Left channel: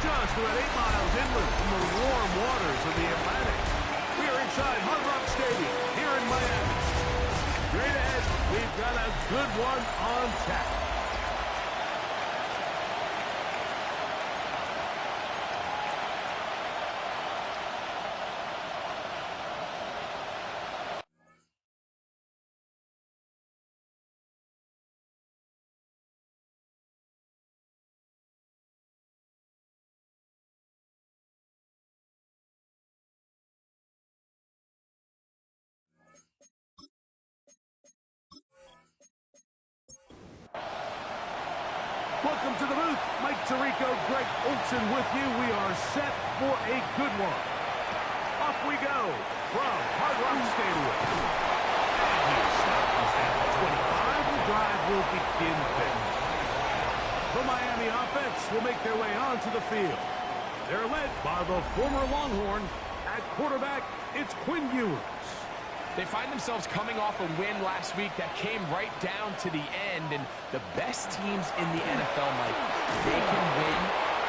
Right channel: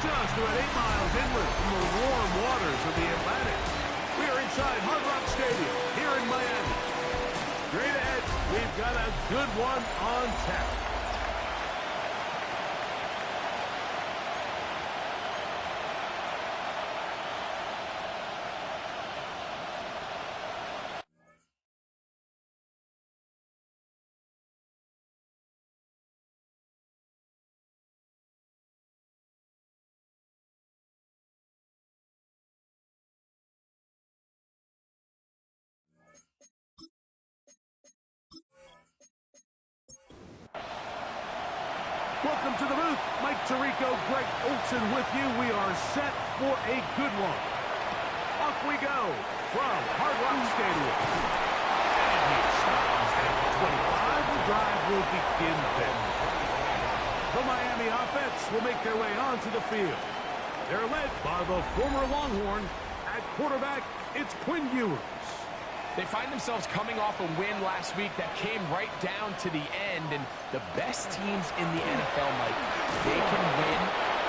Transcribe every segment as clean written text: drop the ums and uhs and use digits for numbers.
Just about 8 miles inland from the warm waters of the Atlantic, we are inside Hard Rock Stadium here in Miami. Straight ahead, we've got a good one on tap. Welcome to the booth. Mike Tirico, Greg Olson with you. We are set for a good one. Off we go from Hard Rock Stadium. And he stops at the 25. The drive will begin there. The Miami offense will make their way onto the field. They're led by the former Longhorn. At quarterback, it's Quinn Ewers. They find themselves coming off a win last week that came right down to the end, and the best teams in the NFL, Mike, they can win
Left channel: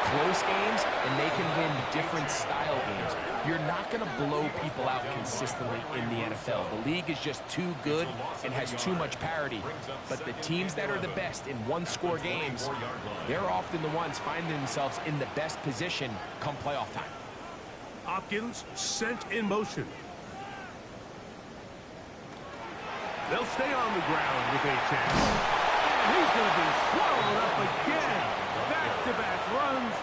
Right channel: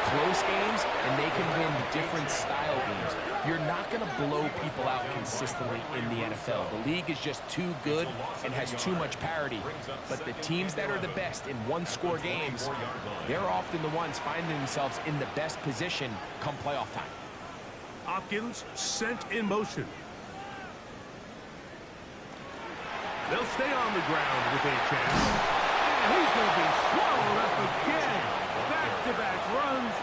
close games and they can win different style games. You're not going to blow people out consistently in the NFL. The league is just too good and has too much parity. But the teams that are the best in one-score games, they're often the ones finding themselves in the best position come playoff time. Hopkins sent in motion. They'll stay on the ground with a chance. And he's going to be swallowed up again. Back-to-back runs,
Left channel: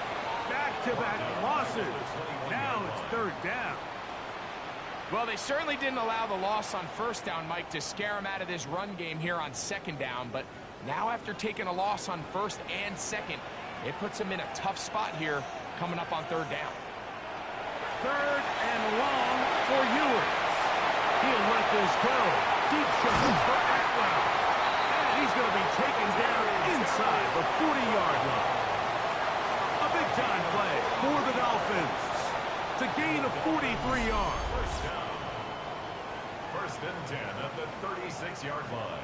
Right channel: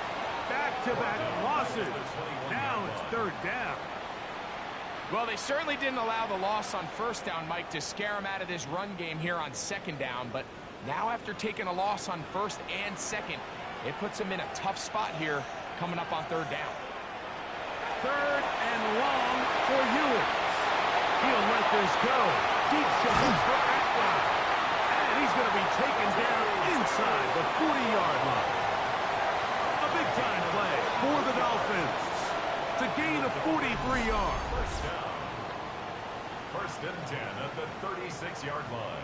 back-to-back losses. Now it's third down. Well, they certainly didn't allow the loss on first down, Mike, to scare him out of this run game here on second down. But now after taking a loss on first and second, it puts him in a tough spot here coming up on third down. Third and long for Ewers. He'll let this go. Deep shot for Atwell. And he's going to be taken down inside the 40-yard line. A big-time play for the Dolphins. It's a gain of 43 yards. First down. First and 10 at the 36-yard line.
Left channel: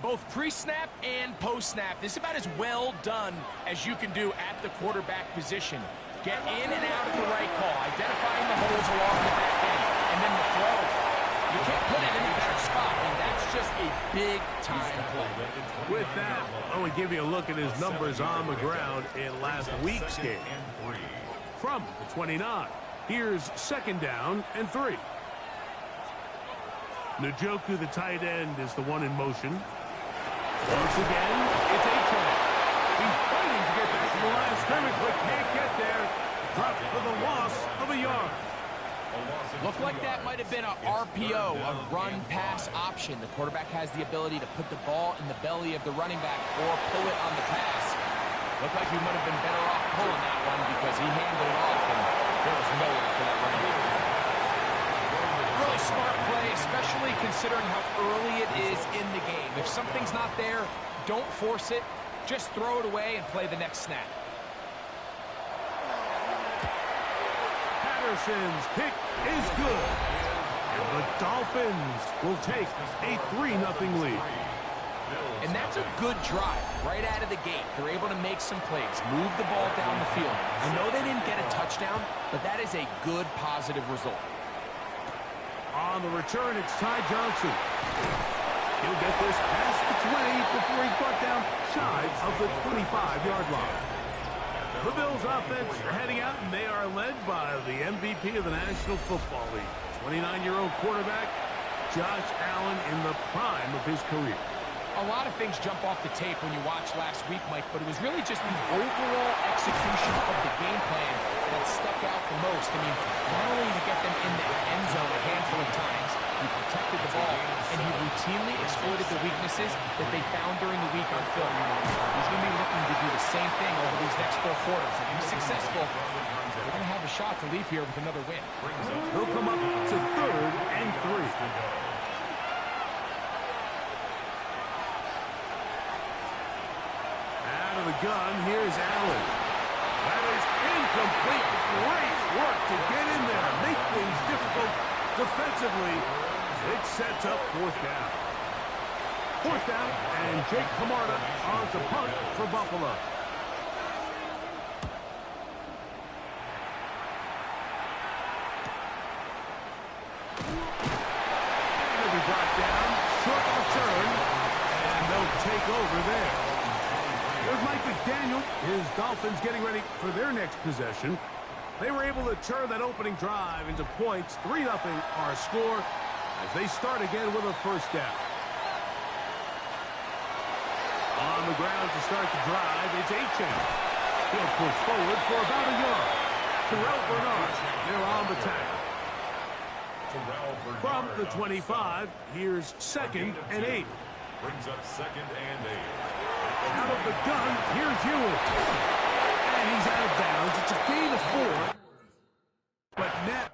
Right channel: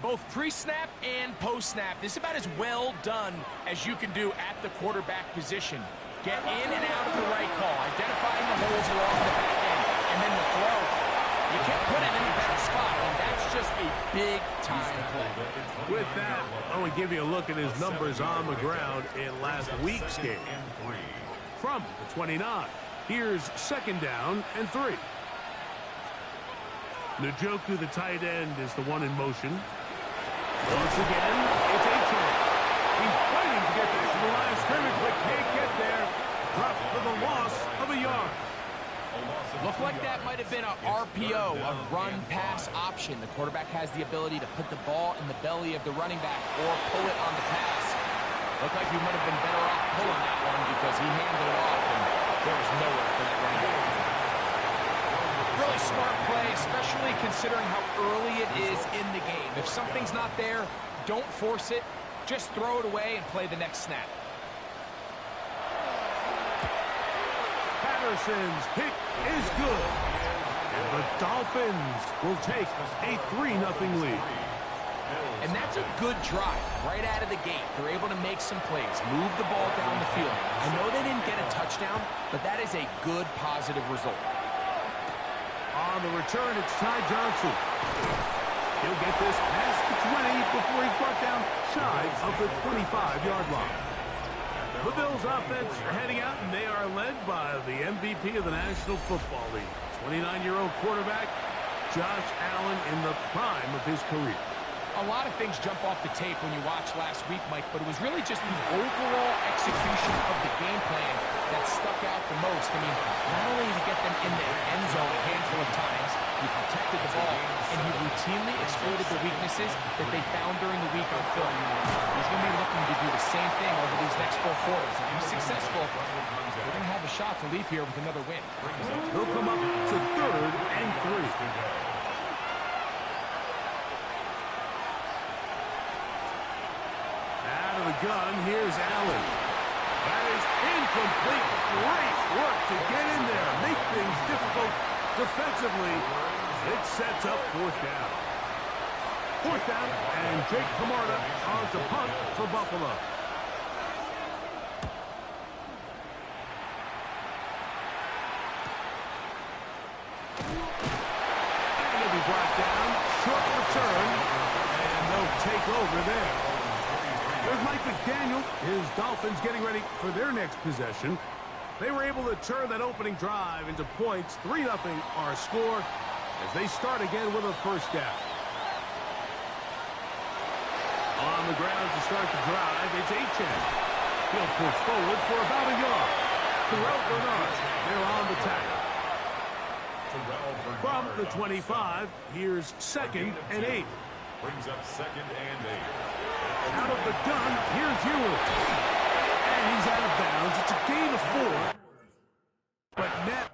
Both pre-snap and post-snap, this is about as well done as you can do at the quarterback position. Get in and out of the right call, identifying the holes along the back end, and then the throw. You can't put it in a better spot. I mean, that's just a big-time play. With that, I want to give you a look at his numbers on the ground in last week's game. From the 29, here's second down and 3. Njoku, the tight end, is the one in motion. Once again, it's A-Chain. He's fighting to get back to the line of scrimmage, but can't get there. Dropped for the loss of a yard. Looked like that might have been a RPO, a run-pass option. The quarterback has the ability to put the ball in the belly of the running back or pull it on the pass. Looked like he might have been better off pulling that one because he handed it off, and there was nowhere for that running back. Really smart play, especially considering how early it is in the game. If something's not there, don't force it. Just throw it away and play the next snap. Patterson's kick is good. And the Dolphins will take a 3-0 lead. And that's a good drive right out of the gate. They're able to make some plays, move the ball down the field. I know they didn't get a touchdown, but that is a good, positive result. On the return, it's Ty Johnson. He'll get this past the 20 before he's brought down shy of the 25-yard line. The Bills offense are heading out, and they are led by the MVP of the National Football League, 29-year-old quarterback Josh Allen in the prime of his career. A lot of things jump off the tape when you watch last week, Mike, but it was really just the overall execution of the game plan that stuck out the most. I mean, not only did he get them in the end zone a handful of times, he protected the ball, and he routinely exploited the weaknesses that they found during the week on film. He's going to be looking to do the same thing over these next 4 quarters. If he's successful, they're going to have a shot to leave here with another win. He'll come up to 3rd and 3. Out of the gun, here's Allen. That is incomplete. Great work to get in there, make things difficult defensively, It sets up fourth down. Fourth down, and Jake Camarda on to punt for Buffalo. And it'll be brought down. Short return, and they'll take over there. There's Mike McDaniel. His Dolphins getting ready for their next possession. They were able to turn that opening drive into points. 3-0 our score as they start again with a first down. On the ground to start the drive, it's Achane. He'll push forward for about a yard. Terrell Bernard, they're on the tackle. From the 25, here's 2nd and 8. Brings up 2nd and 8. Out of the gun, here's Ewell. And he's out of bounds. It's a gain of 4. But net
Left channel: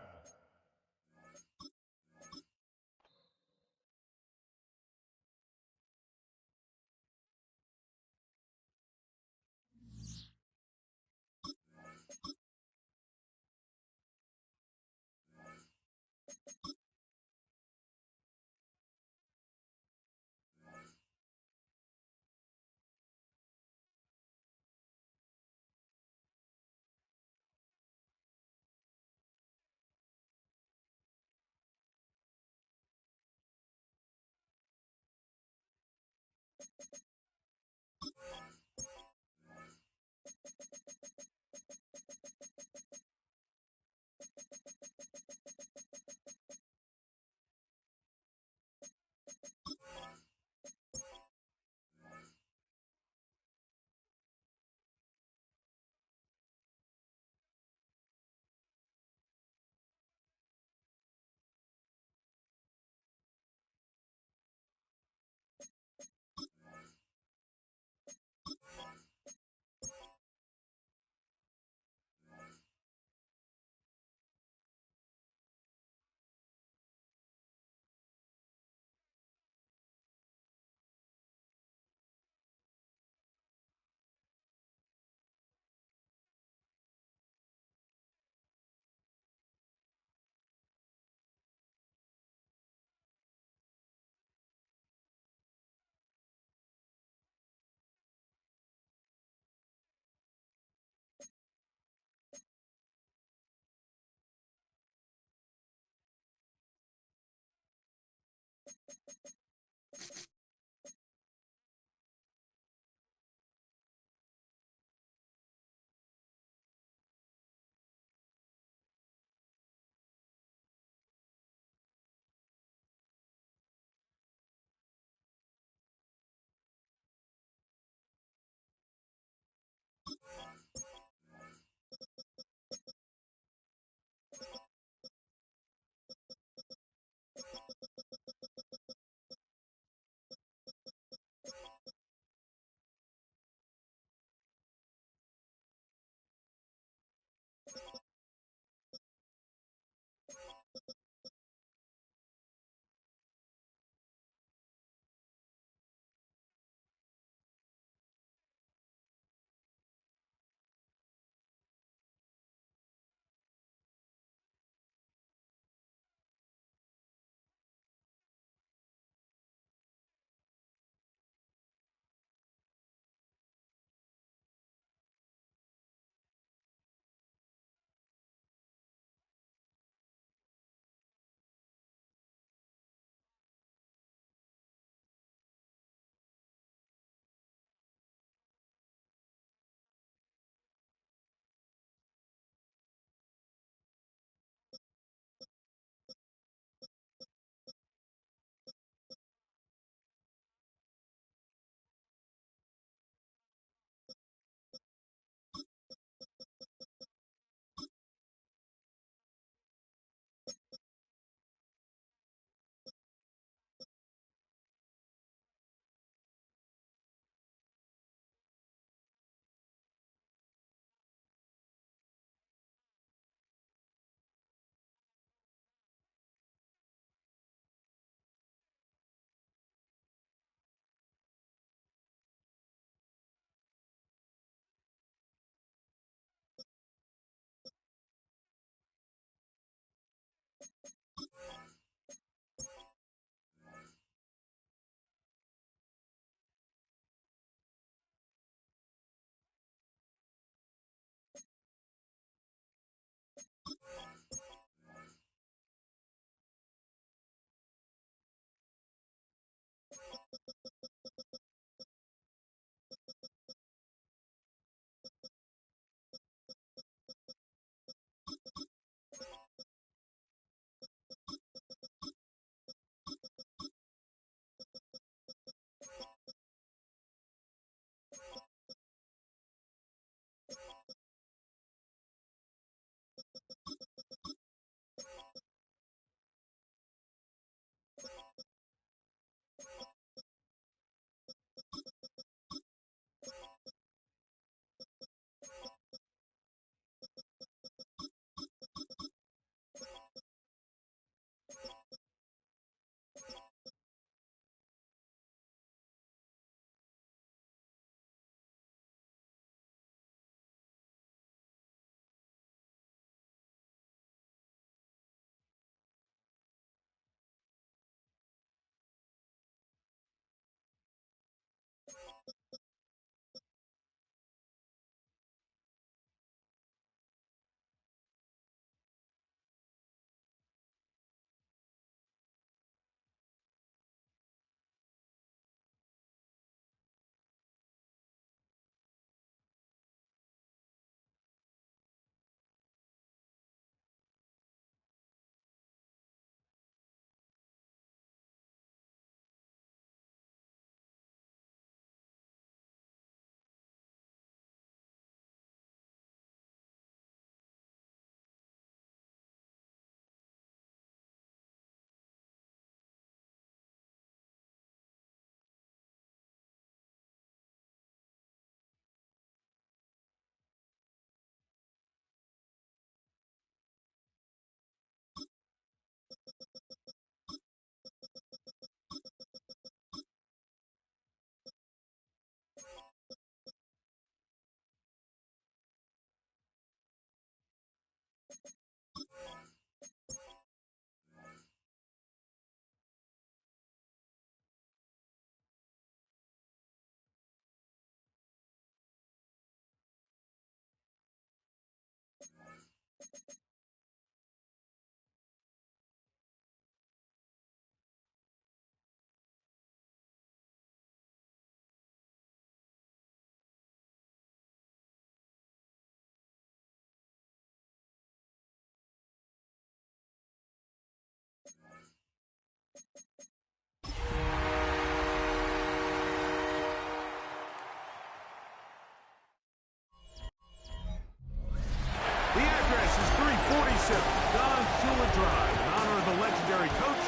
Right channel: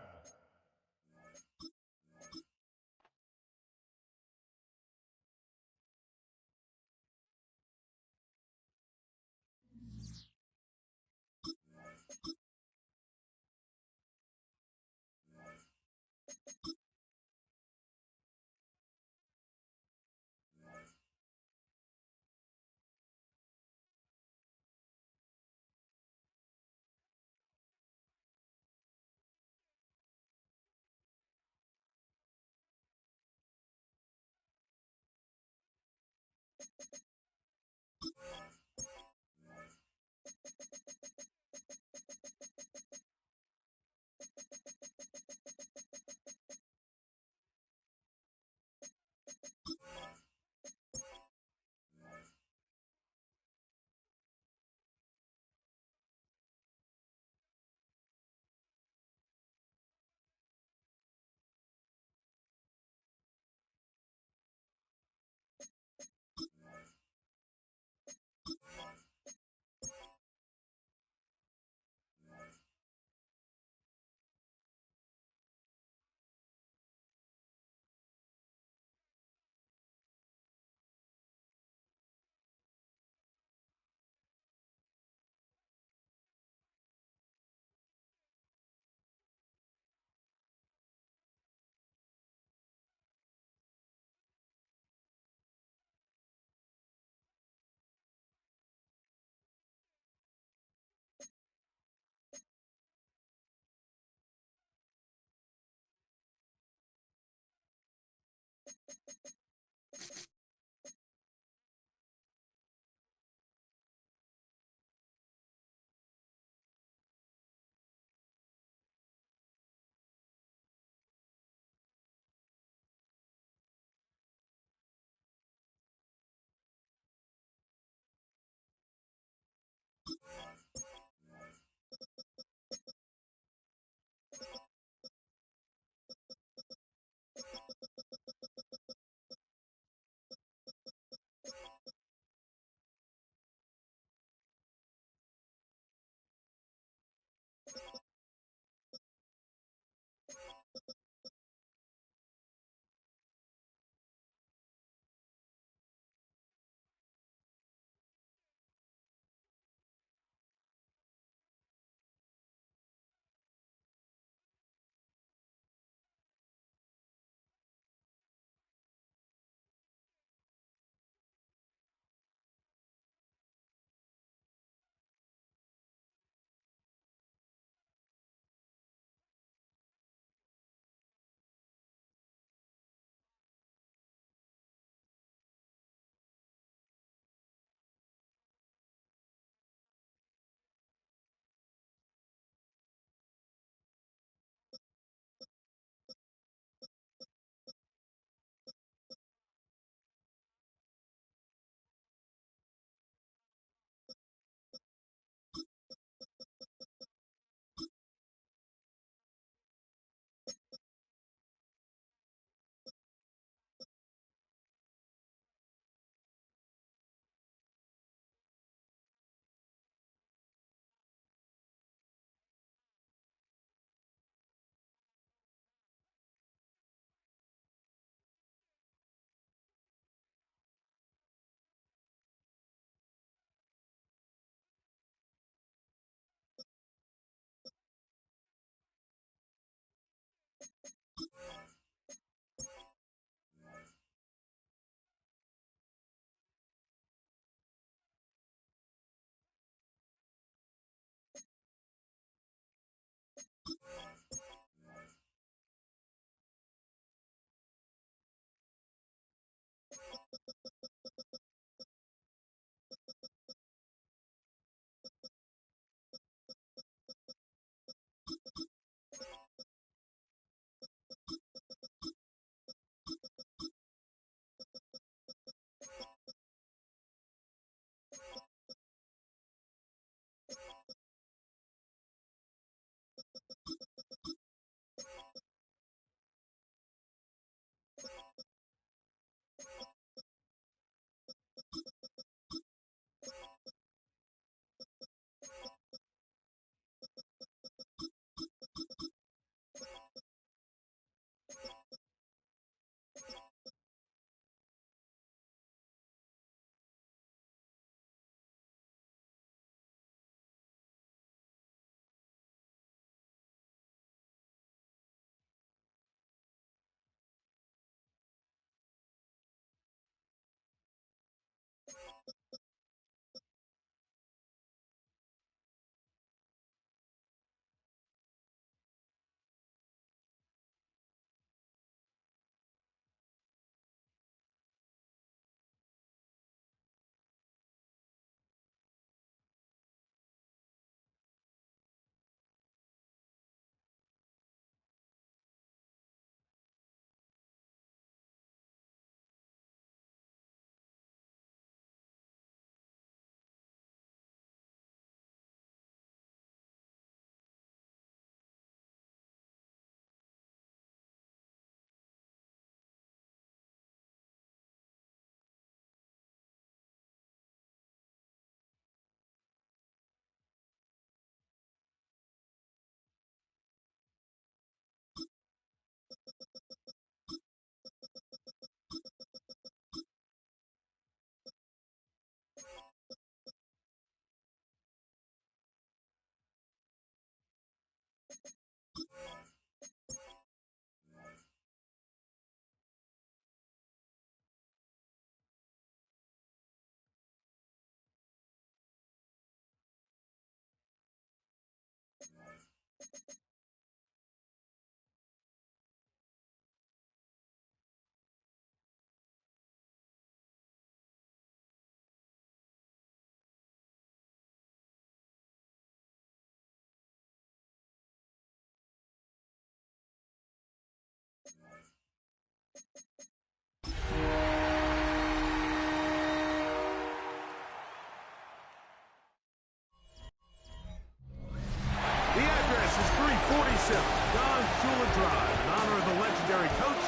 In honor of the legendary coach,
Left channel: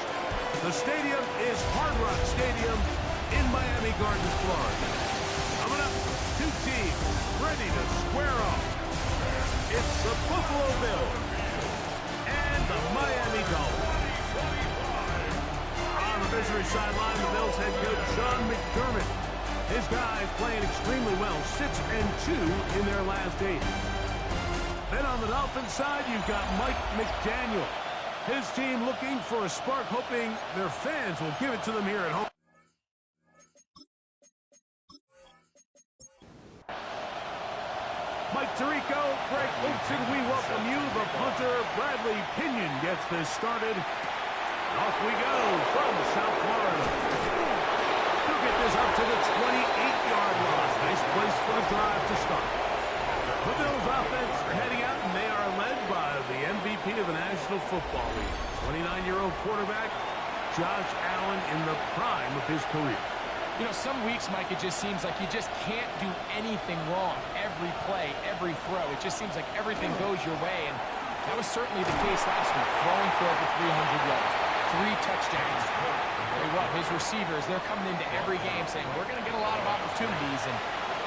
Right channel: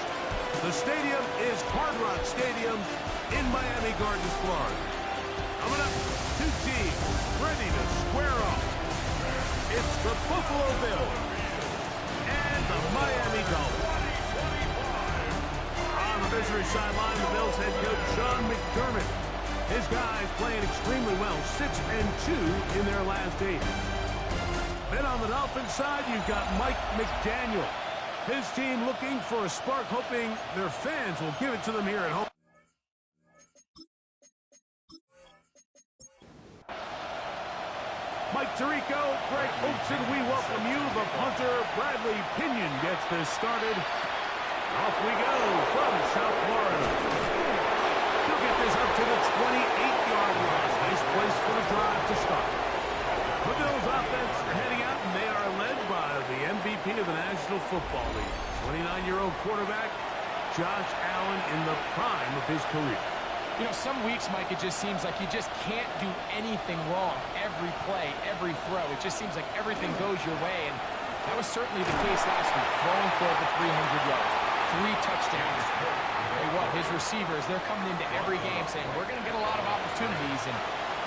the stadium is Hard Rock Stadium in Miami Gardens, Florida. Coming up, two teams ready to square off. It's the Buffalo Bills and the Miami Dolphins. On the visitor sideline, the Bills head coach Sean McDermott. His guys playing extremely well, 6-2 in their last 8. Then on the Dolphins side, you've got Mike McDaniel. His team looking for a spark, hoping their fans will give it to them here at home. Mike Tirico, Greg Olson, we welcome you. The punter, Bradley Pinion, gets this started. Off we go from South Florida. He'll get this up to the 28-yard line. Nice place for the drive to start. The Bills offense heading out, and they are led by the MVP of the National Football League, 29-year-old quarterback Josh Allen in the prime of his career. You know, some weeks, Mike, it just seems like you just can't do anything wrong. Every play, every throw, it just seems like everything goes your way, and that was certainly the case last week, throwing for over 300 yards, 3 touchdowns. Well, his receivers, they're coming into every game saying, we're going to get a lot of opportunities, and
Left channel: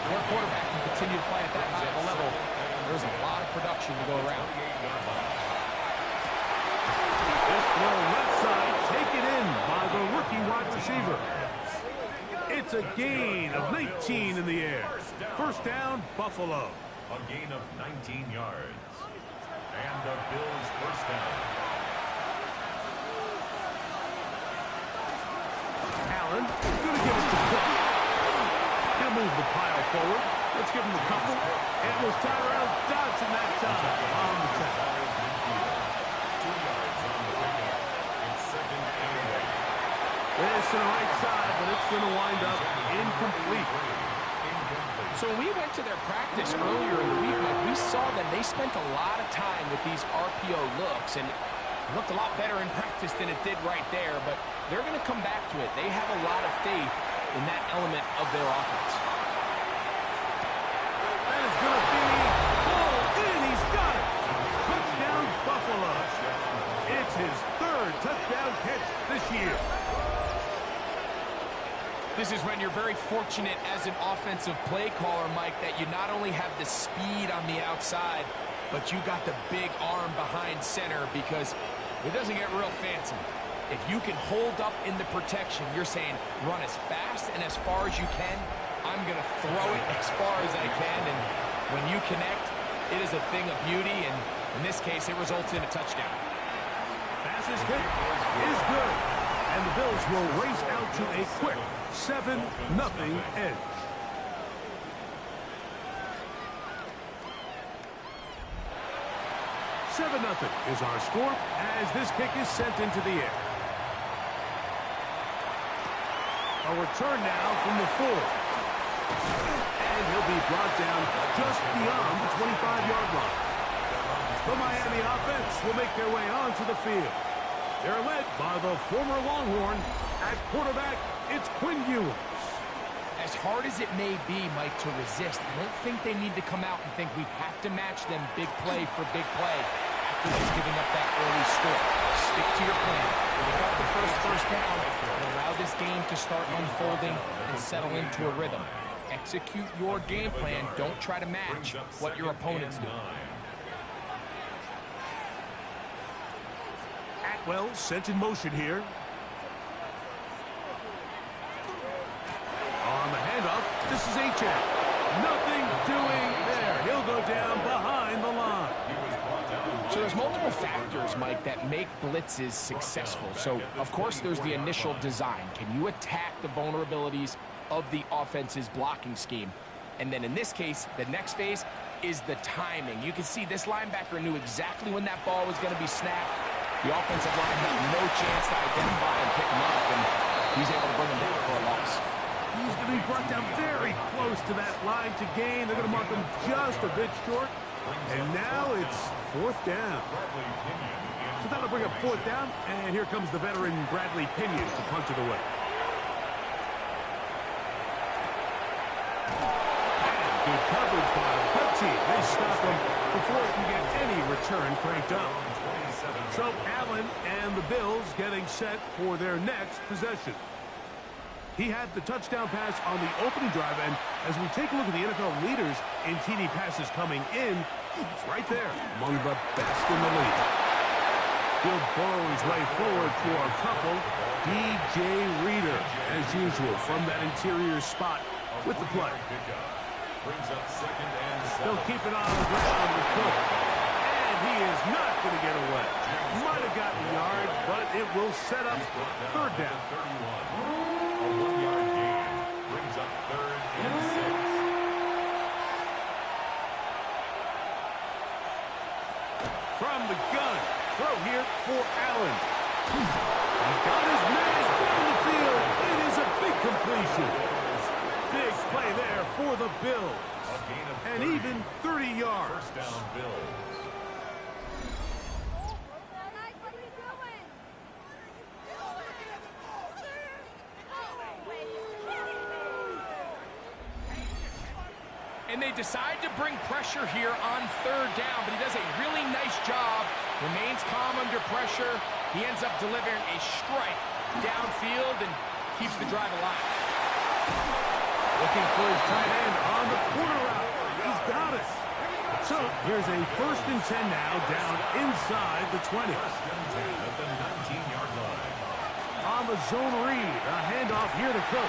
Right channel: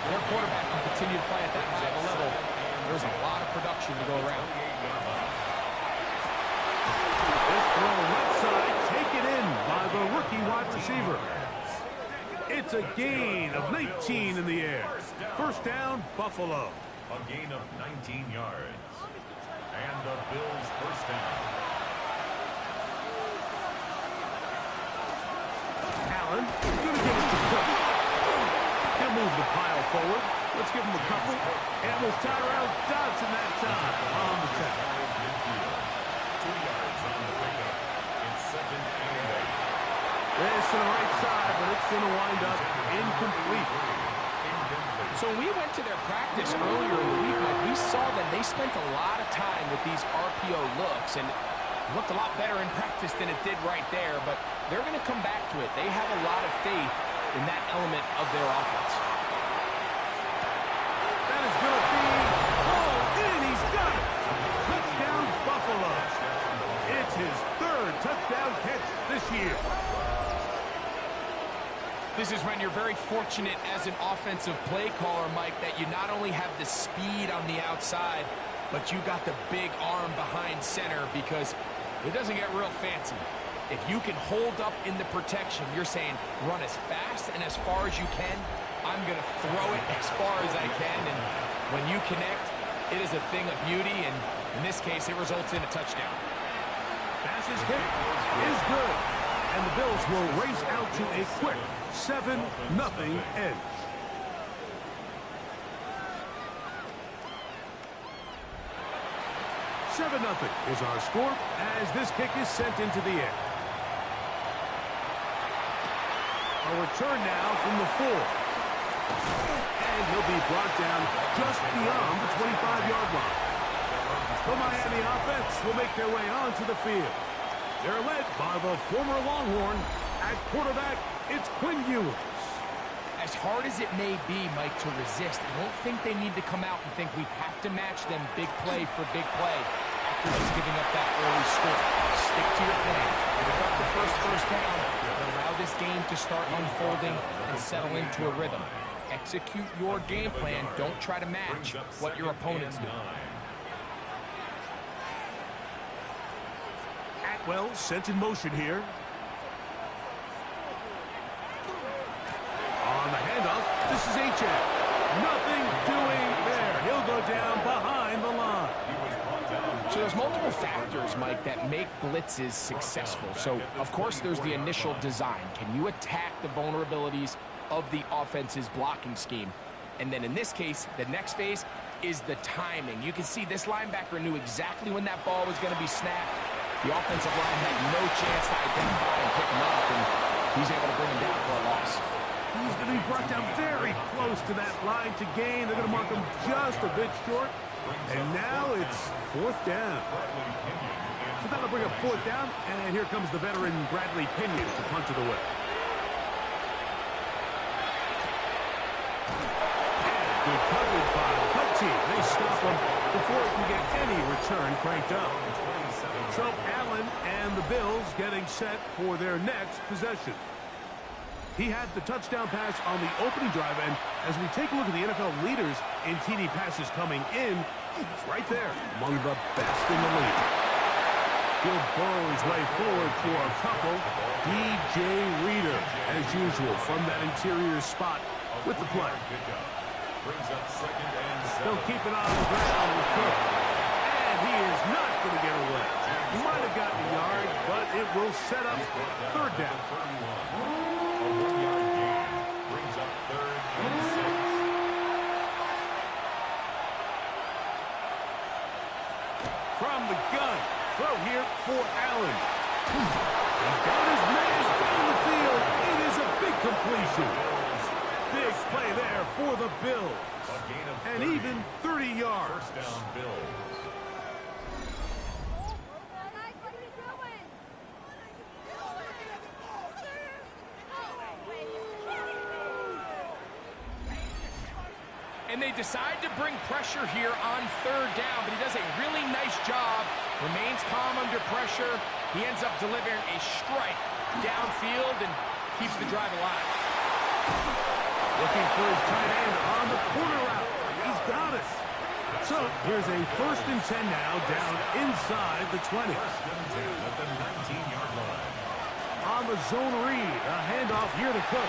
their quarterback can continue to play at that high of a level. There's a lot of production to go around. This throw left side, taken in by the rookie wide receiver. It's a gain of 19 in the air. First down, Buffalo. A gain of 19 yards. And the Bills first down. Allen going to give it to Cook. He'll move the pile forward. Let's give him a couple. And it was Tyrell Dodson that time on the tackle. 2 yards on the pickup. It's 2nd and 8. This to the right side, but it's going to wind up incomplete. So when we went to their practice earlier in the week, Mike, we saw that they spent a lot of time with these RPO looks, and it looked a lot better in practice than it did right there, but they're going to come back to it. They have a lot of faith in that element of their offense. That is going to be pulled in. He's got it. Touchdown, Buffalo. It's his 3rd touchdown catch this year. This is when you're very fortunate as an offensive play caller, Mike, that you not only have the speed on the outside, but you got the big arm behind center, because it doesn't get real fancy. If you can hold up in the protection, you're saying run as fast and as far as you can. I'm going to throw it as far as I can, and when you connect, it is a thing of beauty, and in this case, it results in a touchdown. Pass's kick is good, and the Bills will race out to a quick 7-0 edge. $7-0 is our score as this kick is sent into the air. A return now from the 4. And he'll be brought down just beyond the 25-yard line. The Miami offense will make their way onto the field. They're led by the former Longhorn. At quarterback, it's Quinn Ewers. As hard as it may be, Mike, to resist, I don't think they need to come out and think we have to match them big play for big play after just giving up that early score. Stick to your plan. Pick up the first down and allow this game to start unfolding and settle into a rhythm. Execute your game plan. Don't try to match what your opponents do. Atwell sent in motion here. On the handoff, this is H.A. Nothing doing there. He'll go down behind the line. So there's multiple factors, Mike, that make blitzes successful. So, of course, there's the initial design. Can you attack the vulnerabilities of the offense's blocking scheme? And then in this case, the next phase is the timing. You can see this linebacker knew exactly when that ball was going to be snapped. The offensive line had no chance to identify and pick him up, and he's able to bring him down for a loss. He's going to be brought down very close to that line to gain. They're going to mark him just a bit short. And now it's 4th down. So that'll bring up 4th down. And here comes the veteran Bradley Pinion to punch it away. And Good coverage by the punt team. They stop him before he can get any return cranked up. So Allen and the Bills getting set for their next possession. He had the touchdown pass on the opening drive, and as we take a look at the NFL leaders in TD passes coming in, it's right there among the best in the league. He'll burrow his way forward for a couple. DJ Reader, as usual, from that interior spot with the play. He'll keep it on the ground with Cook. And he is not going to get away. He might have gotten a yard, but it will set up third down. A 1-yard gain brings up 3rd and 6. From the gun, throw here for Allen. He's got his man down the field. It is a big completion. Big play there for the Bills. And even 30 yards. First down, Bills. And they decide to bring pressure here on 3rd down, but he does a really nice job. Remains calm under pressure. He ends up delivering a strike downfield and keeps the drive alive. Looking for his tight end on the corner route. He's got it. So here's a 1st and 10 now down inside the 20. 1st and 10 at the 19-yard line. On the zone read, a handoff here to Cook.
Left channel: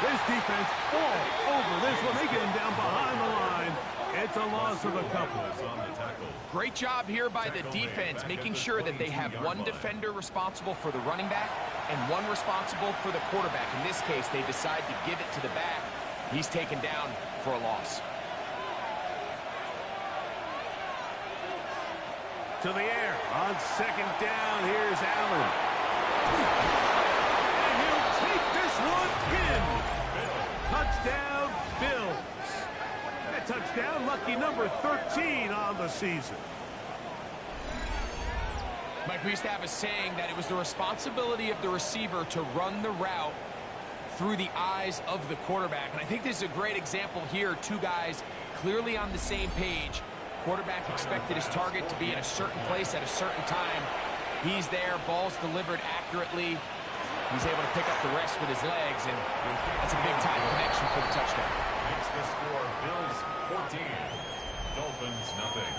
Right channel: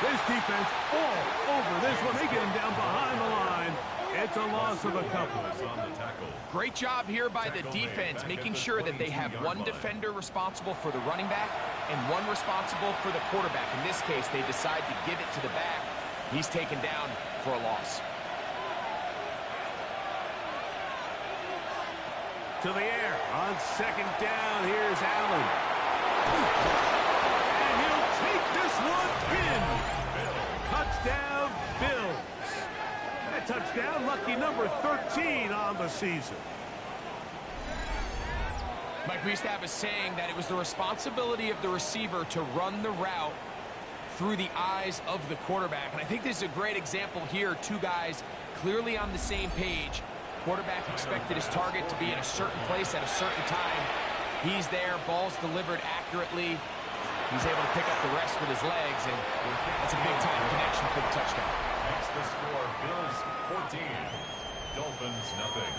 This defense all over this one. They get him down behind the line. It's a loss of a couple. Great job here by the defense, making sure that they have one defender responsible for the running back and one responsible for the quarterback. In this case, they decide to give it to the back. He's taken down for a loss. To the air on 2nd down. Here's Allen. And he'll take this one in. Touchdown, Bills. That touchdown, lucky number 13 on the season. Mike, we used to have a saying that it was the responsibility of the receiver to run the route through the eyes of the quarterback. And I think this is a great example here. 2 guys clearly on the same page. Quarterback expected his target to be in a certain place at a certain time. He's there, ball's delivered accurately. He's able to pick up the rest with his legs, and that's a big-time connection for the touchdown. Makes the score Bills 14, Dolphins nothing.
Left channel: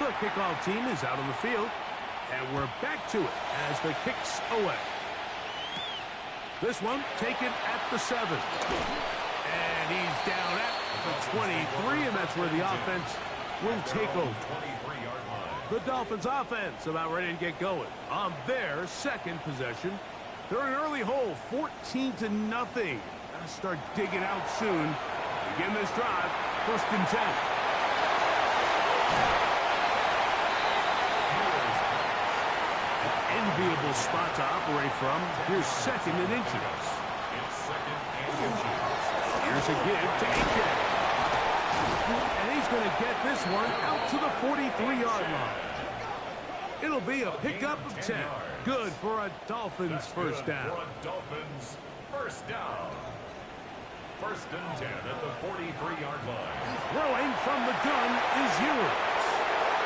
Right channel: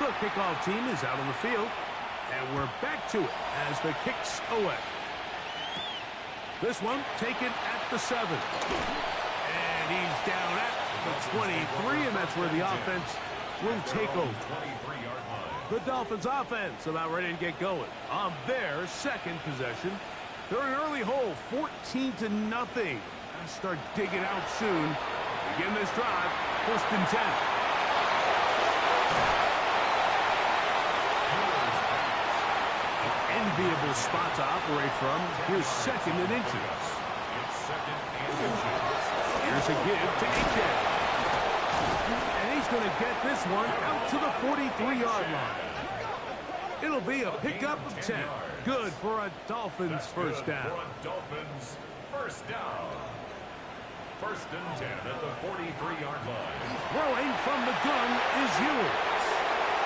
The kickoff team is out on the field, and we're back to it as the kick's away. This one taken at the 7. And he's down at the 23, and that's where the offense will take over. The Dolphins offense about ready to get going on their 2nd possession. They're in an early hole, 14-0. Gotta start digging out soon. Begin this drive, 1st and 10. An enviable spot to operate from. Here's 2nd and inches. It's 2nd and inches. Here's a give to AJ. And he's going to get this one out to the 43-yard line. It'll be a pickup of 10. Good for a Dolphins first down. For a Dolphins first down. 1st and 10 at the 43-yard line. Throwing from the gun is Ewers.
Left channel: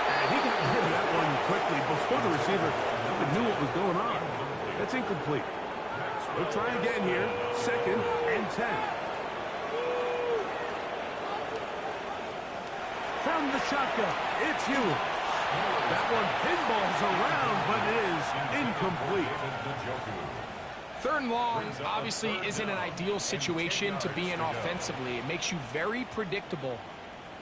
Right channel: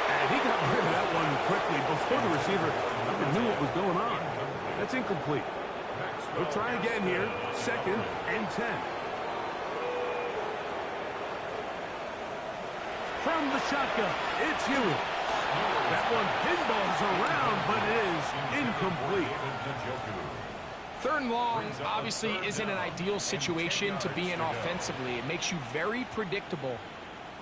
And he got rid of that one quickly before the receiver even knew what was going on. That's incomplete. We'll try again here. 2nd and 10. From the shotgun, it's Ewers. That one pinballs around, but it is incomplete. 3rd and long obviously isn't an ideal situation to be in offensively. It makes you very predictable,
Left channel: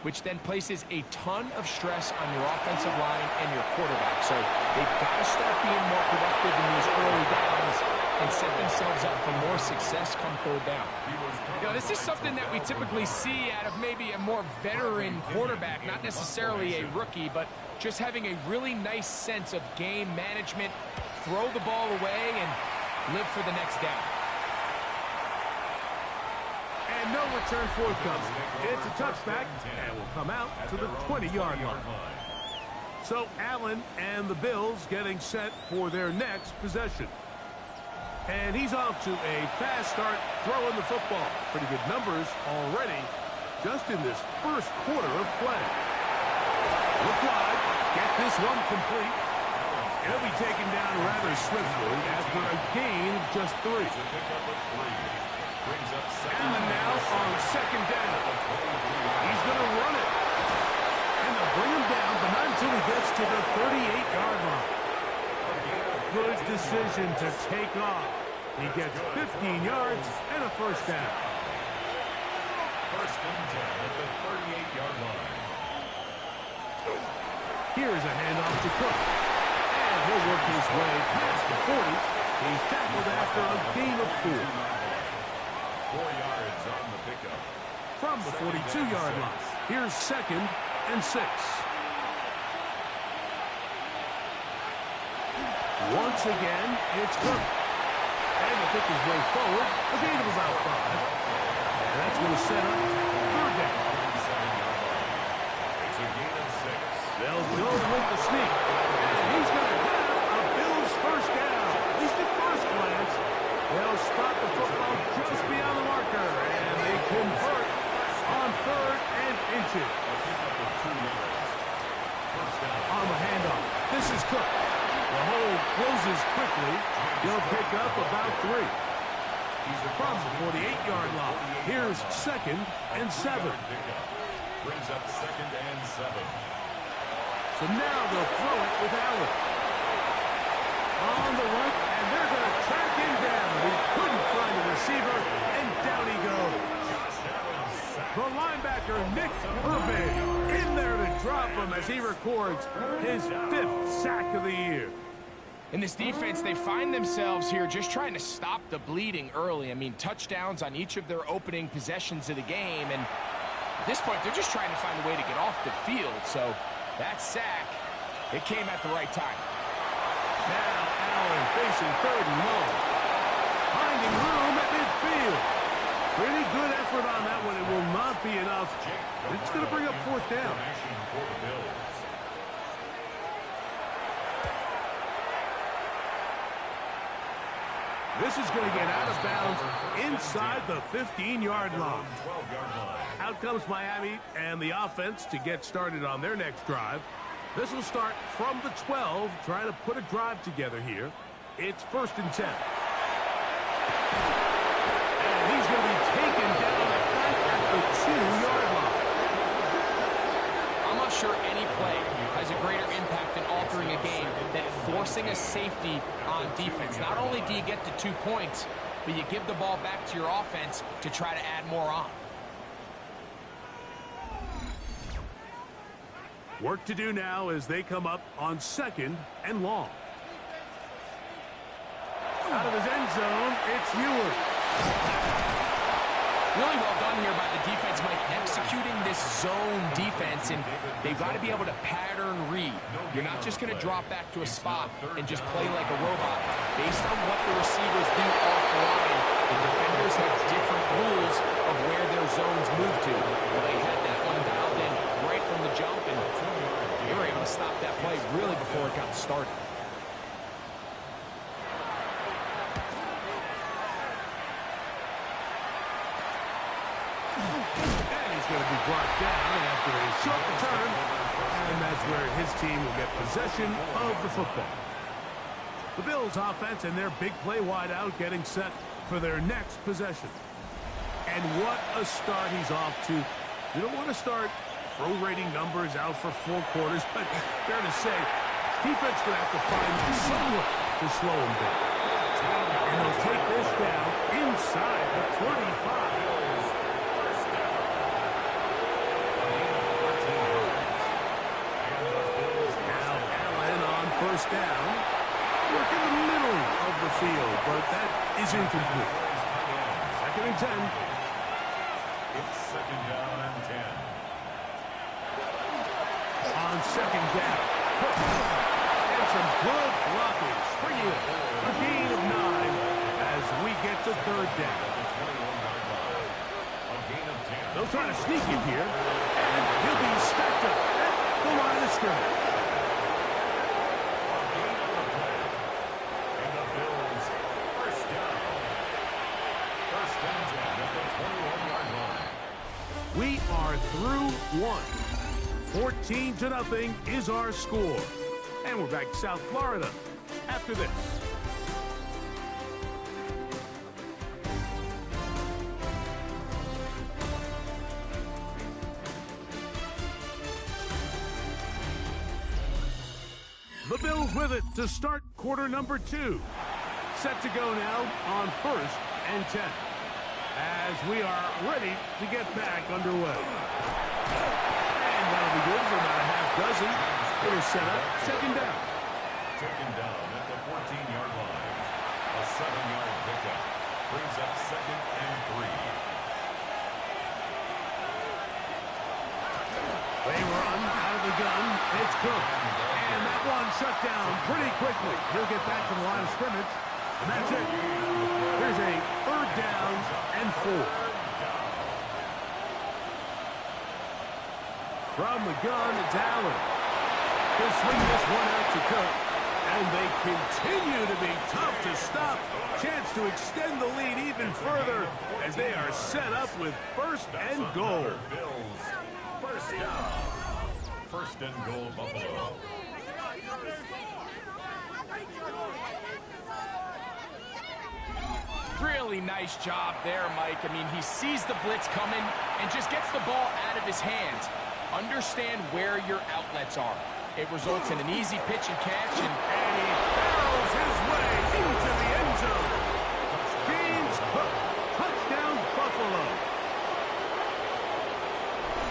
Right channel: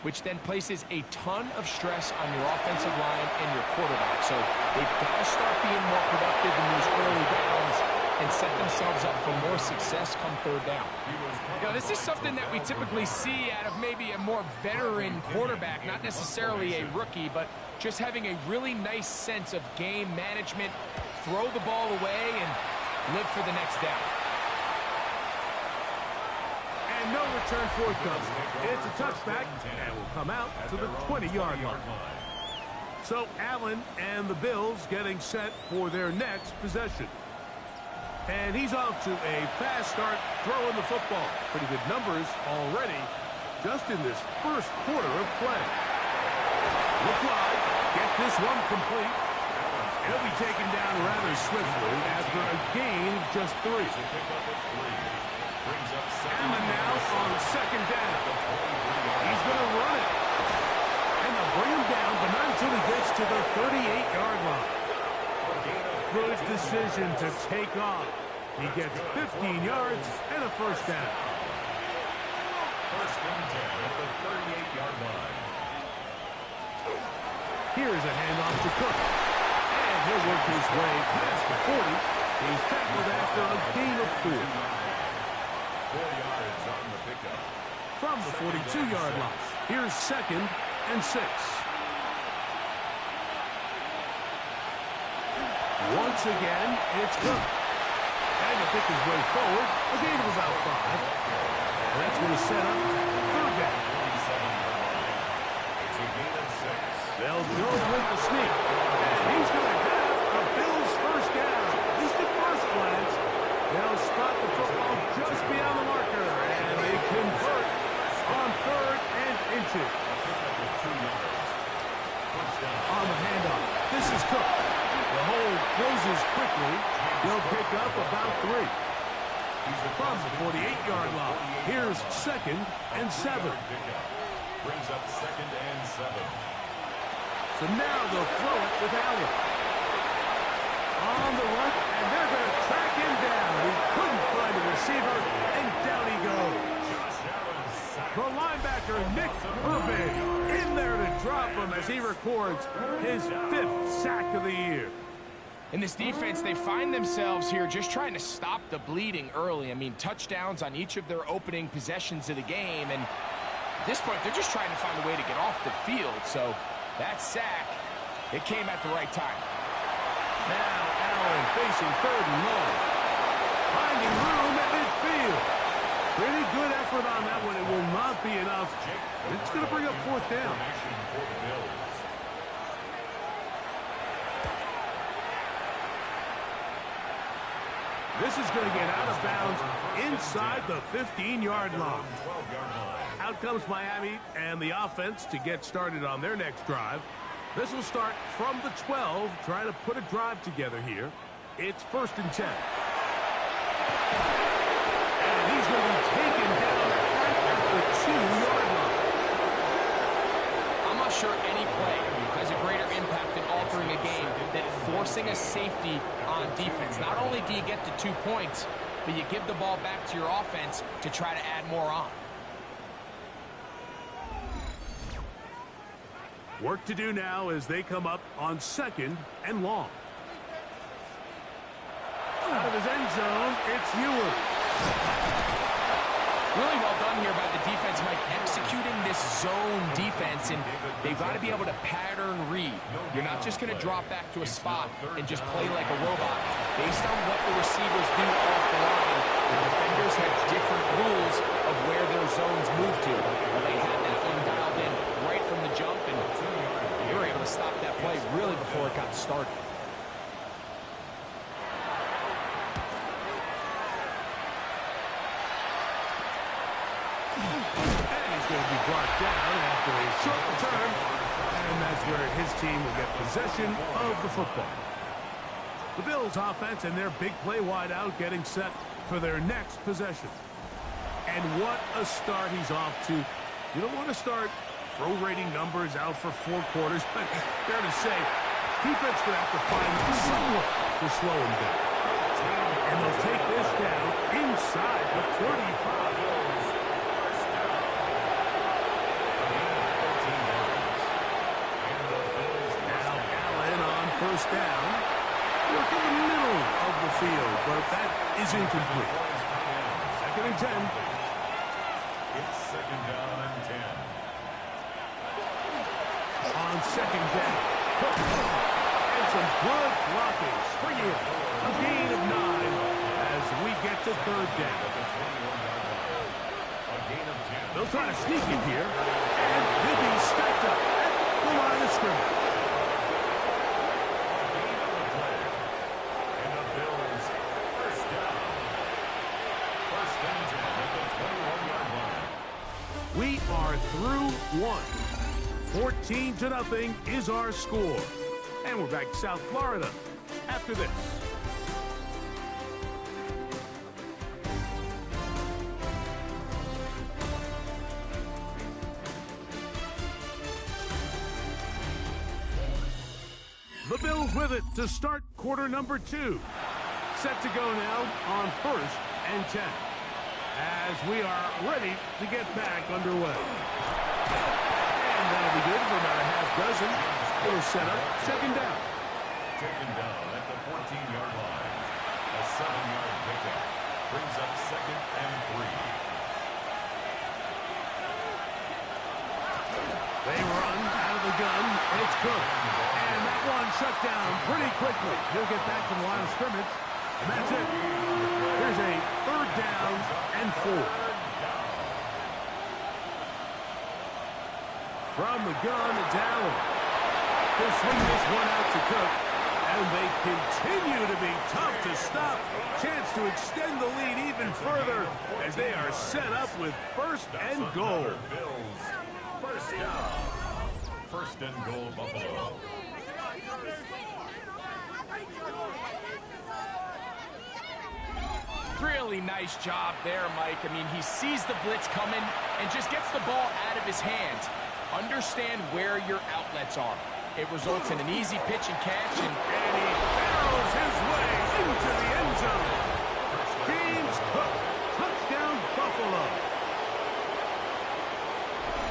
which then places a ton of stress on your offensive line and your quarterback. So they've got to start being more productive in these early downs and set themselves up for more success come 3rd down. You know, this is something that we typically see out of maybe a more veteran quarterback, not necessarily a rookie, but just having a really nice sense of game management, throw the ball away, and live for the next down. And no return forthcoming. It's a touchback, and will come out to the 20-yard line. So Allen and the Bills getting set for their next possession. And he's off to a fast start throwing the football. Pretty good numbers already just in this first quarter of play. Look wide. Get this one complete. He'll be taken down rather swiftly after a gain of just 3. Allen now on second down. He's going to run it. And they'll bring him down, but not until he gets to the 38-yard line. Good decision to take off. He gets 15 yards and a first down. First and 10 at the 38-yard line. Here's a handoff to Cook. And he'll work his way past the 40. He's tackled after a gain of 4. 4 yards on the pickup. From the 42-yard line. Here's second and 6. Once again, it's Cook. And to pick his way forward, a gain of about 5. And that's going to set up third down. It's a gain of 6. They'll go with the sneak. And he's going to have a Bills first down. At least at first glance. They'll spot the football just beyond the marker. And they convert on third and inches. On the handoff, this is Cook. The hole closes quickly. He'll pick up about 3. From the 48-yard line, here's second and 7. Brings up second and 7. So now they'll throw it with Allen. On the run, and they're going to track him down. He couldn't find a receiver, and down he goes. The linebacker, Nick Herbig, in there to drop him as he records his 5th sack of the year. In this defense, they find themselves here just trying to stop the bleeding early. I mean, touchdowns on each of their opening possessions of the game, and at this point, they're just trying to find a way to get off the field. So that sack, it came at the right time. Now Allen facing third and long. Finding room at midfield. Pretty good effort on that one. It will not be enough. It's going to bring up fourth down. This is going to get out of bounds inside the 15-yard line. Out comes Miami and the offense to get started on their next drive. This will start from the 12, trying to put a drive together here. It's first and 10. And he's going to be taken down at the 2-yard line. I'm not sure any play has a greater impact in altering a game than forcing a safety on defense. Not only do you get the 2 points, but you give the ball back to your offense to try to add more on. Work to do now as they come up on second and long. Out of his end zone, it's Ewers. Really well done here by the defense, Mike, executing this zone defense, and they've got to be able to pattern read. You're not just going to drop back to a spot and just play like a robot. Based on what the receivers do off the line, the defenders have different rules of where their zones move to. Well, they had that one dialed in right from the jump, and they were able to stop that play really before it got started. And he's going to be brought down after a short return, and that's where his team will get possession of the football. The Bills offense and their big play wideout getting set for their next possession. And what a start he's off to. You don't want to start prorating numbers out for 4 quarters, but fair to say, defense going to have to find some way to slow him down. And they'll take this down inside the 35. First down, work in the middle of the field, but that is incomplete. Second and 10. It's second down and 10. On second down, Cook, and some good blocking. Springing a gain of 9 as we get to third down. They'll try to sneak it here, and he'll be stacked up at the line of scrimmage. are through one. 14-0 is our score. And we're back to South Florida after this. The Bills with it to start quarter number 2. Set to go now on 1st and 10. As we are ready to get back underway. And that'll be good for about a half dozen. It'll set up 2nd down. Taken down at the 14-yard line. A 7-yard pickup brings up 2nd and 3. They run out of the gun. It's Cook. And that one shut down pretty quickly. He'll get back to the line of scrimmage. And that's it. Here's a 3rd down and 4. From the gun, it's Allen. He'll swing this one out to Cook. And they continue to be tough to stop. Chance to extend the lead even further as they are set up with 1st and goal. First down. 1st and goal, Buffalo. Really nice job there, Mike. I mean, he sees the blitz coming and just gets the ball out of his hands. Understand where your outlets are. It results in an easy pitch and catch, and he barrels his way into the end zone. James Cook, touchdown Buffalo.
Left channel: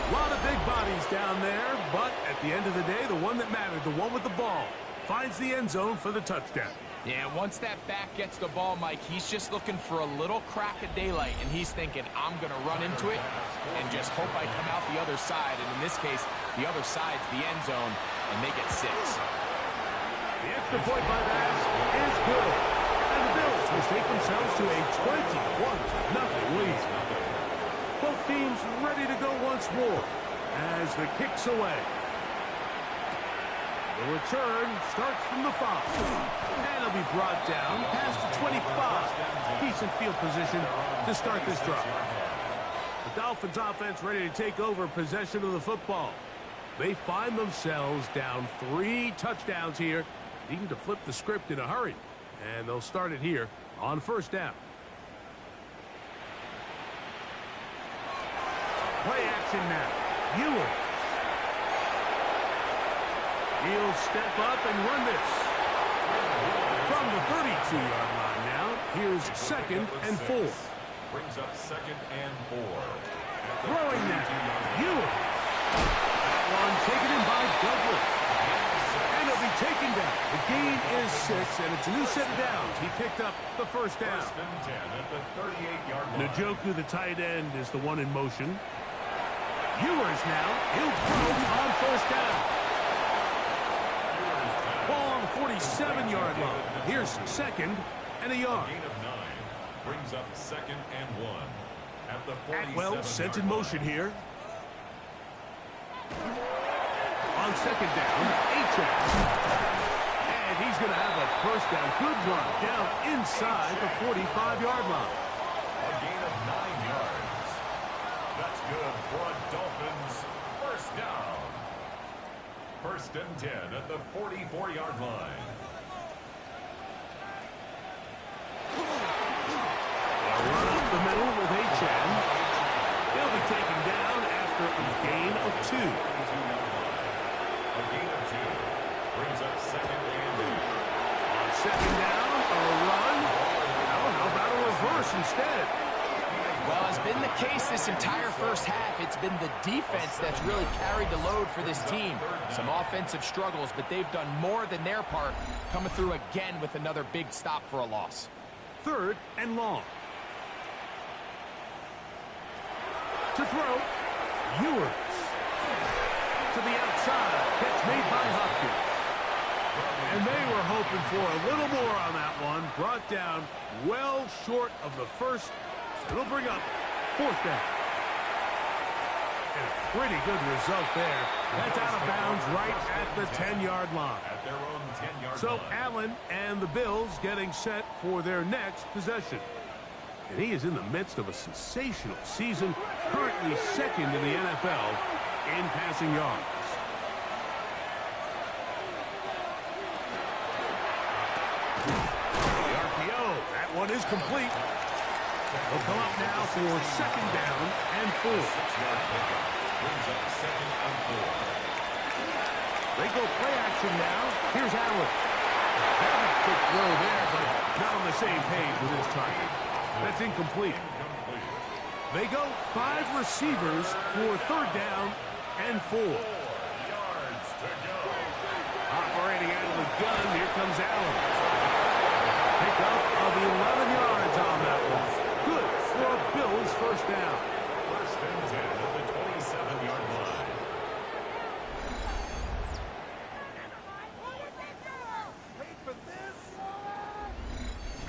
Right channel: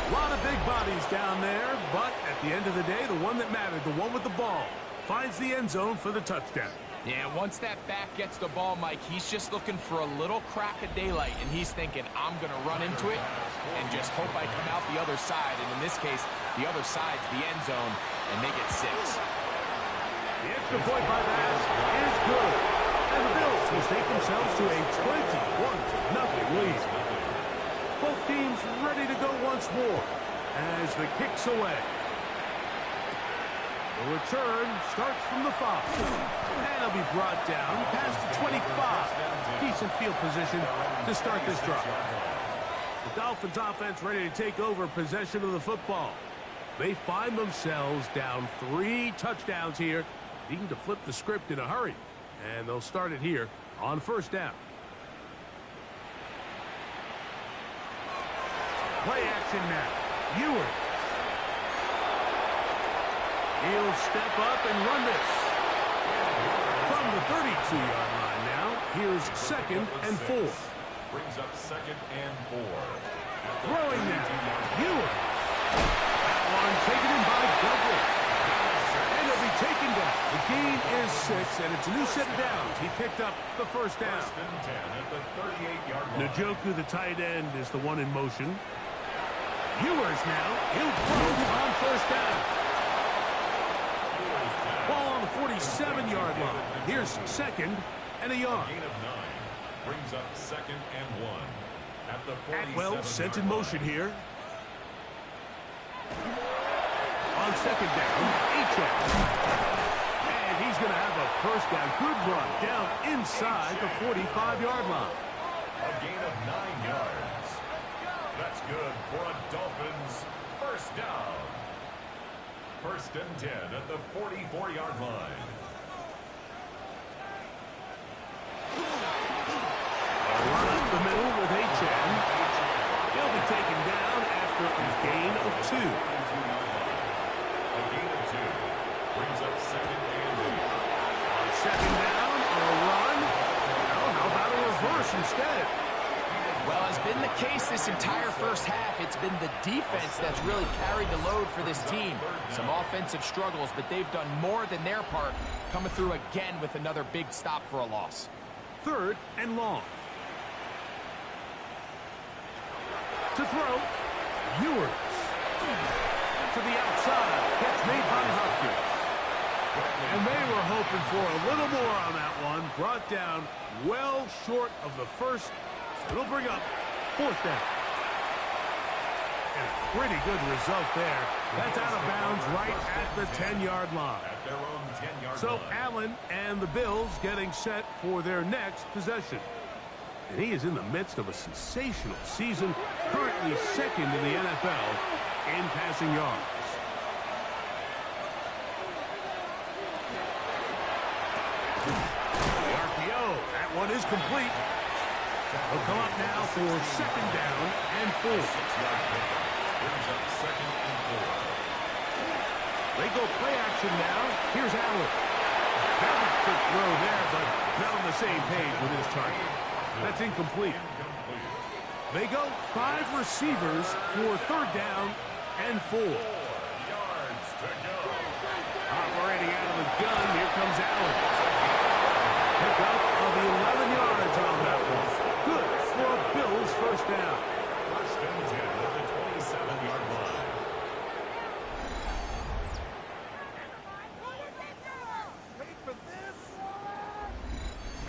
A lot of big bodies down there, but at the end of the day, the one that mattered, the one with the ball, finds the end zone for the touchdown. Yeah, once that back gets the ball, Mike, he's just looking for a little crack of daylight, and he's thinking, I'm going to run into it and just hope I come out the other side. And in this case, the other side's the end zone, and they get 6. The extra point by Bass is good. And the Bills will take themselves to a 21-0 lead. Both teams ready to go once more as the kick's away. The return starts from the 5. And it'll be brought down past the 25. Decent field position to start this drive. The Dolphins offense ready to take over possession of the football. They find themselves down 3 touchdowns here, needing to flip the script in a hurry. And they'll start it here on 1st down. Play action now. Ewers. He'll step up and run this. From the 32-yard line now, here's 2nd and 4. Brings up 2nd and 4. Throwing now. Ewers. That one taken in by Douglas. And it'll be taken down. The gain is 6, and it's a new set of downs. He picked up the 1st down. 1st and 10 at the 38-yard line. Njoku, the tight end, is the one in motion. Ewers now. He'll throw on 1st down. Ball on the 47-yard line. Here's 2nd and a yard. Gain of 9 brings up 2nd and 1 at the 47-yard Atwell sent in motion here. On 2nd down, Achane. And he's going to have a 1st down. Good run down inside the 45-yard line. A gain of 9 yards. That's good for a Dolphins 1st down. 1st and 10 at the 44-yard line. A run up the middle with Achane. He'll be taken down after a gain of 2. A gain of 2 brings up 2nd and 8. On 2nd down, a run. Well, how about a reverse instead? Well, has been the case this entire 1st half. It's been the defense that's really carried the load for this team. Some offensive struggles, but they've done more than their part, coming through again with another big stop for a loss. 3rd and long. To throw, Ewers. To the outside, catch made by Hopkins. And they were hoping for a little more on that one. Brought down well short of the 1st. It'll bring up 4th down. And a pretty good result there. That's out of bounds right at the 10-yard line. At their own 10-yard So line. Allen and the Bills getting set for their next possession. And he is in the midst of a sensational season. Current currently second in the NFL in passing yards. The RPO, that one is complete. They'll come up now for second down and 4. 6-yard pickup. Brings up second and 4. They go play action now. Here's Allen. Very quick throw there, but not on the same page with his target. That's incomplete. They go 5 receivers for third down and 4. 4 yards to go. Operating out of the gun, here comes Allen. Pickup of 11 yards on that one. Good for a Bills first down. First and 10 at the 27-yard line.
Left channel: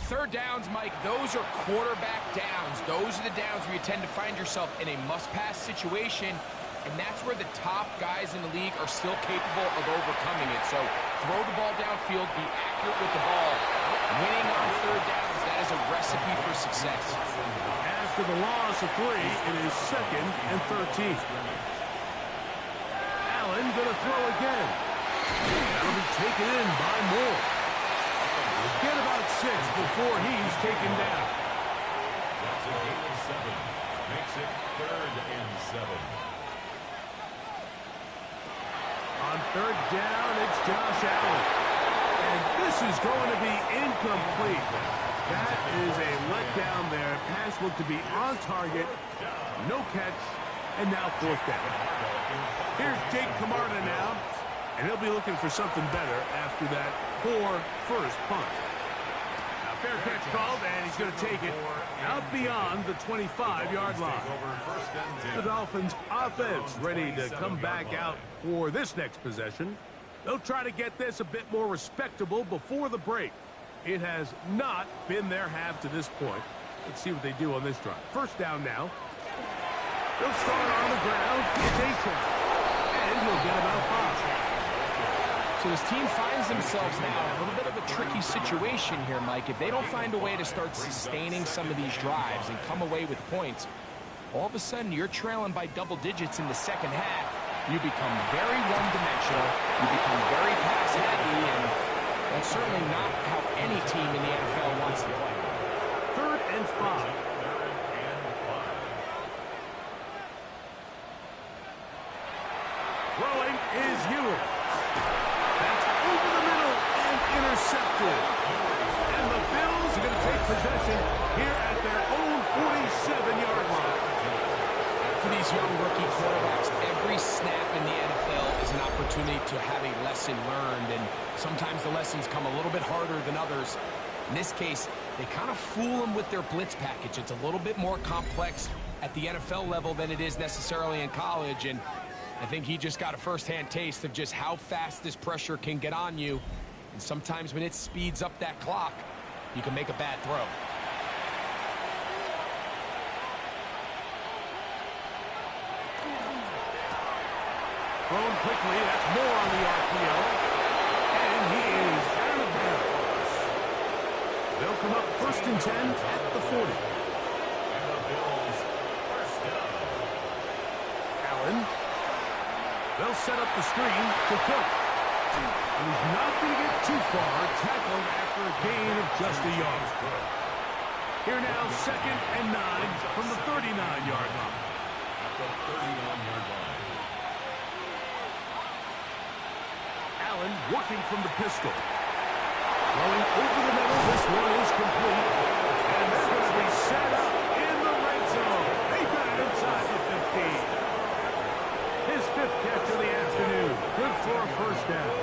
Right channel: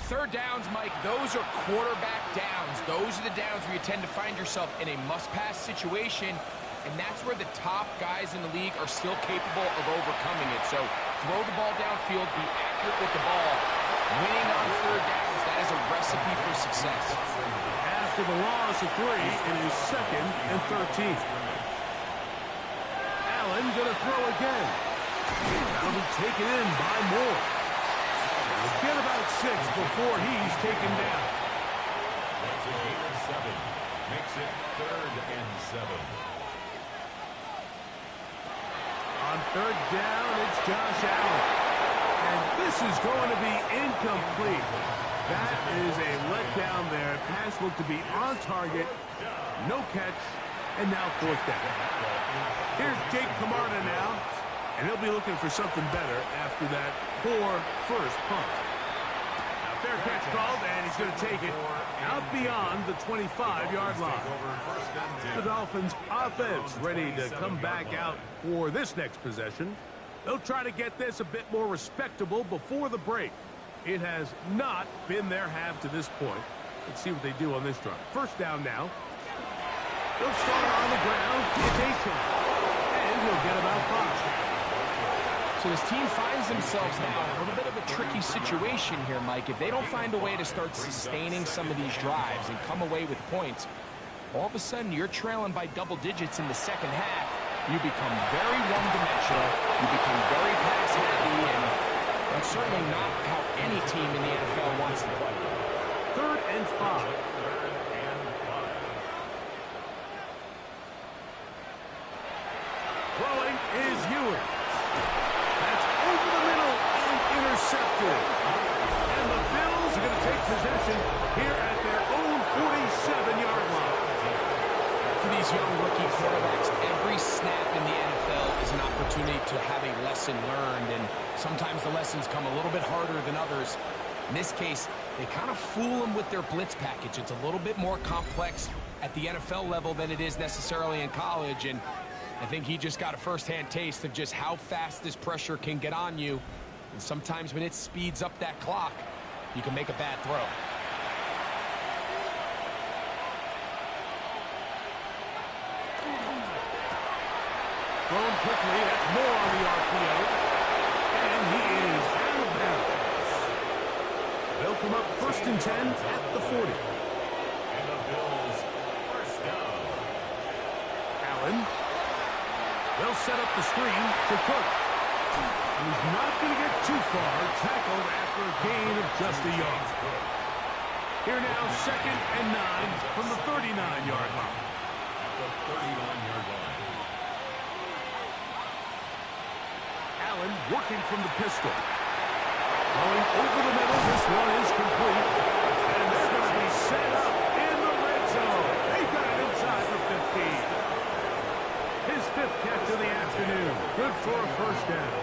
Third downs, Mike, those are quarterback downs. Those are the downs where you tend to find yourself in a must-pass situation, and that's where the top guys in the league are still capable of overcoming it. So throw the ball downfield, be accurate with the ball. Winning on third downs, that is a recipe for success. After the loss of 3, it is second and 13. Allen going to throw again. That'll be taken in by Moore. We'll get about 6 before he's taken down. That's a gain of 7. Makes it third and 7. On third down, it's Josh Allen. And this is going to be incomplete. That is a letdown there. Pass looked to be on target. No catch. And now fourth down. Here's Jake Camarda now. And he'll be looking for something better after that poor first punt. Now, fair catch called, and he's going to take it out beyond the 25-yard line. The Dolphins' offense ready to come back out for this next possession. They'll try to get this a bit more respectable before the break. It has not been their half to this point. Let's see what they do on this drive. First down now. They'll start on the ground. It's A-Town. And he'll get about 5. So this team finds themselves now in a little bit of a tricky situation here, Mike. If they don't find a way to start sustaining some of these drives and come away with points, all of a sudden you're trailing by double digits in the second half. You become very one-dimensional. You become very pass-heavy, and that's certainly not how any team in the NFL wants to play. Third and 5. Throwing is Ewers. That's over the middle and intercepted. And the Bills are going to take possession here at their own 47-yard line. For these young rookie quarterbacks, every snap in the NFL is an opportunity to have a lesson learned, and sometimes the lessons come a little bit harder than others. In this case, they kind of fool them with their blitz package. It's a little bit more complex at the NFL level than it is necessarily in college, and I think he just got a first-hand taste of just how fast this pressure can get on you. And sometimes when it speeds up that clock, you can make a bad throw. Thrown quickly, that's more on the RPO. And he is out of bounds. They'll come up first and 10 at the 40. And the Bills first down. Allen. They'll set up the screen to Cook. And he's not going to get too far, tackled after a gain of just a yard. Here now, second and 9 from the 39-yard line. At the 39-yard line. Allen working from the pistol. Throwing over the middle, this one is complete. And they're going to be set up in the red zone. They've got it inside the 15. His 5th catch of the afternoon. Good for a first down.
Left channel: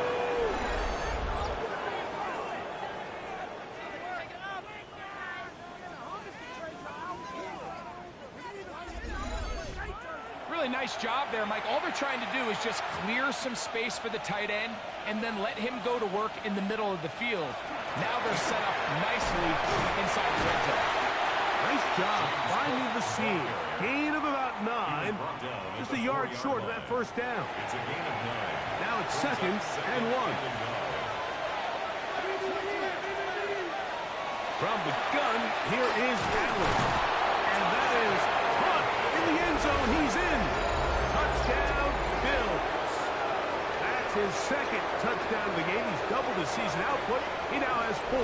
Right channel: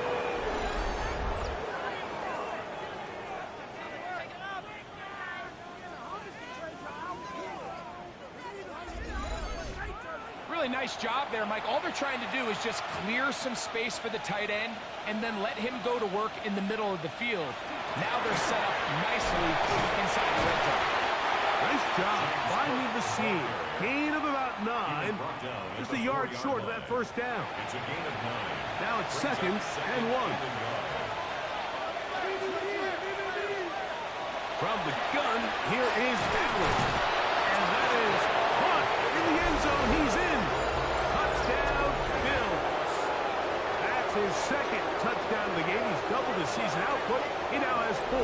Really nice job there, Mike. All they're trying to do is just clear some space for the tight end and then let him go to work in the middle of the field. Now they're set up nicely inside the red zone. Nice job finding the seam. Gain of about 9. Just a yard short of that first down. It's a gain of 9. Now it's second and 1. From the gun, here is Allen. And that is caught in the end zone. He's in. Touchdown, Bills. That's his second touchdown of the game. He's doubled his season output. He now has 4.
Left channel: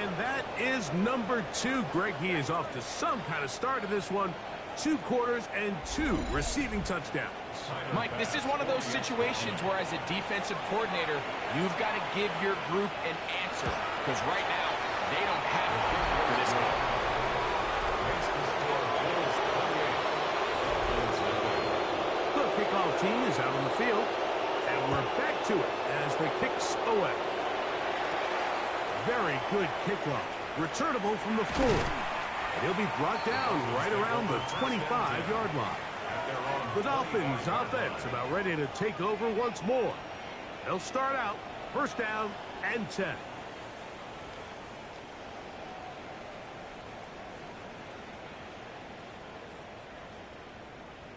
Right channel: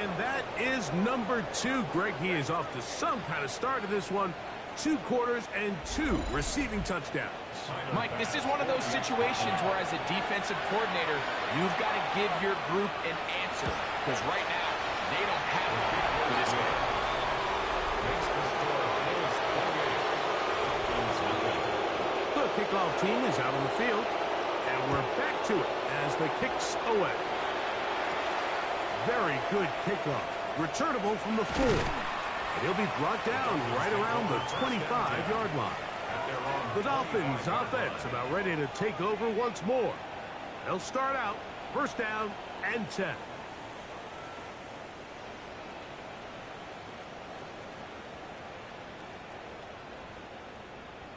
And that is number 2. Greg, he is off to some kind of start in this one. 2 quarters and 2 receiving touchdowns. Mike, this is one of those situations where as a defensive coordinator, you've got to give your group an answer. Because right now, they don't have one for this game. The kickoff team is out on the field. And we're back to it as the kick's away. Very good kickoff. Returnable from the 4. And he'll be brought down right around the 25-yard line. The Dolphins offense about ready to take over once more. They'll start out first down and 10.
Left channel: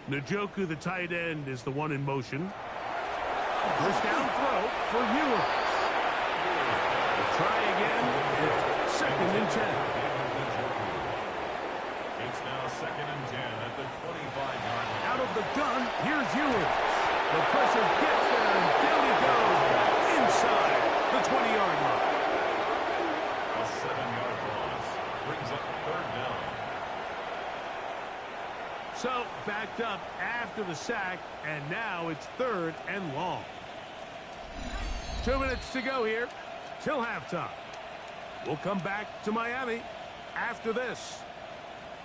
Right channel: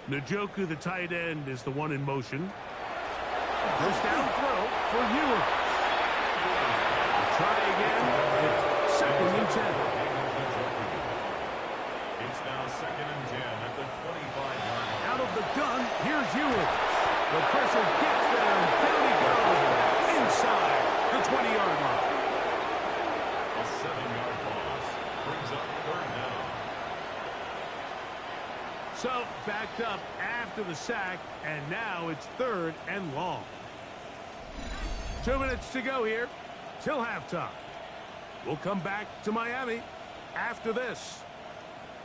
Njoku, the tight end, is the one in motion. First down throw for Ewers. We'll try again. It's second and 10. It's now second and 10 at the 25-yard line. Out of the gun, here's Ewers. The pressure gets there, and down he goes inside the 20-yard line. A 7-yard loss brings up third down. So, backed up after the sack, and now it's third and long. 2 minutes to go here till halftime. We'll come back to Miami after this.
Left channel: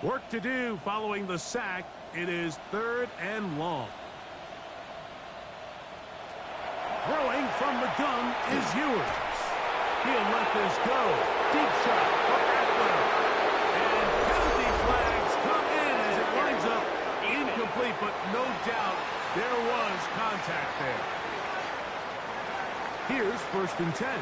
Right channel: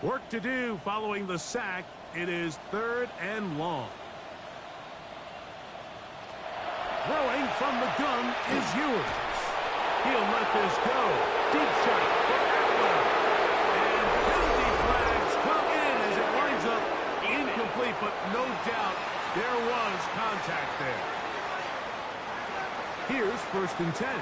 Work to do following the sack. It is third and long. Throwing from the gun is Ewers. He'll let this go. Deep shot for Atwell. And penalty flags come in as it winds up incomplete, but no doubt there was contact there. Here's first and 10.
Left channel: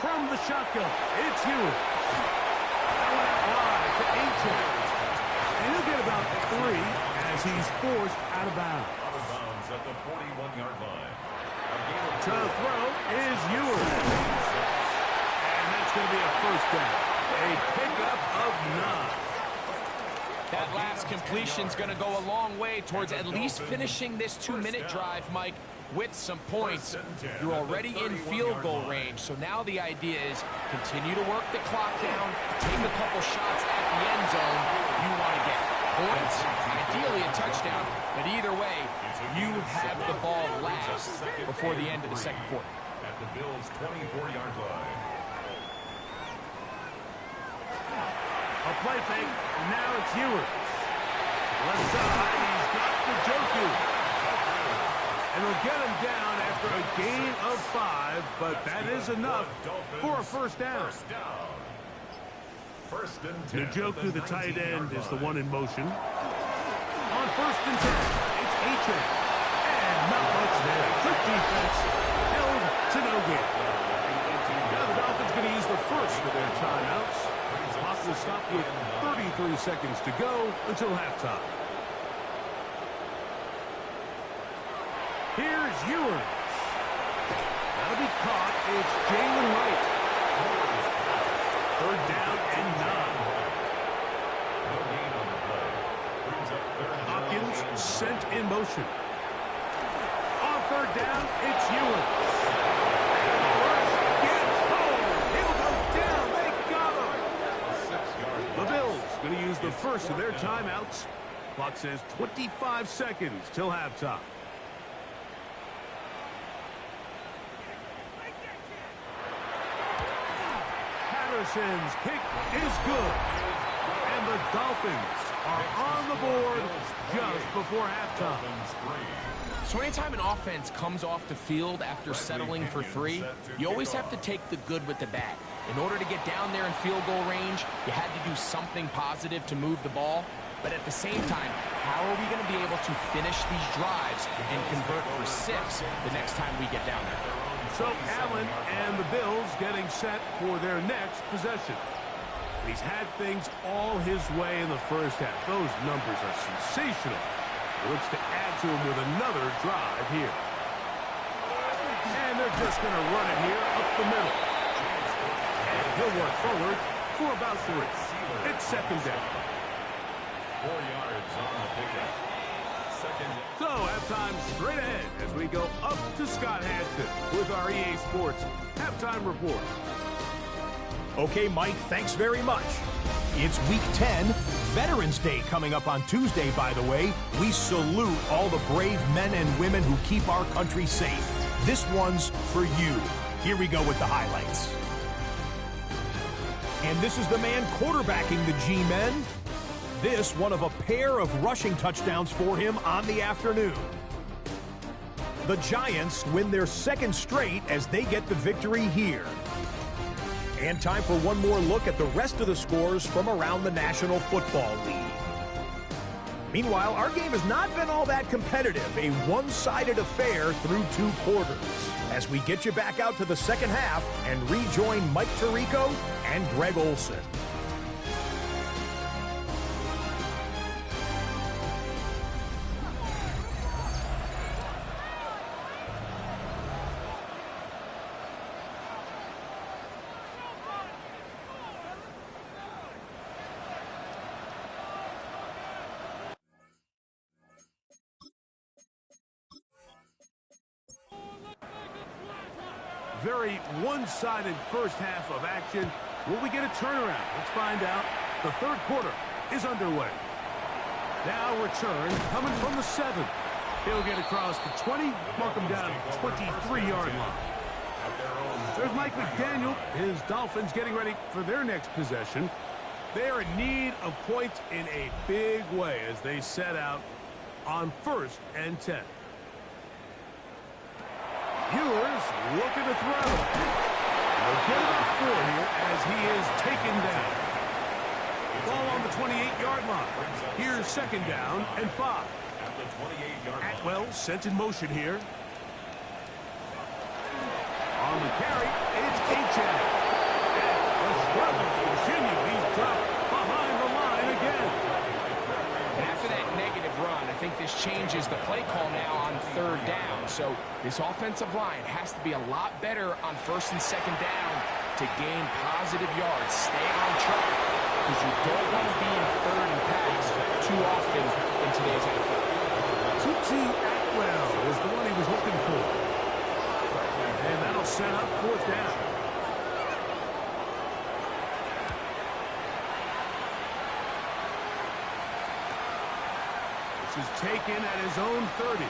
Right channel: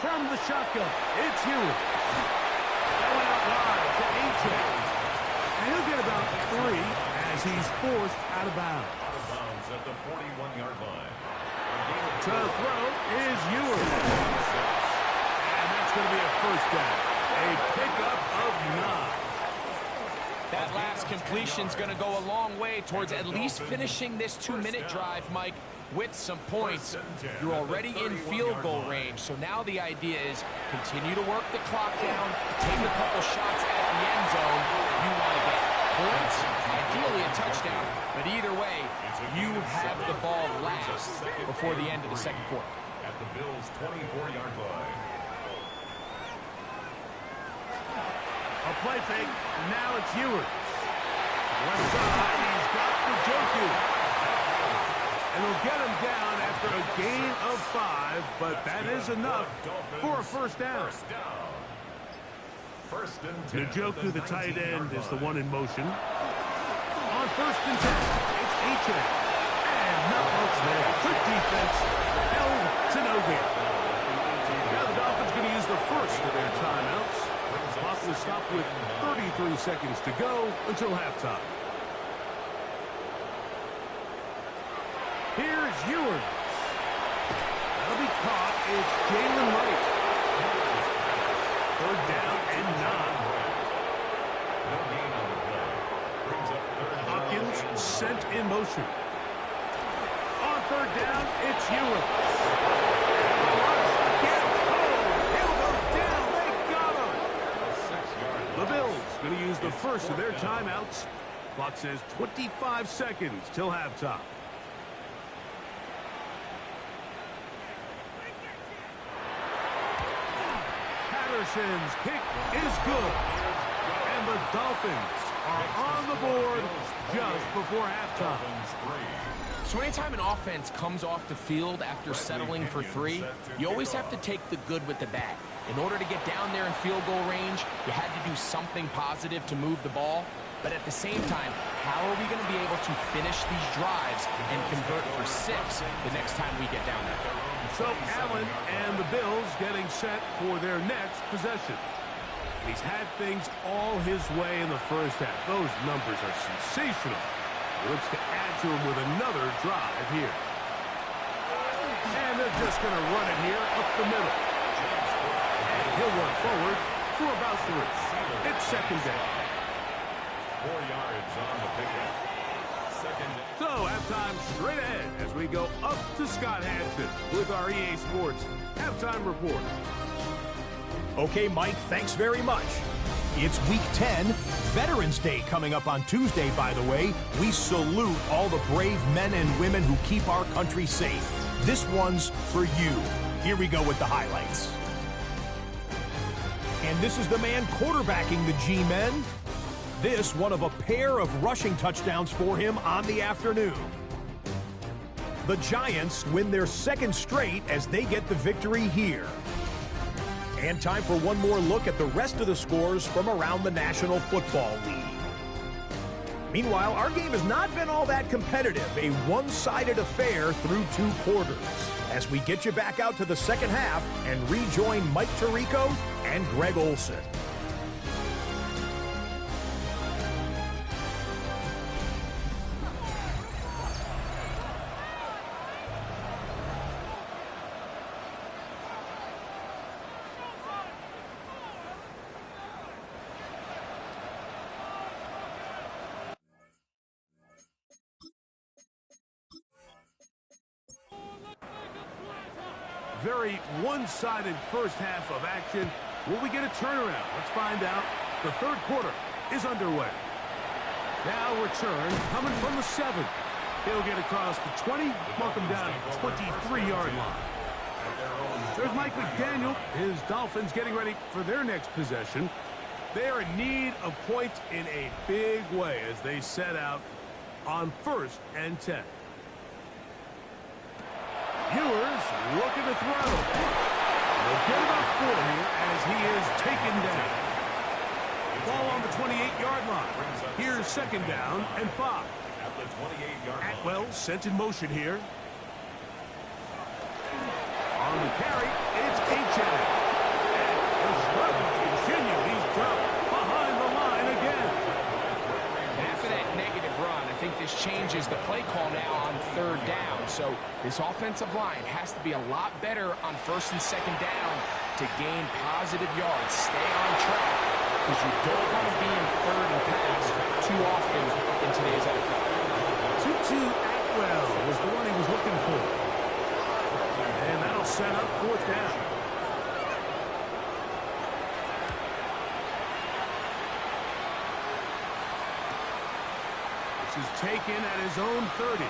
From the shotgun, it's Ewers. That went out wide to Achane. And he'll get about 3 as he's forced out of bounds. Out of bounds at the 41-yard line. To throw is Ewers. And that's going to be a first down. A pickup of 9. That last completion's going to go a long way towards at least finishing this 2-minute drive, Mike, with some points. You're already in field goal range, so now the idea is continue to work the clock down, take a couple shots at the end zone. You want to get points, ideally a touchdown, but either way, you have the ball last before the end of the second quarter. At the Bills' 24-yard line. A play fake. Now it's Ewers. Left side, he's got Njoku. And they'll get him down after a gain of 5, but that is enough for a first down. First and 10. Njoku, the tight end, is the one in motion. On first and 10, it's Achane. And not much there. Good defense. Held to no gain. Now the Dolphins going to use the first of their timeouts. Clock will stop with 33 seconds to go until halftime. Here's Ewers. That'll be caught. It's Jalen Wright. Third down and 9. No gain on the play. Brings up third down. Hopkins sent in motion. On third down, it's Ewers. And the rush gets home. He'll go down. They got him. A 6-yard The loss. Bills going to use the first of their timeouts. Clock says 25 seconds till halftime. Patterson's kick is good. And the Dolphins are on the board just before halftime. So anytime an offense comes off the field after settling for 3, you always have to take the good with the bad. In order to get down there in field goal range, you had to do something positive to move the ball. But at the same time, how are we going to be able to finish these drives and convert for 6 the next time we get down there? So Allen and the Bills getting set for their next possession. He's had things all his way in the first half. Those numbers are sensational. He looks to add to them with another drive here. And they're They're just going to run it here up the middle. And he'll work forward for about 3. It's second down. 4 yards on the pickup. Second. So, halftime straight ahead as we go up to Scott Hansen with our EA Sports halftime report. Okay, Mike, thanks very much. It's Week 10, Veterans Day coming up on Tuesday, by the way. We salute all the brave men and women who keep our country safe. This one's for you. Here we go with the highlights. And this is the man quarterbacking the G-Men. This one of a pair of rushing touchdowns for him on the afternoon. The Giants win their 2nd straight as they get the victory here. And time for one more look at the rest of the scores from around the National Football League. Meanwhile, our game has not been all that competitive, a one-sided affair through 2 quarters. As we get you back out to the second half and rejoin Mike Tirico and Greg Olson. Very one-sided first half of action. Will we get a turnaround? Let's find out. The 3rd quarter is underway. Now return coming from the 7. He'll get across the 20, mark him down at the 23-yard line. There's Mike McDaniel. His Dolphins getting ready for their next possession. They are in need of points in a big way as they set out on 1st and 10. Ewers looking to throw. They'll get about 4 here as he is taken down. Ball on the 28-yard line. Here's 2nd down and 5. At the 28-yard line. Atwell sent in motion here. On the carry, it's Achad. And the struggles continue. He's dropped behind the line again. After that negative run, I think this changes the play call now on 3rd down. So this offensive line has to be a lot better on 1st and 2nd down to gain positive yards. Stay on track because you don't want to be in 3rd and pass too often in today's NFL. Tutu Atwell was the one he was looking for. And that'll set up 4th down. Is taken at his own 30.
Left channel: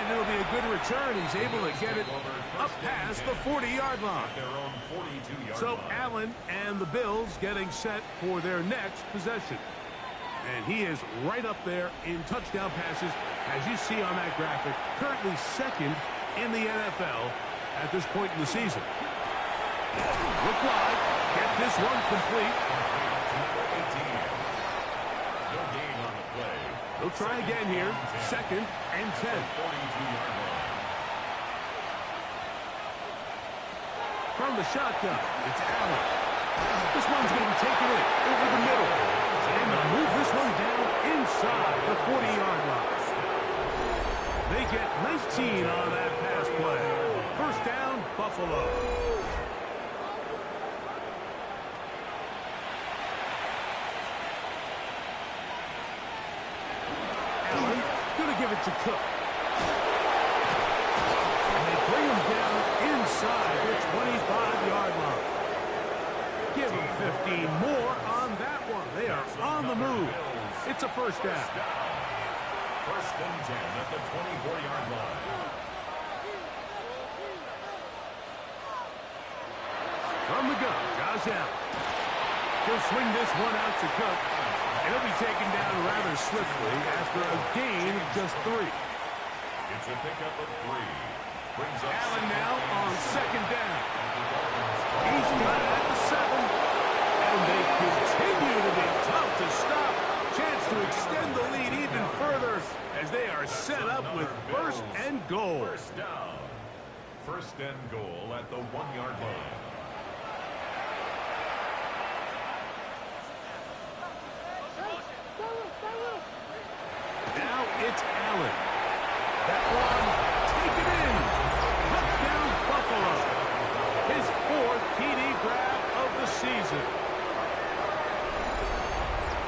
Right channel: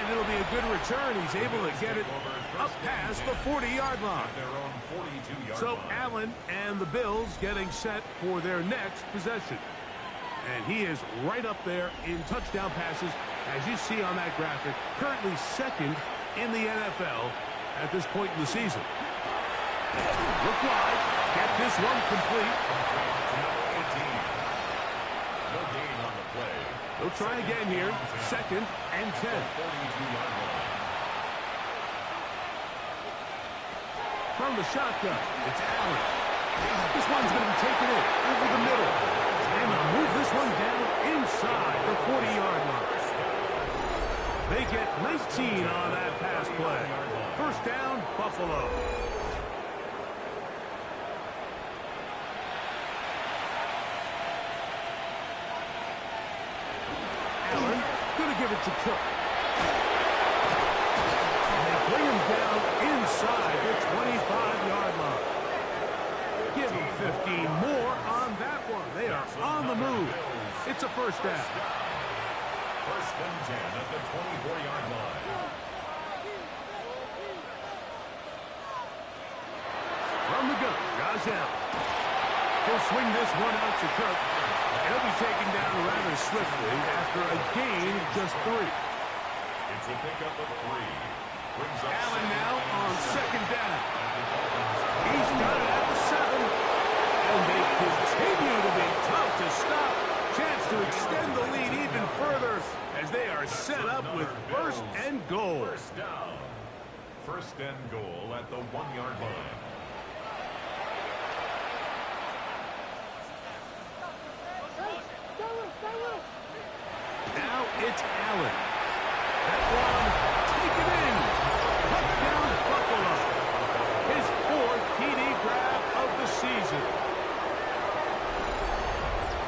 And it'll be a good return. He's able to get it up past the 40-yard line. So Allen and the Bills getting set for their next possession. And he is right up there in touchdown passes, as you see on that graphic. Currently 2nd in the NFL at this point in the season. Look wide. Get this one complete. No gain on the play. They'll try again here. 2nd and 10. 42-yard line. From the shotgun, it's Allen. This one's going to be taken in over the middle. And they'll move this one down inside the 40-yard line. They get 19 on that pass play. 1st down, Buffalo. Allen going to give it to Cook. And they bring him down inside the 25-yard line. Give him 15 more on that one. They are on the move. It's a 1st down. 1st and 10 at the 24-yard line. From the gun, Josh Allen. He'll swing this one out to Cook. And he'll be taken down rather swiftly after a gain of just 3. It's a pickup of 3. Brings up Allen now on 2nd down. He's got it at the 7. And they continue to be tough to stop. Chance to extend the lead even further as they are set up with 1st and goal. 1st down. 1st and goal at the 1-yard line. Now it's Allen. That one taken in. Touchdown, Buffalo. His 4th TD grab of the season.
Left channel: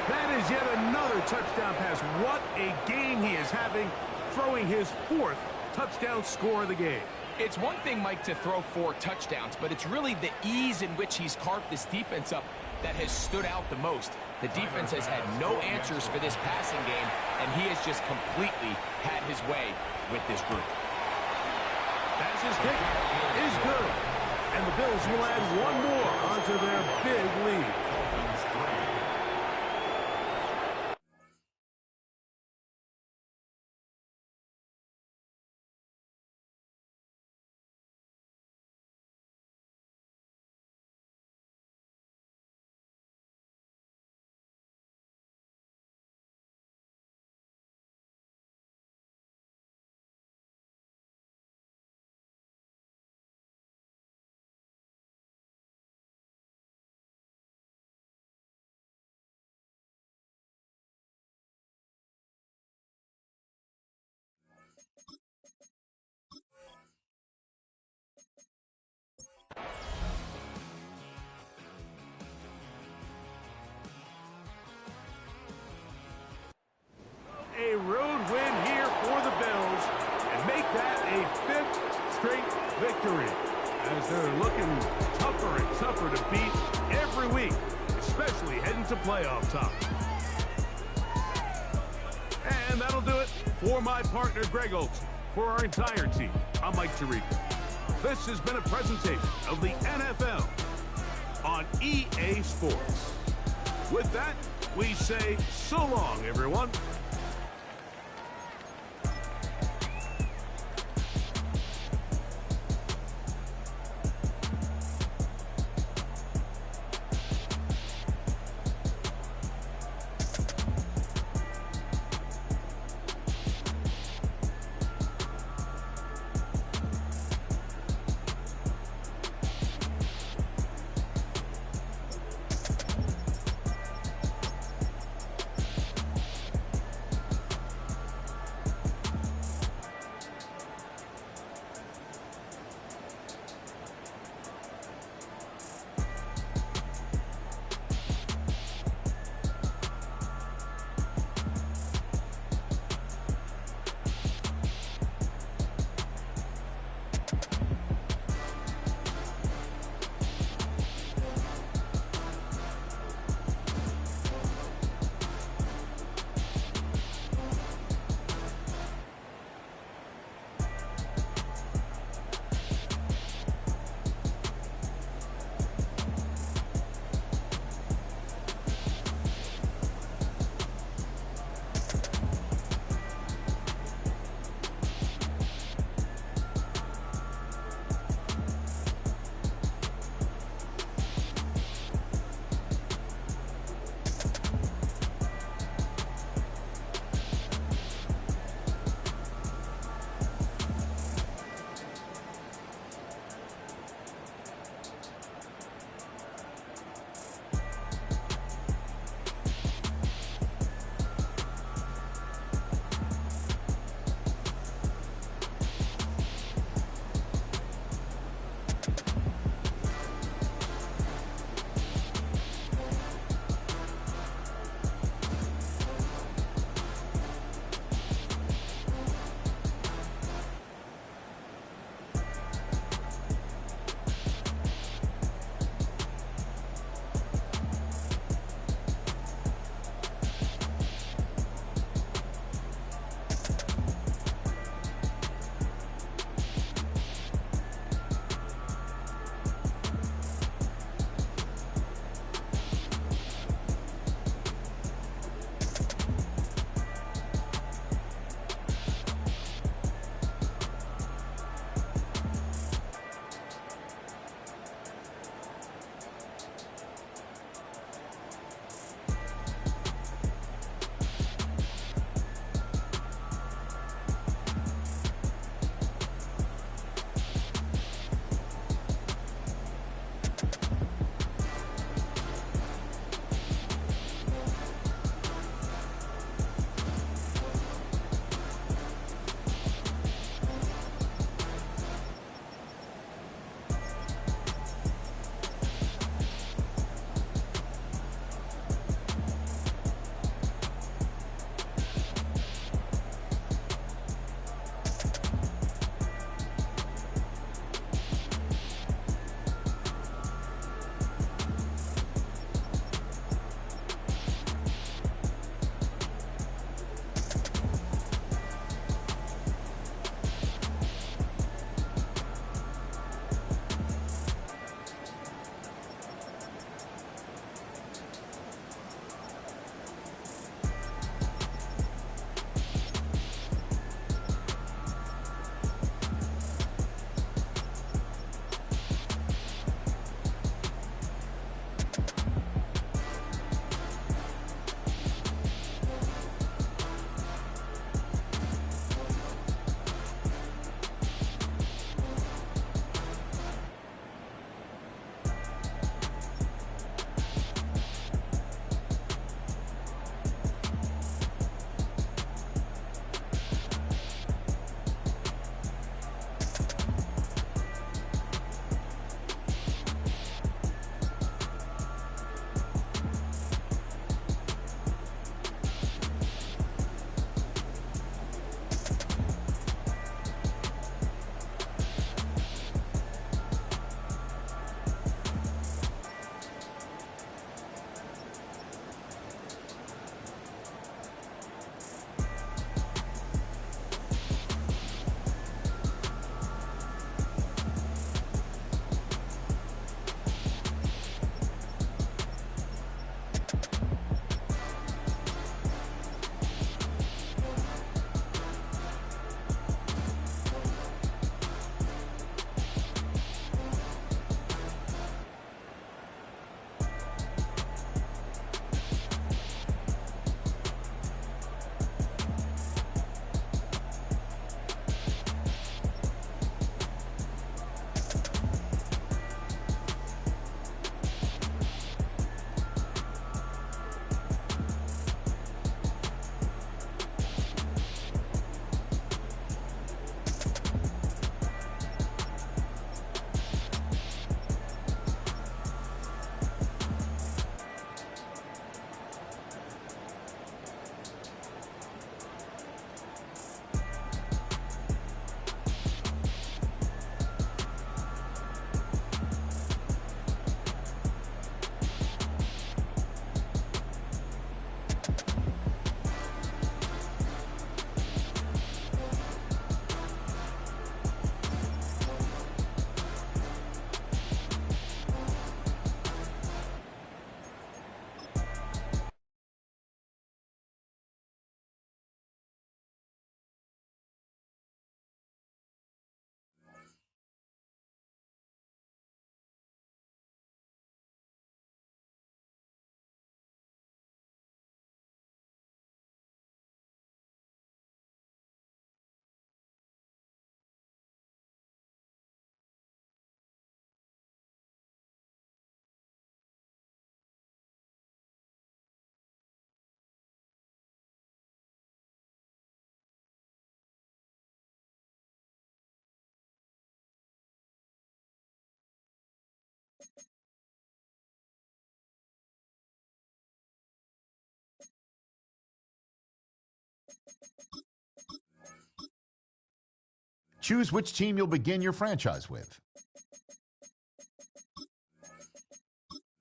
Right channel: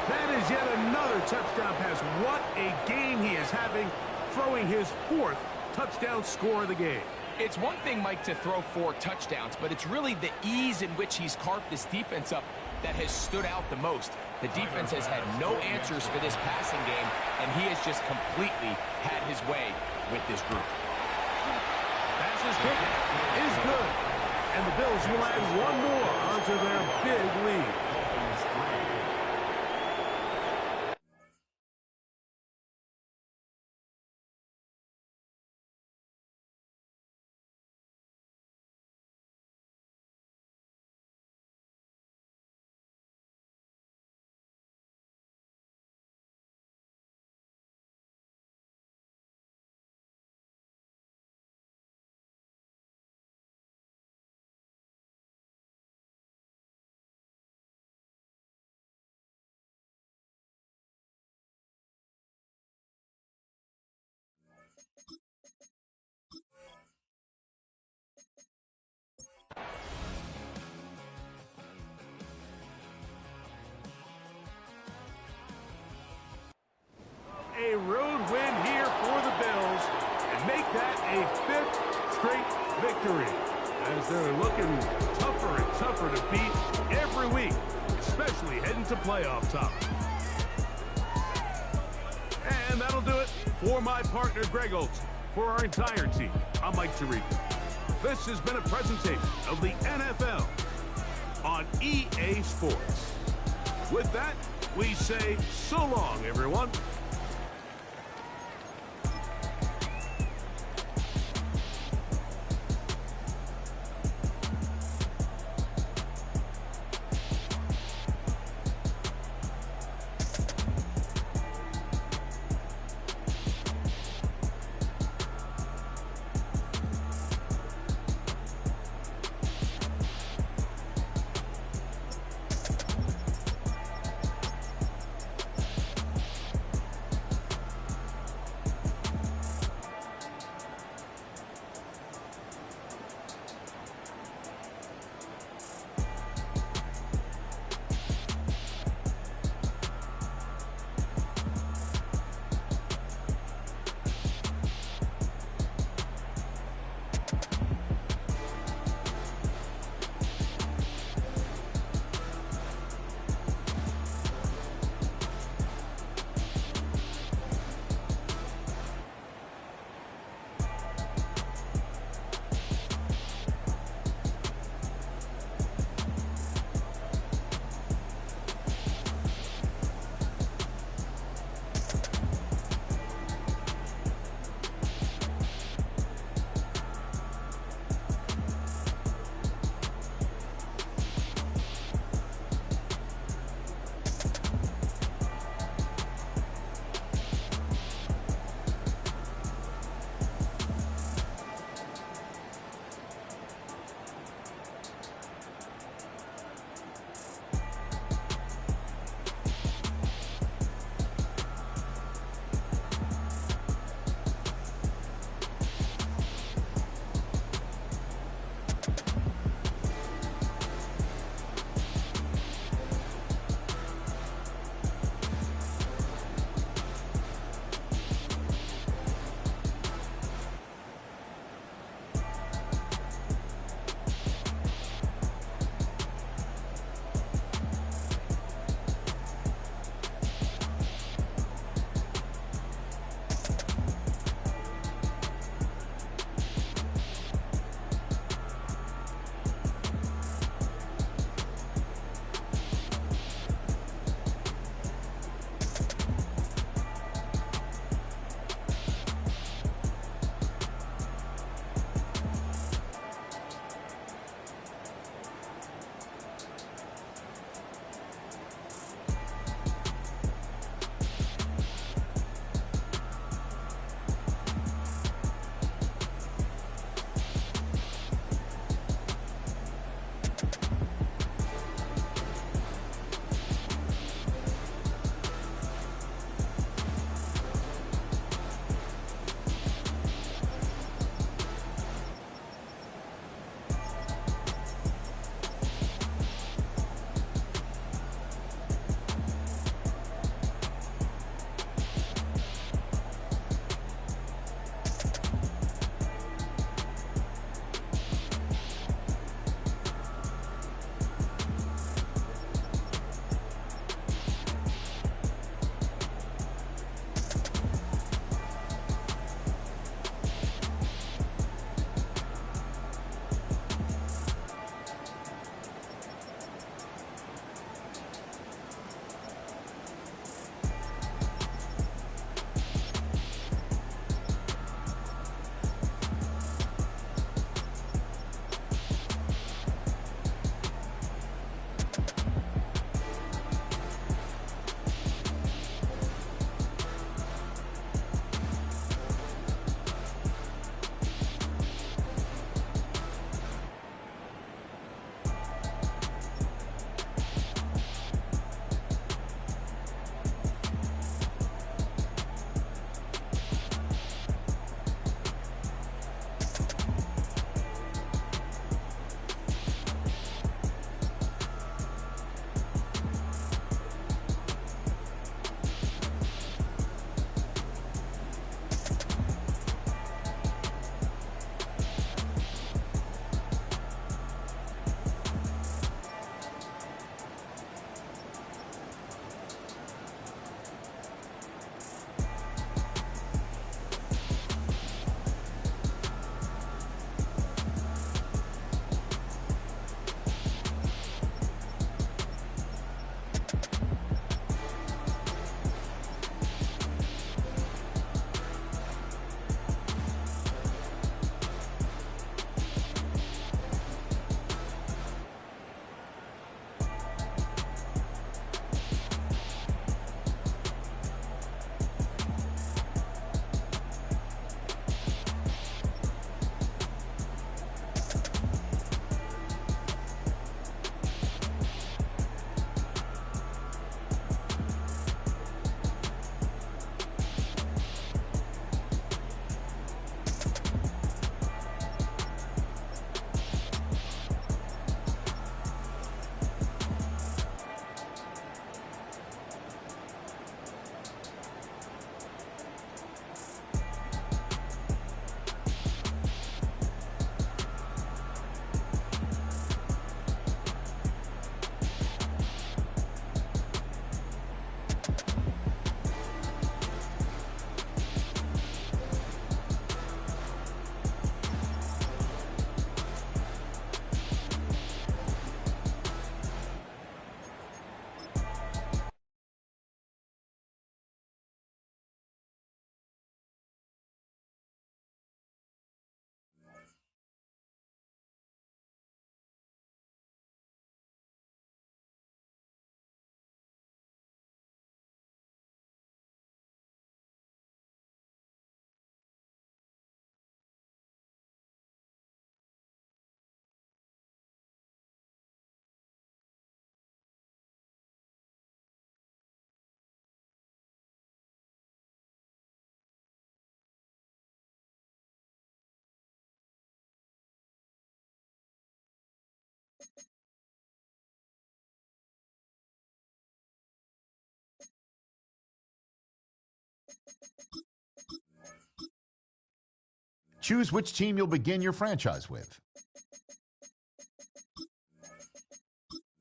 That is yet another touchdown pass. What a game he is having, throwing his 4th touchdown score of the game. It's one thing, Mike, to throw 4 touchdowns, but it's really the ease in which he's carved this defense up that has stood out the most. The defense has had no answers for this passing game, and he has just completely had his way with this group. Pass kick is good. And the Bills will add one more onto their big lead. A road win here for the Bills and make that a 5th straight victory as they're looking tougher and tougher to beat every week, especially heading to playoff time. And that'll do it for my partner Greg Olson. For our entire team, I'm Mike Tirico. This has been a presentation of the NFL on EA Sports. With that, we say so long, everyone. Choose which team you'll begin your franchise with.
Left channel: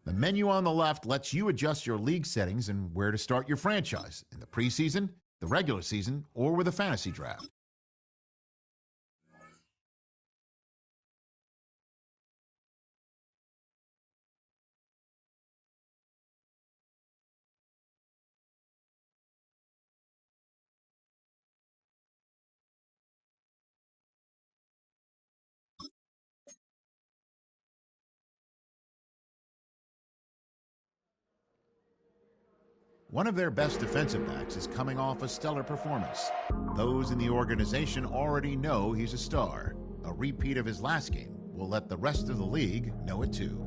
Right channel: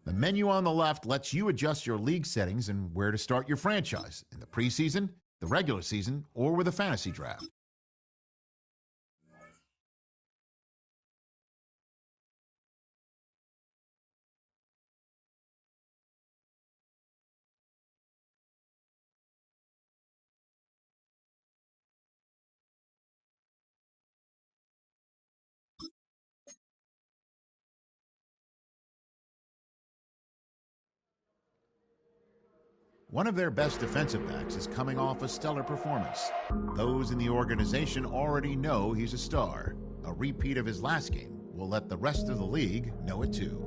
The menu on the left lets you adjust your league settings and where to start your franchise, in the preseason, the regular season, or with a fantasy draft. One of their best defensive backs is coming off a stellar performance. Those in the organization already know he's a star. A repeat of his last game will let the rest of the league know it too.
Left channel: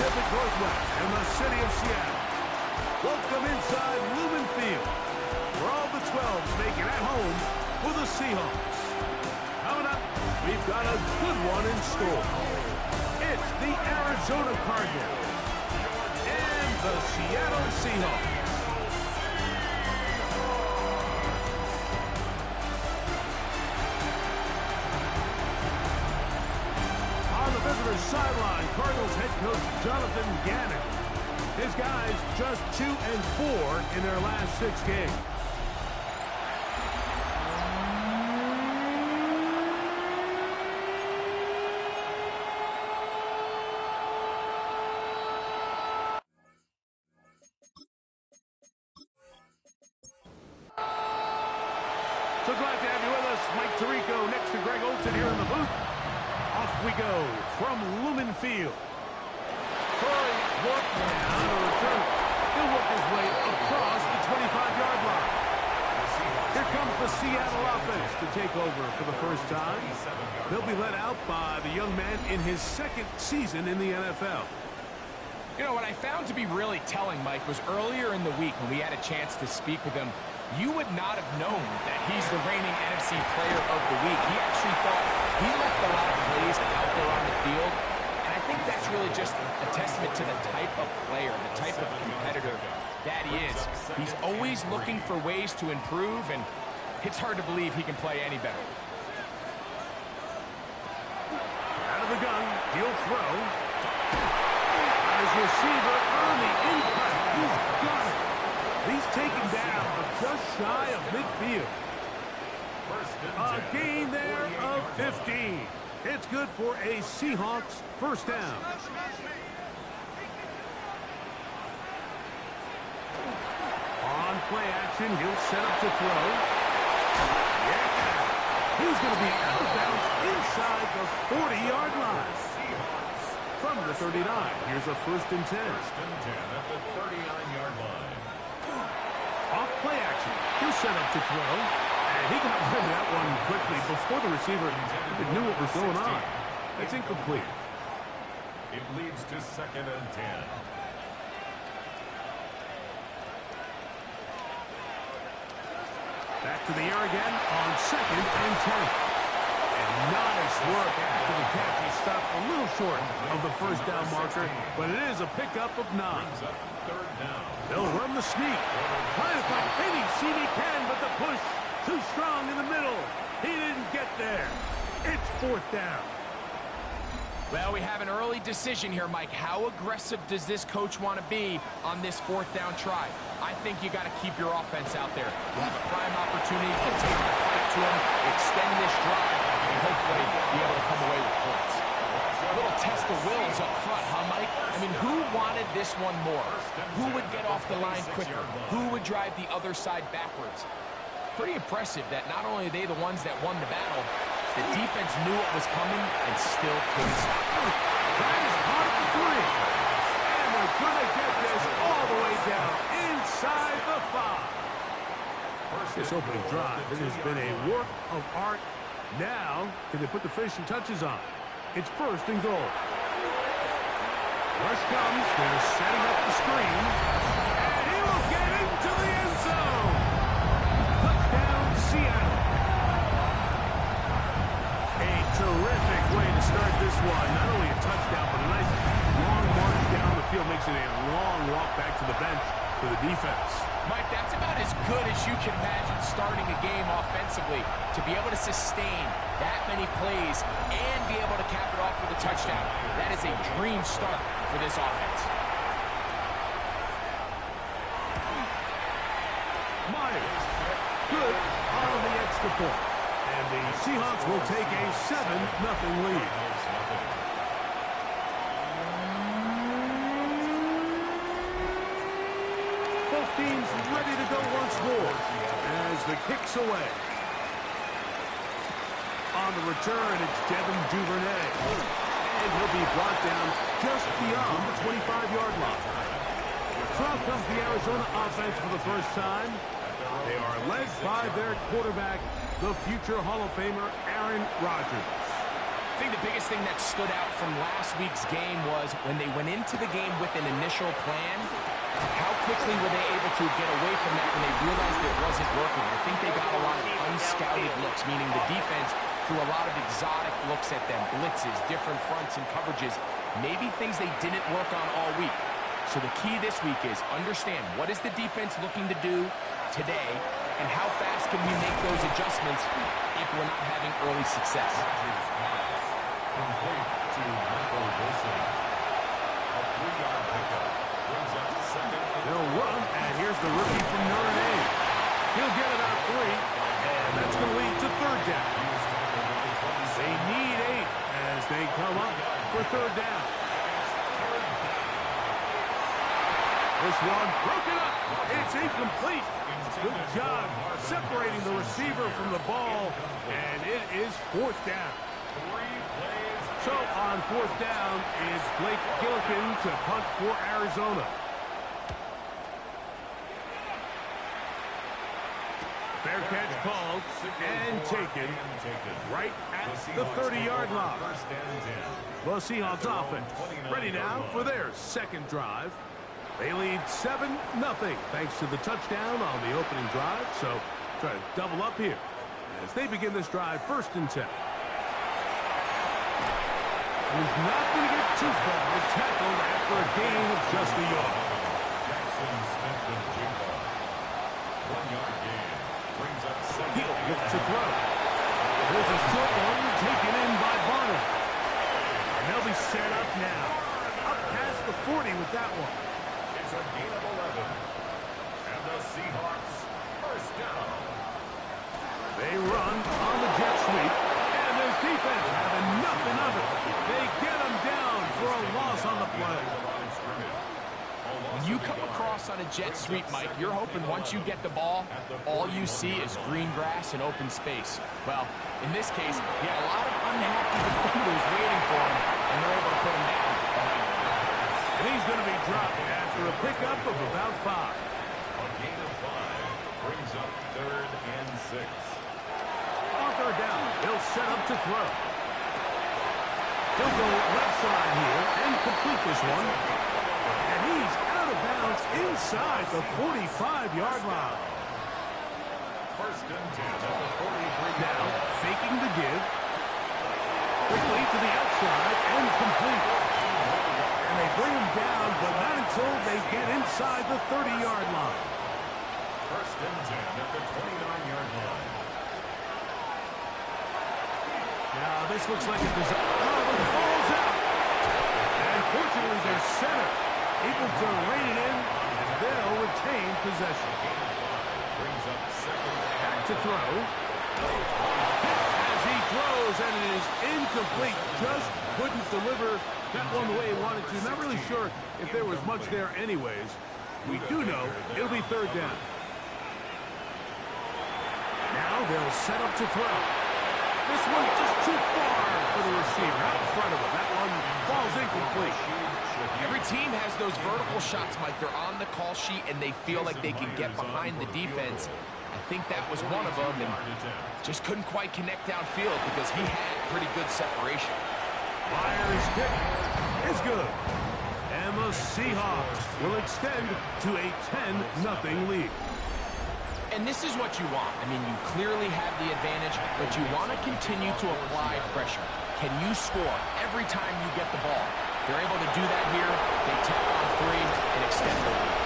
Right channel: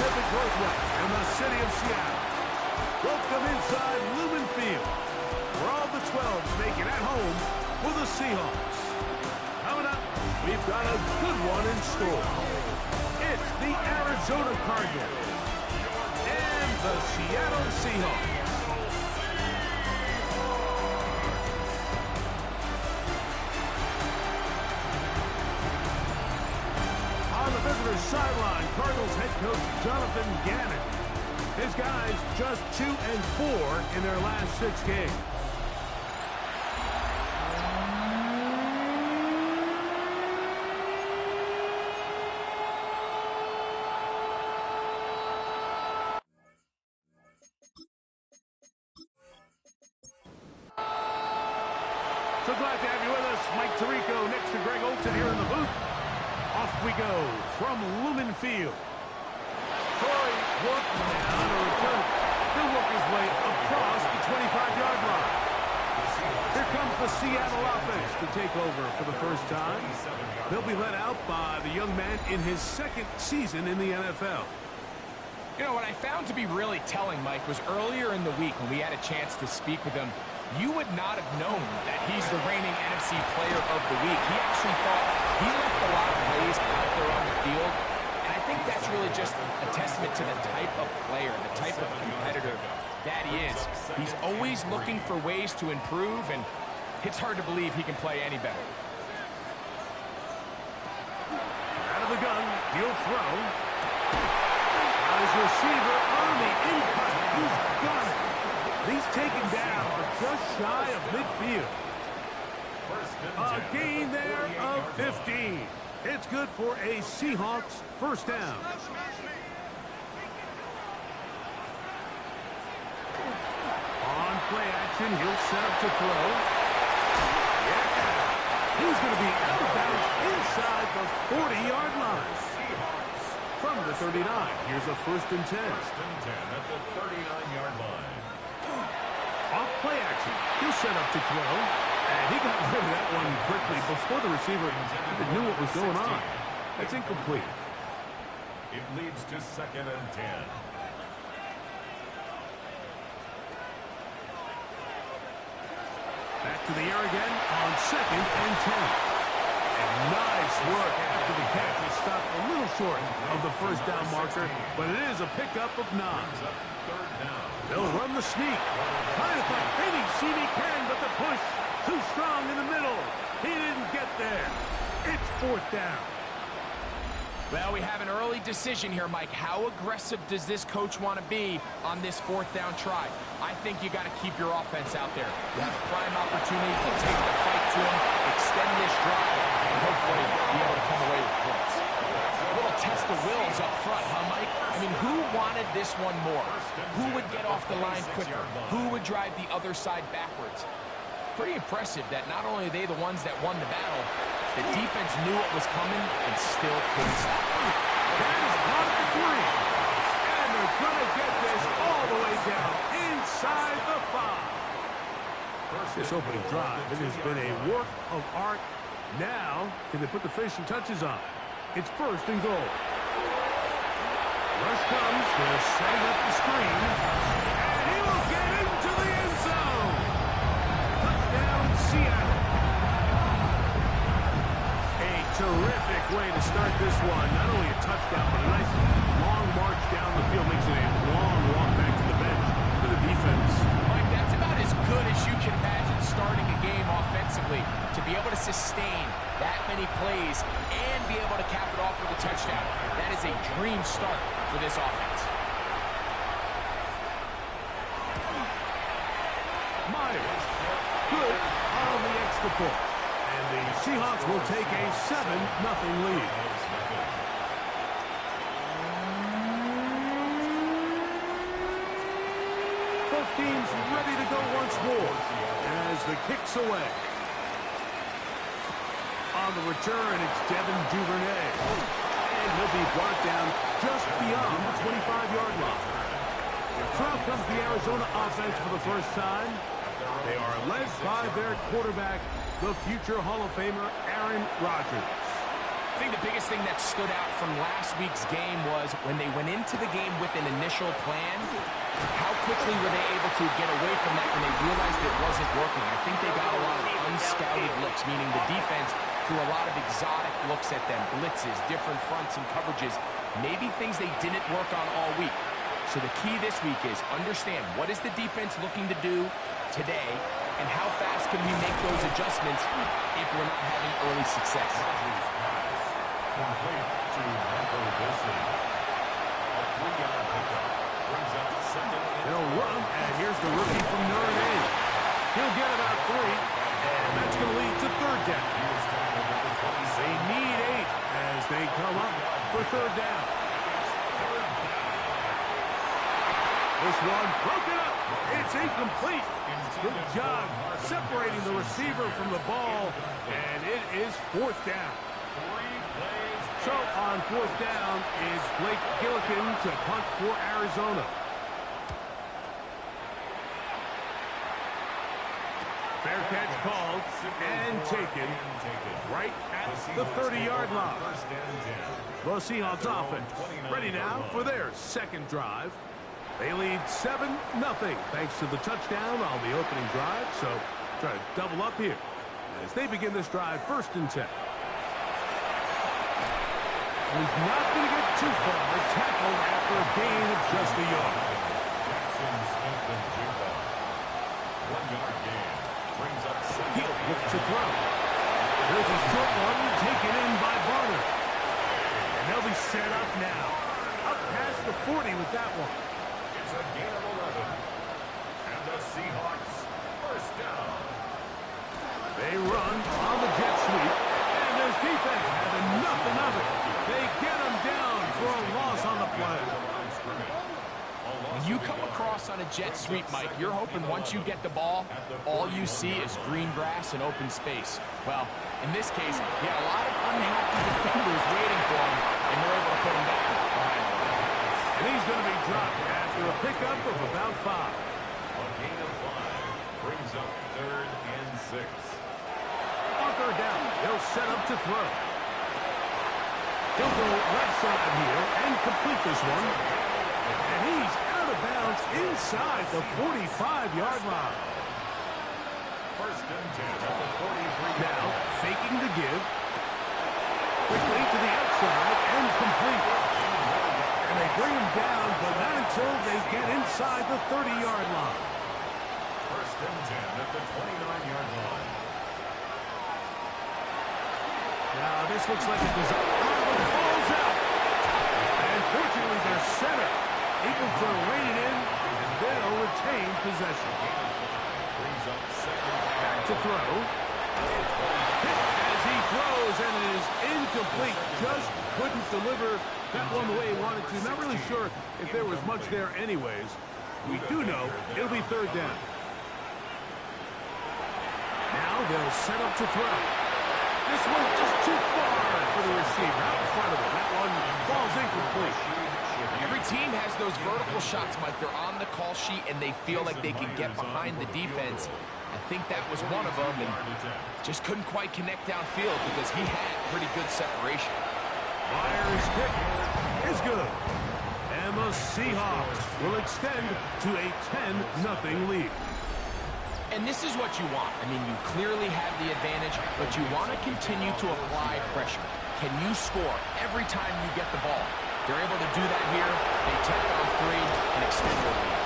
Pacific Northwest and the city of Seattle. Welcome inside Lumen Field, where all the 12s make it at home for the Seahawks. Coming up, we've got a good one in store. It's the Arizona Cardinals and the Seattle Seahawks. On the visitors' sideline, Cardinals head coach Jonathan Gannon. His guys just 2-4 in their last 6 games. So glad to have you with us. Mike Tirico next to Greg Olsen here in the booth. Off we go from Lumen Field. Corey working now to return. He'll work his way across the 25-yard line. Here comes the Seattle offense to take over for the first time. They'll be led out by the young man in his 2nd season in the NFL. You know, what I found to be really telling, Mike, was earlier in the week when we had a chance to speak with him, you would not have known that he's the reigning NFC Player of the Week. He actually thought he left a lot of plays out there on the field, and I think that's really just a testament to the type of player, the type of competitor that he is. He's always looking for ways to improve, and it's hard to believe he can play any better. Out of the gun, he'll throw. His receiver on the in-cut. He's got it. He's taken down just shy of midfield. A gain there of 15. It's good for a Seahawks first down. On play action, he'll set up to throw. Yeah. He's going to be out of bounds inside the 40-yard line. From the 39, here's a 1st and 10. 1st and 10 at the 39-yard line. Off play action. He'll set up to throw. And he got rid of that one quickly before the receiver knew what was going on. That's incomplete. It leads to 2nd and 10. Back to the air again on 2nd and 10. And nice work after the catch. He stopped a little short of the first down marker, but it is a pickup of 9. 3rd down. They'll run the sneak. Trying to find any seam he can, but the push too strong in the middle. He didn't get there. It's 4th down. Well, we have an early decision here, Mike. How aggressive does this coach want to be on this 4th down try? I think you got to keep your offense out there. You have a prime opportunity to take the fight to him, extend this drive, and hopefully be able to come away with points. A little test of wills up front, huh, Mike? I mean, who wanted this one more? Who would get off the line quicker? Who would drive the other side backwards? Pretty impressive that not only are they the ones that won the battle, the defense knew what was coming and still couldn't stop it. That is caught at the 3. And they're going to get this all the way down inside the 5. This opening drive, it has been a work of art. Now, can they put the finishing touches on? It's 1st and goal. Rush comes. They're setting up the screen. And he will get into the end zone. Touchdown, Seattle. A terrific way to start this one. Not only a touchdown, but a nice long march down the field. Makes it a long walk back to the bench for the defense. Mike, that's about as good as you can imagine starting a game offensively. To be able to sustain that many plays and be able to cap it off with a touchdown. That is a dream start for this offense. Myers, good on the extra point. And the Seahawks will take a 7-0 lead. Both teams ready to go once more as the kick's away. On the return, it's Devin Duvernay. And he'll be brought down just beyond the 25-yard line. So out comes the Arizona offense for the first time. They are led by their quarterback, the future Hall of Famer, Aaron Rodgers. think the biggest thing that stood out from last week's game was when they went into the game with an initial plan, how quickly were they able to get away from that when they realized it wasn't working? I think they got a lot of unscouted looks, meaning the defense threw a lot of exotic looks at them, blitzes, different fronts and coverages, maybe things they didn't work on all week. So the key this week is understand what is the defense looking to do today, and how fast can we make those adjustments if we're not having early success. Complete to Michael Wilson. A 3-yard pickup brings up second. They'll run, and here's the rookie from Notre Dame. He'll get about 3, and that's going to lead to third down. They need 8 as they come up for third down. This one broken up. It's incomplete. Good job separating the receiver from the ball, and it is fourth down. So on fourth down is Blake Gillikin to punt for Arizona. Fair catch called and taken right at the 30-yard line. The Seahawks offense ready now for their second drive. They lead 7-0 thanks to the touchdown on the opening drive. So try to double up here as they begin this drive first and 10. He's not going to get too far. Tackled after a gain of just a yard. Jackson Smith and Jigba. 1-yard gain. Brings up second. He'll look to throw. Here's a short one taken in by Barner. And they'll be set up now. Up past the 40 with that one. It's a gain of 11. And the Seahawks first down. They run on the jet sweep. And this defense having nothing of it. They get him down for a loss on the play. When you come across on a jet sweep, Mike, you're hoping once you get the ball, all you see is green grass and open space. Well, in this case, he had a lot of unhappy defenders waiting for him, and they're able to put him down behind the line. And he's going to be dropped after a pickup of about 5. A gain of 5 brings up 3rd and 6. On third down, he'll set up to throw. He'll go left side here and complete this one. And he's out of bounds inside the 45-yard line. First and 10 at the 43. Now, faking the give. Quickly to the outside and complete. And they bring him down, but not until they get inside the 30-yard line. First and 10 at the 29-yard line. Now, this looks like a disaster. Oh, it falls out. And fortunately, their center able to rein it in, and they'll retain possession. Brings up second. Back to throw. Hit as he throws, and it is incomplete. Just couldn't deliver that one the way he wanted to. Not really sure if there was much there anyways. We do know it'll be third down. Now they'll set up to throw. This one just too far for the receiver. Out in front of him. That one falls incomplete. Every team has those vertical shots, Mike. They're on the call sheet, and they feel like they can get behind the defense. I think that was one of them, and just couldn't quite connect downfield because he had pretty good separation. Myers' kick is good. And the Seahawks will extend to a 10-0 lead. And this is what you want. I mean, you clearly have the advantage, but you want to continue to apply pressure. Can you score every time you get the ball? They're able to do that here. They tack on 3 and extend their lead.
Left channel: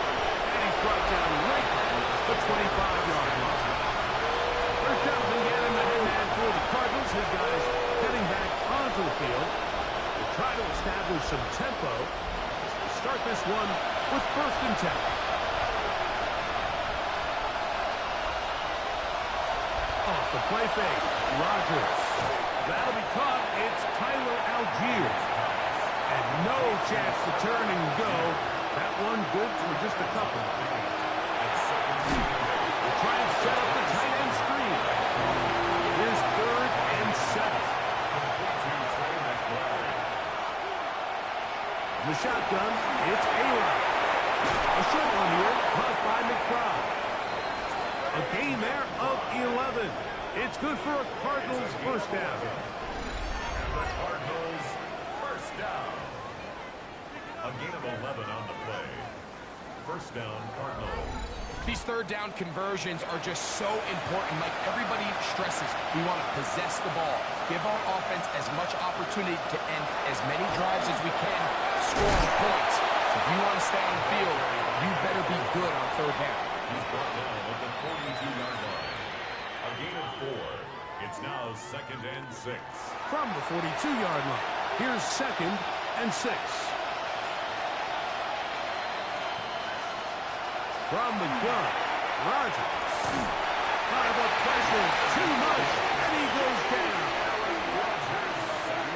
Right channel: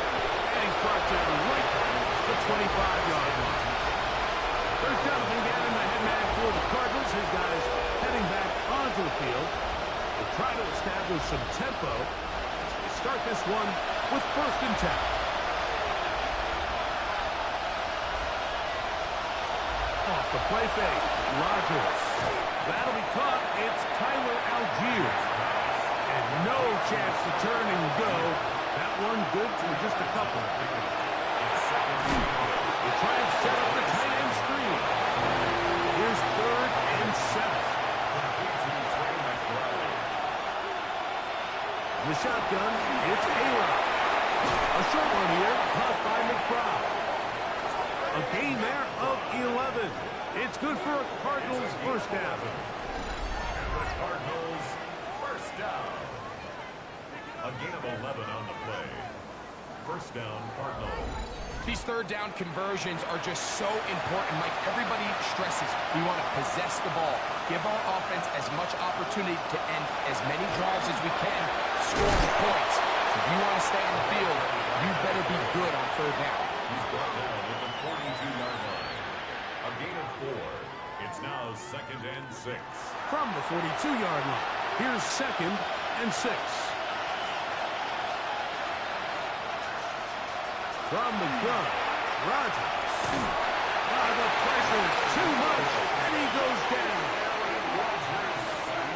And he's brought down right at the 25-yard line. First down, Vingan, the head man for the Cardinals. His guys heading back onto the field. They try to establish some tempo as they start this one with first and 10. Off the play fake, Rodgers. That'll be caught. It's Tyler Algier. And no chance to turn and go. That one good for just a couple. They try and set up the tight end screen. Here's 3rd and 7. In the shotgun, it's A-Rod. A short one here, caught by McBride. A gain there of 11. It's good for a Cardinals first down. The Cardinals, first down. A gain of 11 on the play. First down, Cardinals. These third down conversions are just so important. Mike, everybody stresses we want to possess the ball. Give our offense as much opportunity to end as many drives as we can, scoring points. So if you want to stay on the field, you better be good on third down. He's brought down at the 42-yard line. A gain of 4. It's now 2nd and 6. From the 42-yard line, here's 2nd and 6. From the gun, Rodgers. The pressure, too much, and he goes down.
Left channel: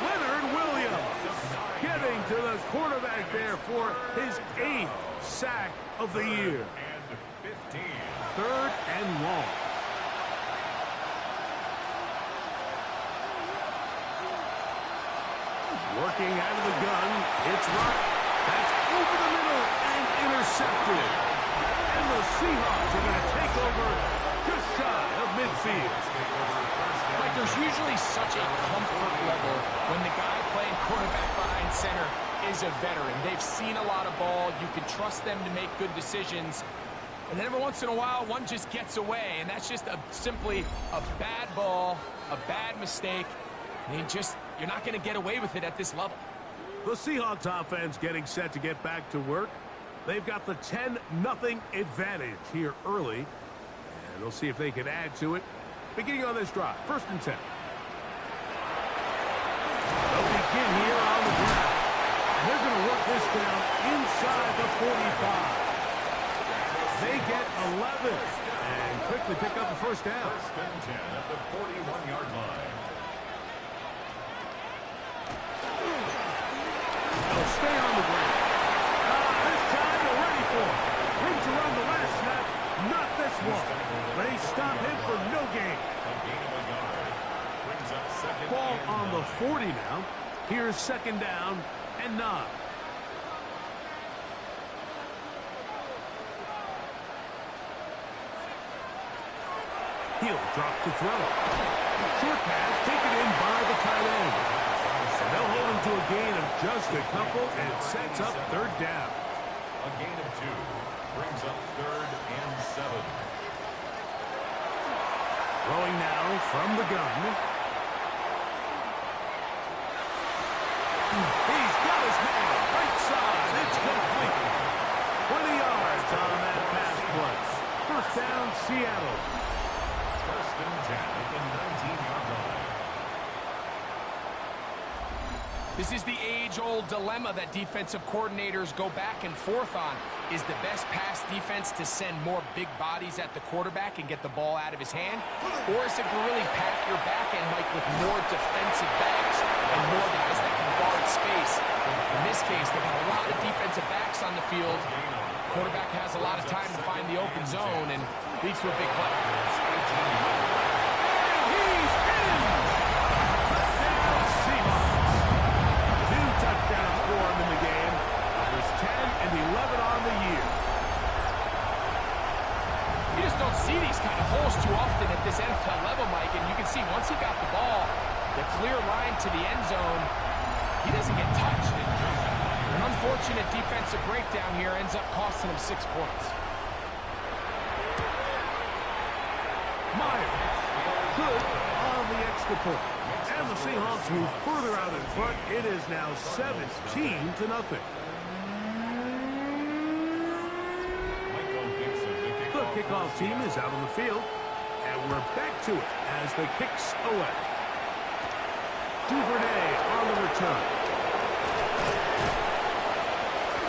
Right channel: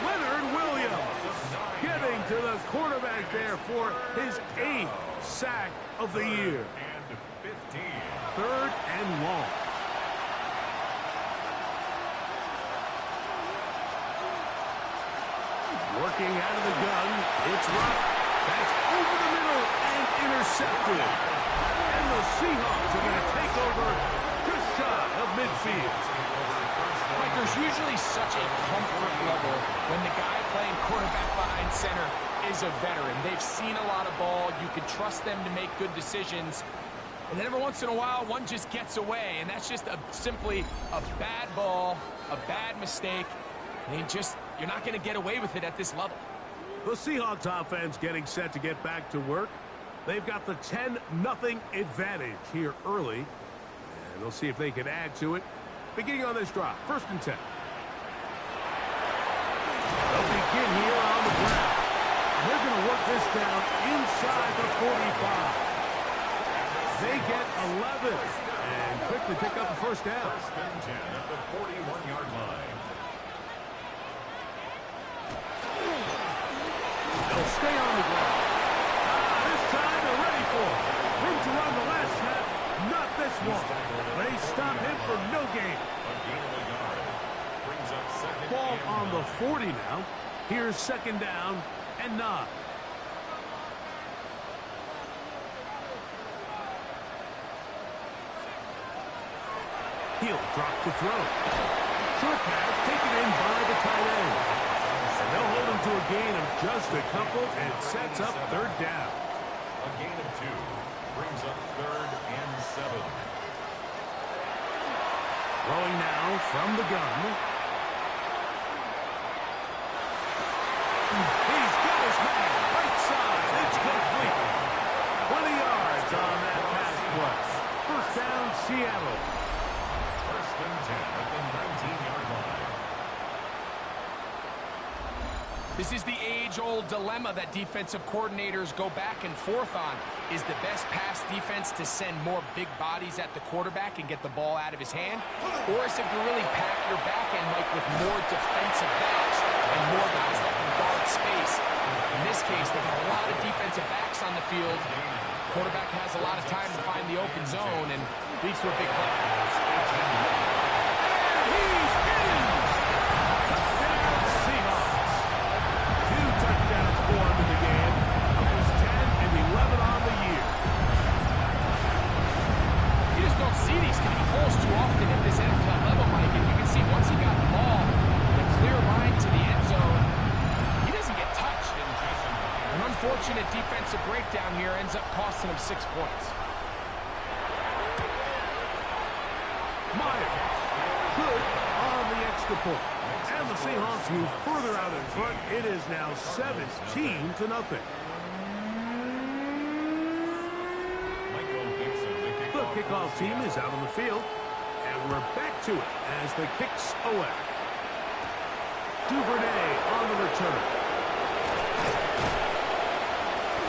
Leonard Williams getting to the quarterback there for his 8th sack of the year. And 15. 3rd and long. Working out of the gun, it's Ruck. That's over the middle and intercepted. And the Seahawks are going to take over just shy of midfield. Mike, there's usually such a comfort level when the guy playing quarterback behind center is a veteran. They've seen a lot of ball. You can trust them to make good decisions. And then every once in a while, one just gets away. And that's just simply a bad ball, a bad mistake. And you're not going to get away with it at this level. The Seahawks offense getting set to get back to work. They've got the 10-0 advantage here early. And they'll see if they can add to it. Beginning on this drive, 1st and 10. They'll begin here on the ground. And they're going to work this down inside the 45. They get 11 and quickly pick up the 1st down. 1st and 10 at the 41-yard line. They'll stay on the ground. This time they're ready for it. Room to run the last snap. Not this one. They stop him for no gain. A gain of a yard. Brings up 2nd Ball and on 9. the 40 now. Here's 2nd down and 9. He'll drop to throw. Short pass taken in by the tight end. And they'll hold him to a gain of just a couple, and it sets up 3rd down. A gain of 2. Brings up 3rd and 7. Throwing now from the gun. He's got his man. Right side. It's complete. 20 yards on that pass play. 1st down, Seattle. 1st and 10 at the 19-yard line. This is the age-old dilemma that defensive coordinators go back and forth on. Is the best pass defense to send more big bodies at the quarterback and get the ball out of his hand? Or is it to really pack your back end, Mike, with more defensive backs and more guys that can guard space? In this case, they've got a lot of defensive backs on the field. Quarterback has a lot of time to find the open zone and leads to a big play. And he's in! Touchdown, Seahawks. 2 touchdowns for him in the game. Numbers 10 and 11 on the year. You just don't see these kind of holes too often at this NFL level, Mike. And you can see once he got the ball, the clear line to the end zone, he doesn't get touched. And an unfortunate defensive breakdown here ends up costing him 6 points. Myers, good on the extra point. And the Seahawks move further out in front. It is now 17-0. The kickoff team is out on the field. And we're back to it as the kicks away. Duvernay on the return.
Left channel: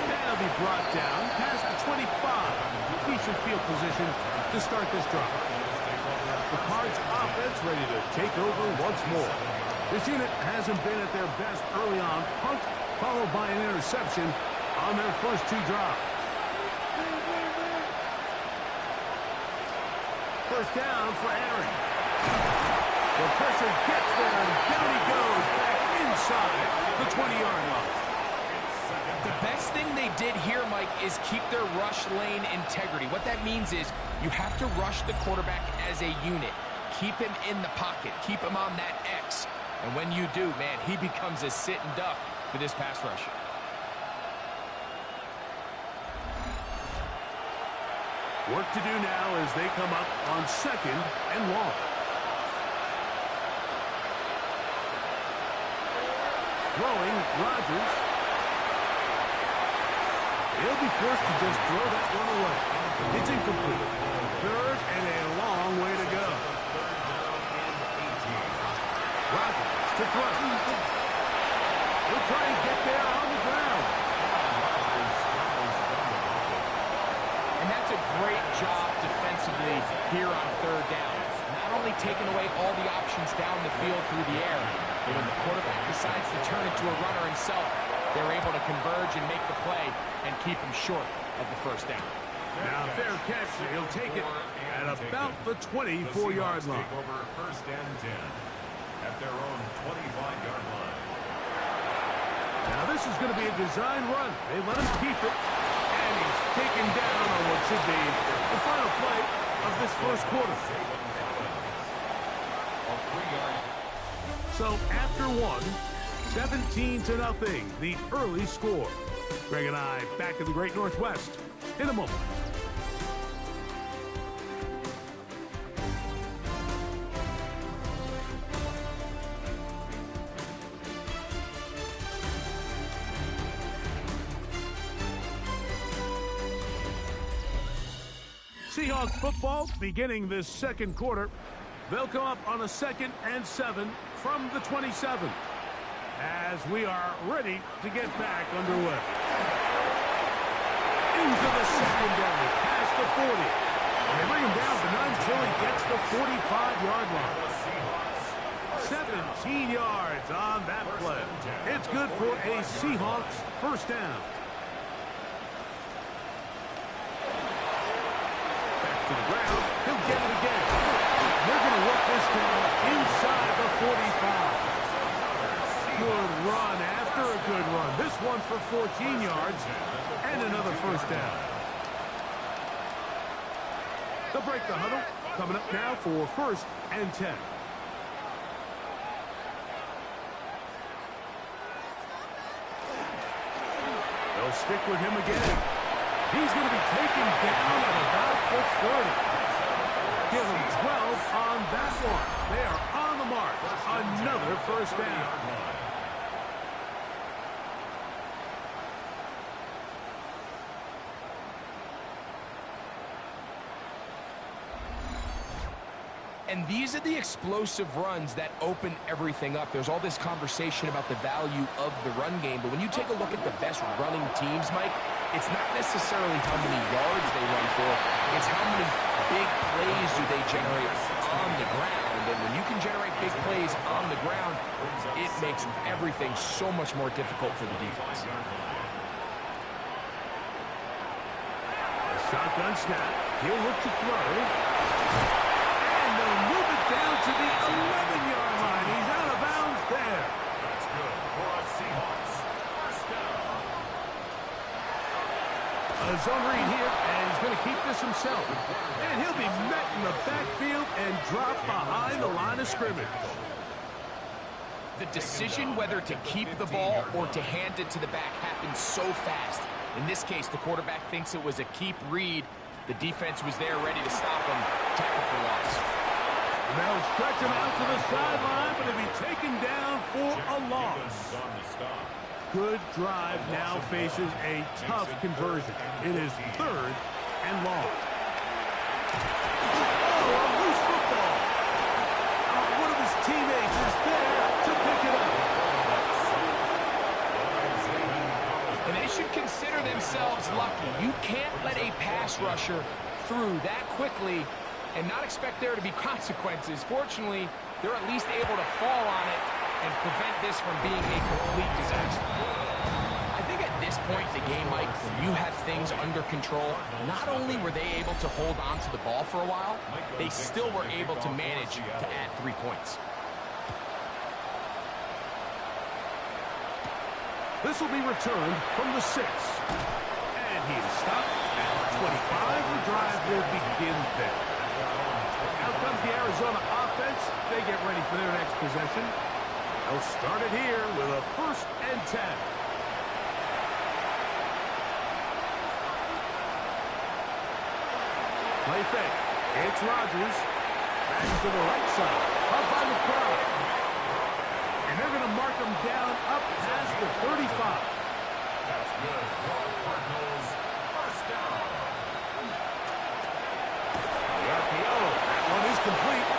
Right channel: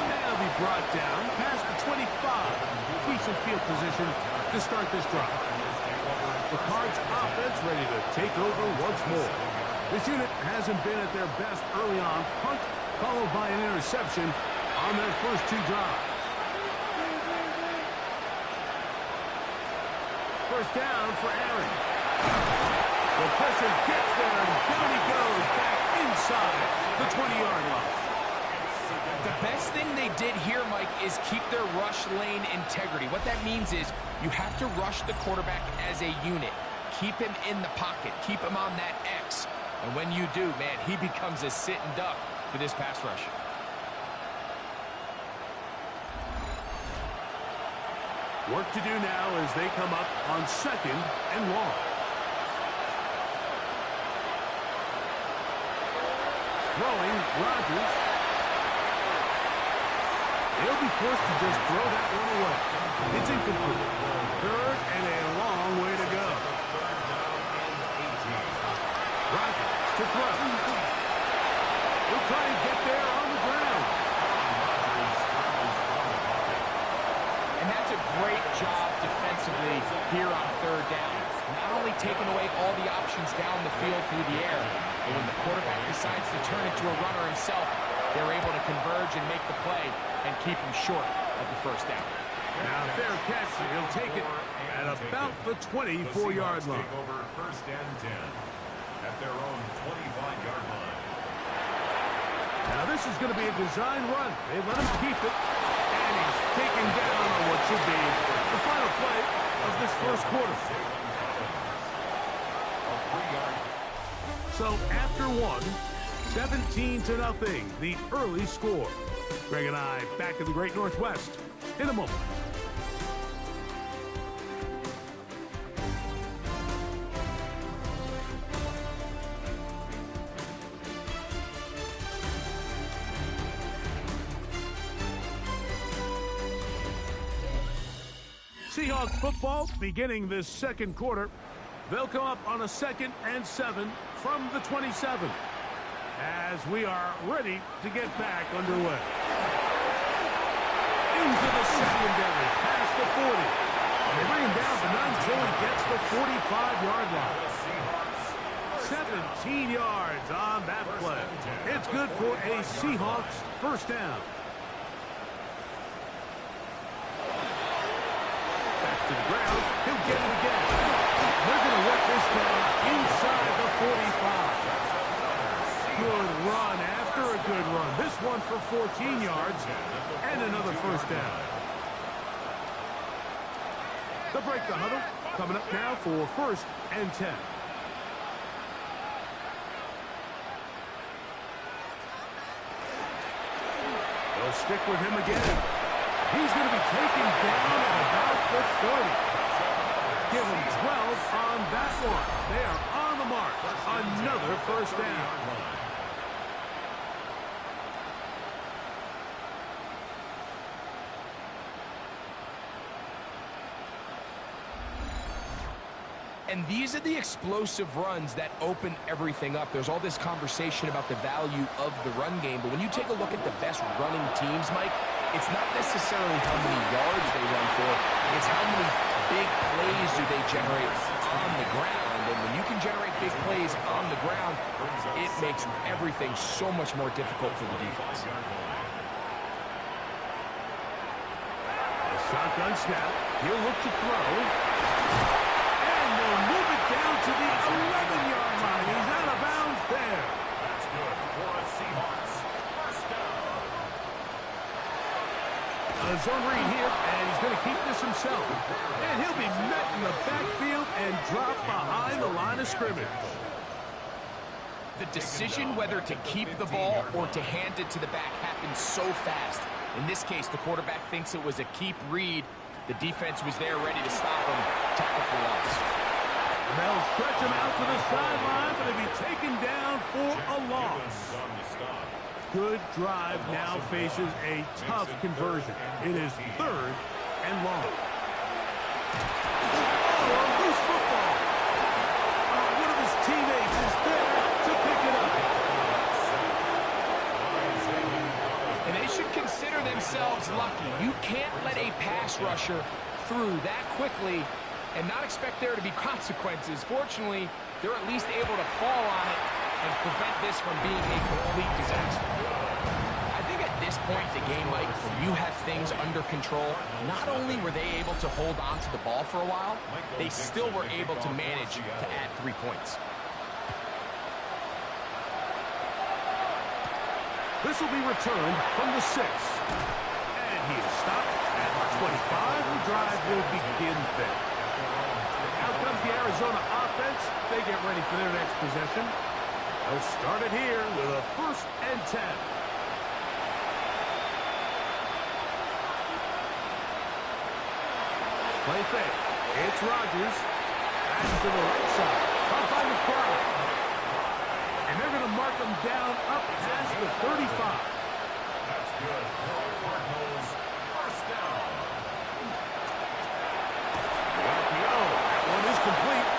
That'll be brought down past the 25. Decent field position to start this drive. The Cards offense ready to take over once more. This unit hasn't been at their best early on. Punt followed by an interception on their first 2 drives. First down for Aaron. The pressure gets there, and down he goes back inside the 20-yard line. The best thing they did here, Mike, is keep their rush lane integrity. What that means is you have to rush the quarterback as a unit. Keep him in the pocket. Keep him on that X. And when you do, man, he becomes a sitting duck for this pass rush. Work to do now as they come up on 2nd and long. Throwing, Rodgers. He'll be forced to just throw that one away. It's incomplete. 3rd and a long way to go. Rodgers to throw. He'll try and get there on the ground. And that's a great job defensively here on 3rd down. Not only taking away all the options down the field through the air, but when the quarterback decides to turn into a runner himself, they're able to converge and make the play and keep him short of the 1st down. Now, fair catch. He'll take it at about the 24-yard line. Take over 1st and 10 at their own 25-yard line. Now, this is going to be a design run. They let him keep it. And he's taken down on what should be the final play of this 1st quarter. So after 1, 17-0, the early score. Greg and I back in the Great Northwest in a moment. Seahawks football beginning this 2nd quarter. They'll come up on a 2nd and 7 from the 27 as we are ready to get back underway. Into the secondary, past the 40. And they bring him down, but not until he gets the 45-yard line. 17 yards on that play. It's good for a Seahawks 1st down. Back to the ground. He'll get it again. They're going to work this down inside the 45. Good run after a good run. This one for 14 yards and another 1st down. They'll break the huddle. Coming up now for 1st and 10. They'll stick with him again. He's going to be taken down at about the 30. Give him 12 on that one. They are on the mark. Another 1st down. And these are the explosive runs that open everything up. There's all this conversation about the value of the run game, but when you take a look at the best running teams, Mike, it's not necessarily how many yards they run for, it's how many big plays do they generate on the ground. And when you can generate big plays on the ground, it makes everything so much more difficult for the defense. A shotgun snap. He'll look to throw. They'll move it down to the 11-yard line. He's out of bounds there. That's good for a Seahawks 1st down. A zone read here, and he's going to keep this himself. And he'll be met in the backfield and dropped behind the line of scrimmage. The decision whether to keep the ball or to hand it to the back happens so fast. In this case, the quarterback thinks it was a keep read. The defense was there ready to stop him. Tackle for loss. They'll stretch him out to the sideline, but he'll be taken down for a loss. Good drive now faces a tough conversion. It is 3rd and long. Oh, a loose football. One of his teammates is there to pick it up. And they should consider themselves lucky. You can't let a pass rusher through that quickly and not expect there to be consequences. Fortunately, they're at least able to fall on it and prevent this from being a complete disaster. I think at this point in the game, Mike, when you have things under control, not only were they able to hold on to the ball for a while, they still were able to manage to add 3 points. This will be returned from the 6. And he is stopped at 25. The drive will begin there. Out comes the Arizona offense. They get ready for their next possession. They'll start it here with a 1st and 10. Play fake. It's Rodgers. Back to the right side. Up by McBride. And they're going to mark him down up past the 35. That's good for the Cardinals. 1st down. The RPO. That one is complete.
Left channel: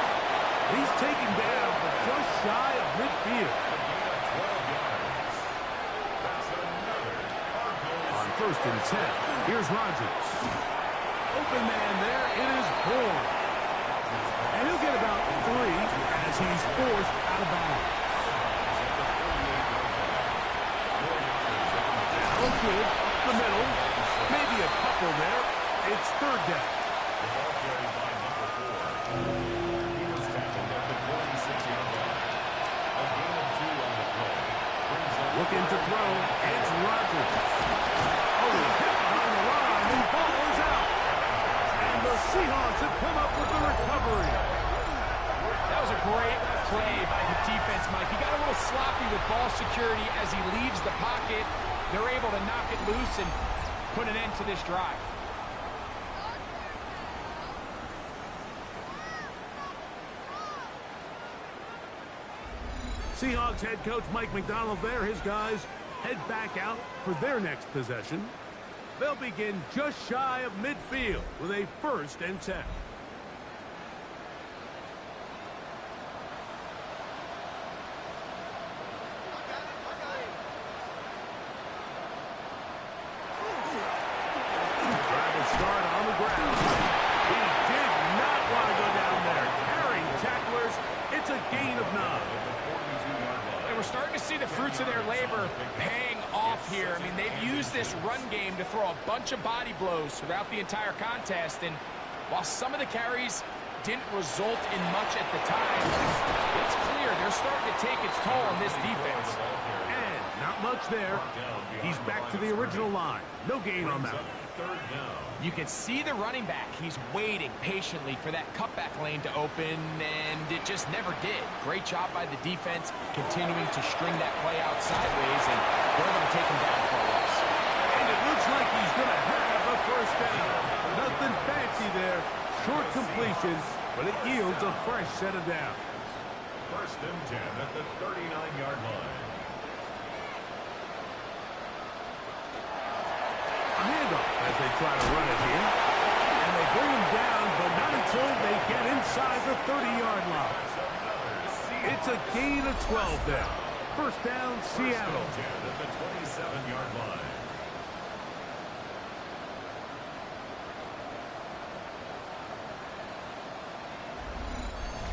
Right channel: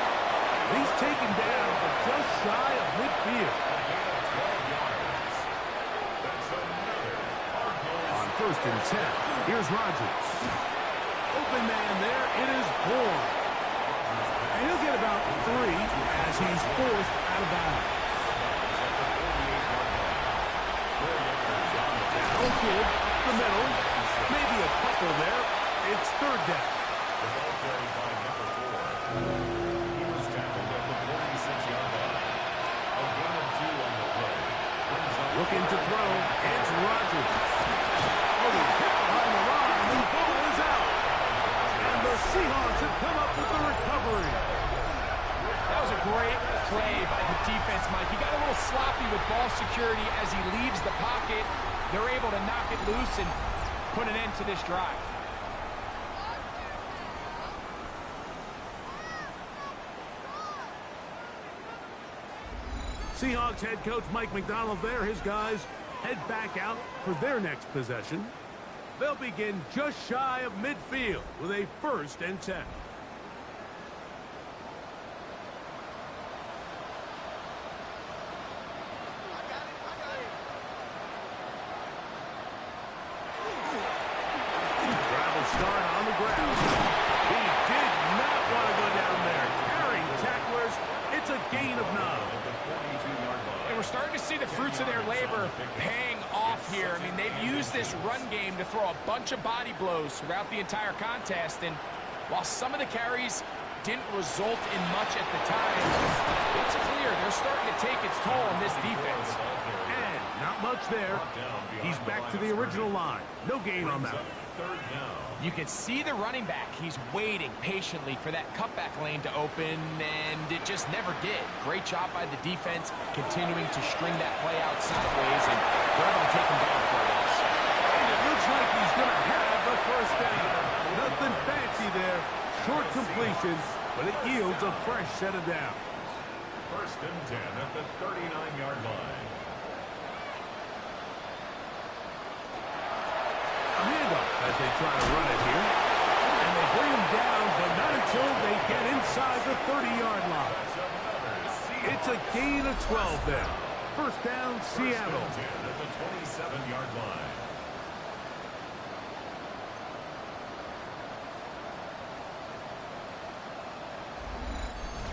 He's taken down, but just shy of midfield. A gain of 12 yards. That's another Cardinals. On 1st and 10, here's Rodgers. Open man there. It is Bourne. And he'll get about 3 as he's forced out of bounds. Now give up the middle. Maybe a couple there. It's 3rd down. The ball carried by number 4. He was tackled at the 46-yard line. A gain of 2 on the play. Looking to throw. It's Rodgers. Oh, he hit behind the line. The ball is out. And the Seahawks have come up with the recovery. That was a great play by the defense, Mike. He got a little sloppy with ball security as he leaves the pocket. They're able to knock it loose and put an end to this drive. Seahawks head coach Mike McDonald there. His guys head back out for their next possession. They'll begin just shy of midfield with a 1st and 10. Travel start on the ground. He did not want to go down there. Carrying tacklers. It's a gain of 9. And we're starting to see the fruits of their labor paying off here. I mean, they've used this run game to throw a bunch of body blows throughout the entire contest. And while some of the carries didn't result in much at the time, it's clear they're starting to take its toll on this defense. And not much there. He's back to the original line. No gain on that. You can see the running back. He's waiting patiently for that cutback lane to open, and it just never did. Great job by the defense continuing to string that play out sideways, and they're able to take him down for a loss. And it looks like he's going to have a 1st down. Nothing fancy there. Short completion, but it yields a fresh set of downs. 1st and 10 at the 39-yard line. A handoff as they try to run it here. And they bring him down, but not until they get inside the 30-yard line. It's a gain of 12 there. 1st down, Seattle. 10 at the 27-yard line.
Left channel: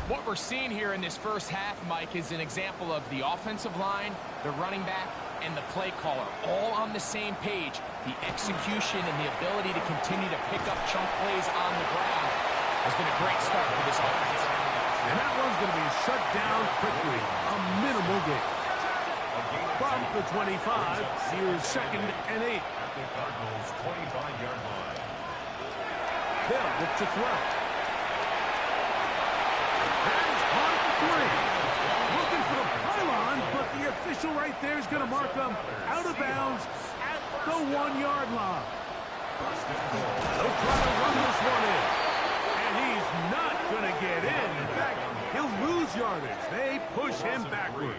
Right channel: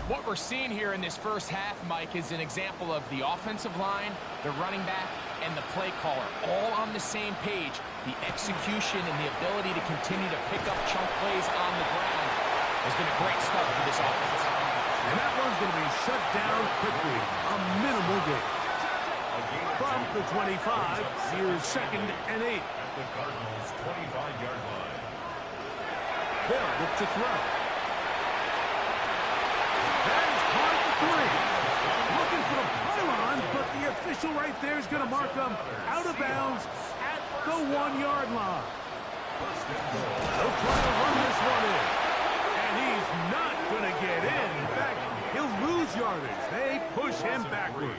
What we're seeing here in this 1st half, Mike, is an example of the offensive line, the running back, and the play caller all on the same page. The execution and the ability to continue to pick up chunk plays on the ground has been a great start for this offense. And that one's going to be shut down quickly. A minimal gain. From the 25, here's 2nd and 8. At the Cardinals' 25-yard line. They'll look to throw. That is caught at the 3. Looking for the pylon, but the official right there is going to mark him out of bounds at the 1-yard line. They'll try to run this one in. And he's not going to get in. In fact, he'll lose yardage. They push him backwards.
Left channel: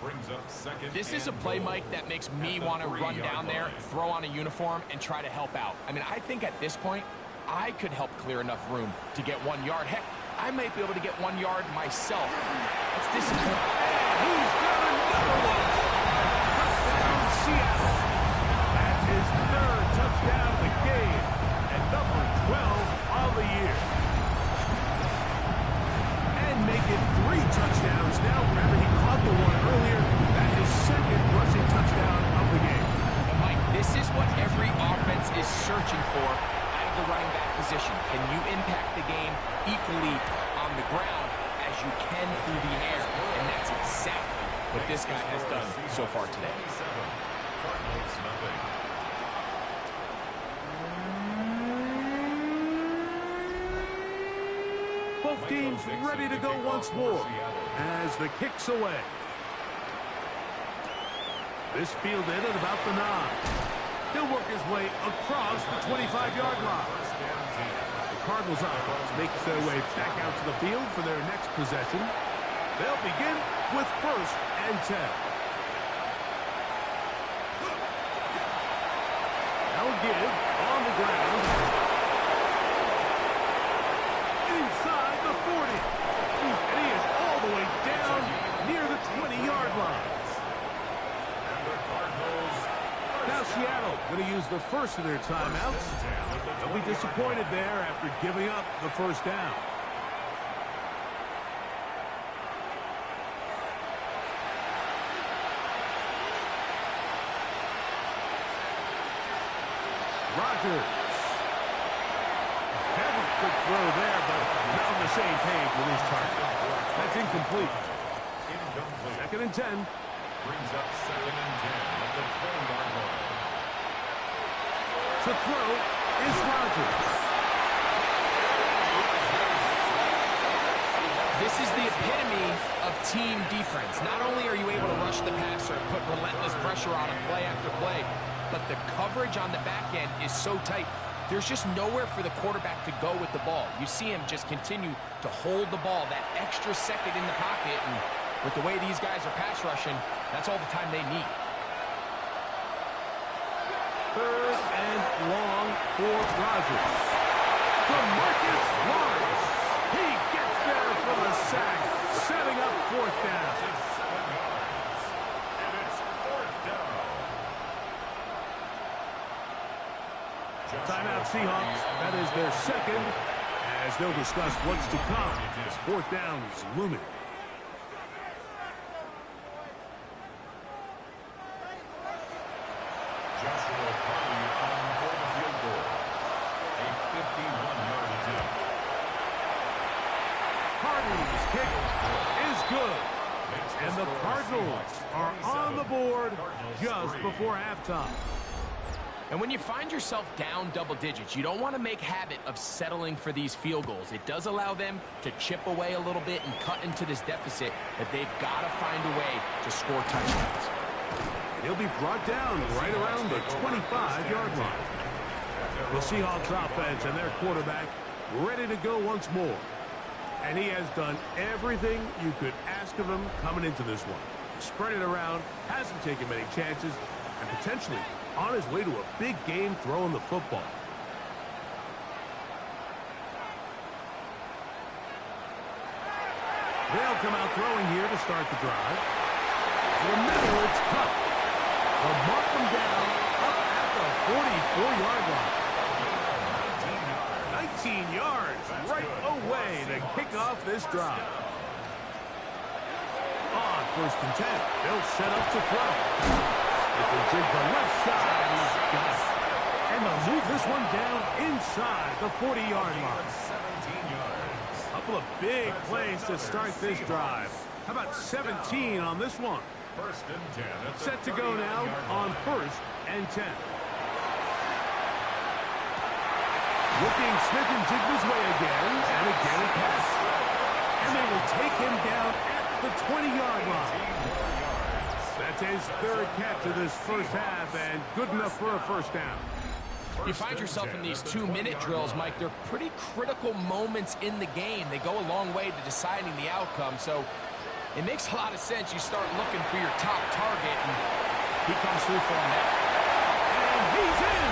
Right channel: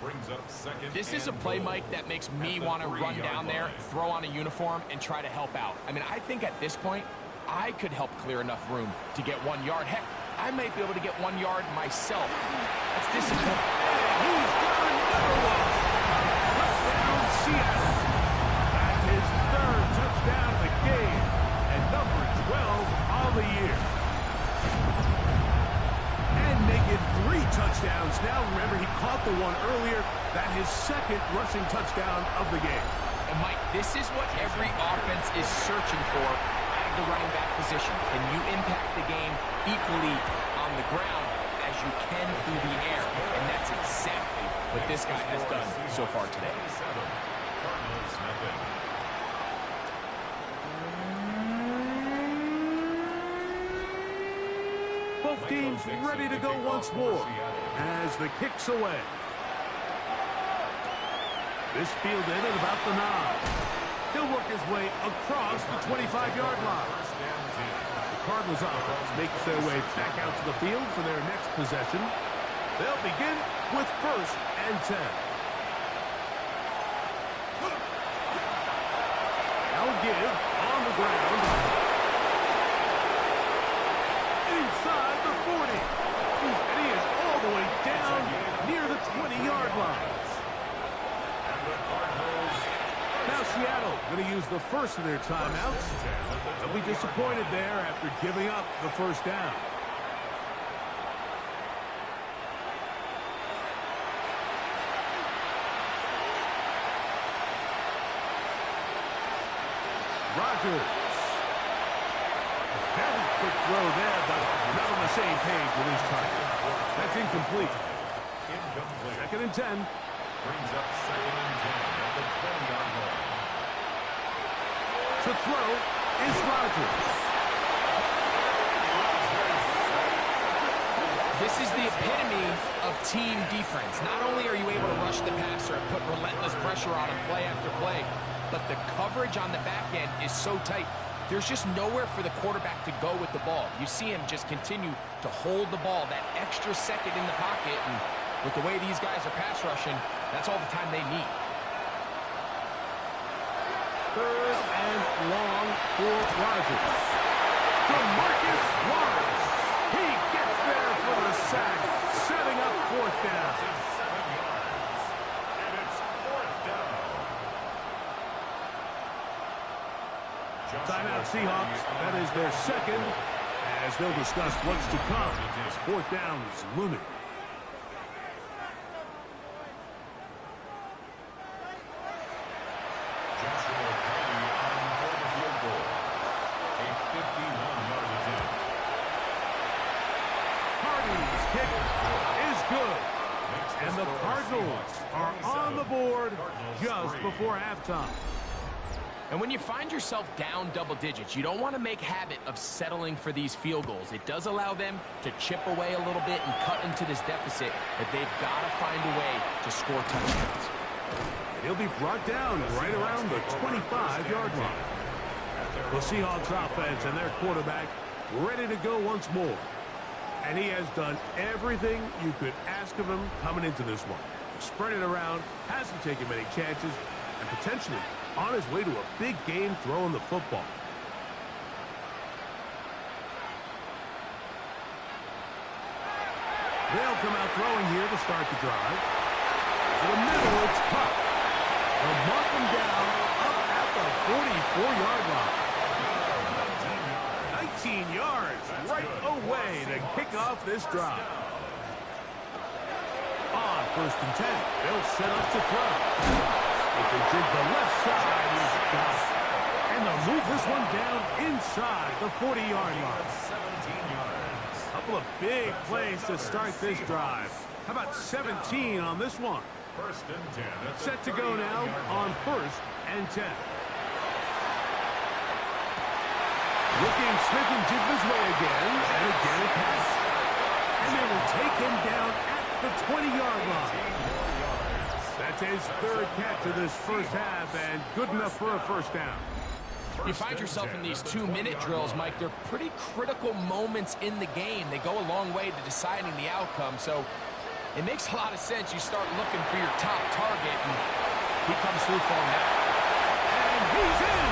Brings up 2nd. This is a play, Mike, that makes me want to run down there, throw on a uniform, and try to help out. I mean, I think at this point, I could help clear enough room to get 1 yard. Heck, I might be able to get 1 yard myself. That's discipline. And he's got another one. Touchdown, Seattle. That's his 3rd touchdown of the game and number 12 of the year. And make it 3 touchdowns now. Remember, he caught the one earlier. That his 2nd rushing touchdown of the game. And, Mike, this is what every offense is searching for out of the running back position. Can you impact the game equally on the ground as you can through the air? And that's exactly what this guy has done so far today. Cardinals, nothing. Both teams ready to go once more as the kick's away. This fielded at about the 9. He'll work his way across the 25-yard line. The Cardinals offense makes their way back out to the field for their next possession. They'll begin with 1st and 10. Now a give on the ground. Inside the 40. And he is all the way down near the 20-yard line. And the Cardinals. Now Seattle going to use the first of their timeouts. They'll be disappointed there after giving up the first down. Rodgers. Very quick throw there, but not on the same page with his target. That's incomplete. Incomplete. 2nd and 10. Brings up 2nd and 10 at the 20-yard line. To throw is Rodgers. This is the epitome of team defense. Not only are you able to rush the passer and put relentless pressure on him play after play, but the coverage on the back end is so tight. There's just nowhere for the quarterback to go with the ball. You see him just continue to hold the ball that extra second in the pocket, and with the way these guys are pass rushing, that's all the time they need. 3rd and long for Rodgers. DeMarcus Lawrence. He gets there for the sack, setting up 4th down. 7 yards. And it's 4th down. Timeout Seahawks. That is their 2nd, as they'll discuss what's to come as 4th down is looming. Joshua Purdy on for the field goal. A 51-yard attempt. Hardy's kick is good. And the Cardinals are on the board just before halftime. And when you find yourself down double digits, you don't want to make habit of settling for these field goals. It does allow them to chip away a little bit and cut into this deficit, but they've got to find a way to score touchdowns. And he'll be brought down right around the 25-yard line. The Seahawks offense and their quarterback ready to go once more. And he has done everything you could ask of him coming into this one. Spread it around, hasn't taken many chances, and potentially on his way to a big game throwing the football. They'll come out throwing here to start the drive. To the middle, it's Cup. They'll mark him down up at the 44-yard line. 19 yards right away to kick off this drive. On 1st and 10, they'll set up to throw. If they jig the left side, he's got it. And they'll move this one down inside the 40-yard line. 17 yards. Couple of big plays to start this drive. How about 17 on this one? 1st and 10. At the Set to go now 39-yard on line. 1st and 10. Looking Smith and Jigba's way again, and again a pass. And they will take him down at the 20-yard line. 18 more yards. That's his 3rd catch of this first half, and good enough for a 1st down. You find yourself in these 2-minute drills, Mike. They're pretty critical moments in the game. They go a long way to deciding the outcome, so it makes a lot of sense. You start looking for your top target, and he comes through for him now. And he's in!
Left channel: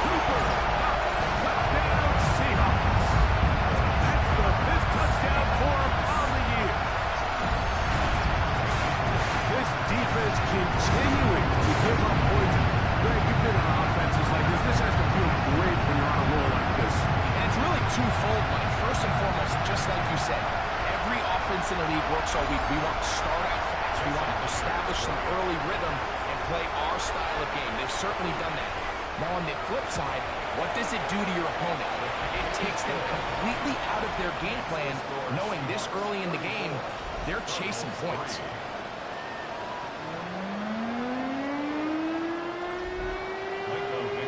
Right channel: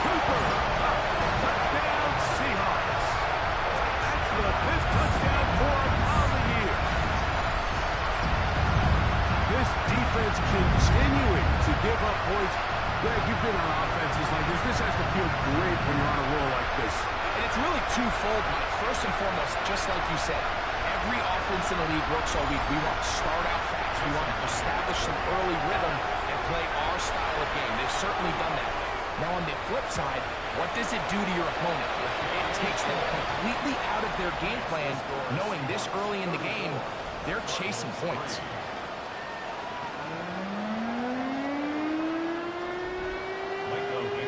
Cooper! Touchdown, Seahawks! That's the 5th touchdown for him on the year. This defense continuing to give up points. Greg, you've been on offenses like this. This has to feel great when you're on a roll like this. And it's really twofold, Mike. First and foremost, just like you said, every offense in the league works all week. We want to start out fast. We want to establish some early rhythm and play our style of game. They've certainly done that. Now, on the flip side, what does it do to your opponent? It takes them completely out of their game plan, knowing this early in the game, they're chasing points.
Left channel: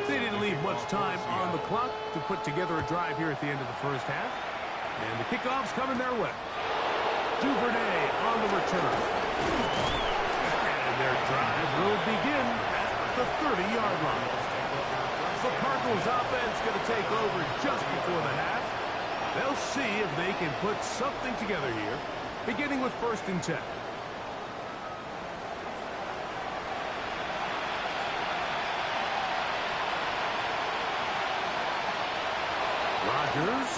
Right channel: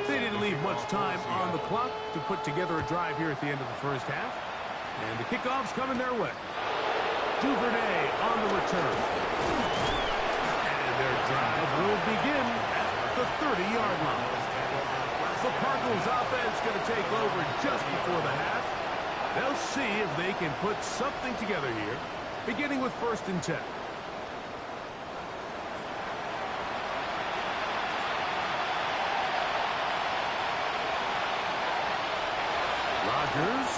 They didn't leave much time on the clock to put together a drive here at the end of the first half. And the kickoff's coming their way. Duvernay on the return. And And their drive will begin at the 30-yard line. The Cardinals offense going to take over just before the half. They'll see if they can put something together here, beginning with 1st and 10. Rodgers.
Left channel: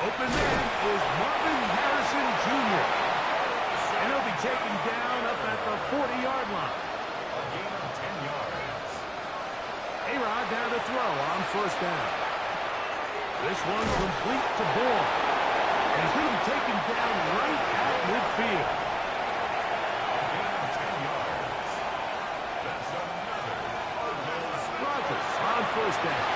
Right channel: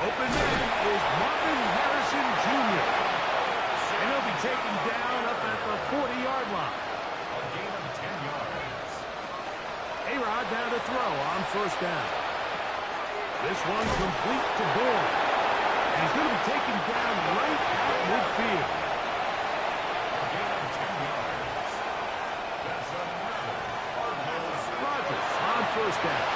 Open man is Marvin Harrison Jr. And he'll be taken down up at the 40-yard line. A gain of 10 yards. A-Rod down to throw on 1st down. This one complete to Bourne. And he's going to be taken down right at midfield. A gain of 10 yards. That's another Cardinals. Rodgers on 1st down.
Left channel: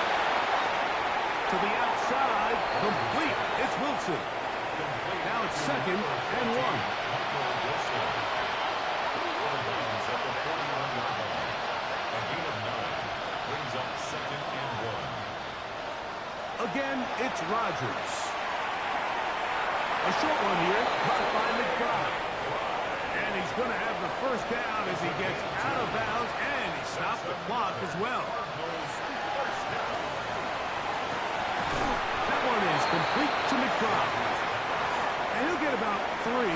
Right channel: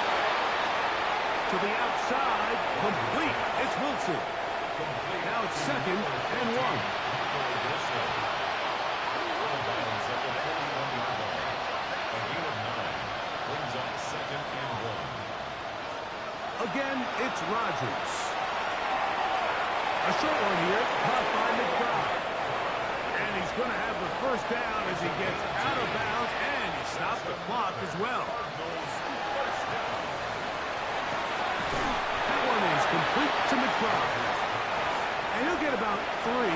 To the outside, complete. It's Wilson. Now it's 2nd and 1. Wilson. Out of bounds at the 41-yard line. A gain of 9 brings up 2nd and 1. Again, it's Rodgers. A short one here, caught by McBride. And he's going to have the 1st down as he gets out of bounds, and he stopped the clock as well. Cardinals first down. That one is complete to McBride. And he'll get about 3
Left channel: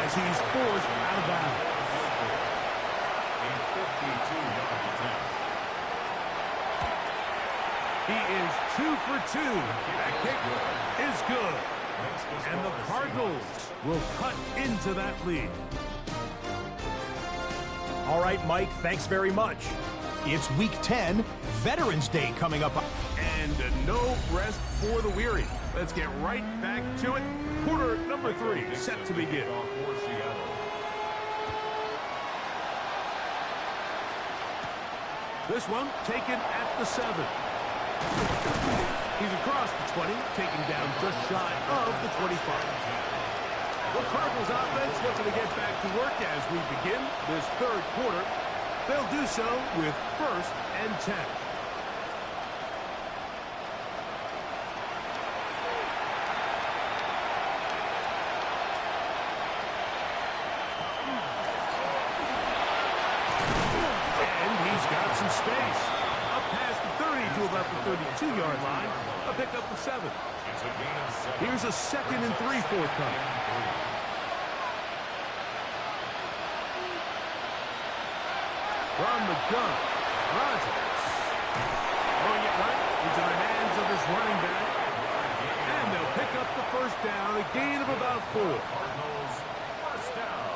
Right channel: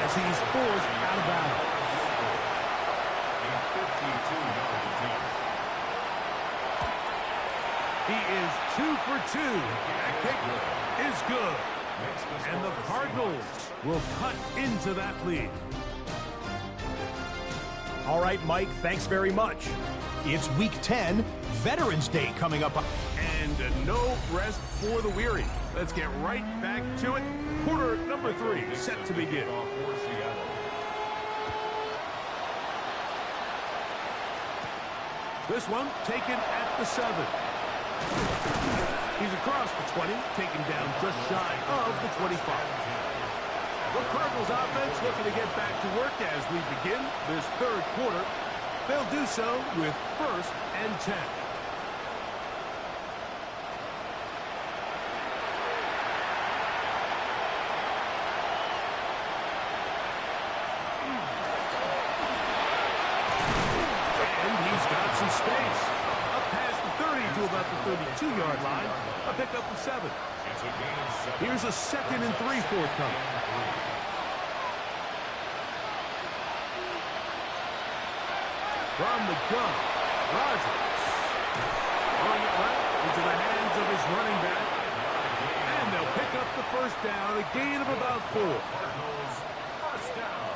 as he's forced out of bounds. A 52-yard attempt. He is 2 for 2. That kick is good. And the Cardinals will cut into that lead. All right, Mike, thanks very much. It's Week 10, Veterans Day coming up. And no rest for the weary. Let's get right back to it. Quarter number 3 set to begin. For Seattle. This one taken at the 7. He's across the 20, taken down just shy of the 25. The Cardinals offense looking to get back to work as we begin this 3rd quarter. They'll do so with 1st and 10. Got some space. Up past the 30 to about the 32-yard line. A pickup of 7. It's a gain of 7. Here's a 2nd and 3 forthcoming. From the gun, Rodgers. Throwing it right into the hands of his running back. And they'll pick up the 1st down, a gain of about 4. Cardinals first down.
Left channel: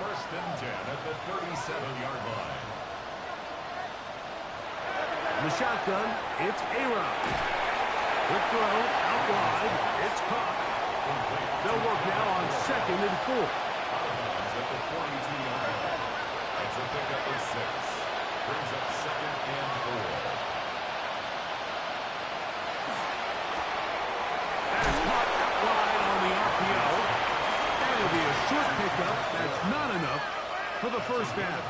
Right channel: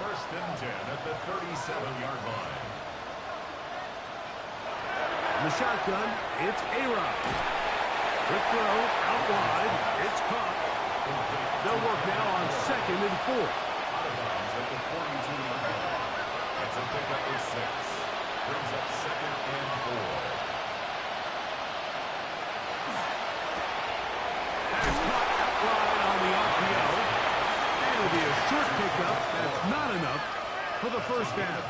1st and 10 at the 37-yard line. In the shotgun, it's A-Rod. Quick throw, out wide. It's caught. They'll work now on 2nd and 4. Out of bounds at the 42-yard line. It's a pickup of 6. Brings up 2nd and 4. That is caught out wide on the RPO. And it'll be a short pickup. That's not enough for the 1st down.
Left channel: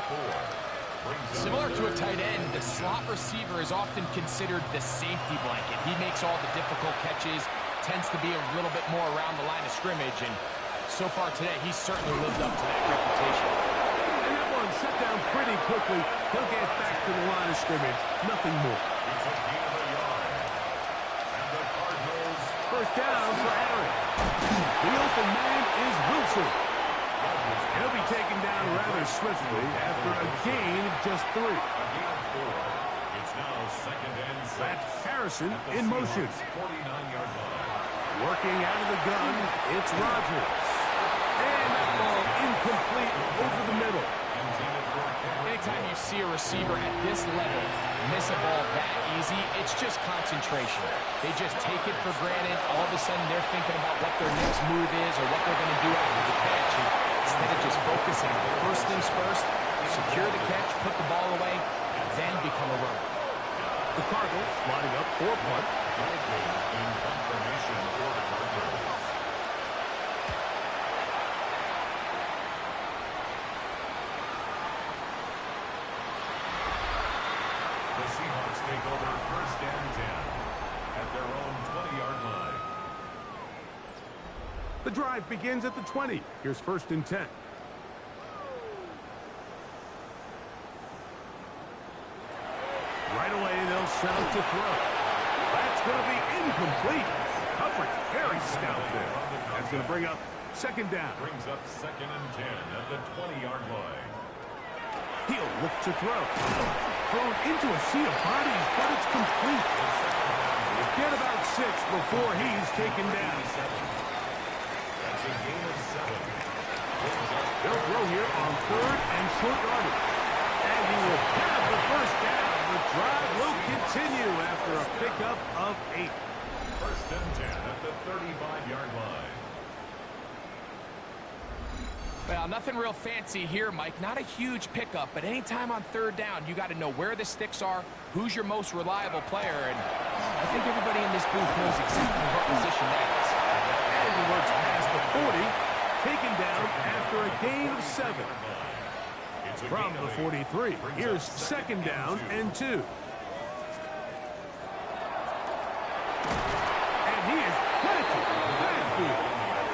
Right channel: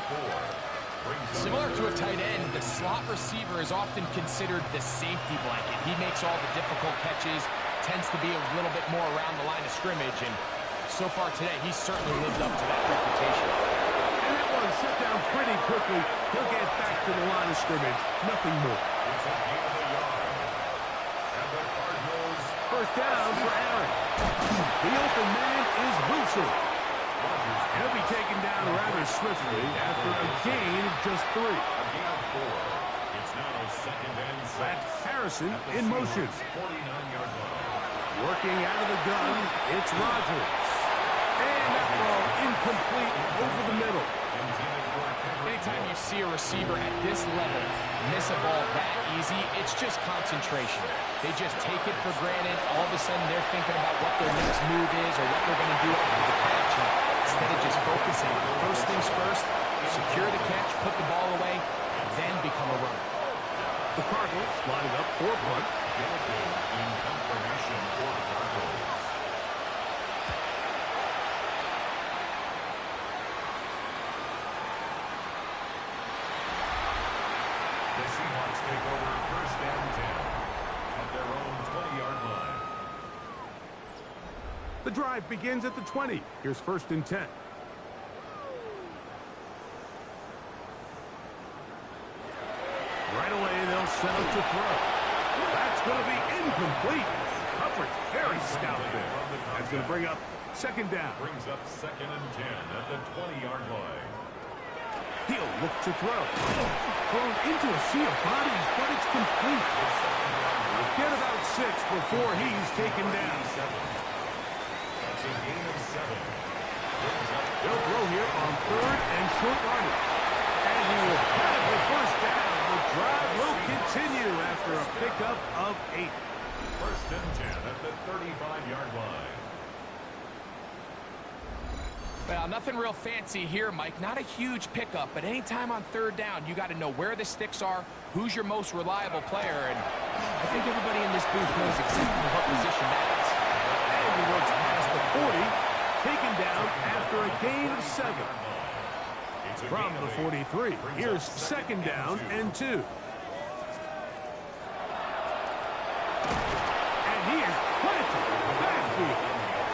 Similar to a tight end, the slot receiver is often considered the safety blanket. He makes all the difficult catches, tends to be a little bit more around the line of scrimmage, and so far today, he's certainly lived up to that reputation. And that one shut down pretty quickly. He'll get back to the line of scrimmage. Nothing more. It's a gain of a yard. And the Cardinals 1st down for Aaron. The open man is Wilson. And he'll be taken down rather swiftly after a gain of just 3. a gain of 4. It's now 2nd and 6. That's Harrison At the in motion. 49-yard line. Working out of the gun, it's Rodgers. And that ball incomplete over the middle. Intended for Henry. Anytime you see a receiver at this level miss a ball that easy, it's just concentration. They just take it for granted. All of a sudden, they're thinking about what their next move is or what they're going to do after the catch. And instead of just focusing on first things first, secure the catch, put the ball away, then become a runner. The Cardinals lining up for a punt. Gilligan in confirmation for the Cardinals. The Seahawks take over 1st and 10 at their own 20-yard line. The drive begins at the 20. Here's 1st and 10. Right away, they'll set up to throw. That's going to be incomplete. Coverage very stout there. That's going to bring up second down. Brings up 2nd and 10 at the 20-yard line. He'll look to throw. Thrown into a sea of bodies, but it's complete. Get about 6 before he's taken down. That's a gain of 7. They'll throw here on 3rd and short yardage. And he will have the first down. The drive will continue after a pickup of 8. 1st and 10 at the 35-yard line. Well, nothing real fancy here, Mike. Not a huge pickup, but anytime on 3rd down, you got to know where the sticks are, who's your most reliable player, and I think everybody in this booth knows exactly what position that is. And he works past the 40, taken down after a gain of 7. From the 43, here's 2nd down and 2. And he is planted backfield.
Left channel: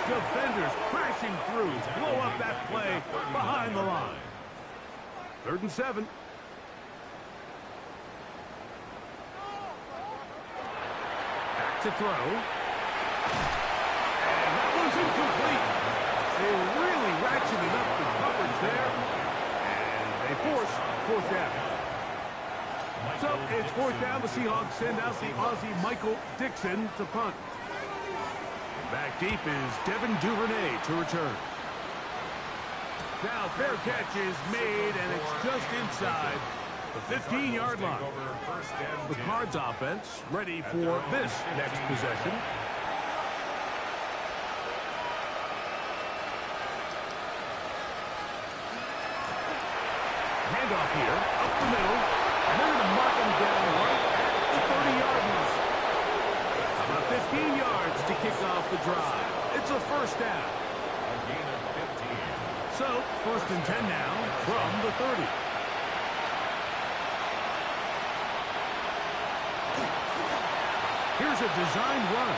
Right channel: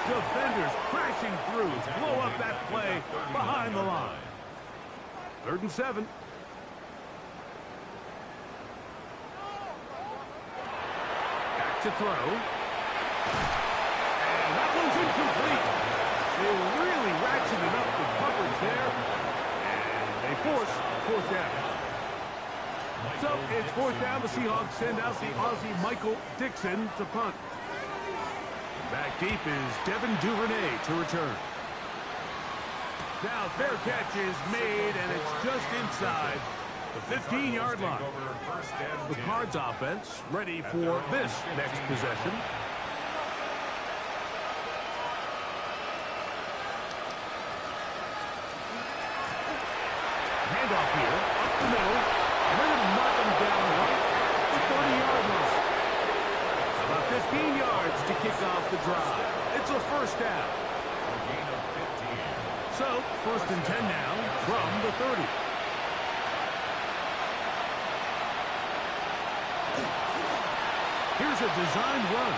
Defenders crashing through, blow up that play behind the line. 3rd and 7. Back to throw. And that one's incomplete. They really ratcheted up the coverage there. And they force 4th down. So it's 4th down. The Seahawks send out the Aussie Michael Dixon to punt. Back deep is Devin Duvernay to return. Now fair catch is made, and it's just inside the 15-yard line. The Cards offense ready for this next possession. Handoff here, up the middle, and they're going to mark him down right at the 30-yard line. About 15 yards to kick off the drive. It's a first down. A gain of 15. So, 1st and 10 now from the 30. Here's a designed run.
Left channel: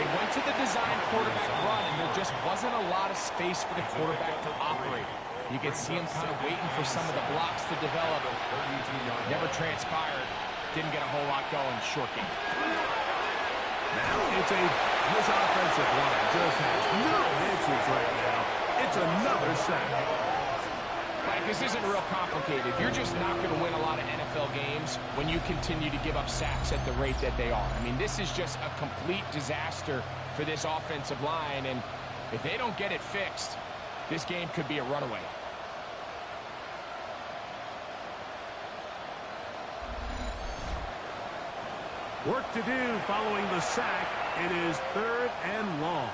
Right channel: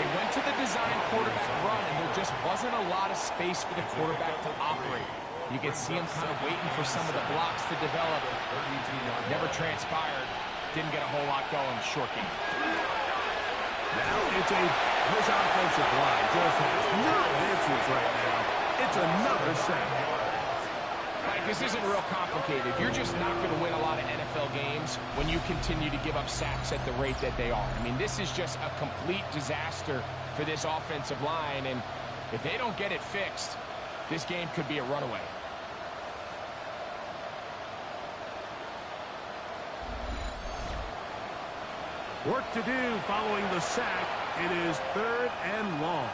They went to the design quarterback run, and there just wasn't a lot of space for the quarterback to operate. You can see him kind of waiting for some of the blocks to develop. Never transpired. Didn't get a whole lot going. Short game. Now this offensive line just has no answers right now. It's another sack. Mike, this isn't real complicated. You're just not going to win a lot of NFL games when you continue to give up sacks at the rate that they are. I mean, this is just a complete disaster for this offensive line, and if they don't get it fixed, this game could be a runaway. Work to do following the sack. It is 3rd and long.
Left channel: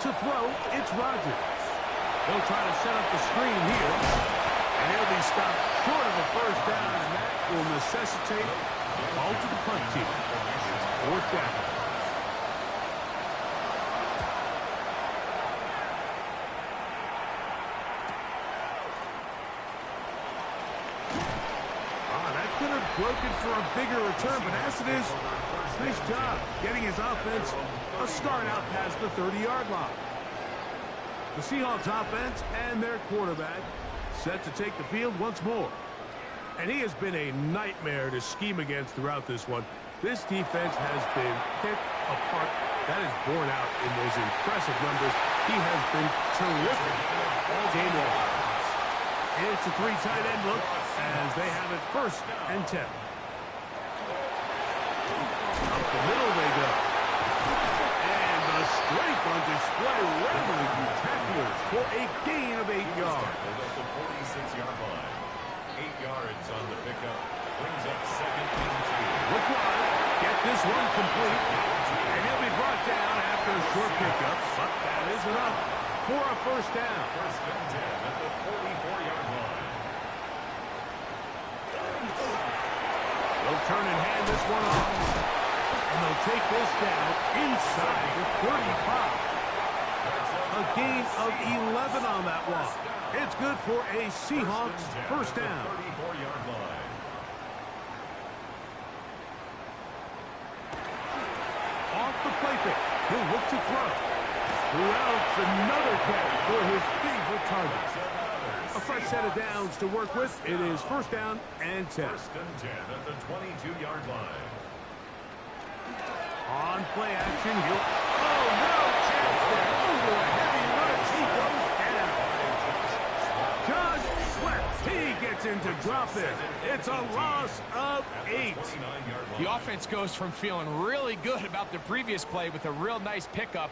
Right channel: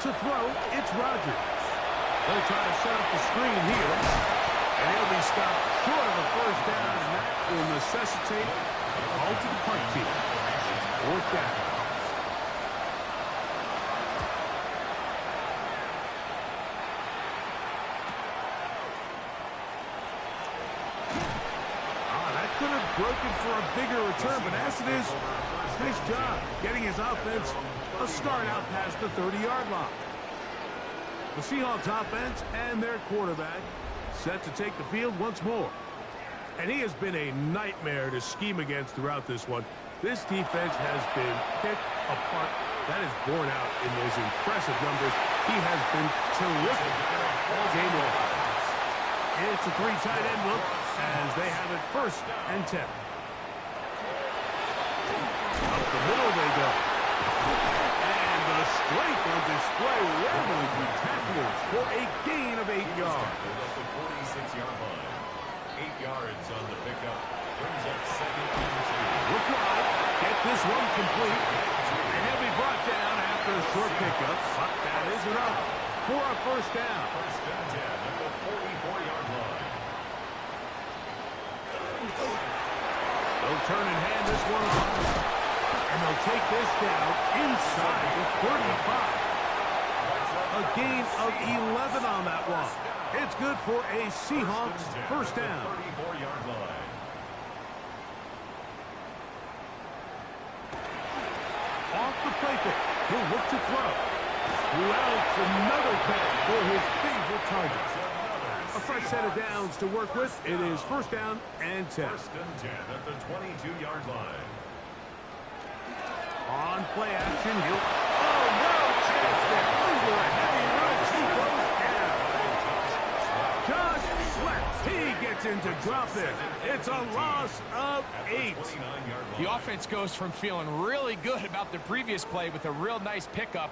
To throw, it's Rodgers. They'll try to set up the screen here. And he'll be stopped short of a first down, and that will necessitate a call to the punt team. It's 4th down. Could have broken for a bigger return, but as it is, nice job getting his offense a start out past the 30-yard line. The Seahawks offense and their quarterback set to take the field once more. And he has been a nightmare to scheme against throughout this one. This defense has been picked apart. That is borne out in those impressive numbers. He has been terrific all game long. It's a 3 tight end look as they have it 1st and 10. Up the middle they go. And the strength on display, rambling through tacklers for a gain of 8 yards. At the 46-yard line. 8 yards on the pickup. Brings up 2nd and 2. Look wide. Get this one complete. And he'll be brought down after a short pickup. But that is enough for a first down. 1st and 10 at the 44-yard line. They'll turn and hand this one off. And they'll take this down inside the 35. A gain of 11 on that one. It's good for a Seahawks first down. 34-yard line. Off the play fake. He'll look to throw. Well, it's another catch for his favorite target. Another A fresh set of downs to work with. It is first down and 10. First and 10 at the 22-yard line. On play action, he'll... Oh, no chance there. Under a heavy rush, he goes down. Josh Sweat, he gets into drop there. It's a loss of 8. The offense goes from feeling really good about the previous play with a real nice pickup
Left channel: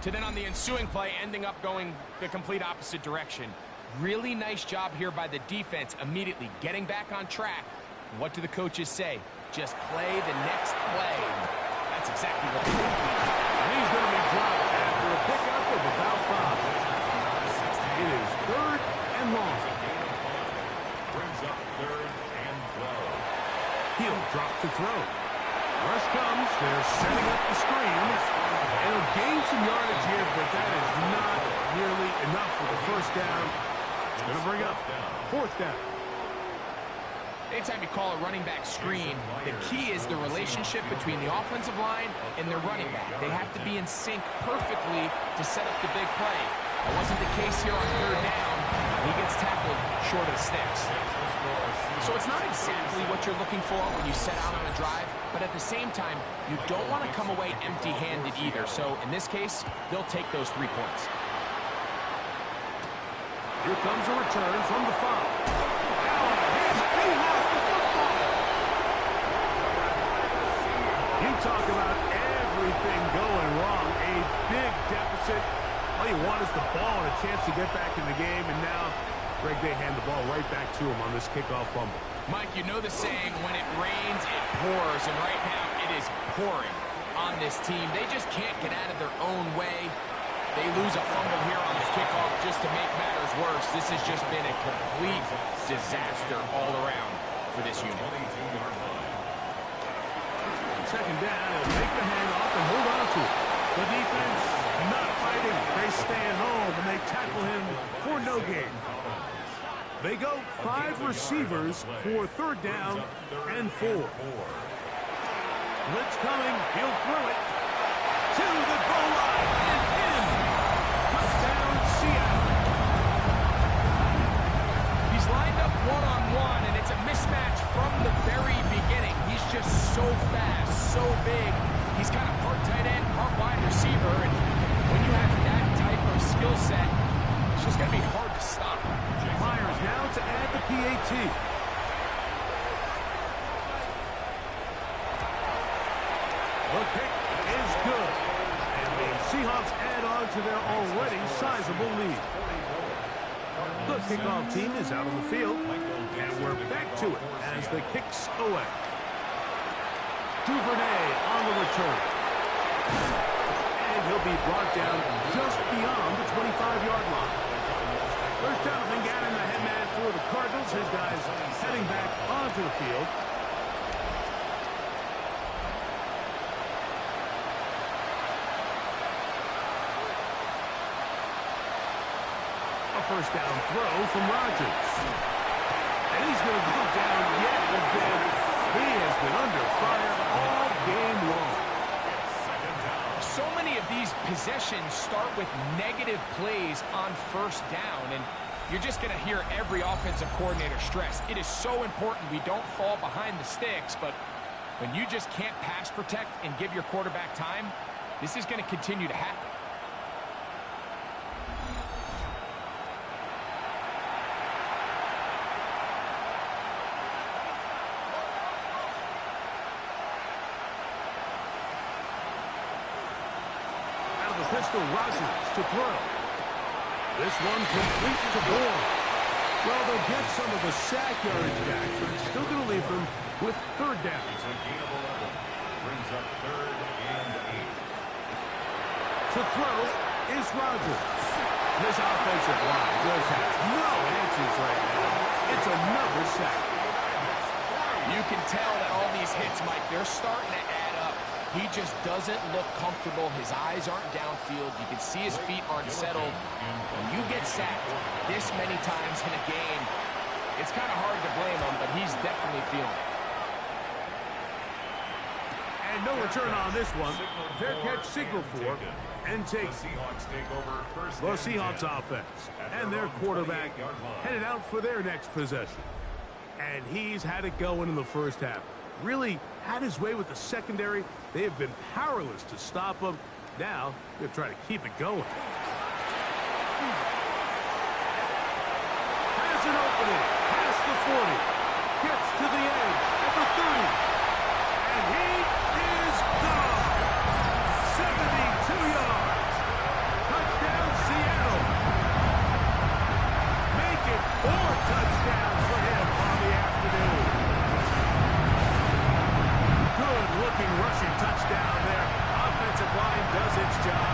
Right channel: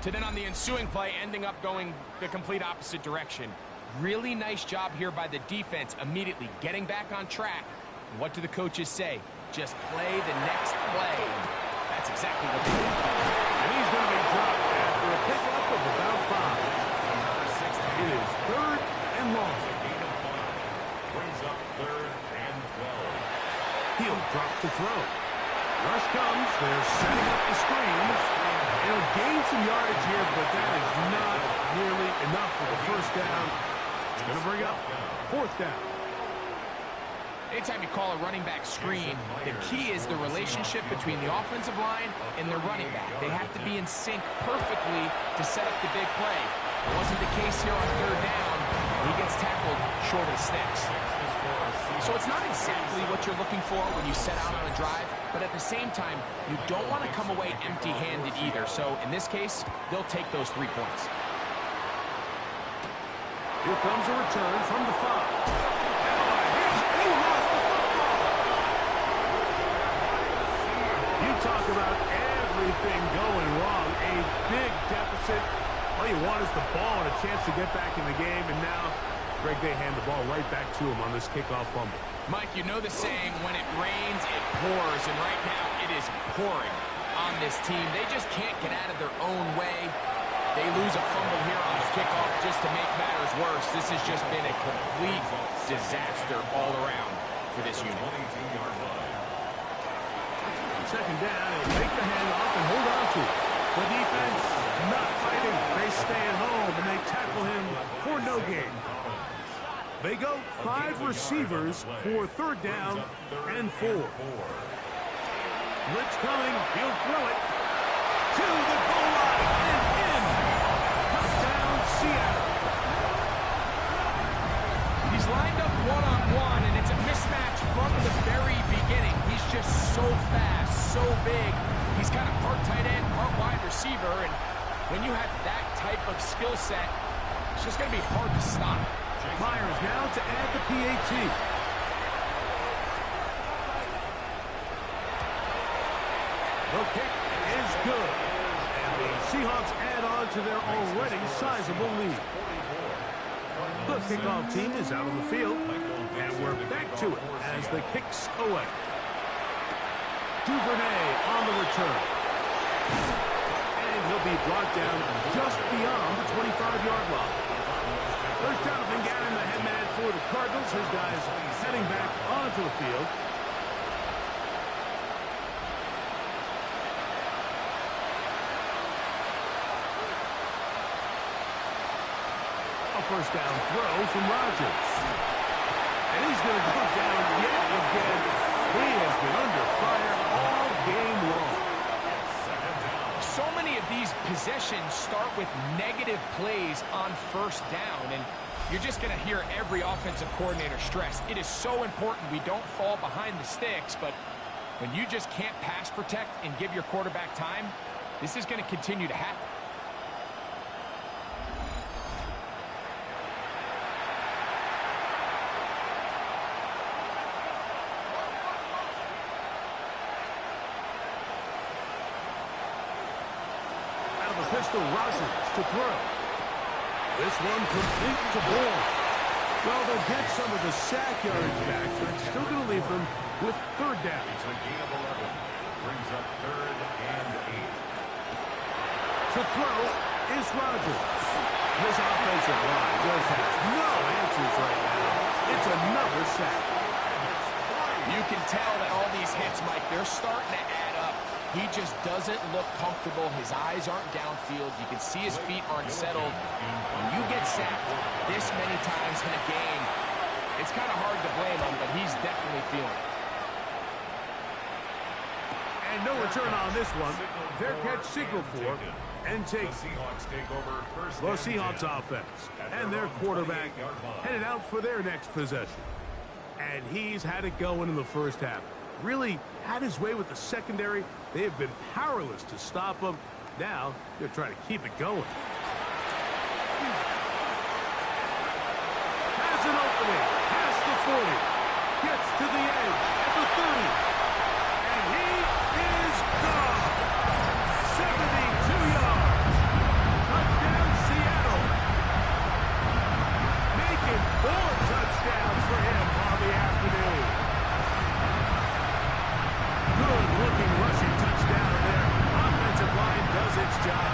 to then on the ensuing play ending up going the complete opposite direction. Really nice job here by the defense immediately getting back on track. What do the coaches say? Just play the next play. That's exactly what they did. And he's going to be dropped after a pickup of about 5. It is third and long. It's a gain of 5. Brings up third and 12. He'll drop to throw. Rush comes. They're setting up the screens. It'll gain some yardage here, but that is not nearly enough for the first down. It's going to bring up fourth down. Anytime you call a running back screen, the key is the relationship between the offensive line and their running back. They have to be in sync perfectly to set up the big play. That wasn't the case here on third down. He gets tackled short of the sticks. So it's not exactly what you're looking for when you set out on a drive, but at the same time, you don't want to come away empty-handed either. So in this case, they'll take those 3 points. Here comes a return from the 5. Now on a hit, he lost the football. You talk about everything going wrong. A big deficit. All you want is the ball and a chance to get back in the game, and now Greg, they hand the ball right back to him on this kickoff fumble. Mike, you know the saying, when it rains, it pours, and right now it is pouring on this team. They just can't get out of their own way. They lose a fumble here on the kickoff just to make matters worse. This has just been a complete disaster all around for this unit. Second down, he'll take the handoff and hold on to it. The defense not fighting. They stay at home, and they tackle him for no gain. They go 5 receivers for third down and 4. Blitz coming. He'll throw it to the goal line and in. Touchdown, Seattle. He's lined up one-on-one, and it's a mismatch from the very beginning. He's just so fast, so big. He's kind of part tight end, part wide receiver, and when you have that type of skill set, it's just going to be hard to stop. Myers now to add the PAT. The kick is good. And the Seahawks add on to their already sizable lead. The kickoff team is out on the field. And we're back to it as the kick's away. Duvernay on the return. And he'll be brought down just beyond the 25-yard line. There's Jonathan Gannon, the head man for the Cardinals. His guys heading back onto the field. A first down throw from Rodgers. And he's going to go down yet again. He has been under fire all game long. So many of these possessions start with negative plays on first down, and you're just going to hear every offensive coordinator stress. It is so important we don't fall behind the sticks, but when you just can't pass protect and give your quarterback time, this is going to continue to happen. Pistol Rodgers to throw. This one complete to Bourne. Well, they'll get some of the sack yardage back, but it's still going to leave them with third down. It's a gain of 11. Brings up third and 8. To throw is Rodgers. This offensive line just has no answers right now. It's another sack. You can tell that all these hits, Mike, they're starting to add up. He just doesn't look comfortable. His eyes aren't downfield. You can see his feet aren't settled. When you get sacked this many times in a game, it's kind of hard to blame him, but he's definitely feeling it. And no return on this one. Fair catch signal for and taken. The Seahawks take over first The and Seahawks 10 offense at and their own quarterback 28-yard line. headed out for their next possession. And he's had it going in the first half. Really had his way with the secondary. They have been powerless to stop him. Now they're trying to keep it going. Has an opening. Past the 40. Gets to the edge at the 30. And he is gone. 72 yards. Touchdown, Seattle. Make it 4 touchdowns for him on the afternoon. Good-looking rushing touchdown there. Offensive line does its job.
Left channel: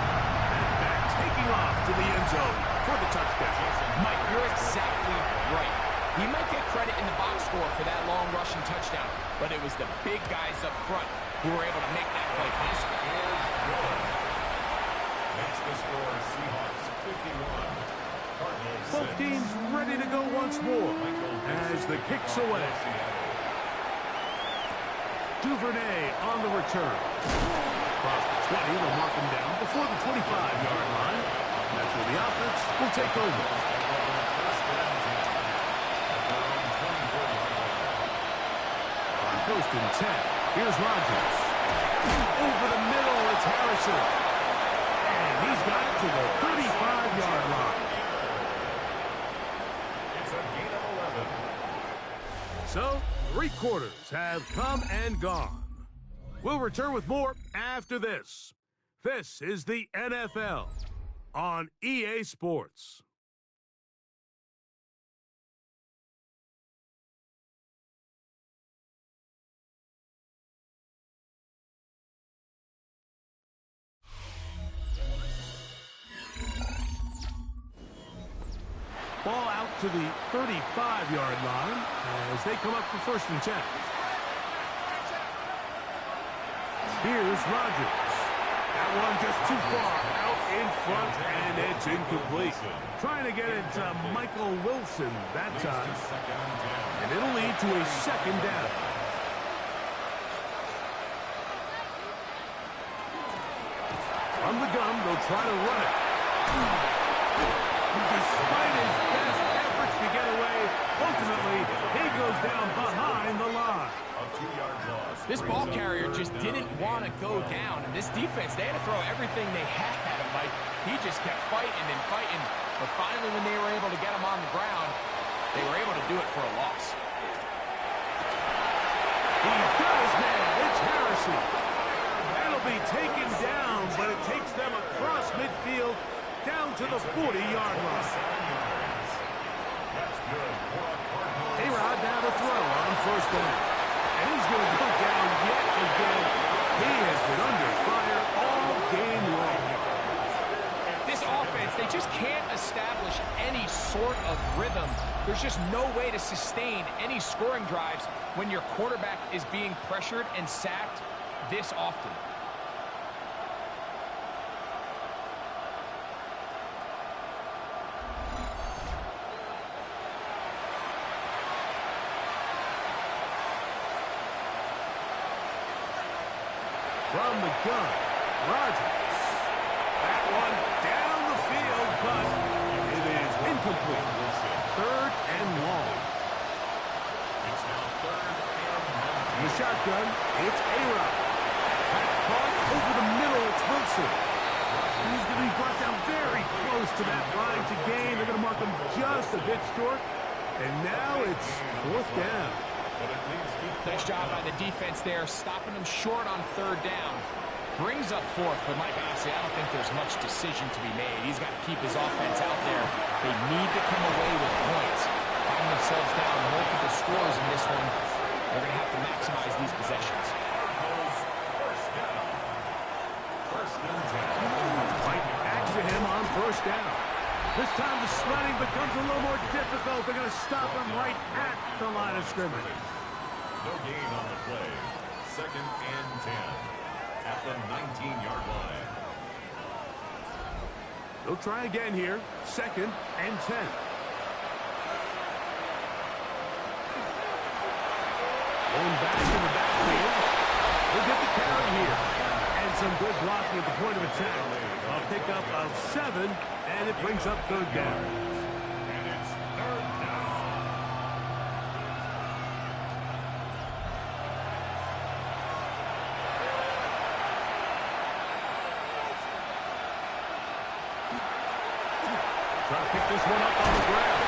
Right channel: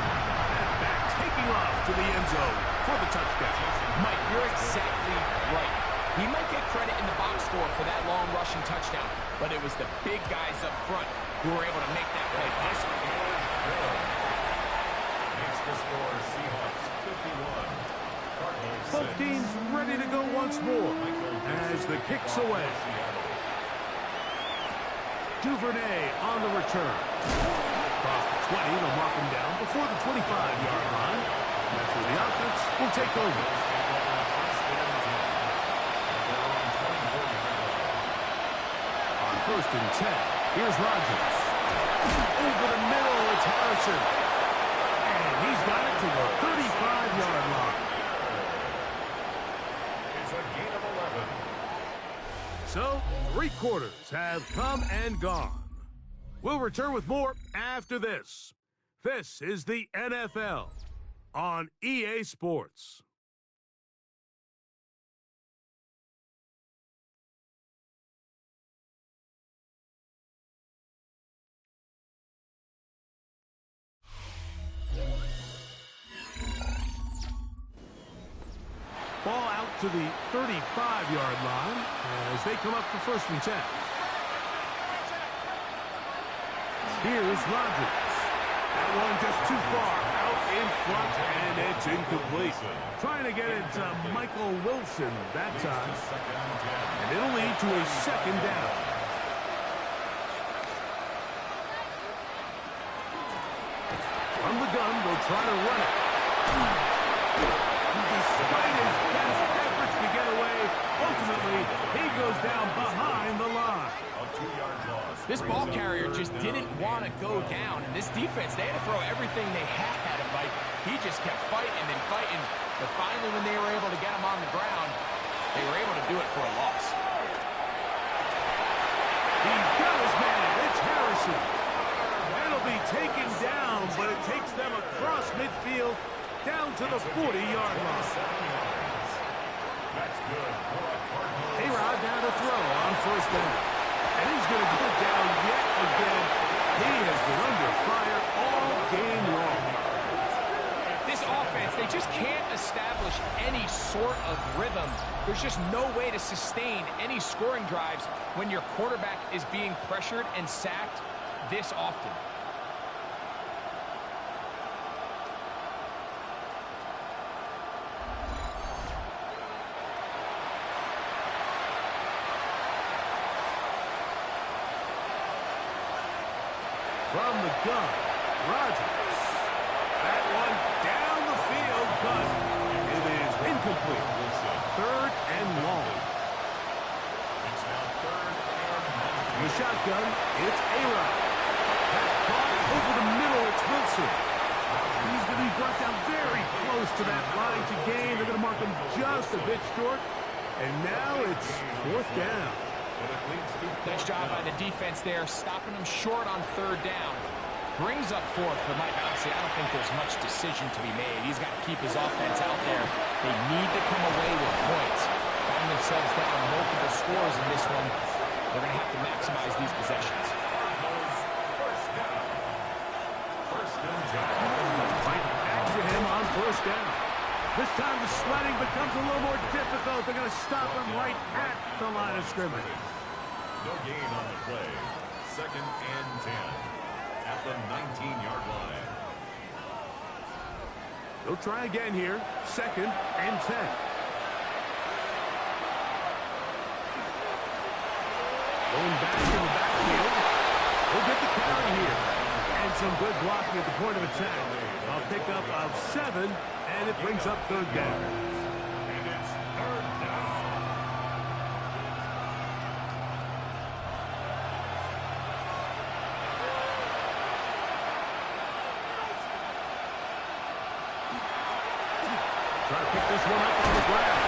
And back taking off to the end zone for the touchdown. Mike, you're exactly right. He might get credit in the box score for that long rushing touchdown, but it was the big guys up front who were able to make that play possible. Good. Makes the score Seahawks 51. Cardinals 6. Both teams ready to go once more as the kick's away. Duvernay on the return. Across the 20, they'll mark him down before the 25-yard line. That's where the offense will take over. First and 10 at their own 24-yard line. On first and 10, here's Rodgers. Over the middle, it's Harrison. And he's got it to the 35-yard line. It's a gain of 11. So, 3 quarters have come and gone. We'll return with more after this. This is the NFL on EA Sports. Ball out to the 35-yard line as they come up for first and 10. Here's Rodgers. That one just too far out in front, and it's incomplete. Trying to get it to Michael Wilson that time. And it'll lead to a second down. From the gun, they'll try to run it. Despite his best efforts to get away, ultimately, he goes down behind the line. A 2-yard loss. This ball carrier just didn't want to go down, and this defense, they had to throw everything they had at him, Mike. He just kept fighting and fighting, but finally when they were able to get him on the ground, they were able to do it for a loss. He's got his man. It's Harrison. That'll be taken down, but it takes them across midfield down to the 40-yard line. 7 yards. That's good for a Cardinals. A-Rod now to throw on first down. And he's going to go down yet again. He has been under fire all game long. This offense, they just can't establish any sort of rhythm. There's just no way to sustain any scoring drives when your quarterback is being pressured and sacked this often. From the gun, Rodgers. That one down the field, but it is incomplete. Third and long. It's now 3rd and 19. In the shotgun, it's A-Rod. That caught over the middle, it's Wilson. He's going to be brought down very close to that line to gain. They're going to mark him just a bit short. And now it's 4th down. But it leads to Nice job by the defense there, stopping them short on 3rd down. Brings up 4th, but Mike, honestly, I don't think there's much decision to be made. He's got to keep his offense out there. They need to come away with points. Find themselves down multiple scores in this one. They're going to have to maximize these possessions. Cardinals first down. 1st and 10. Right back to him on first down. This time the sledding becomes a little more difficult. They're going to stop him right at the line of scrimmage. No gain on the play. 2nd and 10 at the 19-yard line. They'll try again here. 2nd and 10. Going back in the backfield. He'll get the carry here. And some good blocking at the point of attack. A pickup of 7, and it brings up third down. And it's third down. Trying to pick this one up on the ground.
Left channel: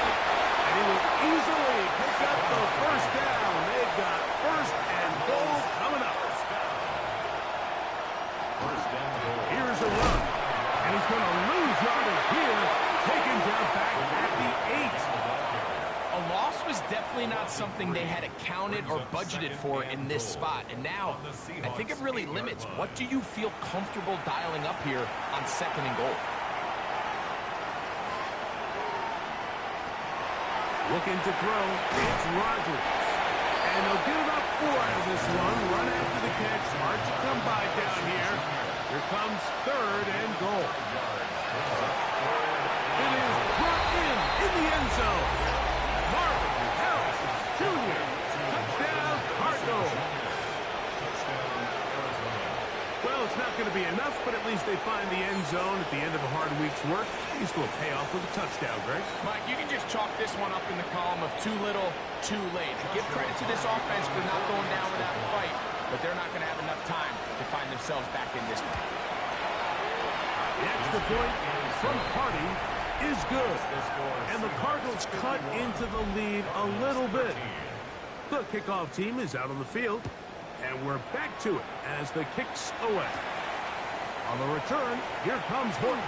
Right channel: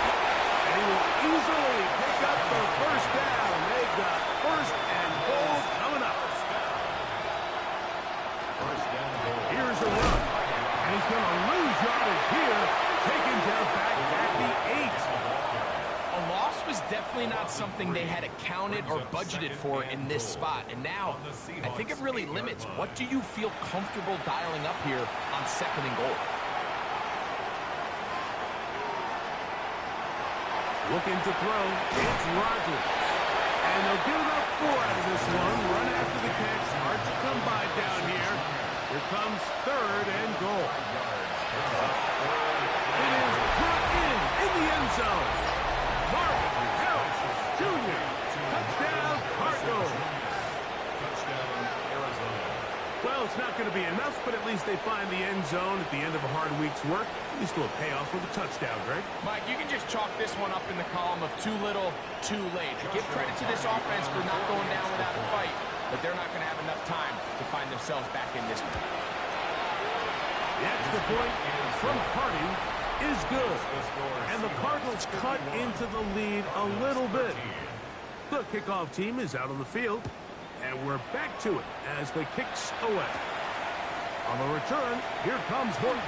And he will easily pick up the first down. They've got first and goal coming up. First and goal. Here's a run. And he's going to lose yardage here. Taken down back at the 8. A loss was definitely not something they had accounted or budgeted for in this spot. And now, I think it really limits. What do you feel comfortable dialing up here on second and goal? Looking to throw. It's Rodgers. And they'll get about 4 out of this one. Run after the catch. Hard to come by down here. Here comes third and goal. It is brought in the end zone. Marvin Harrison Jr. Touchdown, Cardinals. Touchdown, Arizona. Well, it's not going to be enough, but at least they find the end zone at the end of a hard week's work. At least a little payoff with a touchdown, Greg. Mike, you can just chalk this one up in the column of too little, too late. Give credit to this offense for not going down without a fight, but they're not going to have enough time to find themselves back in this one. The extra point from Harding is good. And the Cardinals cut into the lead a little bit. The kickoff team is out on the field. And we're back to it as the kick's away. On the return, here comes Horton.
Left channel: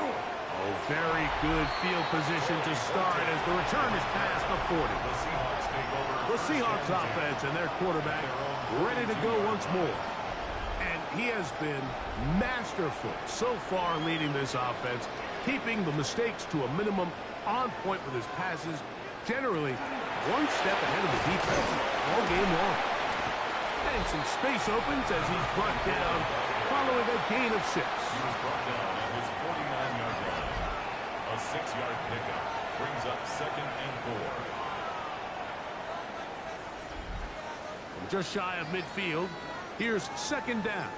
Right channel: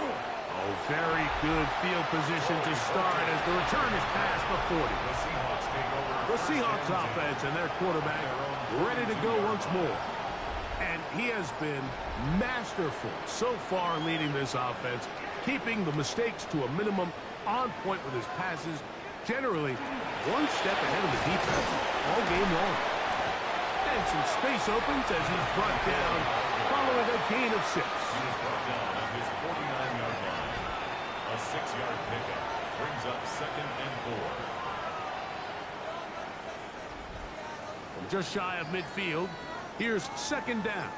Oh, very good field position to start as the return is past the 40. The Seahawks take over. The Seahawks offense and their quarterback ready to go once more. And he has been masterful so far leading this offense, keeping the mistakes to a minimum, on point with his passes, generally one step ahead of the defense all game long. And some space opens as he's brought down following a gain of 6. He was brought down at his 49-yard line. A 6-yard pickup brings up second and 4. From just shy of midfield, here's second down.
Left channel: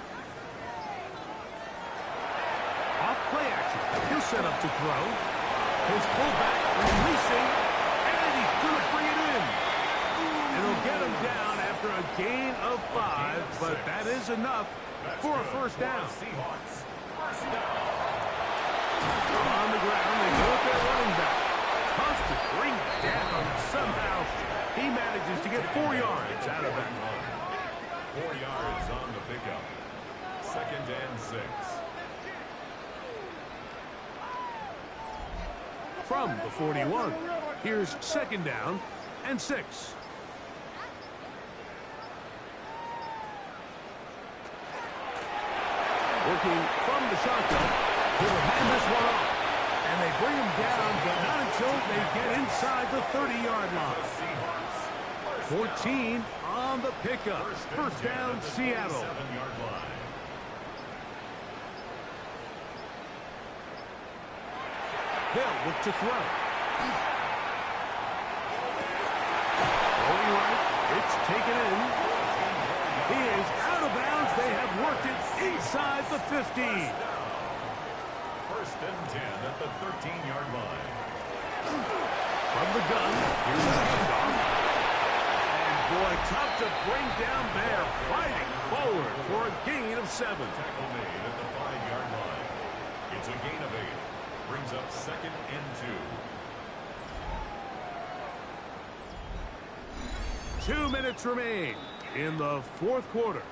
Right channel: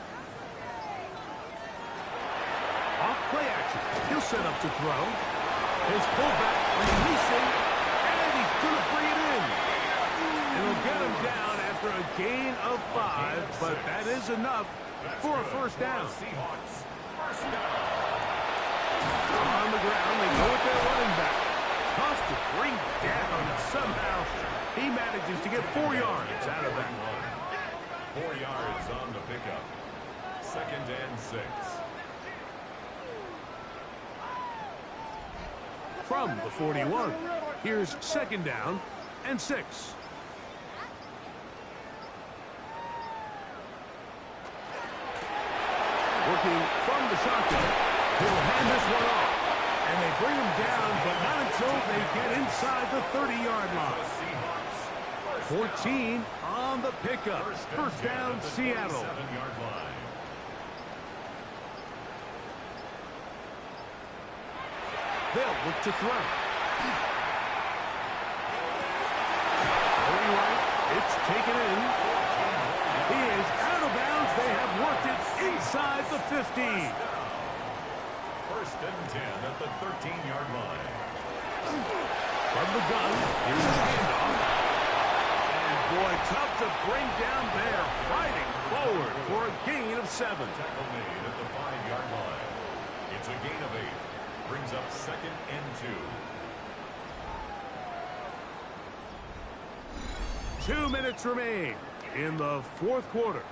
Off play action. He'll set up to throw. His fullback releasing, and he's going to bring it in. It'll get him down after a gain of 5, but that is enough for a first down. Seahawks, first down. On the ground, they go with their running back. Tough to bring down. Somehow, he manages to get 4 yards out of that. 4 yards on the pickup. Second and 6. From the 41, here's second down and 6. Working from the shotgun, he'll hand this one off. And they bring him down, but not until they get inside the 30-yard line. 14 on the pickup. First down, Seattle. 7-yard line. They'll look to throw. Going right, it's taken in. He is out of bounds. They have worked it inside the 15. First and 10 at the 13-yard line. From the gun, here's the handoff. And boy, tough to bring down there. Fighting forward for a gain of 7. Tackle made at the 5-yard line. It's a gain of 8. Brings up second and 2. 2 minutes remain in the fourth quarter.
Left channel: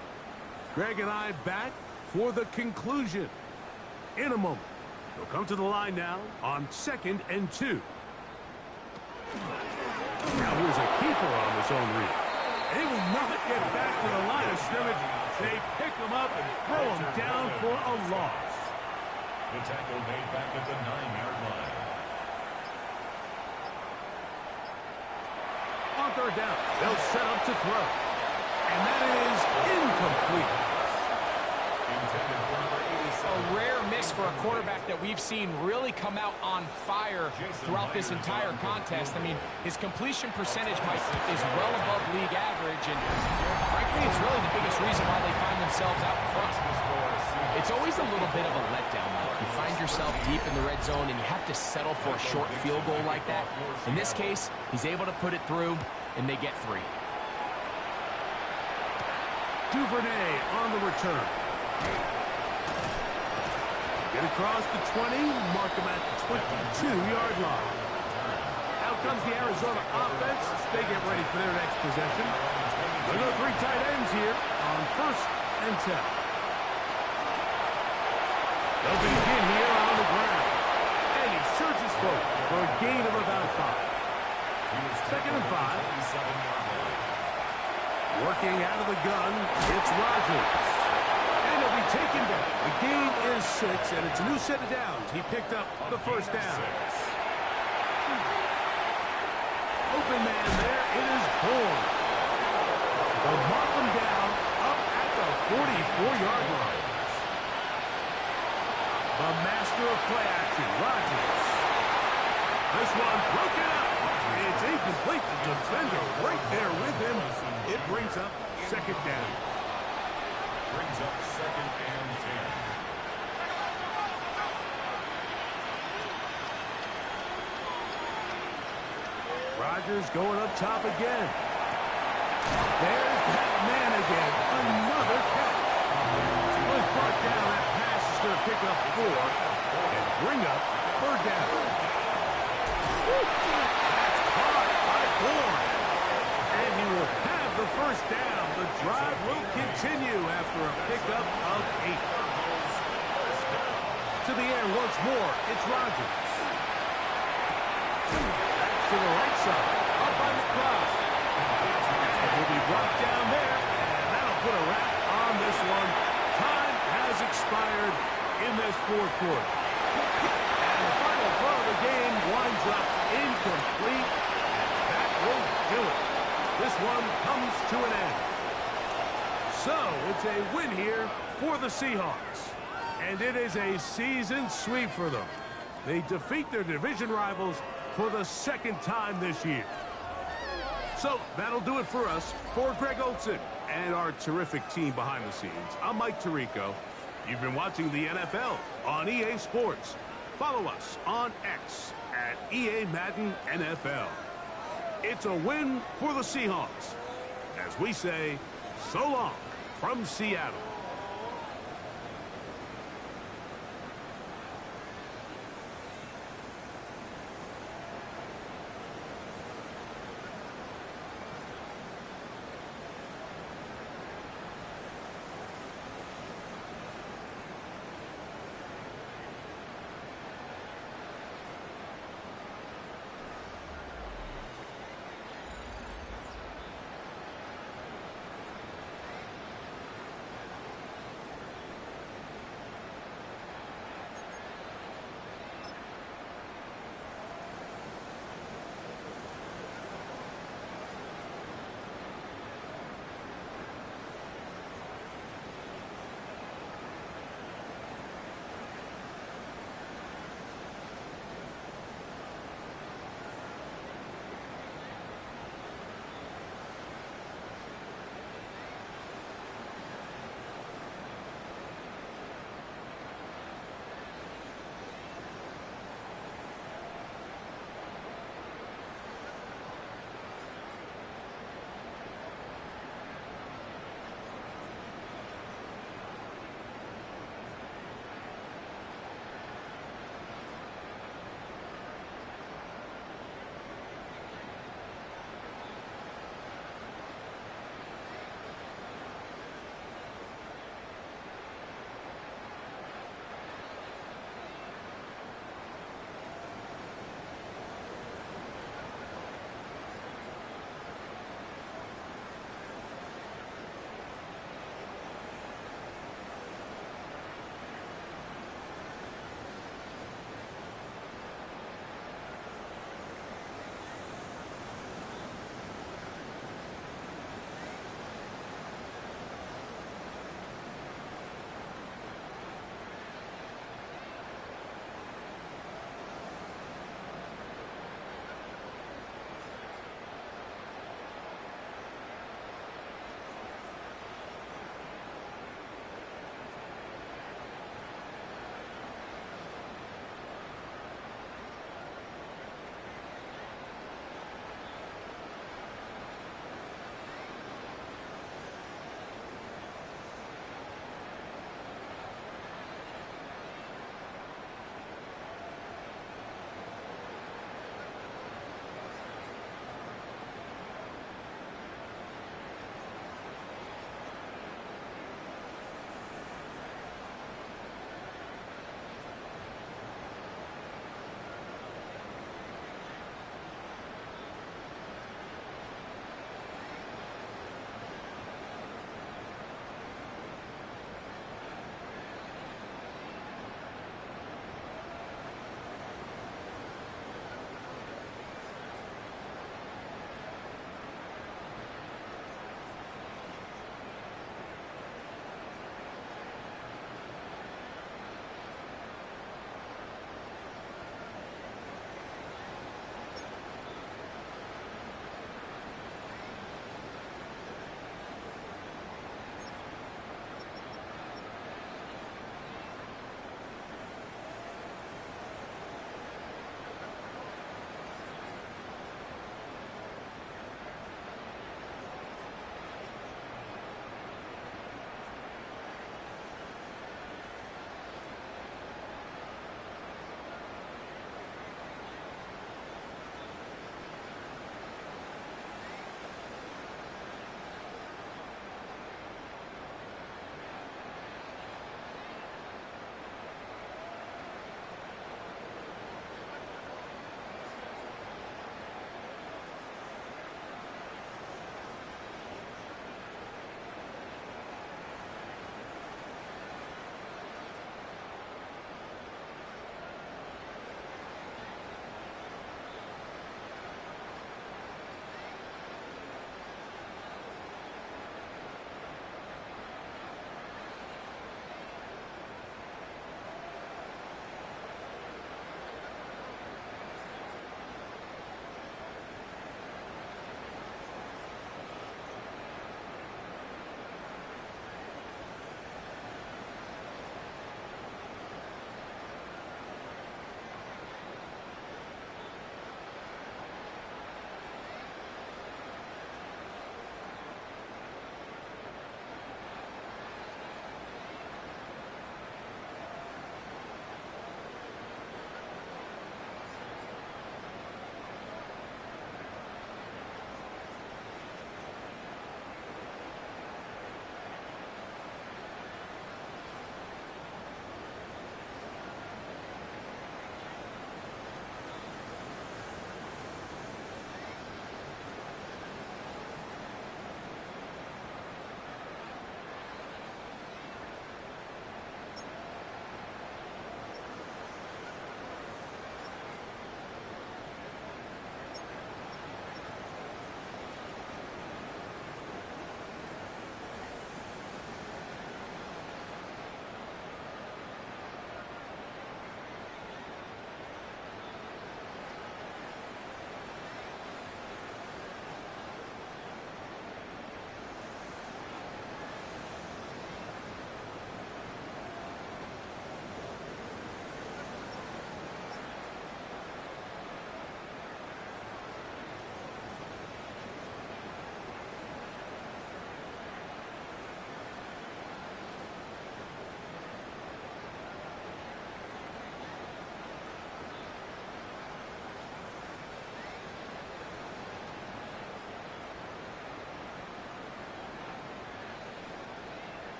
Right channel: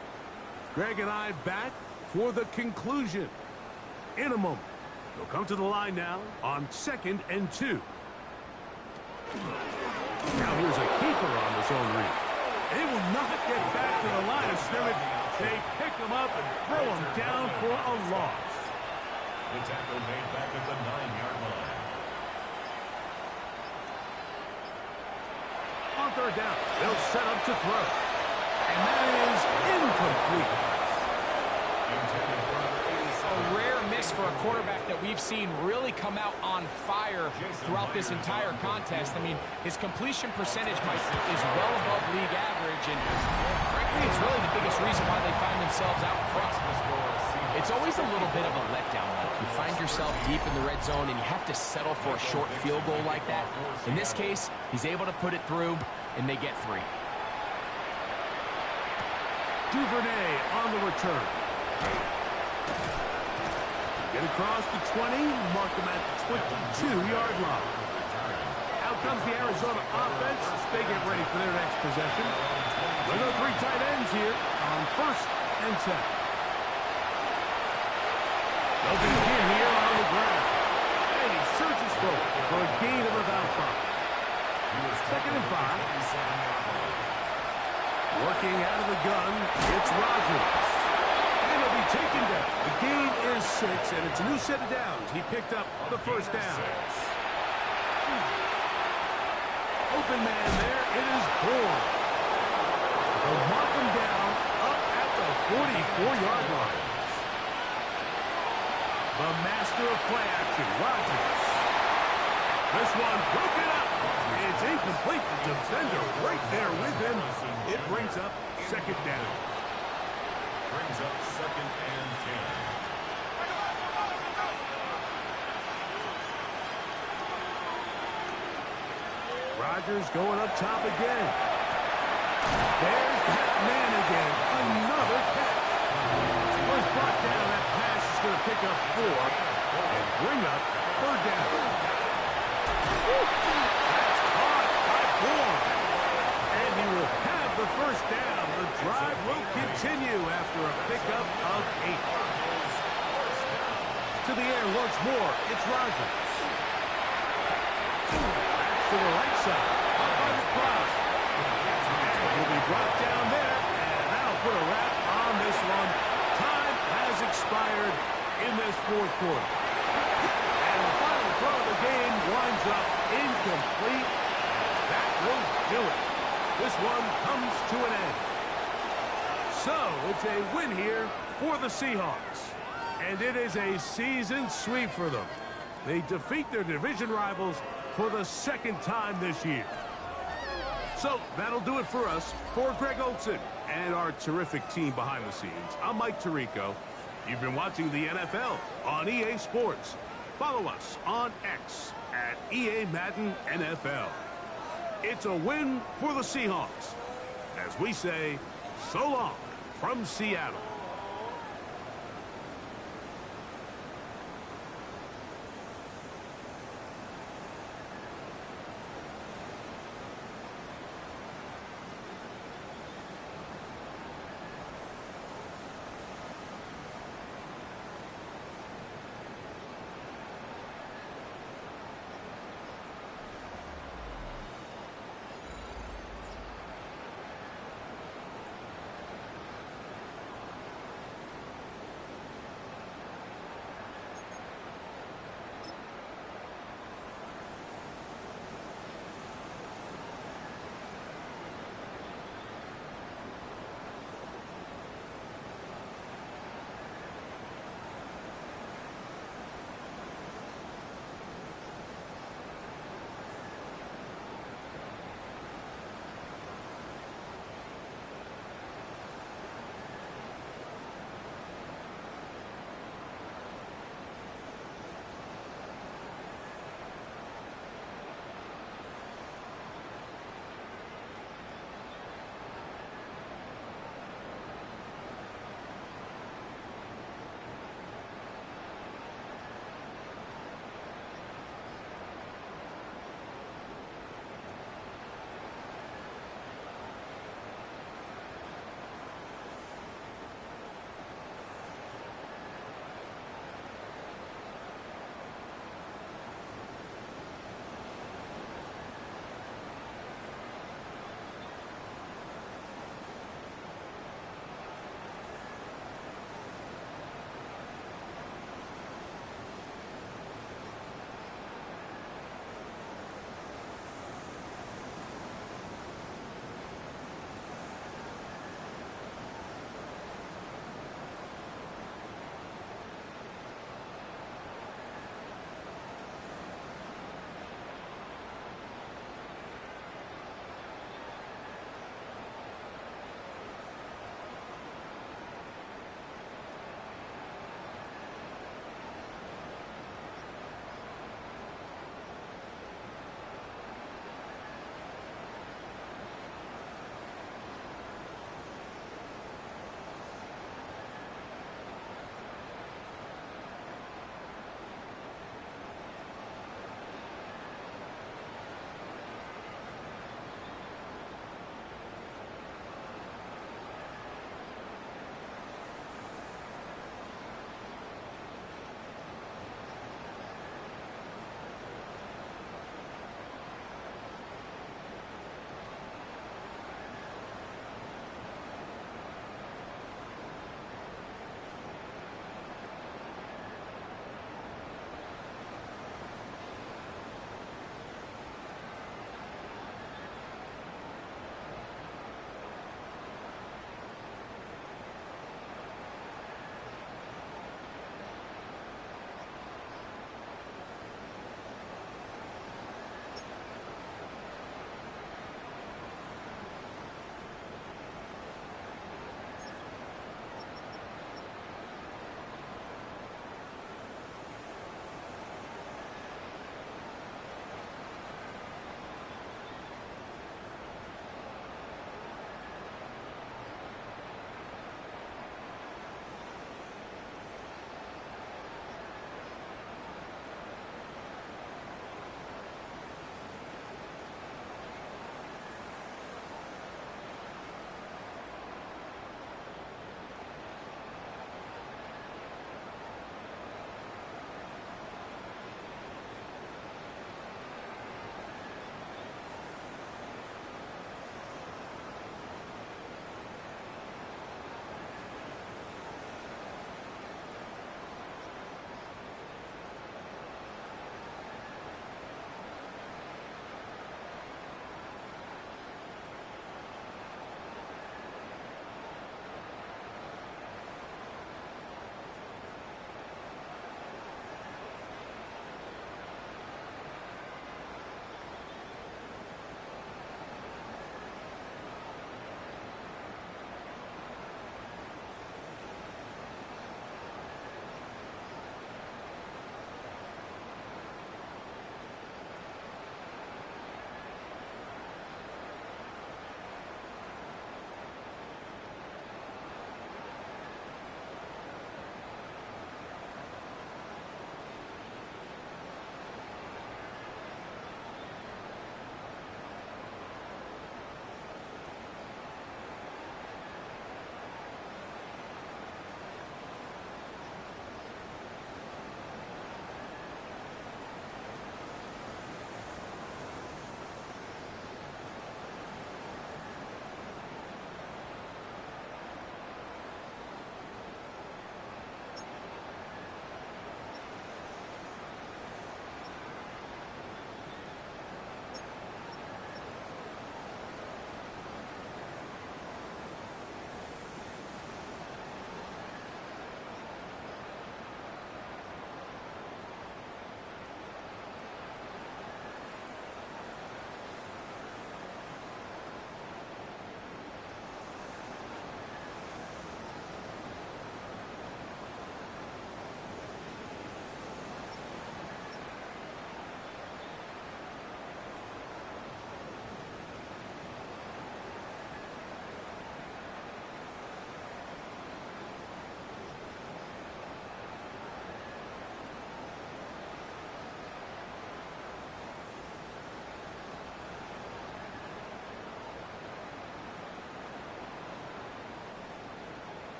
Greg and I back for the conclusion in a moment. They'll come to the line now on second and 2. Now here's a keeper on the zone read. They will not get back to the line of scrimmage. They pick him up and throw him down for a loss. The tackle made back at the 9-yard line. On third down, they'll set up to throw. And that is incomplete. Intended for number 87. A rare miss for a quarterback that we've seen really come out on fire throughout this entire contest. I mean, his completion percentage, Mike, is well above league average, and frankly, it's really the biggest reason why they find themselves out in front. It's always a little bit of a letdown, Mike. You find yourself deep in the red zone, and you have to settle for a short field goal like that. In this case, he's able to put it through, and they get 3. Duvernay on the return. Get across the 20, mark him at the 22-yard line. Out comes the Arizona offense. They get ready for their next possession. There go 3 tight ends here on 1st and 10. They'll begin here on the ground. And he surges forward for a gain of about 5. 2nd and 5. Working out of the gun, it's Rodgers. And he'll be taken down. The gain is 6, and it's a new set of downs. He picked up the 1st down. Open man there. It is Bourne. They'll mark him down up at the 44-yard line. The master of play action, Rodgers. This one broken up. It's incomplete. The defender right there with him. It brings up 2nd down. Brings up 2nd and 10. Rodgers going up top again. There's that man again. Another catch. Was brought down. That pass is going to pick up 4 and bring up 3rd down. That's caught by Bourne. And he will have the 1st down. The drive will continue after a pickup of 8. To the air once more. It's Rodgers. To the right side, up by the crowd. And he'll be brought down there, and that'll put a wrap on this one. Time has expired in this 4th quarter. And the final throw of the game winds up incomplete, and that will do it. This one comes to an end. So, it's a win here for the Seahawks. And it is a season sweep for them. They defeat their division rivals for the 2nd time this year. So that'll do it for us. For Greg Olsen and our terrific team behind the scenes, I'm Mike Tirico. You've been watching the NFL on EA Sports. Follow us on X at EA Madden NFL. It's a win for the Seahawks. As we say, so long from Seattle.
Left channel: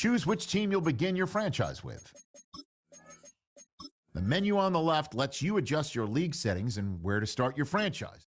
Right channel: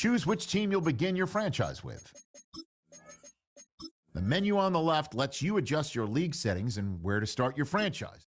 Choose which team you'll begin your franchise with. The menu on the left lets you adjust your league settings and where to start your franchise.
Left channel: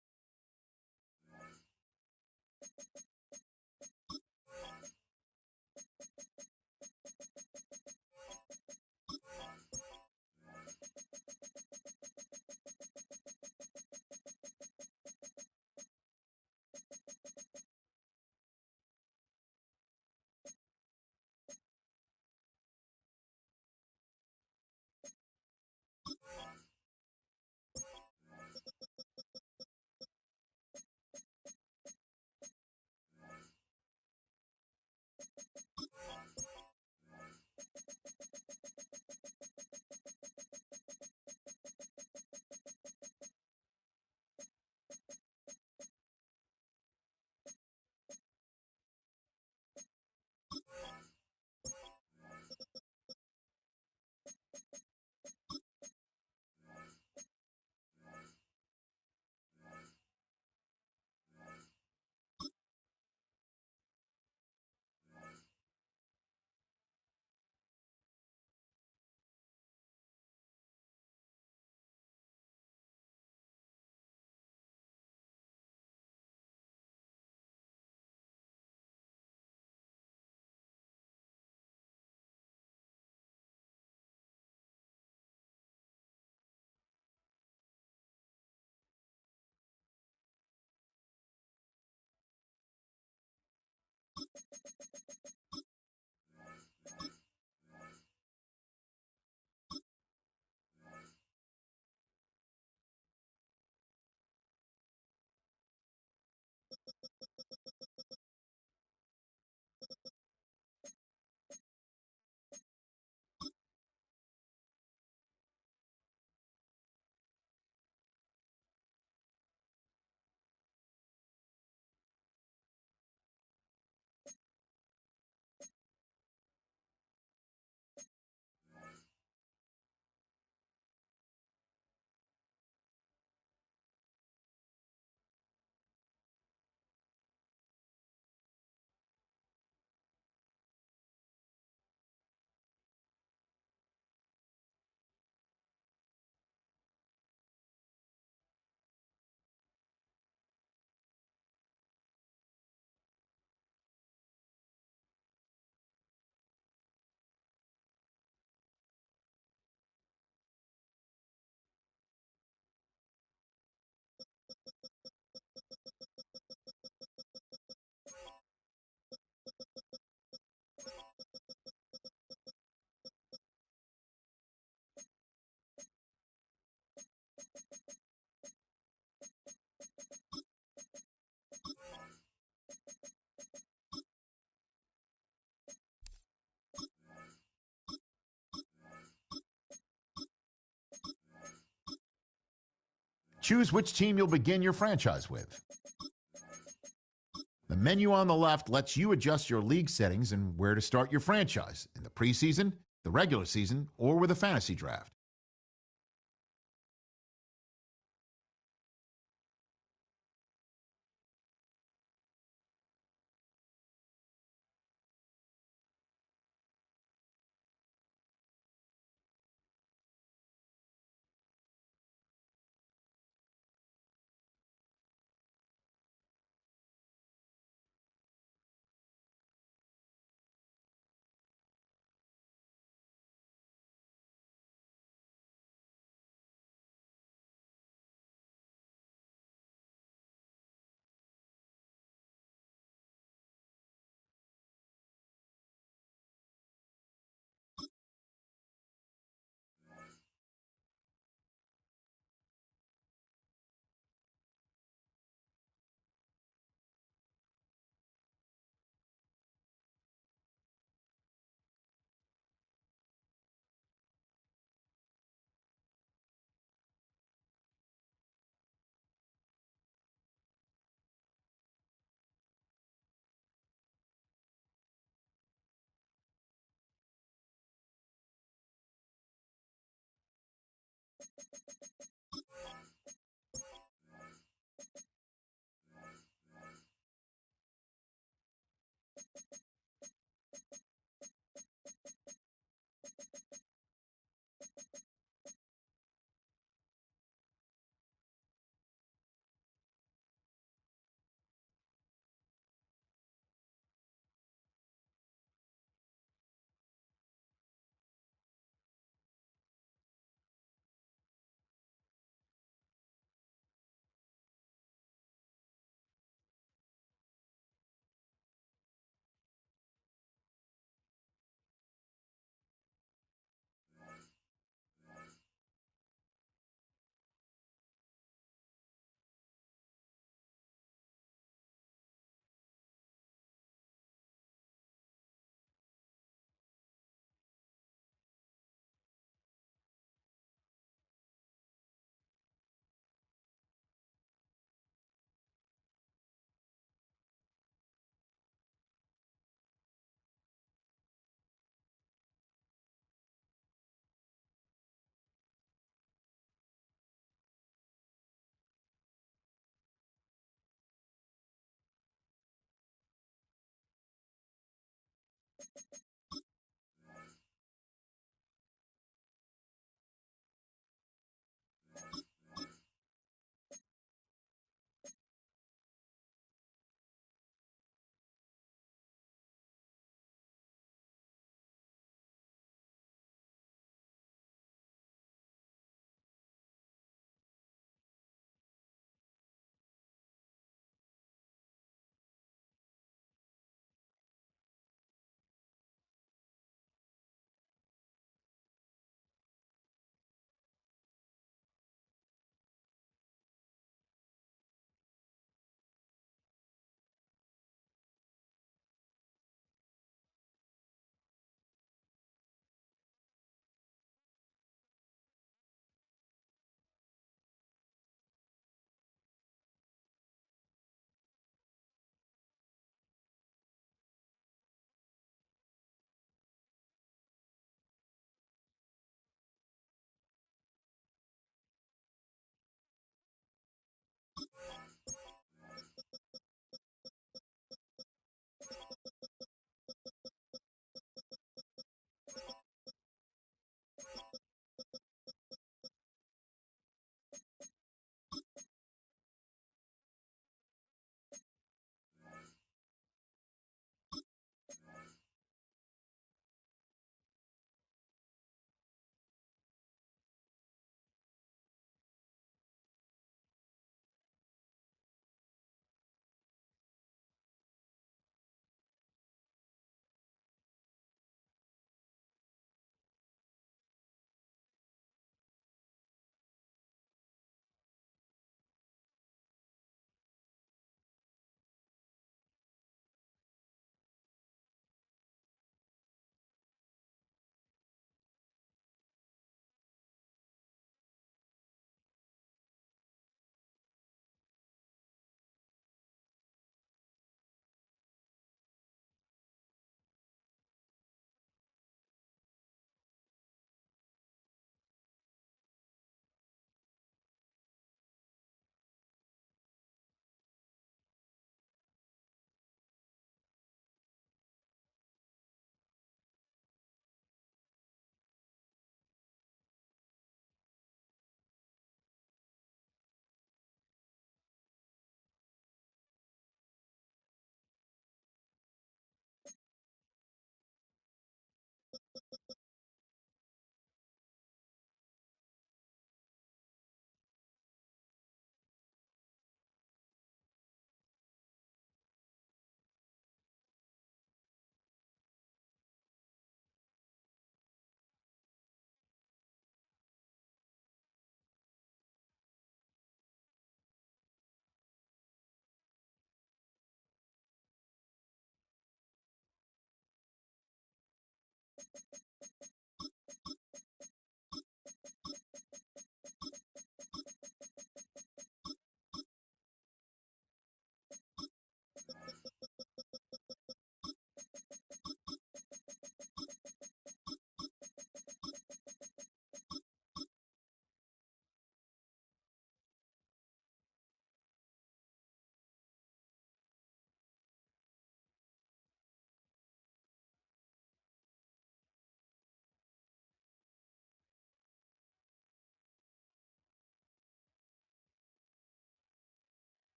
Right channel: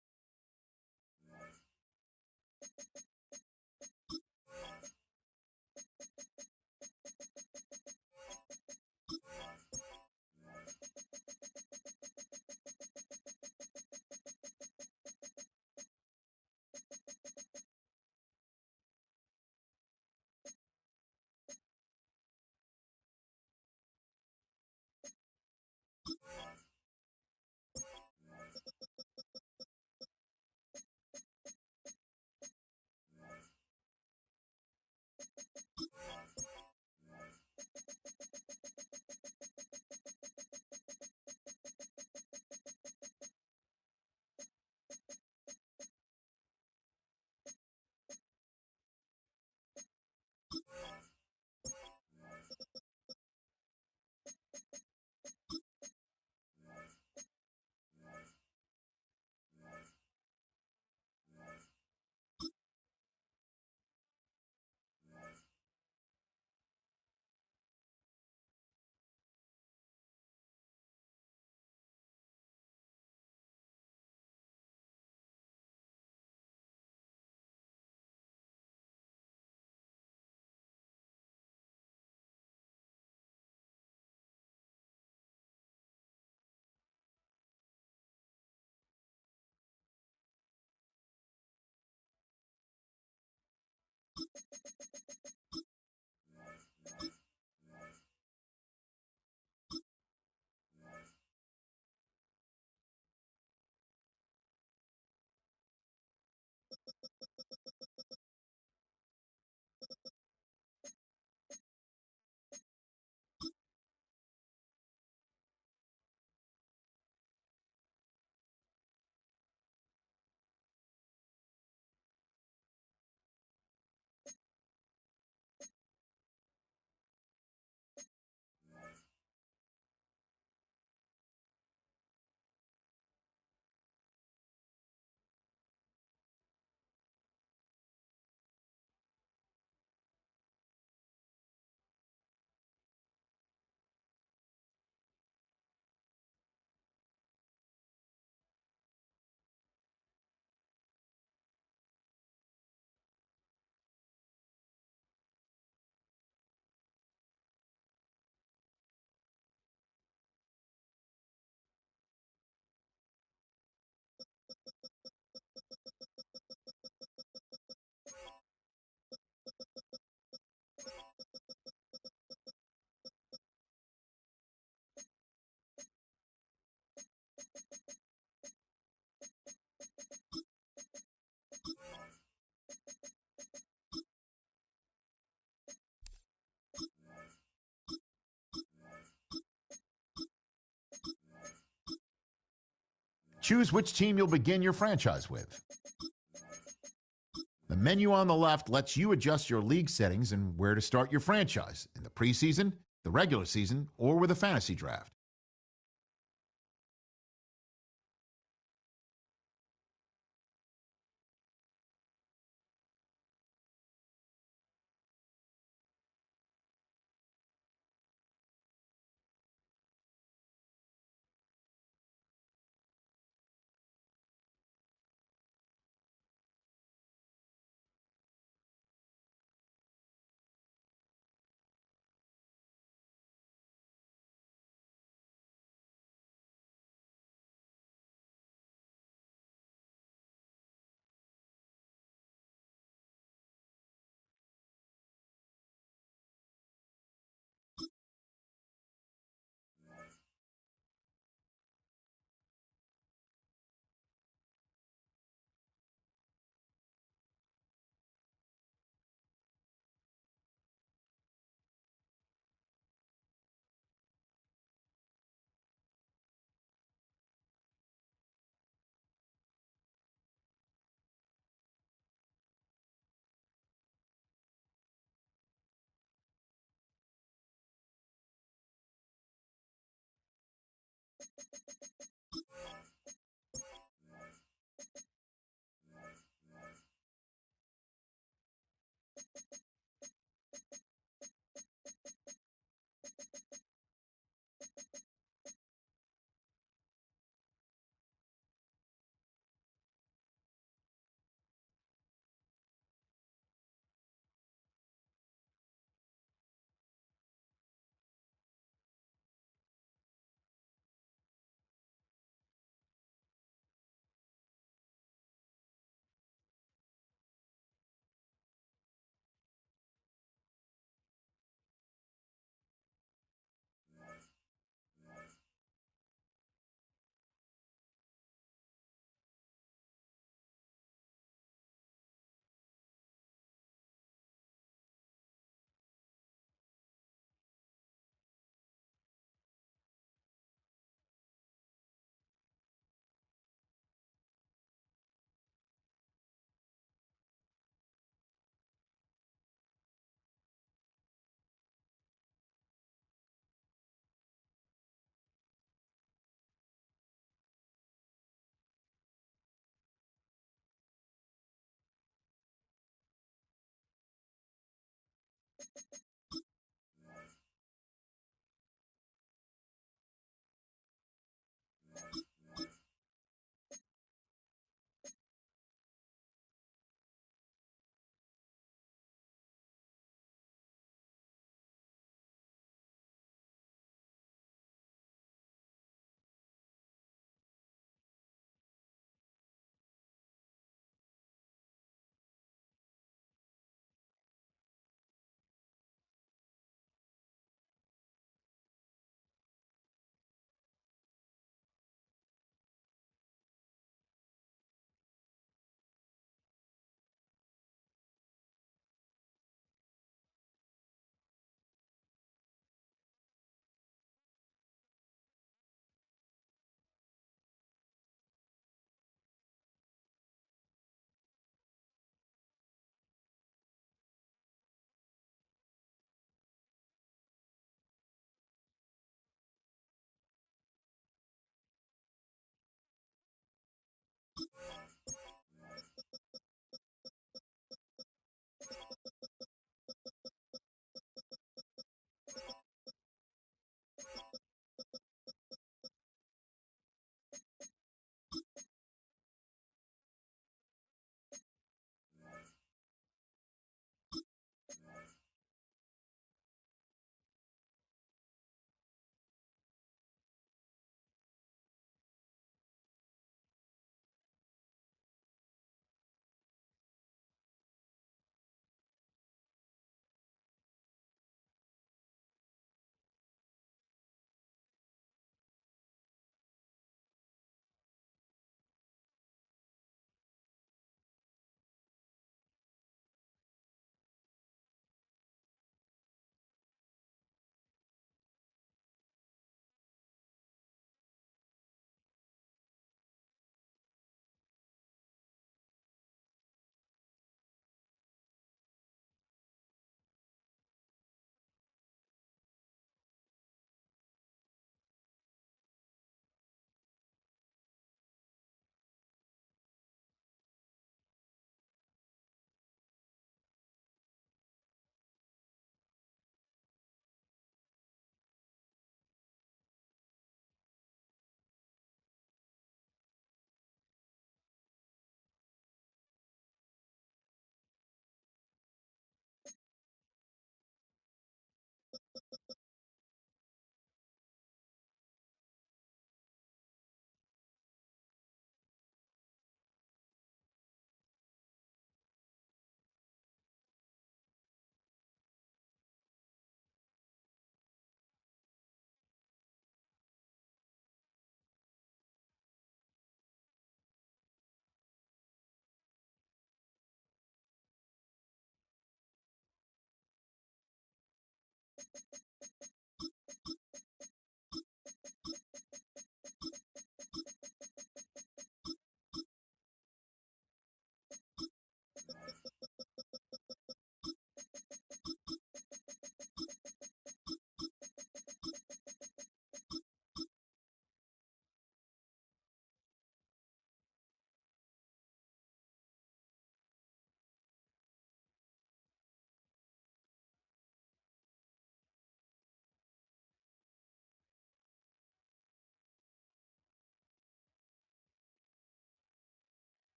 Choose which team you'll begin your franchise with. The menu on the left lets you adjust your league settings and where to start your franchise in the preseason, the regular season, or with a fantasy draft.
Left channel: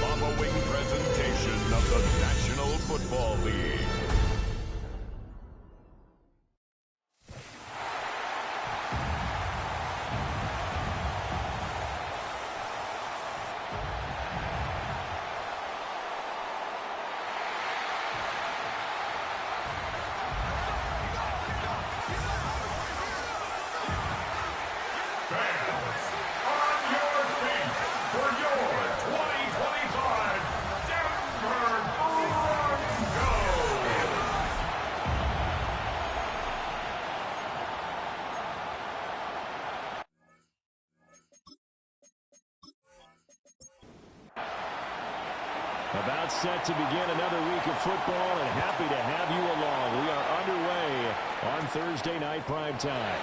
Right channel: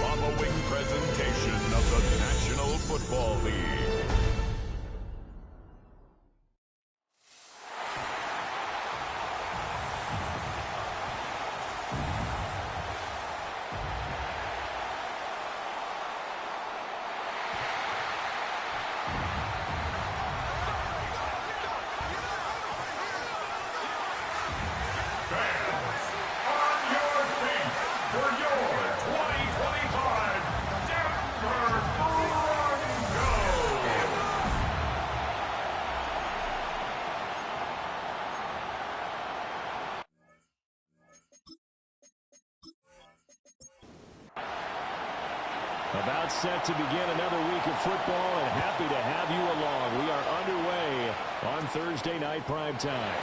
following presentation of the National Football League. About set to begin another week of football, and happy to have you along. We are underway on Thursday night prime time.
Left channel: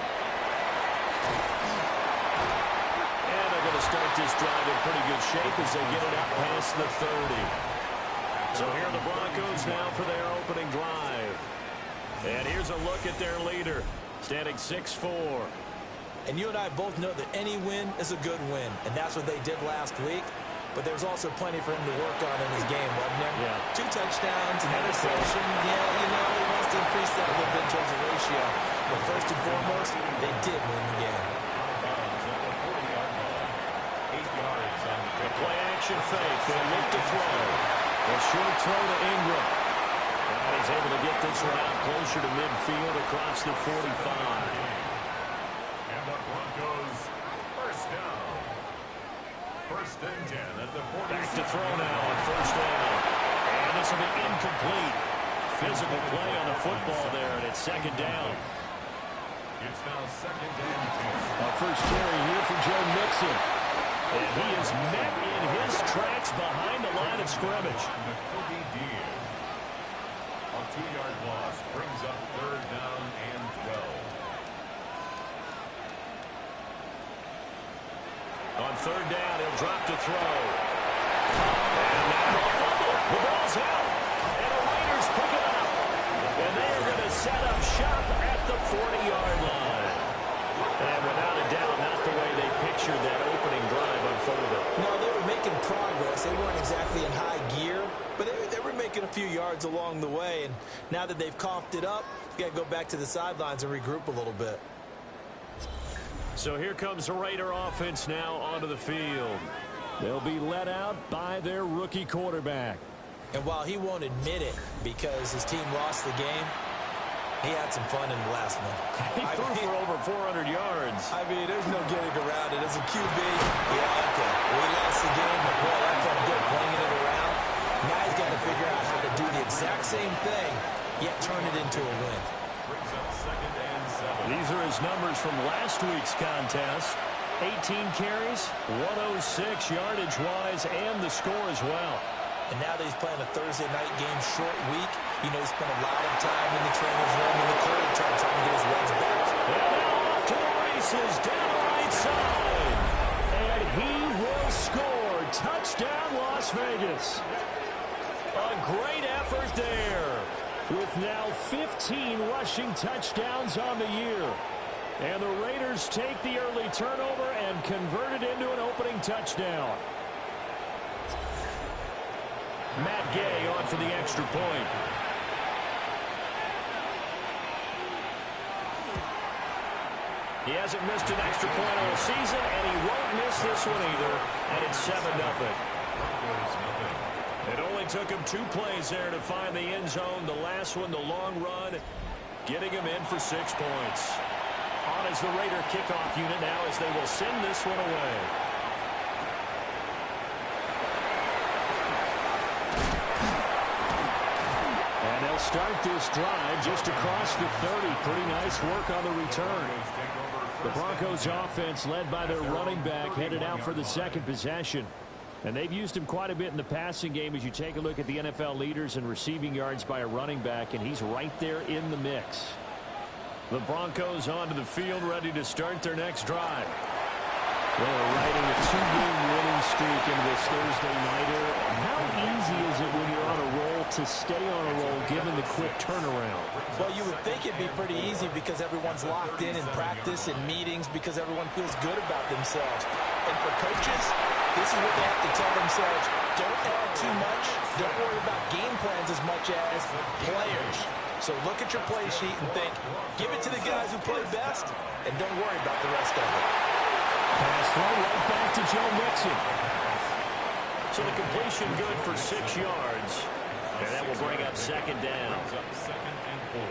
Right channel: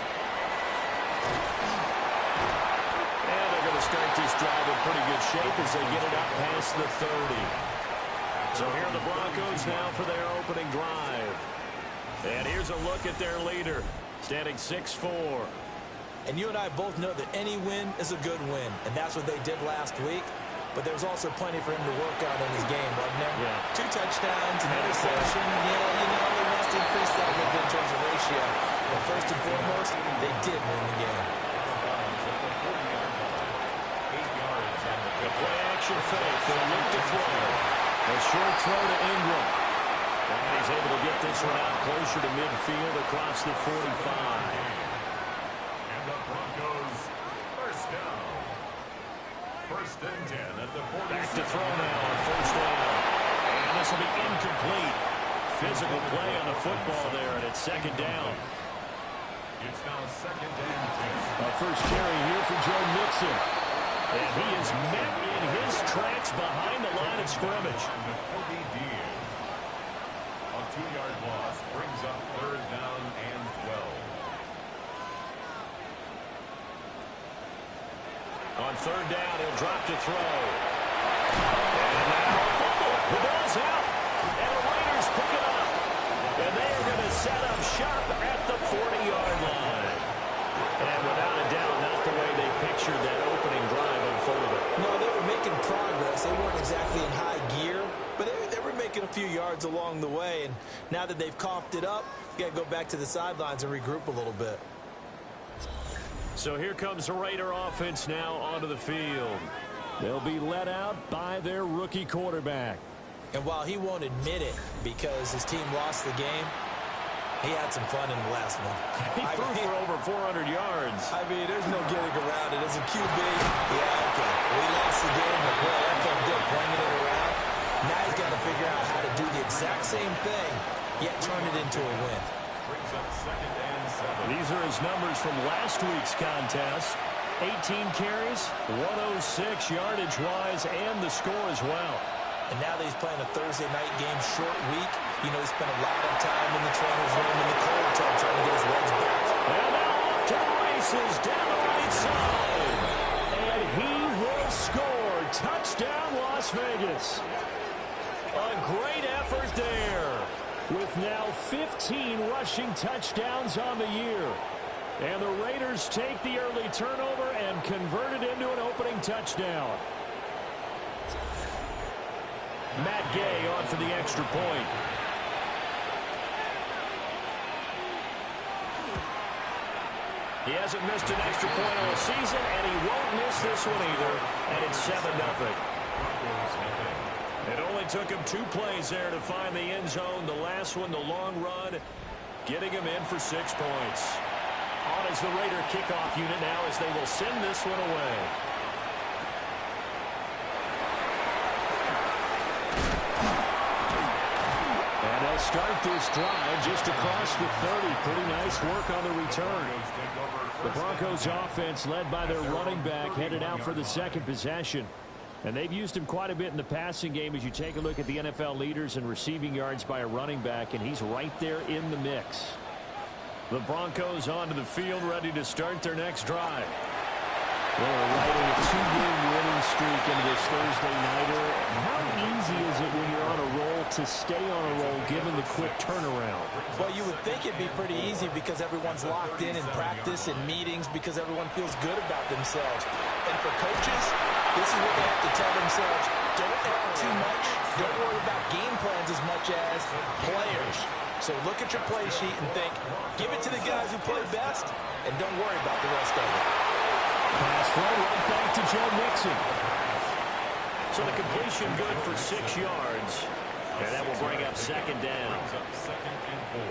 And they're going to start this drive in pretty good shape as they get it up past the 30. So here are the Broncos now for their opening drive. And here's a look at their leader, standing 6'4". And you and I both know that any win is a good win, and that's what they did last week. But there's also plenty for him to work on in his game, wasn't there? Yeah. 2 touchdowns, an interception. Yeah, you know, he wants to increase that a little bit in terms of ratio. But first and foremost, they did win the game. The play action fake. They'll look to throw. A short throw to Ingram. And he's able to get this one out closer to midfield across the 45. And the Broncos first down. First and 10 at the 40. Back to throw now on first down. And this will be incomplete. Physical play on the football there, and it's second down. It's now second and 10. A first carry here for Joe Mixon. And he is met in his tracks behind the line of scrimmage. A 2-yard loss brings up third down and 12. On third down, he'll drop to throw. And now a fumble. The ball's out. And the Raiders pick it up. And they are going to set up shop at the 40-yard line. And without a doubt, not the way they pictured that opening drive unfolded. No, they were making progress. They weren't exactly in high gear, but they were making a few yards along the way. And now that they've coughed it up, you got to go back to the sidelines and regroup a little bit. So here comes the Raider offense now onto the field. They'll be led out by their rookie quarterback. And while he won't admit it because his team lost the game, he had some fun in the last one. He threw for over 400 yards. I mean, there's no getting around it. As a QB, yeah, okay. We lost the game, but boy, that felt good playing it around. Now he's got to figure out how to do the exact same thing, yet turn it into a win. Brings up second and 7. These are his numbers from last week's contest. 18 carries, 106 yardage-wise, and the score as well. And now that he's playing a Thursday night game, short week, you know, he spent a lot of time in the trainer's room in the cold tub trying to get his legs back. And now off to the races down the right side. And he will score. Touchdown, Las Vegas. A great effort there, with now 15 rushing touchdowns on the year. And the Raiders take the early turnover and convert it into an opening touchdown. Matt Gay on for the extra point. He hasn't missed an extra point all season, and he won't miss this one either. And it's 7-0. It only took him 2 plays there to find the end zone. The last one, the long run, getting him in for 6 points. On is the Raider kickoff unit now as they will send this one away. And they'll start this drive just across the 30. Pretty nice work on the return. The Broncos offense, led by their running back, headed out for the second possession. And they've used him quite a bit in the passing game as you take a look at the NFL leaders in receiving yards by a running back, and he's right there in the mix. The Broncos onto the field, ready to start their next drive. They're riding a 2-game winning streak into this Thursday nighter. How easy is it when you're on a roll to stay on a roll given the quick turnaround? Well, you would think it'd be pretty easy because everyone's locked in practice and meetings because everyone feels good about themselves. And for coaches, this is what they have to tell themselves. Don't add too much. Don't worry about game plans as much as players. So look at your play sheet and think, give it to the guys who play best, and don't worry about the rest of it. Pass throw right back to Joe Mixon. So the completion good for 6 yards. And that will bring up second down. Second and 4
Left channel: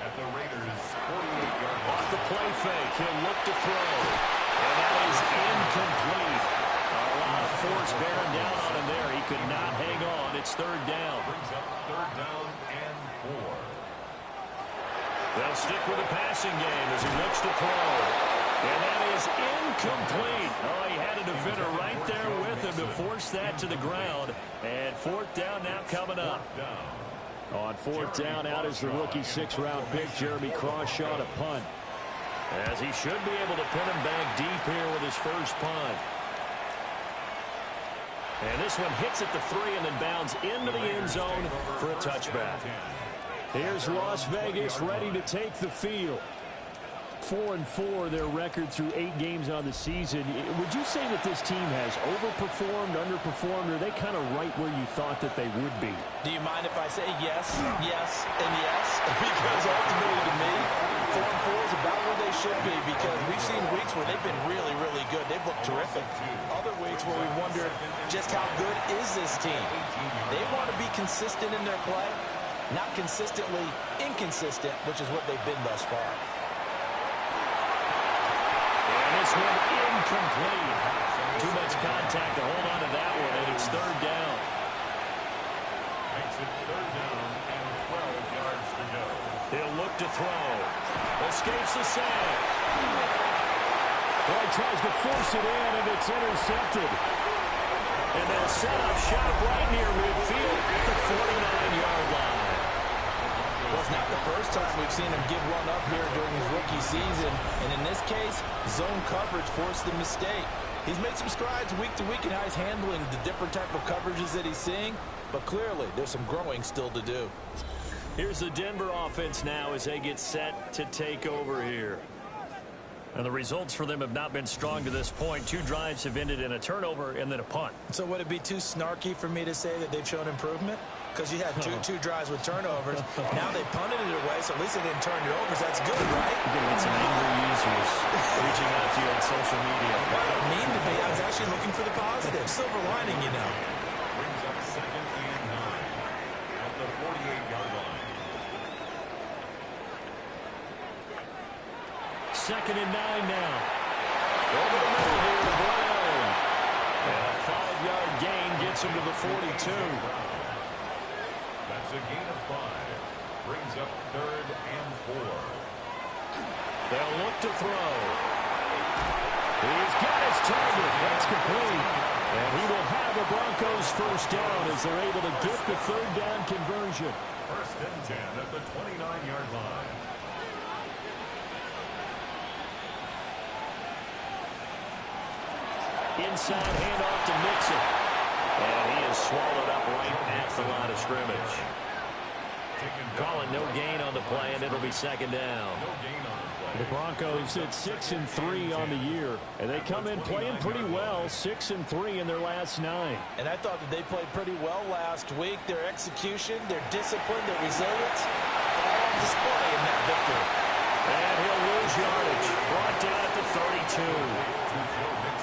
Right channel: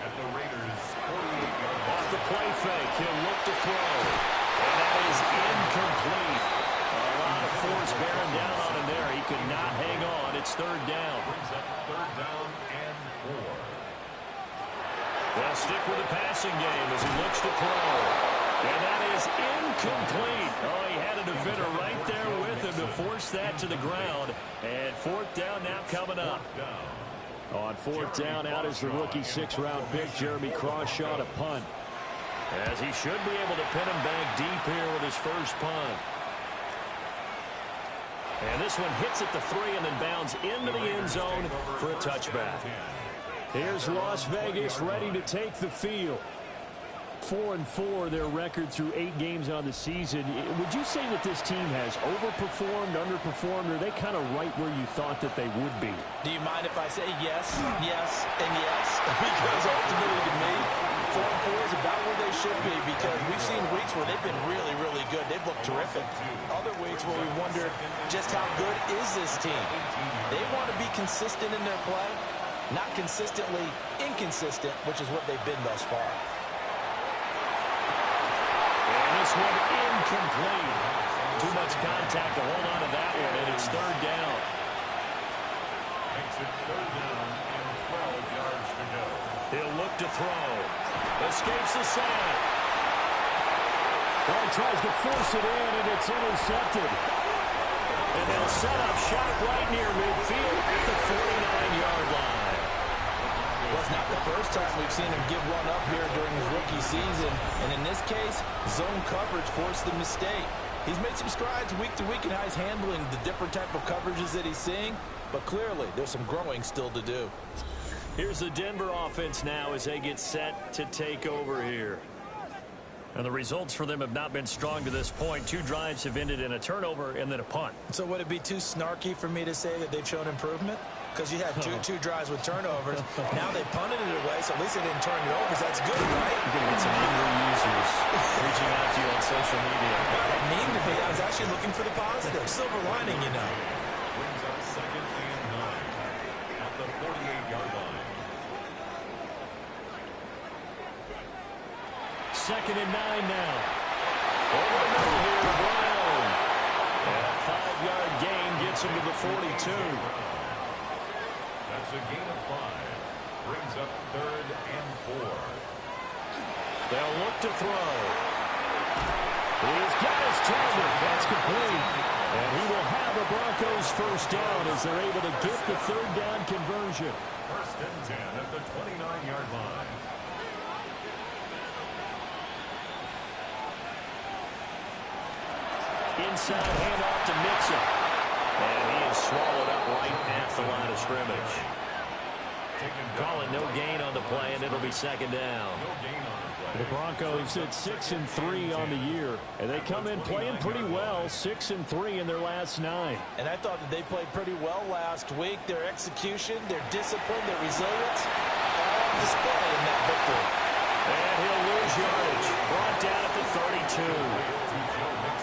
at the Raiders' 48-yard line. Off the play fake, he'll look to throw. And that is incomplete. A lot of force bearing down on him there. He could not hang on. It's third down. Brings up third down and 4. They'll stick with the passing game as he looks to throw. And that is incomplete. Oh, he had a defender right there with him to force that to the ground. And fourth down now coming up. On fourth down, out is the rookie 6th-round pick, Jeremy Crawshaw, to punt. As he should be able to pin him back deep here with his first punt. And this one hits at the 3 and then bounds into the end zone for a touchback. Here's Las Vegas ready to take the field. 4-4 their record through 8 games on the season. Would you say that this team has overperformed, underperformed, or are they kind of right where you thought that they would be? Do you mind if I say yes, yes, and yes? Because ultimately to me, 4-4 is about where they should be because we've seen weeks where they've been really, really good. They've looked terrific. Other weeks where we wondered just how good is this team. They want to be consistent in their play, not consistently inconsistent, which is what they've been thus far. And this one incomplete. Too much contact to hold on to that one, and it's third down. Makes it third down and 12 yards to go. He'll look to throw. Escapes the sack. Well, he tries to force it in, and it's intercepted. And they'll set up shop right near midfield at the 49-yard line. Well, it's not the first time we've seen him give one up here during his rookie season. And in this case, zone coverage forced the mistake. He's made some strides week to week in how he's handling the different type of coverages that he's seeing. But clearly, there's some growing still to do. Here's the Denver offense now as they get set to take over here. And the results for them have not been strong to this point. 2 drives have ended in a turnover and then a punt. So would it be too snarky for me to say that they've shown improvement? Because you had two drives with turnovers. Now they punted it away, so at least they didn't turn it over. So that's good, right? You're going to get some angry users reaching out to you on social media. I don't mean to be. I was actually looking for the positive. Silver lining, you know. Brings up second and 9 at the 48-yard line. Second and 9 now. Over the middle here to Brown. And a 5-yard gain gets him to the 42. That's a gain of 5. Brings up third and 4. They'll look to throw. He's got his target. That's complete. And he will have the Broncos first down as they're able to get the third down conversion. First and 10 at the 29-yard line. Inside handoff to Mixon. And he is swallowed up right at the line of scrimmage. Calling no gain on the play, and it'll be second down. No gain on the play. The Broncos at 6-3 on the year, and they come in playing pretty well, 6-3 in their last 9. And I thought that they played pretty well last week. Their execution, their discipline, their resilience, all on display in that victory. And he'll lose yardage. Brought down at the 32.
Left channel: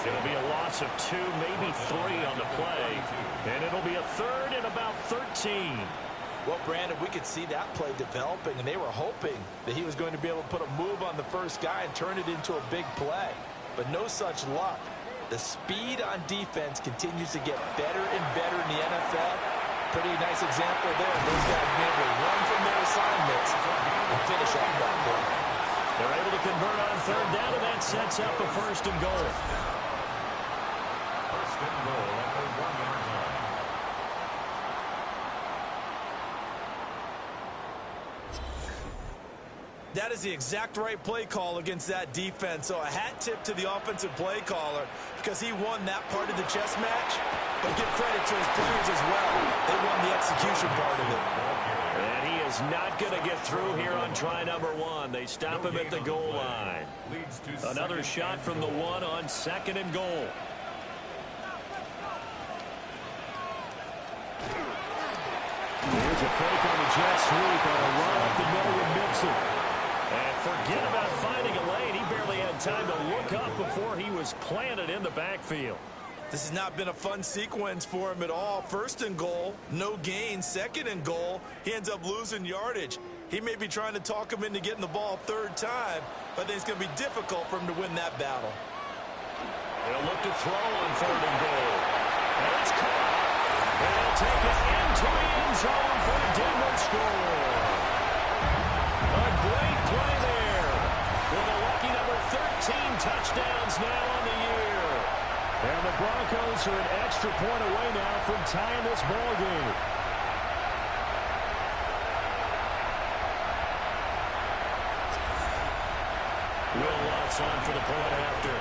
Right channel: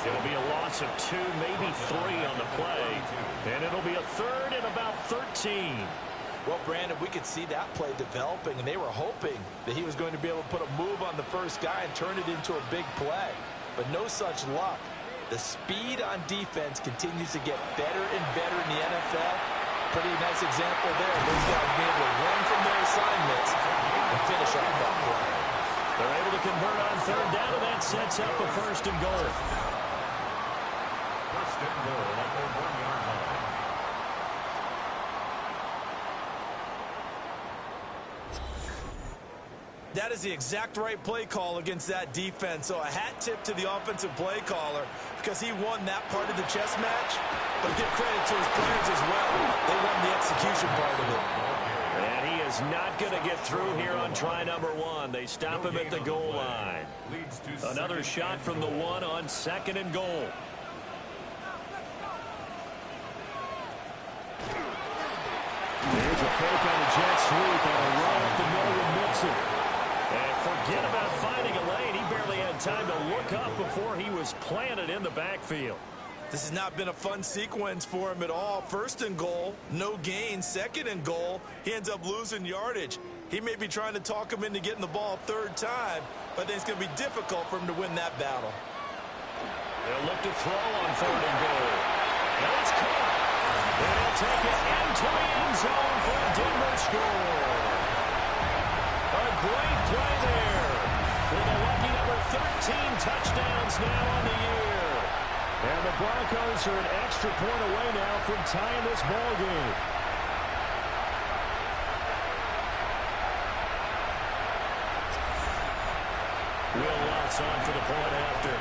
It'll be a loss of 2, maybe 3 on the play. And it'll be a third and about 13. Well, Brandon, we could see that play developing, and they were hoping that he was going to be able to put a move on the first guy and turn it into a big play. But no such luck. The speed on defense continues to get better and better in the NFL. Pretty nice example there. Those guys being able to run from their assignments and finish off that play. They're able to convert on third down, and that sets up a first and goal. First and goal at the 1-yard line. That is the exact right play call against that defense. So a hat tip to the offensive play caller because he won that part of the chess match. But give credit to his players as well. They won the execution part of it. And he is not going to get through here on try number 1. They stop him at the goal line. Another shot from the 1 on 2nd and goal. Here's a fake on the jet sweep and a run up the middle with Mixon. And forget about finding a lane. He barely had time to look up before he was planted in the backfield. This has not been a fun sequence for him at all. 1st and goal, no gain. 2nd and goal, he ends up losing yardage. He may be trying to talk him into getting the ball 3rd time, but I think it's going to be difficult for him to win that battle. They'll look to throw on 3rd and goal. And it's caught. And he'll take it into the end zone for a Denver score. A great play there. With a lucky number 13 touchdowns now on the year. And the Broncos are an extra point away now from tying this ball game. Will Lutz on for the point after.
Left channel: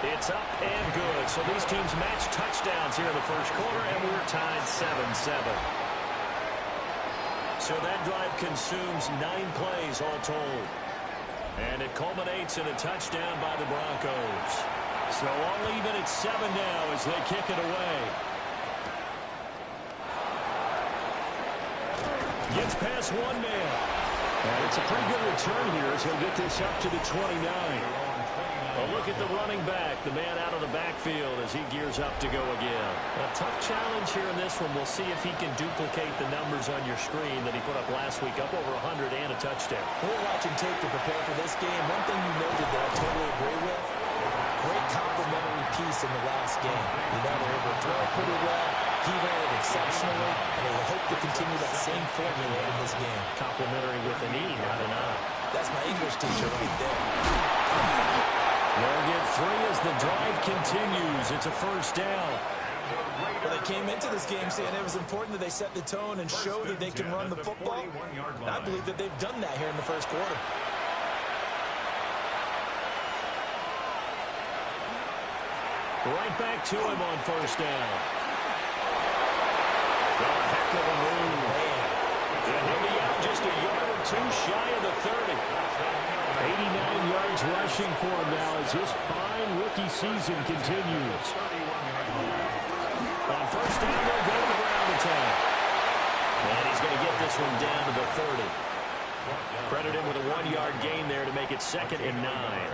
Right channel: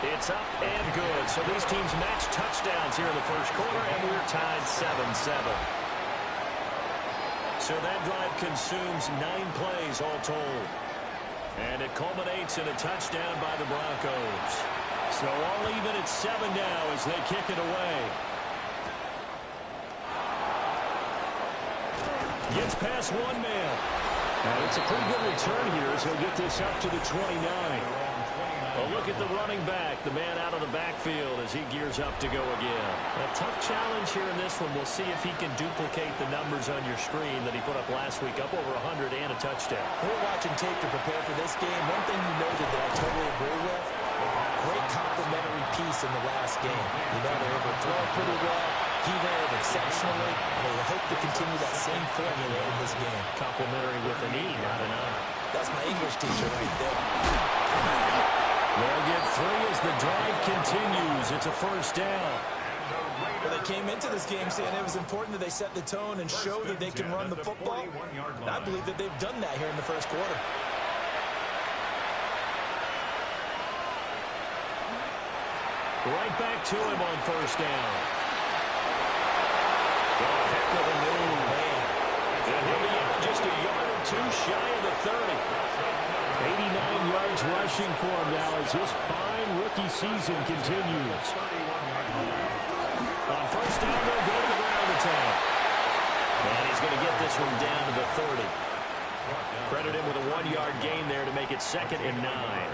It's up and good. So these teams match touchdowns here in the first quarter, and we're tied 7-7. So that drive consumes 9 plays all told. And it culminates in a touchdown by the Broncos. So all even at 7 now as they kick it away. Gets past 1 man. And it's a pretty good return here as he'll get this up to the 29. A look at the running back, the man out of the backfield as he gears up to go again. A tough challenge here in this one. We'll see if he can duplicate the numbers on your screen that he put up last week, up over 100 and a touchdown. We're watching tape to prepare for this game. One thing you noted that I totally agree with, great complementary piece in the last game. You know, they were able to throw it pretty well. He ran it exceptionally, and they hope to continue that same formula in this game. Complimentary with an E, not an I. That's my English teacher right there. They'll get 3 as the drive continues. It's a first down. Well, they came into this game saying it was important that they set the tone and show that they can run the football. And I believe that they've done that here in the first quarter. Right back to him on first down. Oh, a heck of a move. Man. And he'll be out just a yard or 2 shy of the 30. 89 yards rushing for him now as his fine rookie season continues. On first down, they'll go to the ground attack. And he's going to get this one down to the 30. Credit him with a 1-yard gain there to make it 2nd and 9.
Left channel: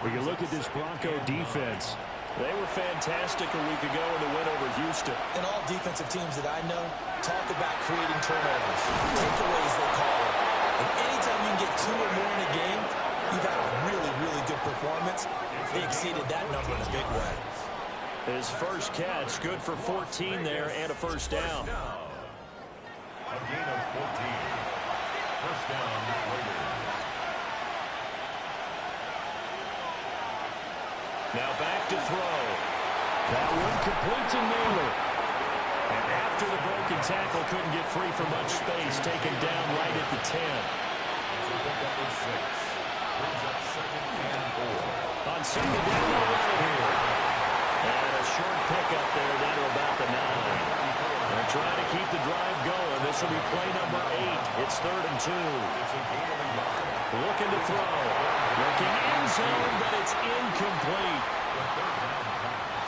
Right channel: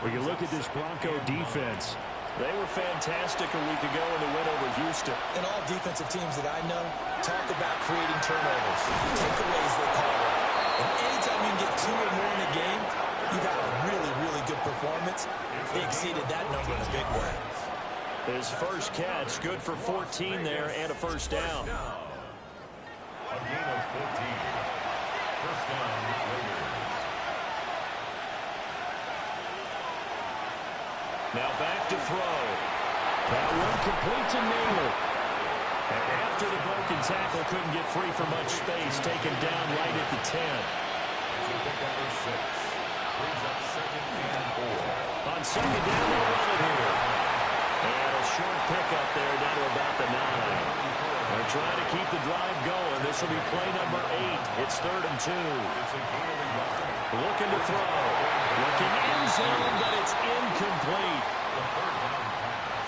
When you look at this Bronco defense, they were fantastic a week ago in the win over Houston. And all defensive teams that I know talk about creating turnovers, takeaways they call it. And anytime you can get 2 or more in a game, you've had a really, really good performance. They exceeded that number in a big way. His first catch, good for 14 there and a first down. A gain of 14. First down, Raiders. Now back to throw. That one complete to Naylor. And after the broken tackle, couldn't get free for much space, taken down right at the 10. Number 6 brings up 2nd and 4. On 2nd down, they'll run it here. And a short pickup there down to about the 9. They're trying to keep the drive going. This will be play number 8. It's 3rd and 2. Looking to throw. Looking end zone, but it's incomplete.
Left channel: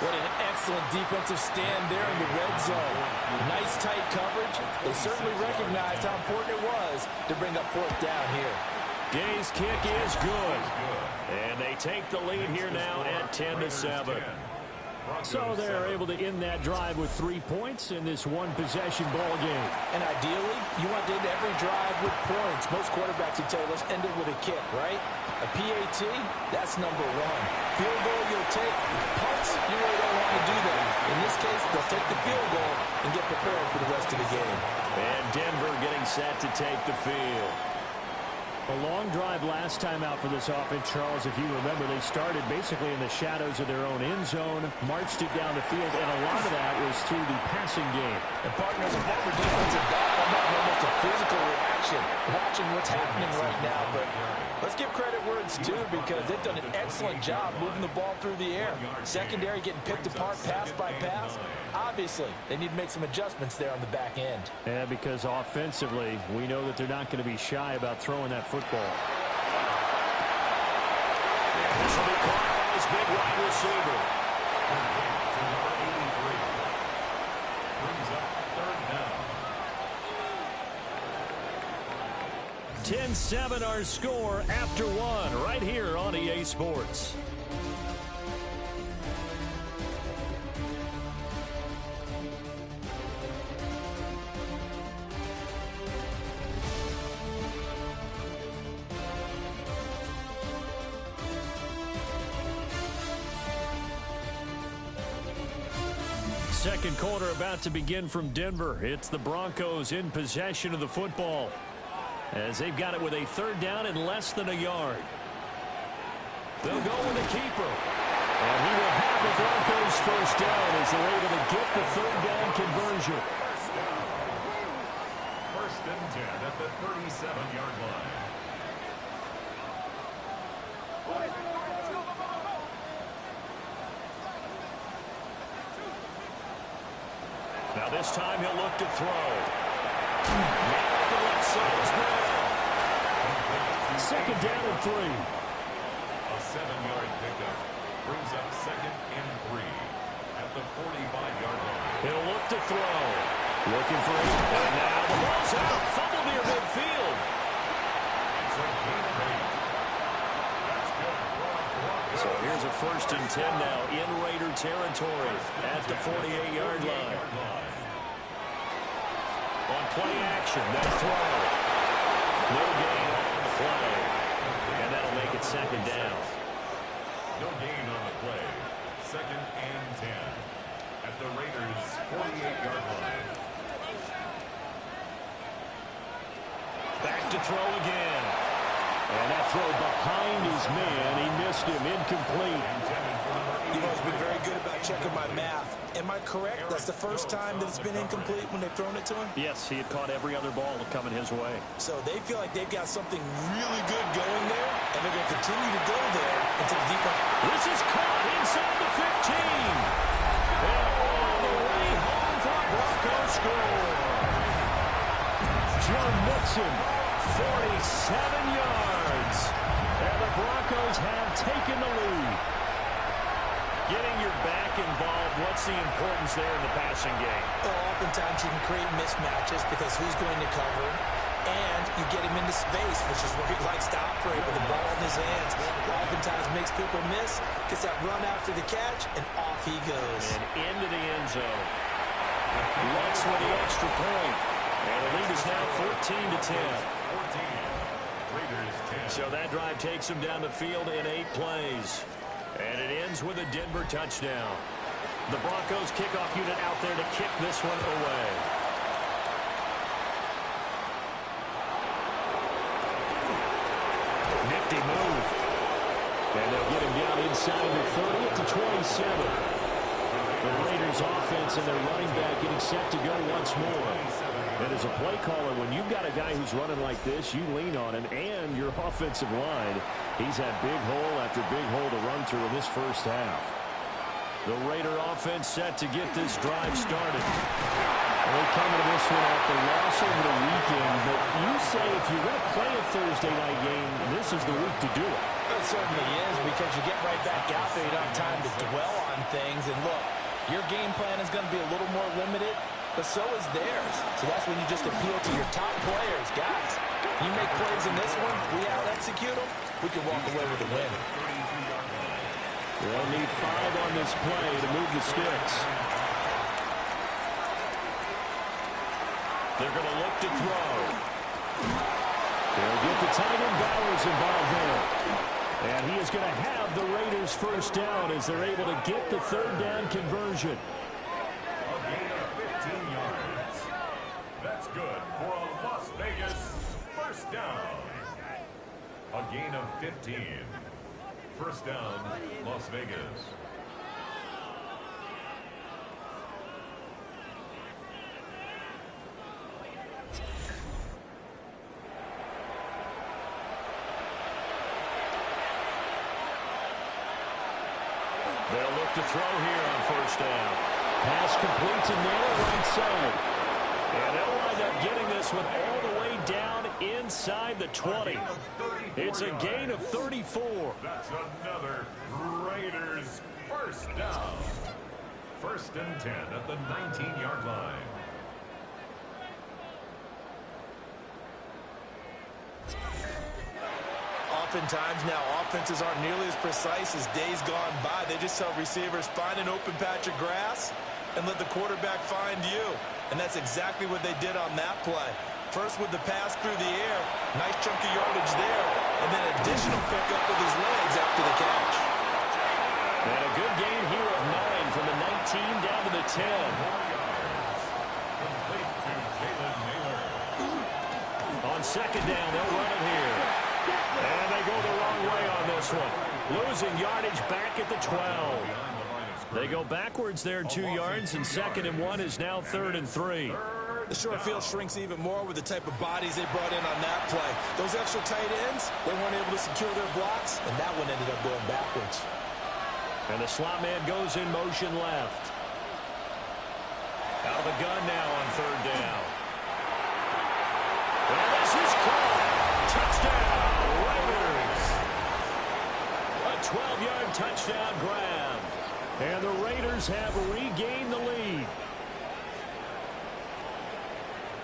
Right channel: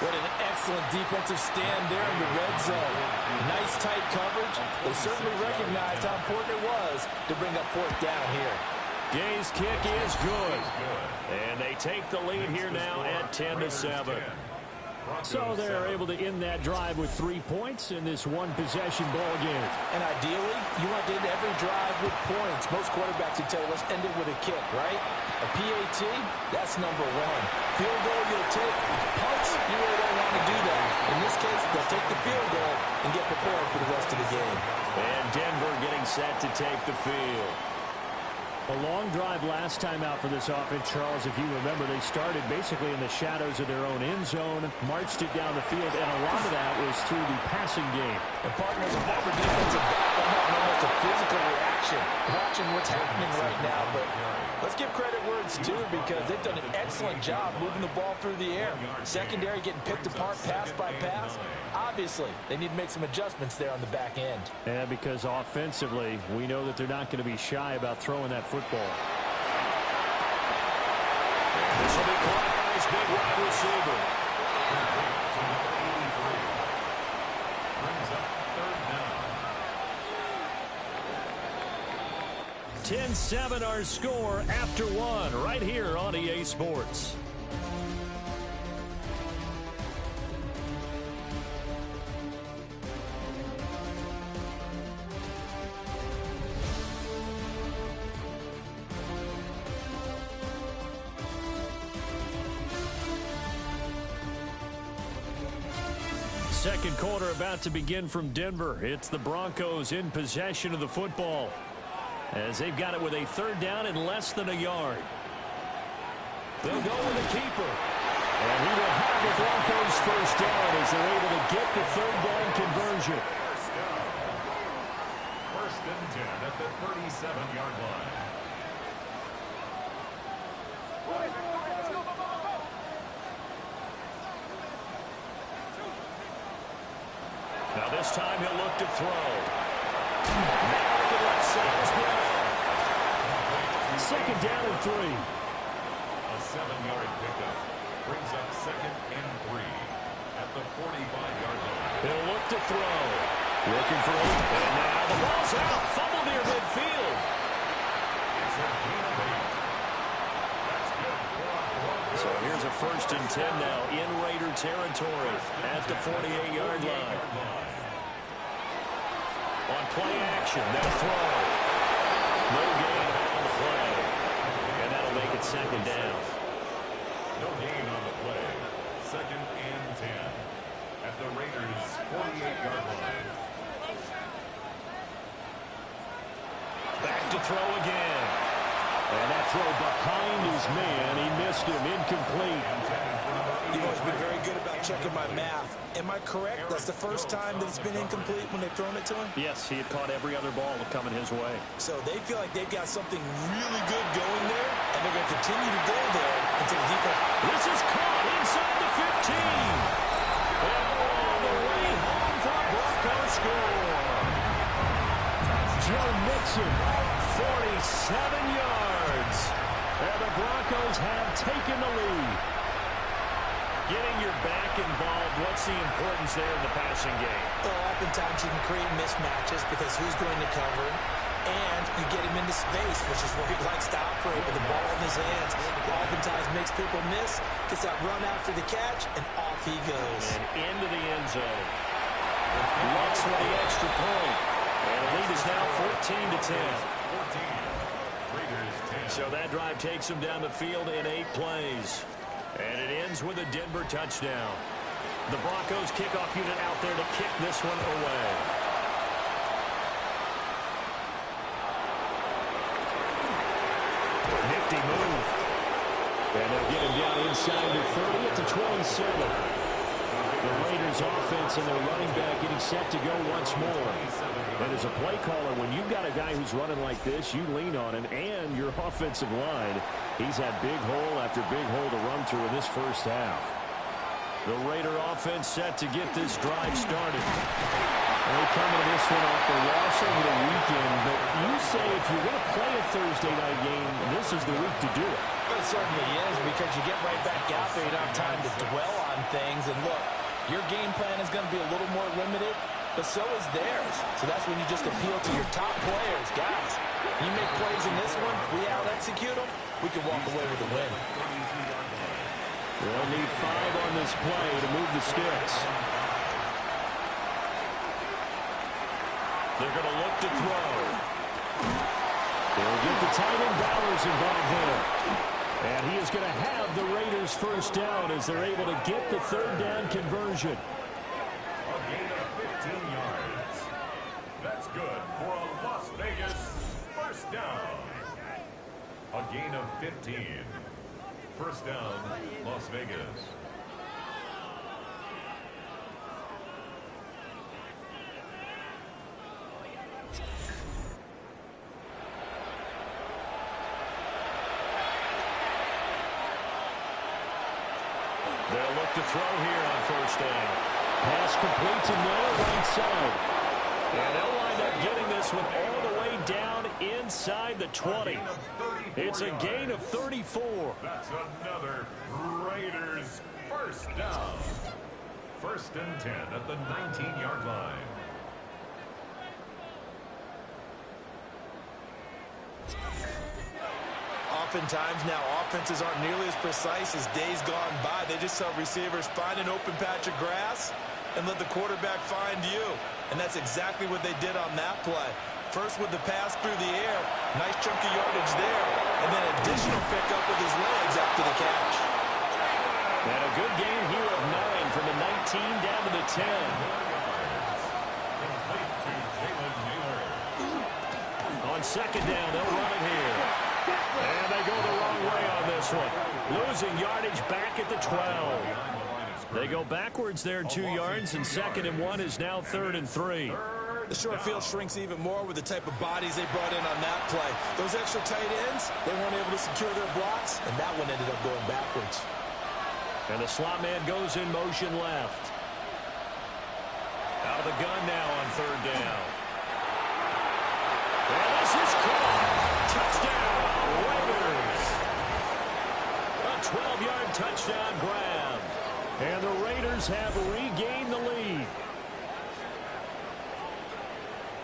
What an excellent defensive stand there in the red zone. Nice tight coverage. They certainly recognized how important it was to bring up 4th down here. Gay's kick is good. And they take the lead here now at 10-7. So they're able to end that drive with 3 points in this one-possession ball game. And ideally, you want to end every drive with points. Most quarterbacks would tell you, let's end it with a kick, right? A PAT, that's number 1. Field goal you'll take. Punts, you really don't want to do that. In this case, they'll take the field goal and get prepared for the rest of the game. And Denver getting set to take the field. A long drive last time out for this offense, Charles. If you remember, they started basically in the shadows of their own end zone, marched it down the field, and a lot of that was through the passing game. And partners, a former defensive back, I'm having almost a physical reaction watching what's happening right now. But let's give credit where it's due, because they've done an excellent job moving the ball through the air. Secondary getting picked apart pass by pass. Obviously, they need to make some adjustments there on the back end. Yeah, because offensively, we know that they're not going to be shy about throwing that football. And this will be caught by his big wide receiver. To number 83. Brings up third down. 10-7 our score after one right here on EA Sports. Second quarter about to begin from Denver. It's the Broncos in possession of the football, as they've got it with a third down and less than a yard. They'll go with the keeper. And he will have the Broncos first down as they're able to get the third down conversion. First down. First and 10 at the 37-yard line. Now this time he'll look to throw. Man open left side is Brown. Second down and 3. A 7-yard pickup brings up second and 3 at the 45-yard line. He'll look to throw. Looking for 8. And now the ball's out. Fumble near midfield. It's a gain of 8. That's good for a Broncos. So here's a first and 10 now in Raider territory at the 48-yard line. On play action, that throw. No gain on the play. And that'll make it second down. No gain on the play. Second and 10 at the Raiders' 48-yard line. Back to throw again. And that throw behind his man. He missed him. Incomplete. You've always been very good about checking my math. Am I correct? That's the first time that it's been incomplete when they've thrown it to him? Yes, he had caught every other ball coming his way. So they feel like they've got something really good going there, and they're going to continue to go there until the defense. This is caught inside the 15. And all the way home for a Broncos score. Joe Mixon, 47 yards. And the Broncos have taken the lead. Getting your back involved, what's the importance there in the passing game? Well, oftentimes you can create mismatches because who's going to cover him, and you get him into space, which is where he likes to operate with the ball in his hands. Oftentimes makes people miss, gets that run after the catch, and off he goes. And into the end zone. Lux with the extra point. And the lead is now 14-10. 14. Raiders 10. So that drive takes them down the field in 8 plays. And it ends with a Denver touchdown. The Broncos kickoff unit out there to kick this one away. Nifty move. And they'll get him down inside the 30 at the 27. The Raiders offense and their running back getting set to go once more. And as a play caller, when you've got a guy who's running like this, you lean on him and your offensive line. He's had big hole after big hole to run through in this first half. The Raider offense set to get this drive started. And they come into this one off the loss over the weekend. But you say if you're going to play a Thursday night game, this is the week to do it. It certainly is, because you get right back out there. You don't have time to dwell on things. And look, your game plan is going to be a little more limited, but so is theirs. So that's when you just appeal to your top players. Guys, you make plays in this one, we out-execute them, we can walk away with a win. They'll need 5 on this play to move the sticks. They're going to look to throw. They'll get the tight end Bowers involved there. And he is going to have the Raiders first down as they're able to get the third down conversion. A gain of 15 yards. That's good for a Las Vegas first down. A gain of 15. First down, Las Vegas. They'll look to throw here on first down. Pass complete to Miller, right side. And they'll wind up getting this one all the way down inside the 20. It's a gain of 34. That's another Raiders first down. First and 10 at the 19-yard line. Oftentimes now offenses aren't nearly as precise as days gone by. They just tell receivers, find an open patch of grass and let the quarterback find you. And that's exactly what they did on that play. First with the pass through the air, nice chunk of yardage there, and then additional pickup with his legs after the catch. And a good gain here of 9 from the 19 down to the 10. 4 yards. Complete to Jalen Naylor. On second down, they'll run it here. And they go the wrong way on this one. Losing yardage back at the 12. They go backwards there 2 yards, and 2nd and 1 is now 3rd and 3. The short field shrinks even more with the type of bodies they brought in on that play. Those extra tight ends, they weren't able to secure their blocks, and that one ended up going backwards. And the slot man goes in motion left. Out of the gun now on 3rd down. And this is caught. Touchdown, Raiders. A 12-yard touchdown grab. And the Raiders have regained the lead.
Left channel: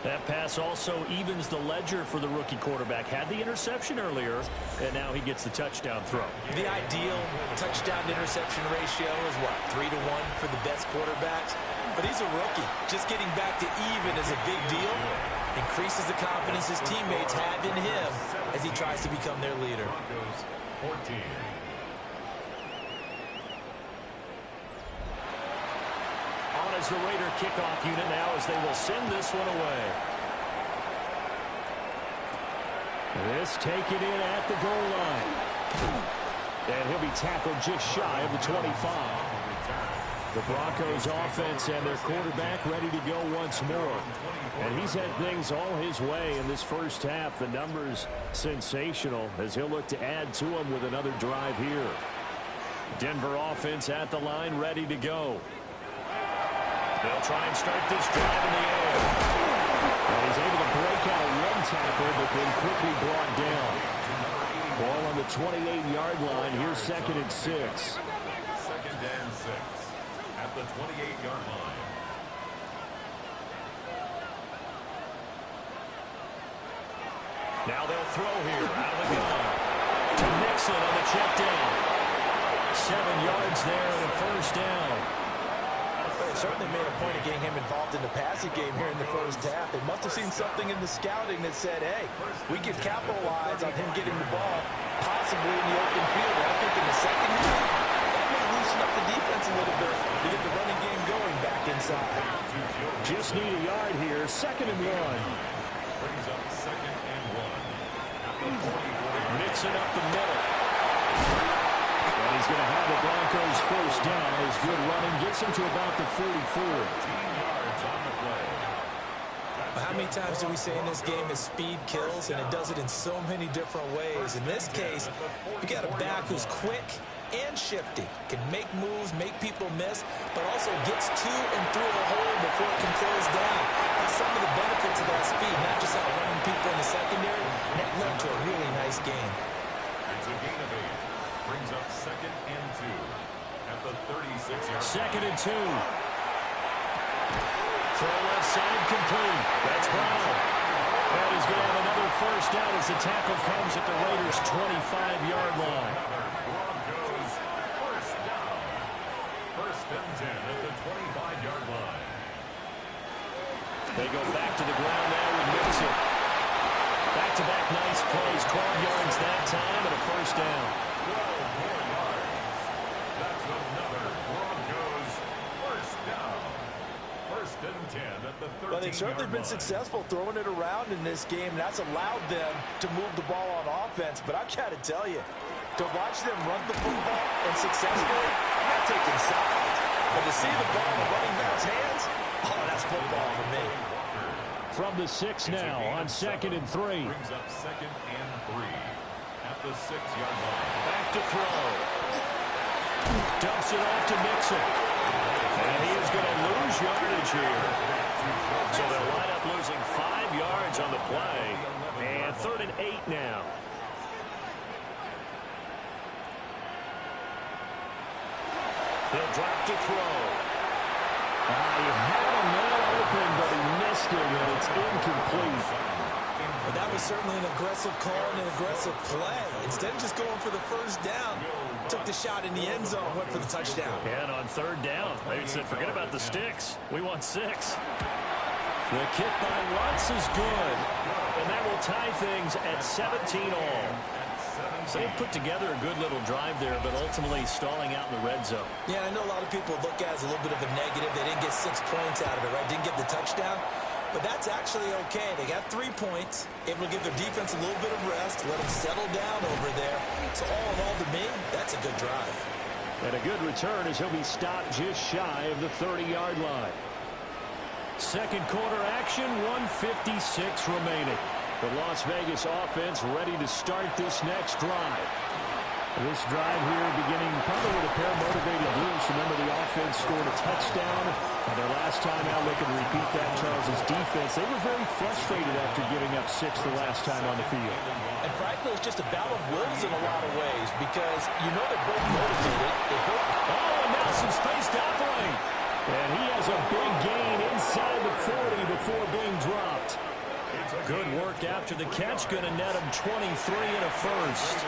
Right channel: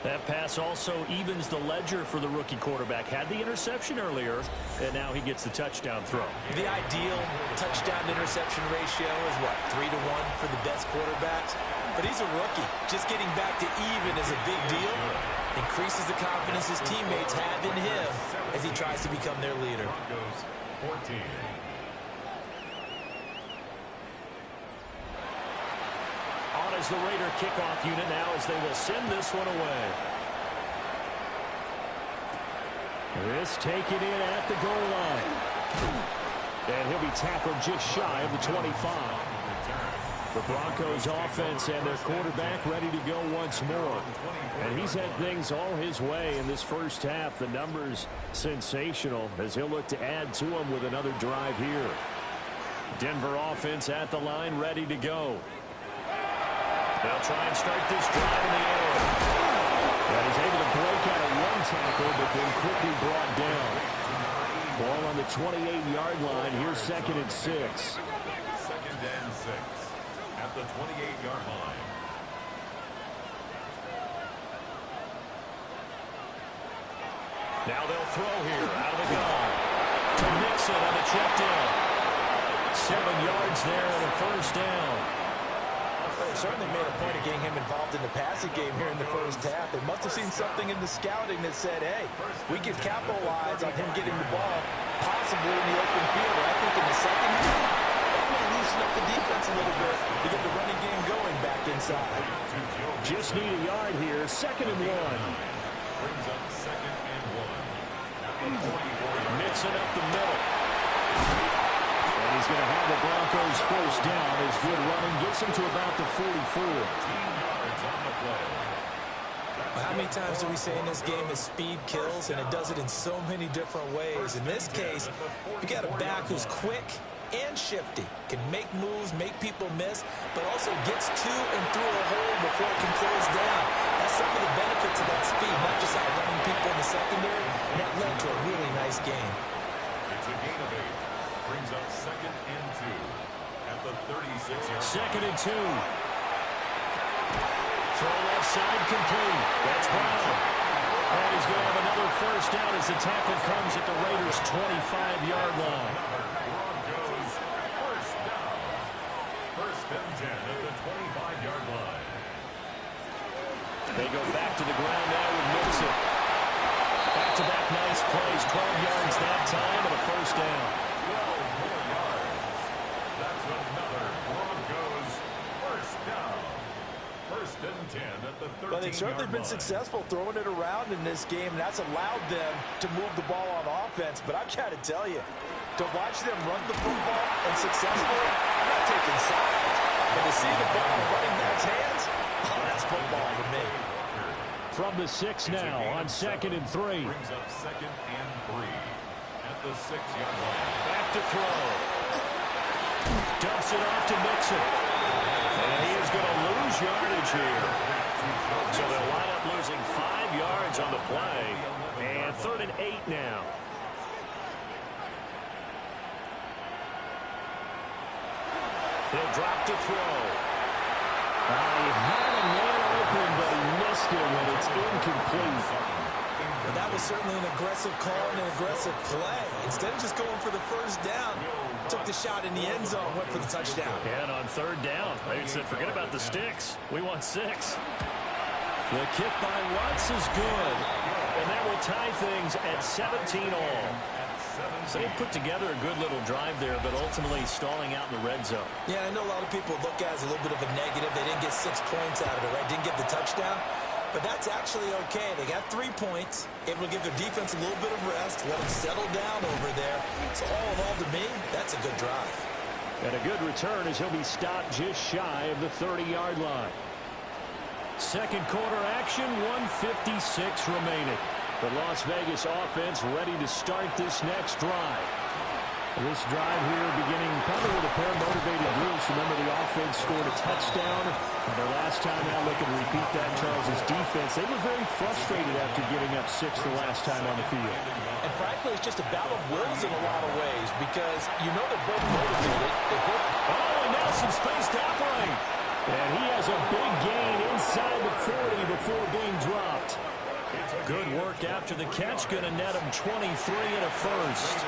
That pass also evens the ledger for the rookie quarterback. Had the interception earlier, and now he gets the touchdown throw. The ideal touchdown-interception ratio is, what, 3 to 1 for the best quarterbacks? But he's a rookie. Just getting back to even is a big deal. Increases the confidence his teammates have in him as he tries to become their leader. Broncos 14. On as the Raider kickoff unit now as they will send this one away. This taken in at the goal line. And he'll be tackled just shy of the 25. The Broncos offense and their quarterback ready to go once more. And he's had things all his way in this first half. The numbers sensational as he'll look to add to them with another drive here. Denver offense at the line ready to go. They'll try and start this drive in the air. And he's able to break out of one tackle, but then quickly brought down. Ball on the 28-yard line. Here's 2nd and 6. 2nd and 6 at the 28-yard line. Now they'll throw here out of the gun. To Mixon on the check down. 7 yards there and a first down. They certainly made a point of getting him involved in the passing game here in the first half. They must have seen something in the scouting that said, hey, we can capitalize on him getting the ball, possibly in the open field. And I think in the second half, that may loosen up the defense a little bit to get the running game going back inside. Just need a yard here. 2nd and 1. Brings up 2nd and 1 at the 44. Mixing up the middle. And he's going to have the Broncos first down. His good running gets him to about the 44. 15 yards on the play. Well, how many times do we say in this game that speed kills, and it does it in so many different ways? In this case, you got a back who's quick and shifty, can make moves, make people miss, but also gets to and through a hole before it can close down. That's some of the benefits of that speed, not just outrunning people in the secondary. And that led to a really nice game. It's a gain of 8. Brings up 2nd and 2 at the 36-yard. 2nd and 2. Throw left side complete. That's Brown. And he's going to have another first down as the tackle comes at the Raiders' 25-yard line. Broncos first down. 1st and 10 at the 25-yard line. They go back to the ground now with Mixon. Back-to-back nice plays. 12 yards that time and a first down. 12 more yards. That's another Broncos first down. 1st and 10 at the 13. Well, they've certainly been successful throwing it around in this game. That's allowed them to move the ball on offense. But I've got to tell you, to watch them run the football and successfully, I'm not taking sides. But to see the ball in the running back's hands, oh, that's football for me. From the 6 now on 2nd and 3. Brings up 2nd and 3 at the 6-yard line. Back to throw. Dumps it off to Mixon. And he is going to lose yardage here. So they'll wind up losing 5 yards on the play. And 3rd and 8 now. He'll drop to throw. He had a man open, but he missed him, and it's incomplete. But that was certainly an aggressive call and an aggressive play. Instead of just going for the first down, took the shot in the end zone, went for the touchdown. And on 3rd down, they said, forget about the sticks. We want 6. The kick by Lutz is good. And that will tie things at 17 all. So they put together a good little drive there, but ultimately stalling out in the red zone. Yeah, I know a lot of people look at it as a little bit of a negative. They didn't get 6 points out of it, right? Didn't get the touchdown. But that's actually okay. They got 3 points, able to give their defense a little bit of rest, let them settle down over there. So all in all, to me, that's a good drive. And a good return as he'll be stopped just shy of the 30-yard line. Second quarter action, 1:56 remaining. The Las Vegas offense ready to start this next drive. This drive here beginning probably with a pair of motivated groups. Remember, the offense scored a touchdown. And their last time out, looking to repeat that, Charles' defense. They were very frustrated after giving up 6 the last time on the field. And frankly, it's just a battle of wills in a lot of ways because you know they're both motivated. And now some space to operate. And he has a big gain inside the 40 before being dropped. Good work after the catch. Going to net him 23 and a first.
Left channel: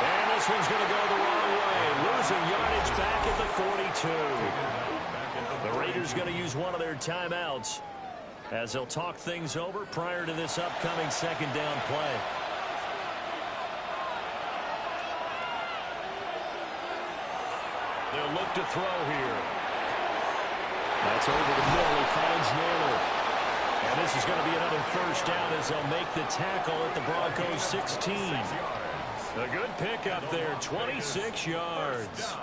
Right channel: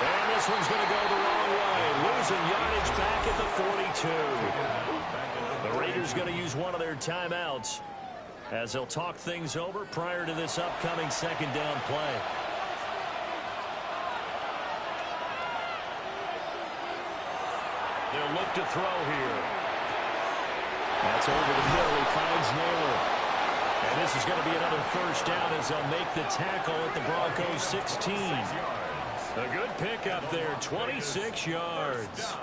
And this one's going to go the wrong way. Losing yardage back at the 42. The Raiders going to use one of their timeouts as they'll talk things over prior to this upcoming 2nd down play. They'll look to throw here. That's over the middle. He finds Naylor. And this is going to be another first down as they'll make the tackle at the Broncos 16. A good pickup there, 26 yards.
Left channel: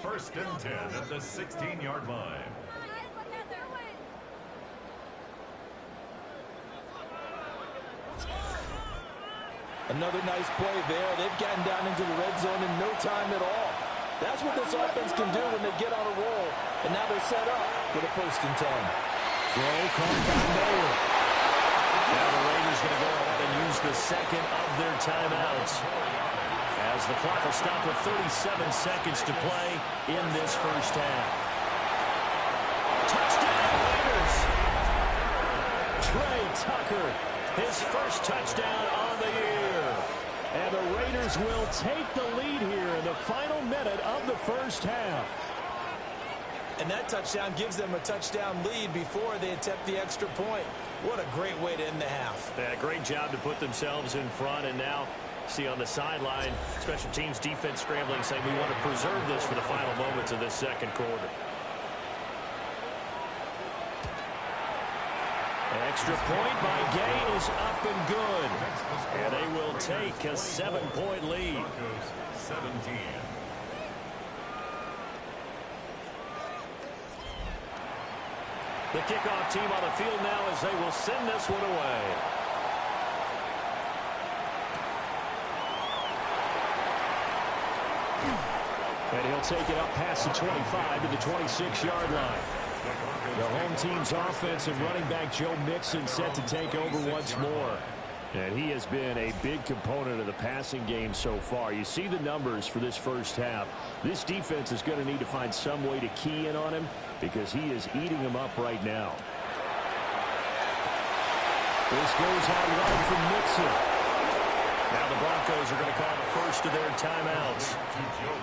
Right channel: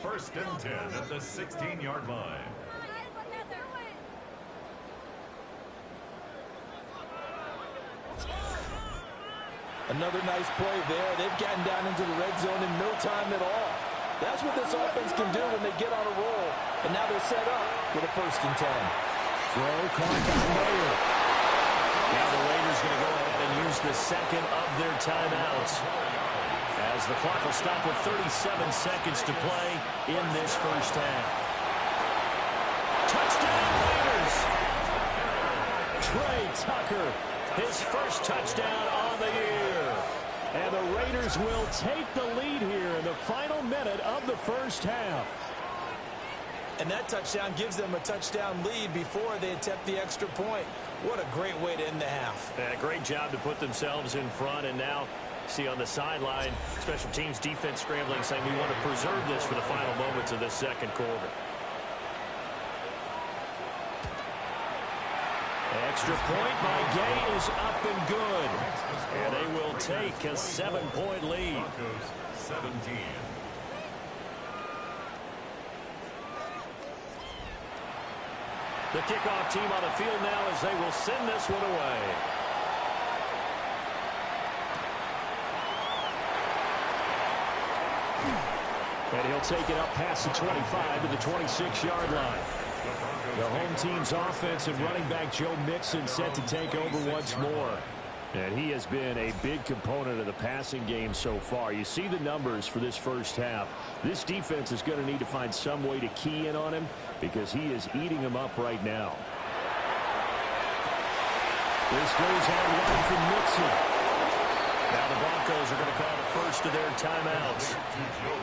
1st and 10 at the 16-yard line. Another nice play there. They've gotten down into the red zone in no time at all. That's what this offense can do when they get on a roll. And now they're set up with a 1st and 10. Throw caught by Mayer. Now the Raiders going to go ahead and use the 2nd of their timeouts, as the clock will stop with 37 seconds to play in this first half. Touchdown Raiders! Trey Tucker, his first touchdown on the year. And the Raiders will take the lead here in the final minute of the first half. And that touchdown gives them a touchdown lead before they attempt the extra point. What a great way to end the half. Yeah, great job to put themselves in front. And now, see on the sideline, special teams defense scrambling, saying we want to preserve this for the final moments of this 2nd quarter. Extra point by Gay is up and good. And they will take a 7-point lead. 17. The kickoff team on the field now as they will send this one away. And he'll take it up past the 25 to the 26-yard line. The home team's offense and running back Joe Mixon set to take over once more. And he has been a big component of the passing game so far. You see the numbers for this first half. This defense is going to need to find some way to key in on him because he is eating them up right now. This goes out wide from Mixon. Now the Broncos are going to call the first of their timeouts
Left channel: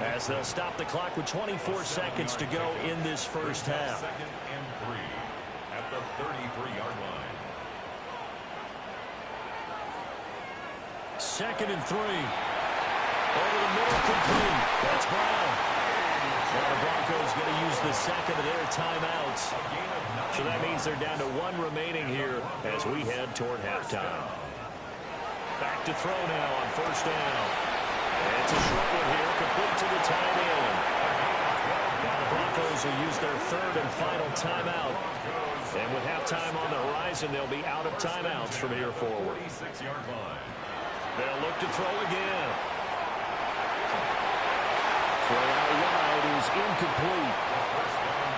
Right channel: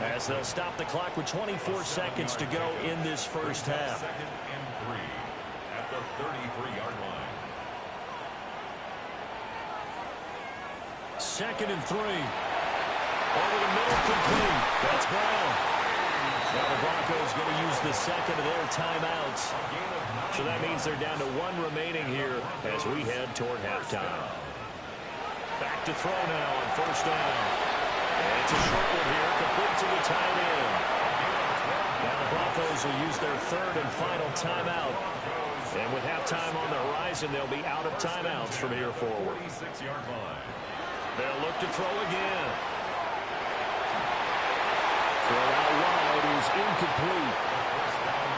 as they'll stop the clock with 24 seconds to go in this first half. 2nd and 3 at the 33-yard line. 2nd and 3. Over the middle, complete. That's Brown. Now the Broncos going to use the second of their timeouts. So that means they're down to one remaining here as we head toward halftime. Back to throw now on first down. And it's a short one here, complete to the tight end. Now the Broncos will use their third and final timeout. And with halftime on the horizon, they'll be out of timeouts from here forward. They'll look to throw again. Throw out wide is incomplete.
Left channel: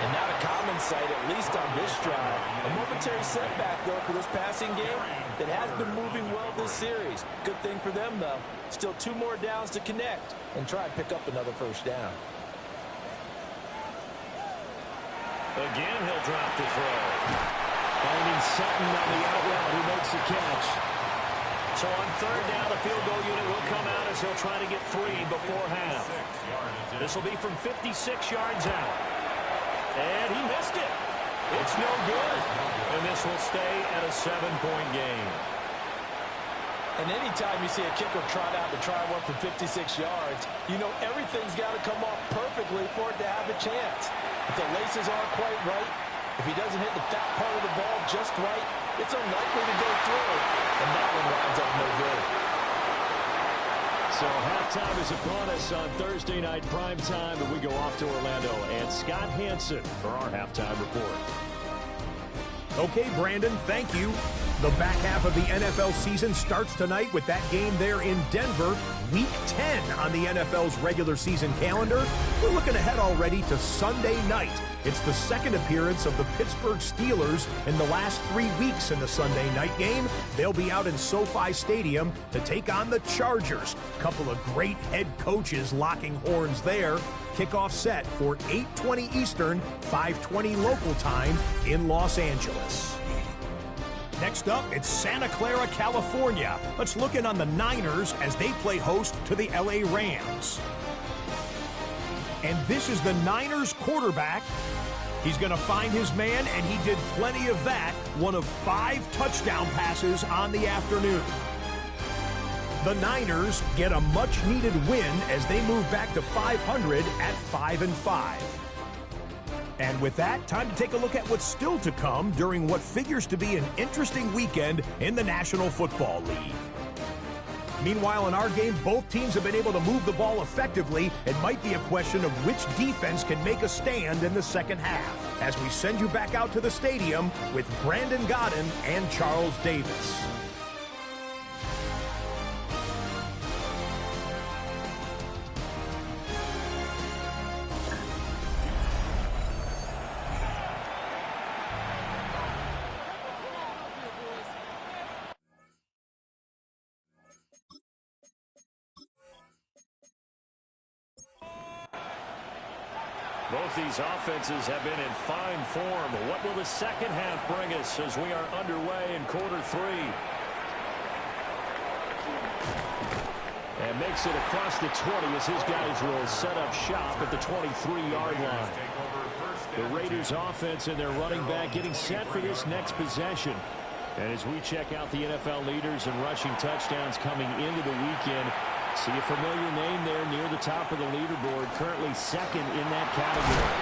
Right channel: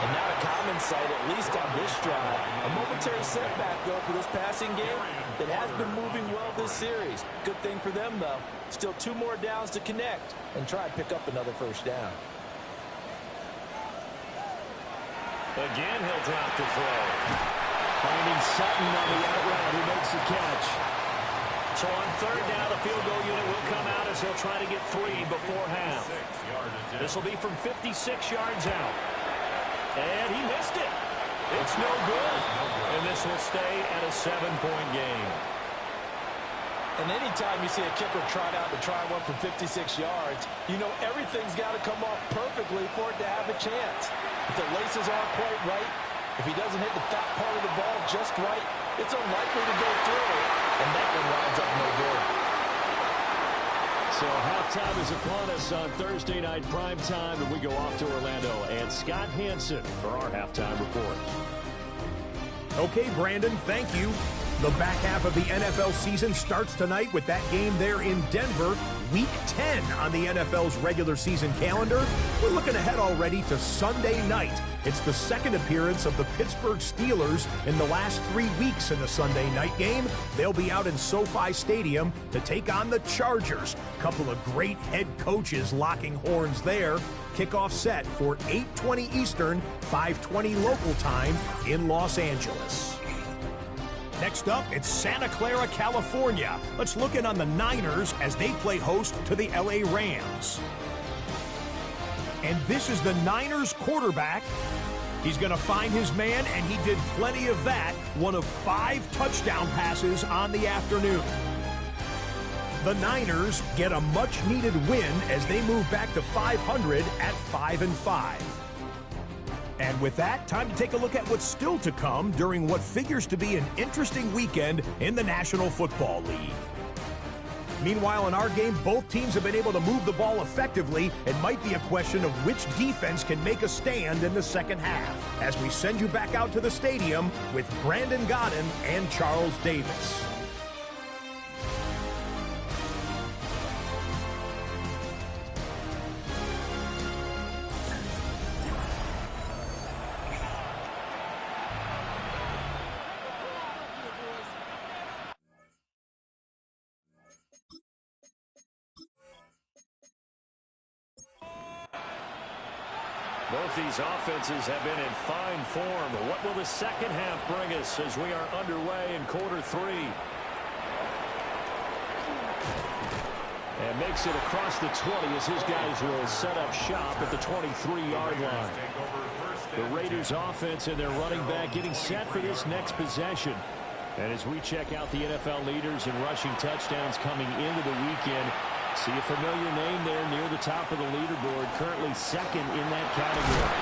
And not a common sight, at least on this drive. A momentary setback, though, for this passing game that has been moving well this series. Good thing for them, though. Still 2 more downs to connect and try and pick up another first down. Again, he'll drop to throw. Finding Sutton on the out route, who makes the catch. So on third down, the field goal unit will come out as he'll try to get 3 before half. This will be from 56 yards out. And he missed it. It's no good. And this will stay at a 7-point game. And anytime you see a kicker trot out to try one from 56 yards, you know everything's got to come off perfectly for it to have a chance. If the laces aren't quite right, if he doesn't hit the fat part of the ball just right, it's unlikely to go through. And that one winds up no good. So halftime is upon us on Thursday night prime time, and we go off to Orlando. And Scott Hansen for our halftime report. Okay, Brandon, thank you. The back half of the NFL season starts tonight with that game there in Denver, Week 10 on the NFL's regular season calendar. We're looking ahead already to Sunday night. It's the second appearance of the Pittsburgh Steelers in the last 3 weeks in the Sunday night game. They'll be out in SoFi Stadium to take on the Chargers. Couple of great head coaches locking horns there. Kickoff set for 8:20 Eastern, 5:20 local time in Los Angeles. Next up, it's Santa Clara, California. Let's look in on the Niners as they play host to the LA Rams. And this is the Niners quarterback. He's going to find his man, and he did plenty of that. One of 5 touchdown passes on the afternoon. The Niners get a much-needed win as they move back to 500 at 5-5. And with that, time to take a look at what's still to come during what figures to be an interesting weekend in the National Football League. Meanwhile, in our game, both teams have been able to move the ball effectively. It might be a question of which defense can make a stand in the second half, as we send you back out to the stadium with Brandon Godden and Charles Davis. Both these offenses have been in fine form. What will the second half bring us as we are underway in quarter 3? And makes it across the 20 as his guys will set up shop at the 23-yard line. The Raiders offense and their running back getting set for this next possession. And as we check out the NFL leaders in rushing touchdowns coming into the weekend, see a familiar name there near the top of the leaderboard, currently second in that category.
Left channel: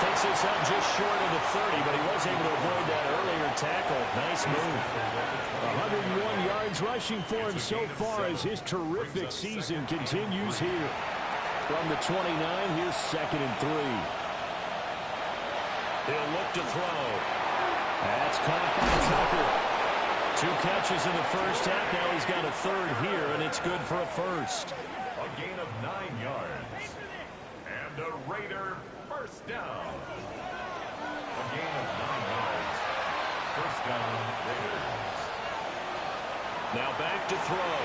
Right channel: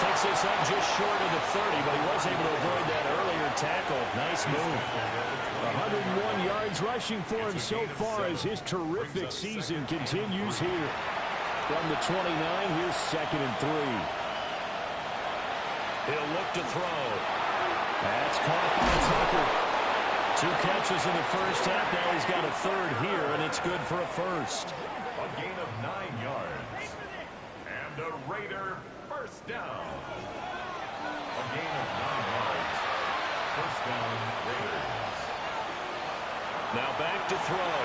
Takes this up just short of the 30, but he was able to avoid that earlier tackle. Nice move. 101 yards rushing for him so far as his terrific season continues here. From the 29, here's 2nd and 3. He'll look to throw. That's caught by Tucker. 2 catches in the first half. Now he's got a third here, and it's good for a first. A gain of 9 yards. And a Raider first down. A gain of 9 yards. First down, Raiders. Now back to throw.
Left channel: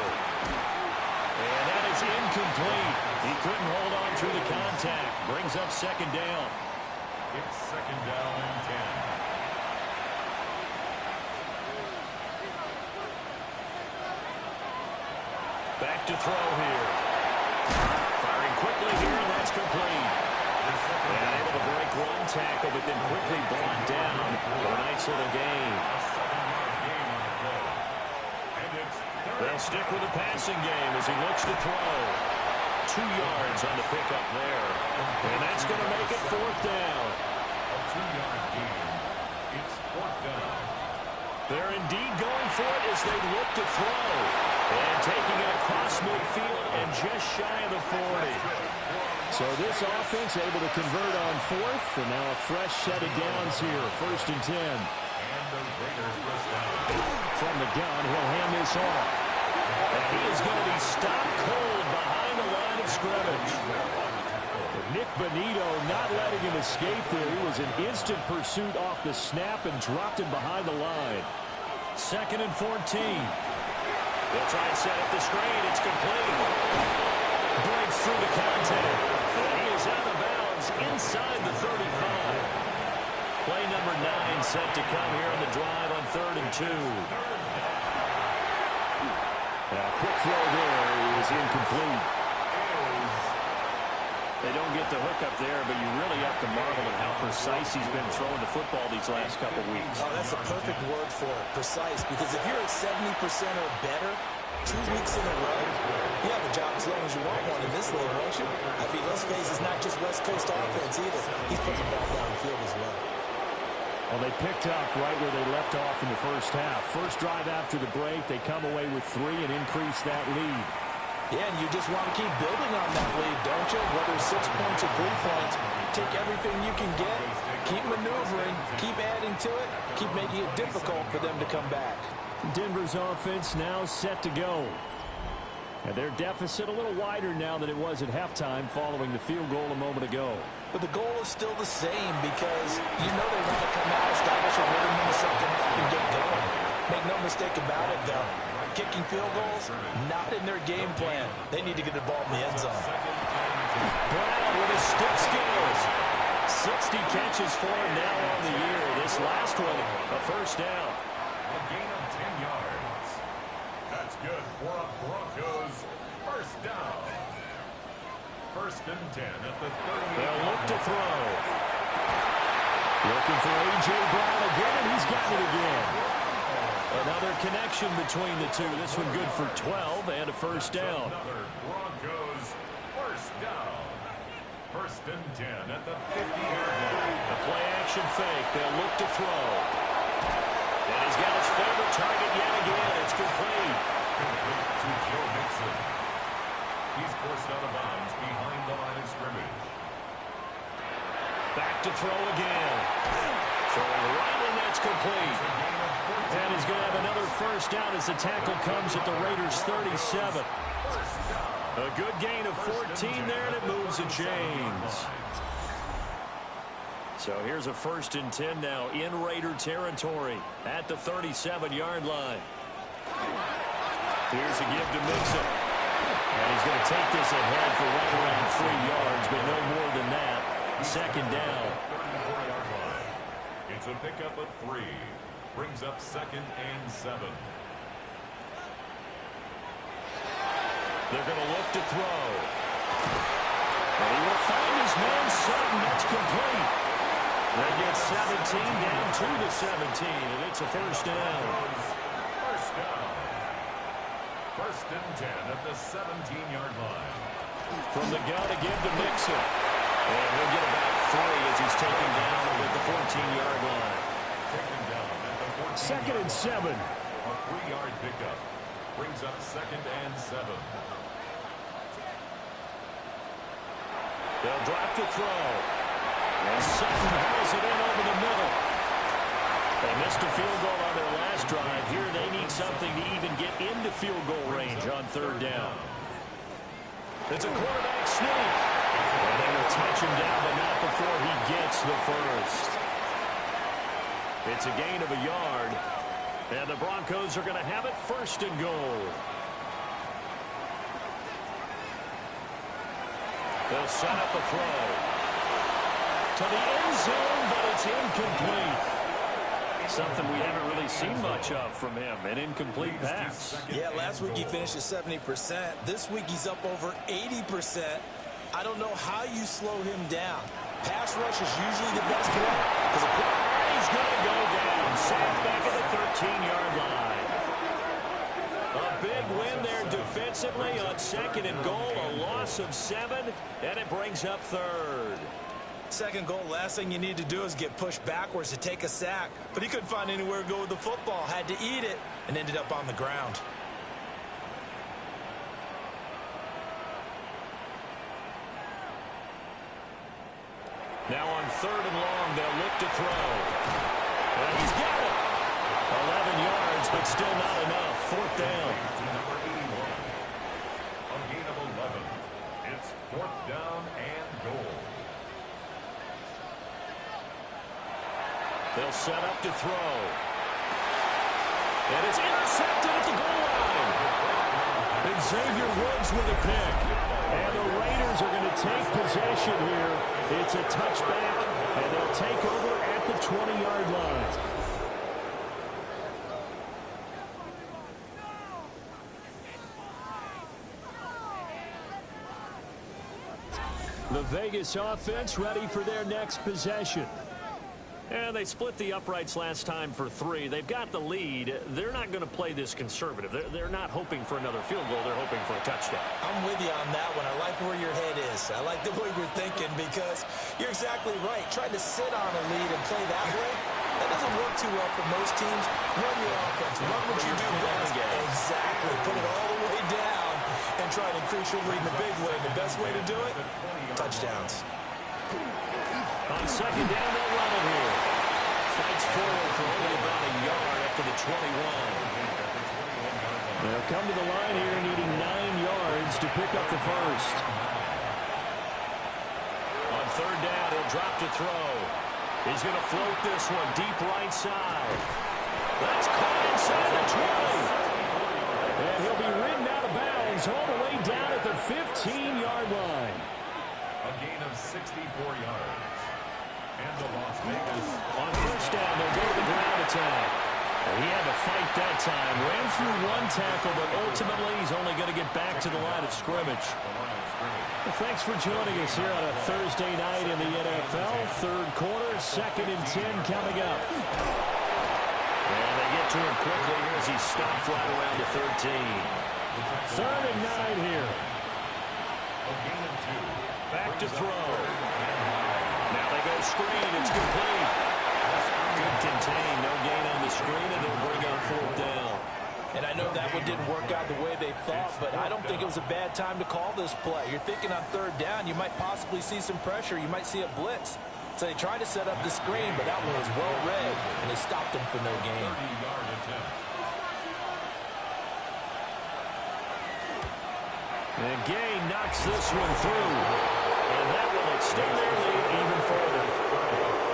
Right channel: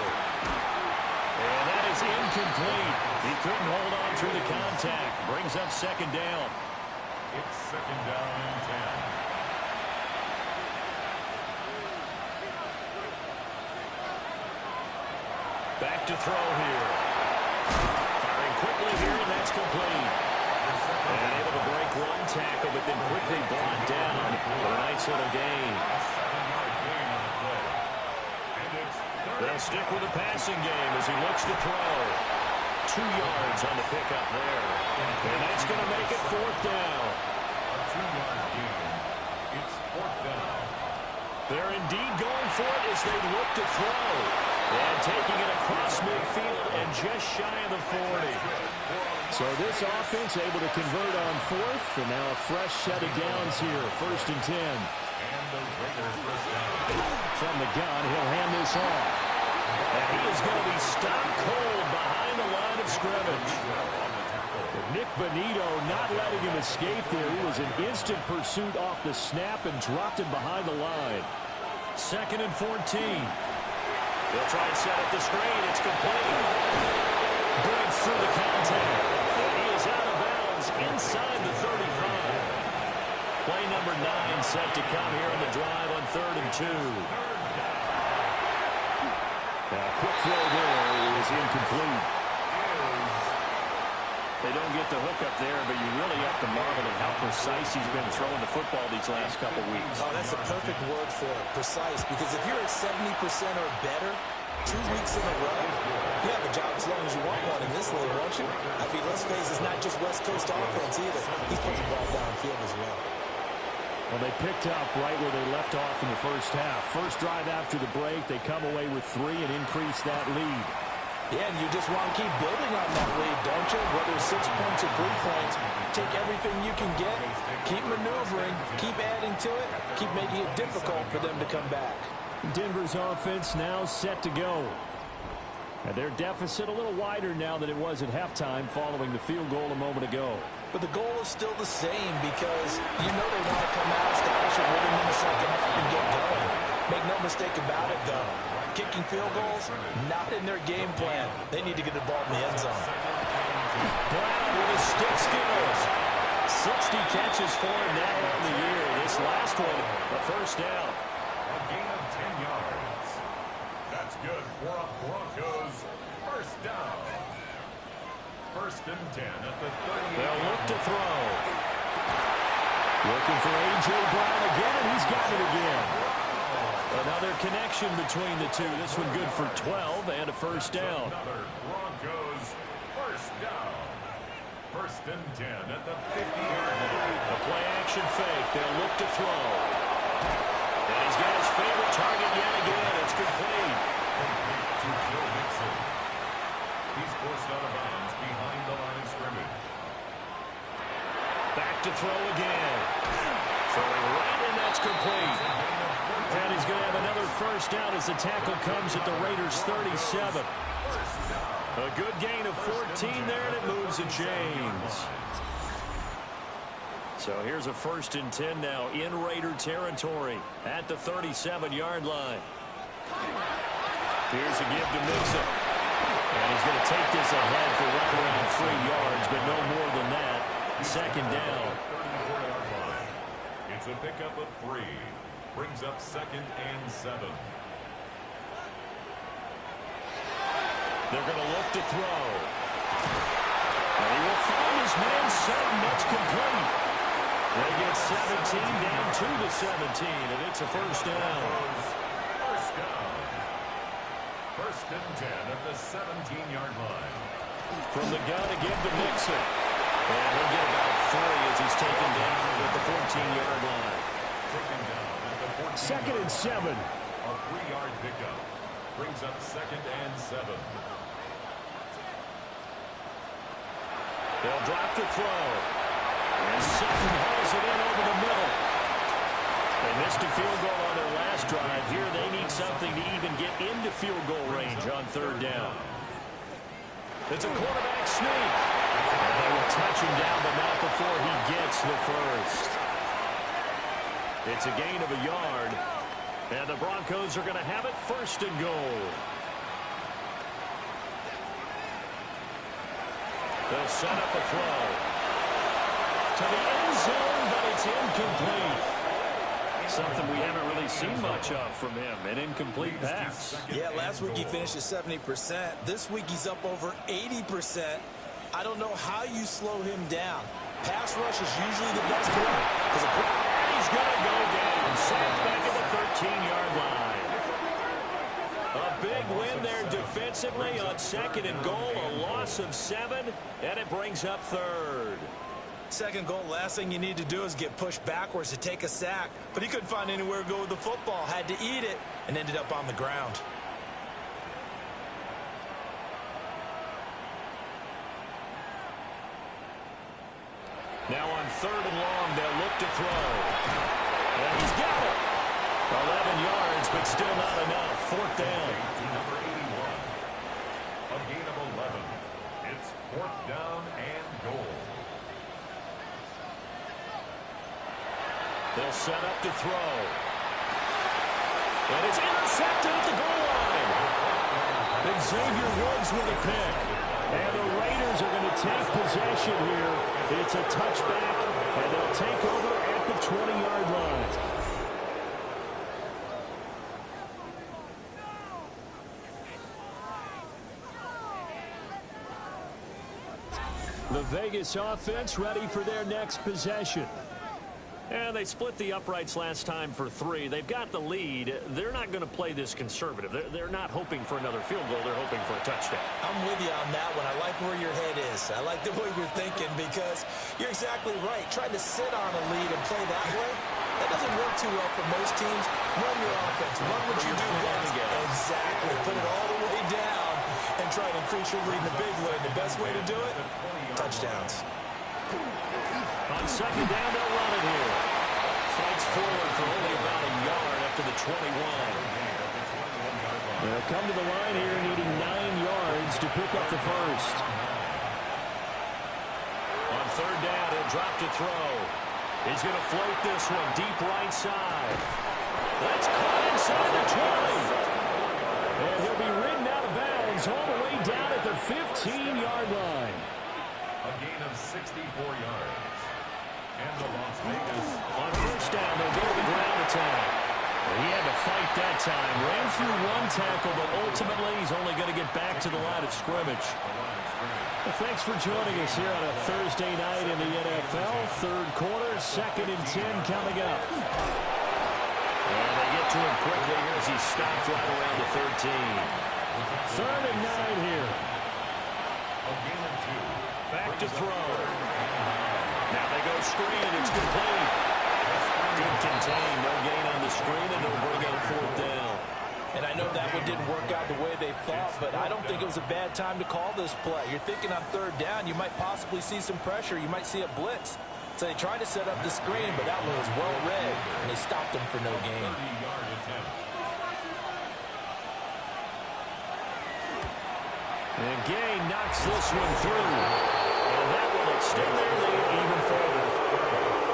And that is incomplete. He couldn't hold on through the contact. Brings up 2nd down. It's 2nd down and 10. Back to throw here. Firing quickly here, and that's complete. And able to break one tackle, but then quickly brought down for a nice little gain. A 7-yard gain on the play. They'll stick with the passing game as he looks to throw. 2 yards on the pickup there. And that's going to make it 4th down. A 2-yard gain. It's 4th down. They're indeed going for it as they look to throw. And taking it across midfield and just shy of the 40. So this offense able to convert on 4th. And now a fresh set of downs here. 1st and 10. And the Raiders first down. From the gun, he'll hand this off. And he is going to be stopped cold behind the line of scrimmage. Nick Bonito not letting him escape there. He was in instant pursuit off the snap and dropped him behind the line. 2nd and 14. They'll try and set up the screen. It's complete. Breaks through the contact. And he is out of bounds inside the 35. Play number 9 set to come here on the drive on 3rd and 2. Now, quick throw there is incomplete. They don't get the hook up there, but you really have to marvel at how precise he's been throwing the football these last couple weeks. Oh, that's the perfect word for it, precise, because if you're at 70% or better 2 weeks in a row, you have a job as long as you want one in this league, won't you? I mean, let's face it, it's not just West Coast offense either. He's putting the ball downfield as well. Well, they picked up right where they left off in the first half. First drive after the break, they come away with 3 and increase that lead. Yeah, and you just want to keep building on that lead, don't you? Whether it's 6 points or 3 points, take everything you can get, keep maneuvering, keep adding to it, keep making it difficult for them to come back. Denver's offense now set to go. And their deficit a little wider now than it was at halftime following the field goal a moment ago. But the goal is still the same because you know they want to come out, establish a rhythm in the second half, and get going. Make no mistake about it, though. Kicking field goals, not in their game plan. They need to get the ball in the end zone. Brown with his stick skills. 60 catches for him now on the year. This last one, a first down. A gain of 10 yards. That's good for a Broncos first down. 1st and 10 at the 38. They'll look to throw. Looking for A.J. Brown again, and he's got it again. Another connection between the two. This one good for 12 and a first down. Another Broncos first down. 1st and 10 at the 50-yard line. A play-action fake. They'll look to throw. And he's got his favorite target yet again. It's complete. Complete to Joe Mixon. He's forced out of bounds behind the line of scrimmage. Back to throw again. Throwing right, and that's complete. And he's going to have another first down as the tackle comes at the Raiders' 37. A good gain of 14 there, and it moves the chains. So here's a 1st and 10 now in Raider territory at the 37-yard line. Here's a give to Mixon. And he's going to take this ahead for right around 3 yards, but no more than that. 2nd down. 34-yard line. It's a pickup of 3. Brings up 2nd and 7. They're going to look to throw. And he will find his man Sutton. That's complete. They get 17 down to the 17, and it's a first down. First down. 1st and 10 at the 17-yard line. From the gun again to Mixon. And he'll get about 3 as he's taken down at the 14-yard line. Taken down at the 14-yard 2nd and 7. A 3-yard pickup. Brings up 2nd and 7. They'll drop to throw. And Sutton hauls it in over the middle. They missed a field goal on their last drive. Here they need something to even get into field goal range on 3rd down. It's a quarterback sneak. And they will touch him down, but not before he gets the first. It's a gain of a yard. And the Broncos are going to have it 1st and goal. They'll set up a throw. To the end zone, but it's incomplete. Something we haven't really seen much of from him, an incomplete pass. Yeah, last week he finished at 70%. This week he's up over 80%. I don't know how you slow him down. Pass rush is usually the best way. And he's going to go down. Sacked back at the 13-yard line. A big win there defensively on 2nd and goal, a loss of 7, and it brings up 3rd. 2nd goal, last thing you need to do is get pushed backwards to take a sack. But he couldn't find anywhere to go with the football, had to eat it, and ended up on the ground. Now on 3rd and long, they'll look to throw. And he's got it. 11 yards, but still not enough. 4th down. Number 81. A gain of 11. It's 4th down and goal. They'll set up to throw. And it's intercepted at the goal line. Xavier Woods with a pick. And the Raiders are going to take possession here. It's a touchback, and they'll take over at the 20-yard line. The Vegas offense ready for their next possession. And they split the uprights last time for 3. They've got the lead. They're not going to play this conservative. They're not hoping for another field goal. They're hoping for a touchdown. I'm with you on that one. I like where your head is. I like the way you're thinking because you're exactly right. Trying to sit on a lead and play that way, that doesn't work too well for most teams. Run your offense. Run what you do best. Exactly. Put it all the way down and try to increase your lead in a big way. The best way to do it, touchdowns. On 2nd down, they'll run it here. Fights forward for only about a yard up to the 21. They'll come to the line here needing 9 yards to pick up the first. On 3rd down, he'll drop to throw. He's going to float this one deep right side. That's caught inside the 20. And he'll be ridden out of bounds all the way down at the 15-yard line. A gain of 64 yards. And the Las Vegas. On 1st down, they'll go to the ground attack. He had to fight that time. Ran through 1 tackle, but ultimately he's only going to get back to the line of scrimmage. Well, thanks for joining us here on a Thursday night in the NFL. 3rd quarter, 2nd and 10 coming up. And they get to him quickly here as he's stopped right around the 13. 3rd and 9 here. A gain of 2. Back to throw. Now they go screen. It's complete. Good contain. No gain on the screen, and it'll bring out 4th down. And I know that one didn't work out the way they thought, but I don't think it was a bad time to call this play. You're thinking on 3rd down, you might possibly see some pressure. You might see a blitz. So they tried to set up the screen, but that one was well read, and they stopped them for no gain. 30-yard attempt. And Gay knocks this one through. And that will extend their lead even further.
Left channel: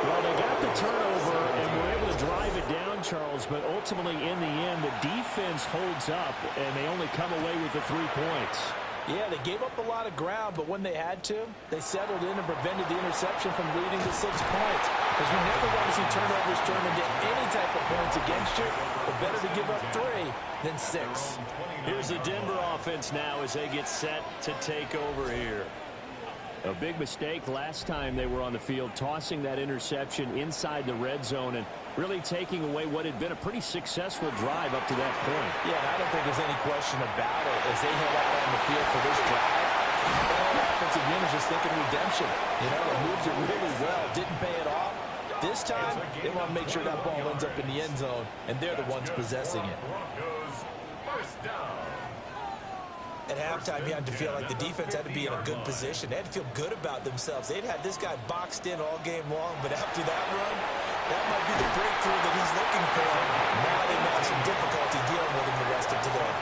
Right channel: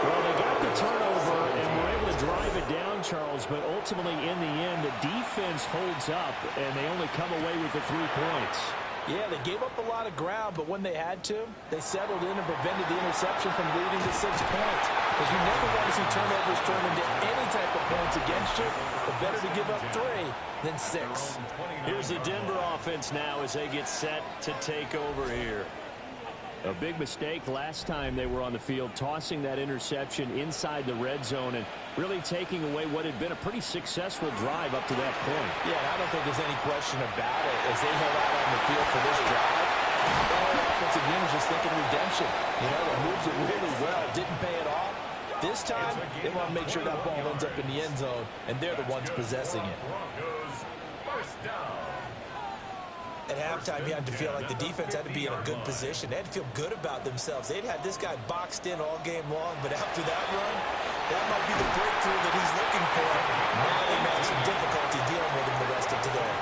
Well, they got the turnover and were able to drive it down, Charles, but ultimately in the end, the defense holds up, and they only come away with the 3 points. Yeah, they gave up a lot of ground, but when they had to, they settled in and prevented the interception from leading to 6 points. Because you never want to see turnovers turn into any type of points against you, but better to give up 3 than 6. Here's the Denver offense now as they get set to take over here. A big mistake last time they were on the field, tossing that interception inside the red zone and really taking away what had been a pretty successful drive up to that point. Yeah, and I don't think there's any question about it. As they head out on the field for this drive, the whole offensive unit is just thinking redemption. You know, it moves it really well, didn't pay it off. This time, they want to make sure that ball ends up in the end zone, and they're the ones possessing it. Broncos, 1st down. At halftime, you had to feel like the defense had to be in a good position. They had to feel good about themselves. They'd had this guy boxed in all game long, but after that run, that might be the breakthrough that he's looking for. Now they've had some difficulty dealing with him the rest of today.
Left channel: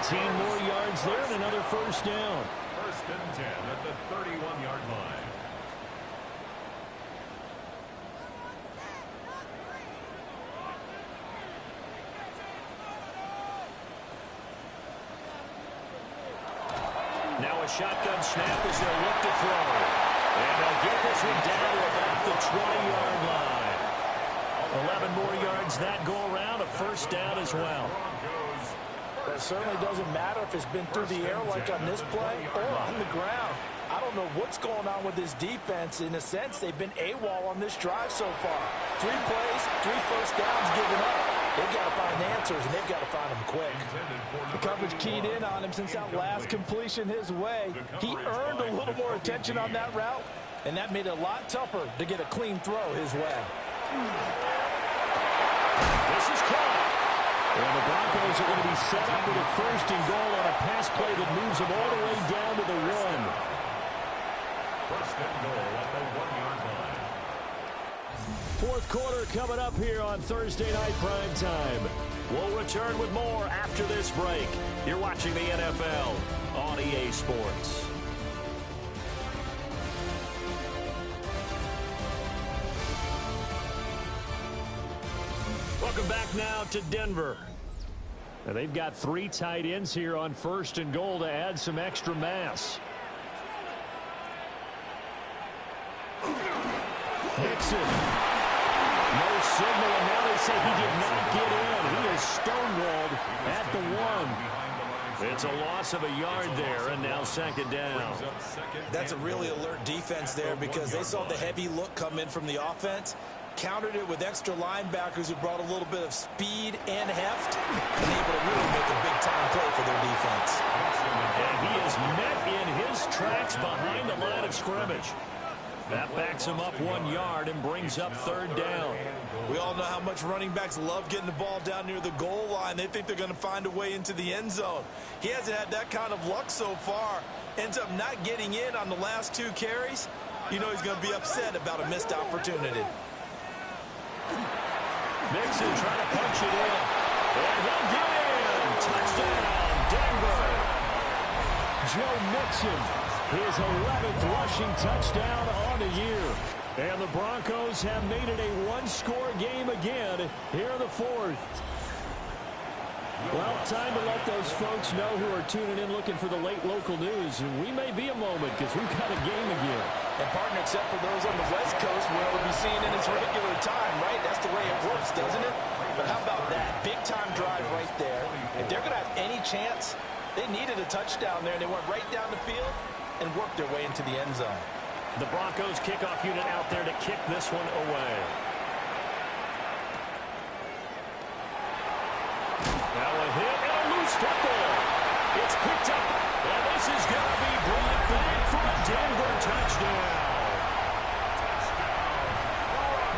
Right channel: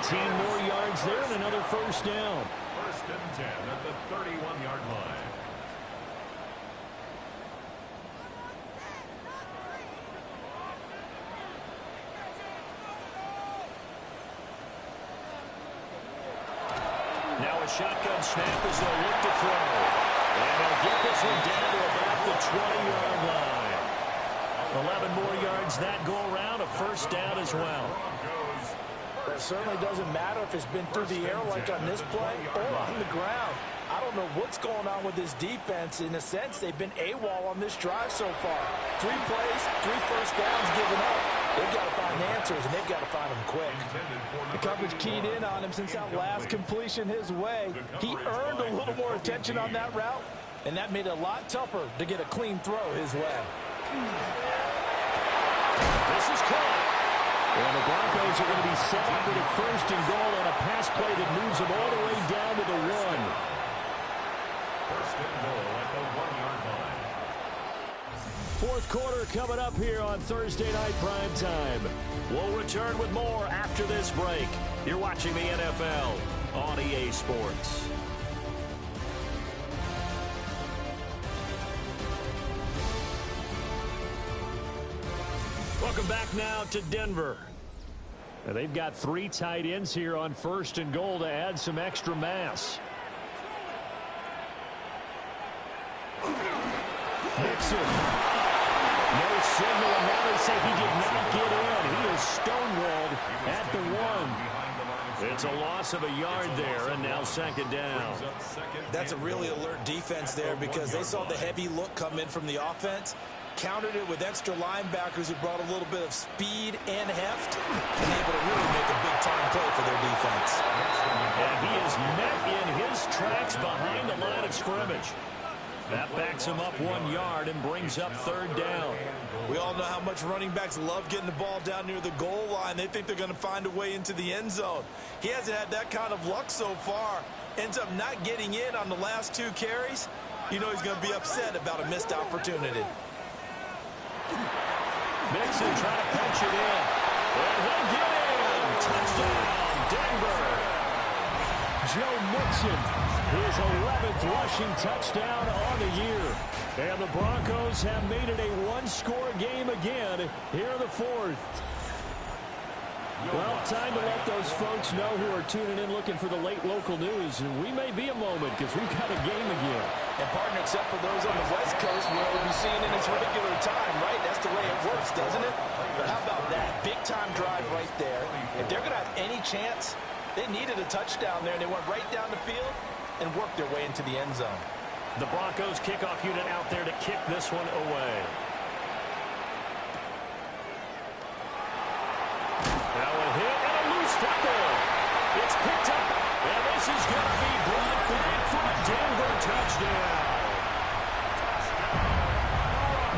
18 more yards there and another 1st down. 1st and 10 at the 31-yard line. Now a shotgun snap as they'll look to throw. And they'll get this one down to about the 20-yard line. 11 more yards that go around, a 1st down as well. But it certainly doesn't matter if it's been through the air like on this play or on the ground. I don't know what's going on with this defense. In a sense, they've been AWOL on this drive so far. 3 plays, 3 1st downs given up. They've got to find answers, and they've got to find them quick. The coverage keyed in on him since that last completion his way. He earned a little more attention on that route, and that made it a lot tougher to get a clean throw his way. This is caught. And the Broncos are going to be set up with a 1st and goal on a pass play that moves them all the way down to the 1. 1st and goal at the 1-yard line. 4th quarter coming up here on Thursday Night Prime Time. We'll return with more after this break. You're watching the NFL on EA Sports. Welcome back now to Denver. Now they've got 3 tight ends here on 1st and goal to add some extra mass. Mixon. No signal, and now they say he did not get in. He is stonewalled at the 1. It's a loss of a yard there, and now 2nd down. That's a really alert defense there because they saw the heavy look come in from the offense, countered it with extra linebackers who brought a little bit of speed and heft, and able to really make a big-time play for their defense. And he is met in his tracks behind the line of scrimmage. That backs him up 1 yard and brings up 3rd down. We all know how much running backs love getting the ball down near the goal line. They think they're going to find a way into the end zone. He hasn't had that kind of luck so far. Ends up not getting in on the last 2 carries. You know he's going to be upset about a missed opportunity. Mixon trying to punch it in. And he'll get in. Touchdown, Denver. Joe Mixon, his 11th rushing touchdown on the year. And the Broncos have made it a 1-score game again here in the 4th. Well, time to let those folks know who are tuning in looking for the late local news. We may be a moment because we've got a game again. And, partner, except for those on the West Coast where it would be seen in its regular time, right? That's the way it works, doesn't it? But how about that? Big-time drive right there. If they're going to have any chance, they needed a touchdown there, and they went right down the field and worked their way into the end zone. The Broncos kickoff unit out there to kick this one away. Now a hit and a loose football. It's picked up, and this is going to be brought back for a Denver touchdown.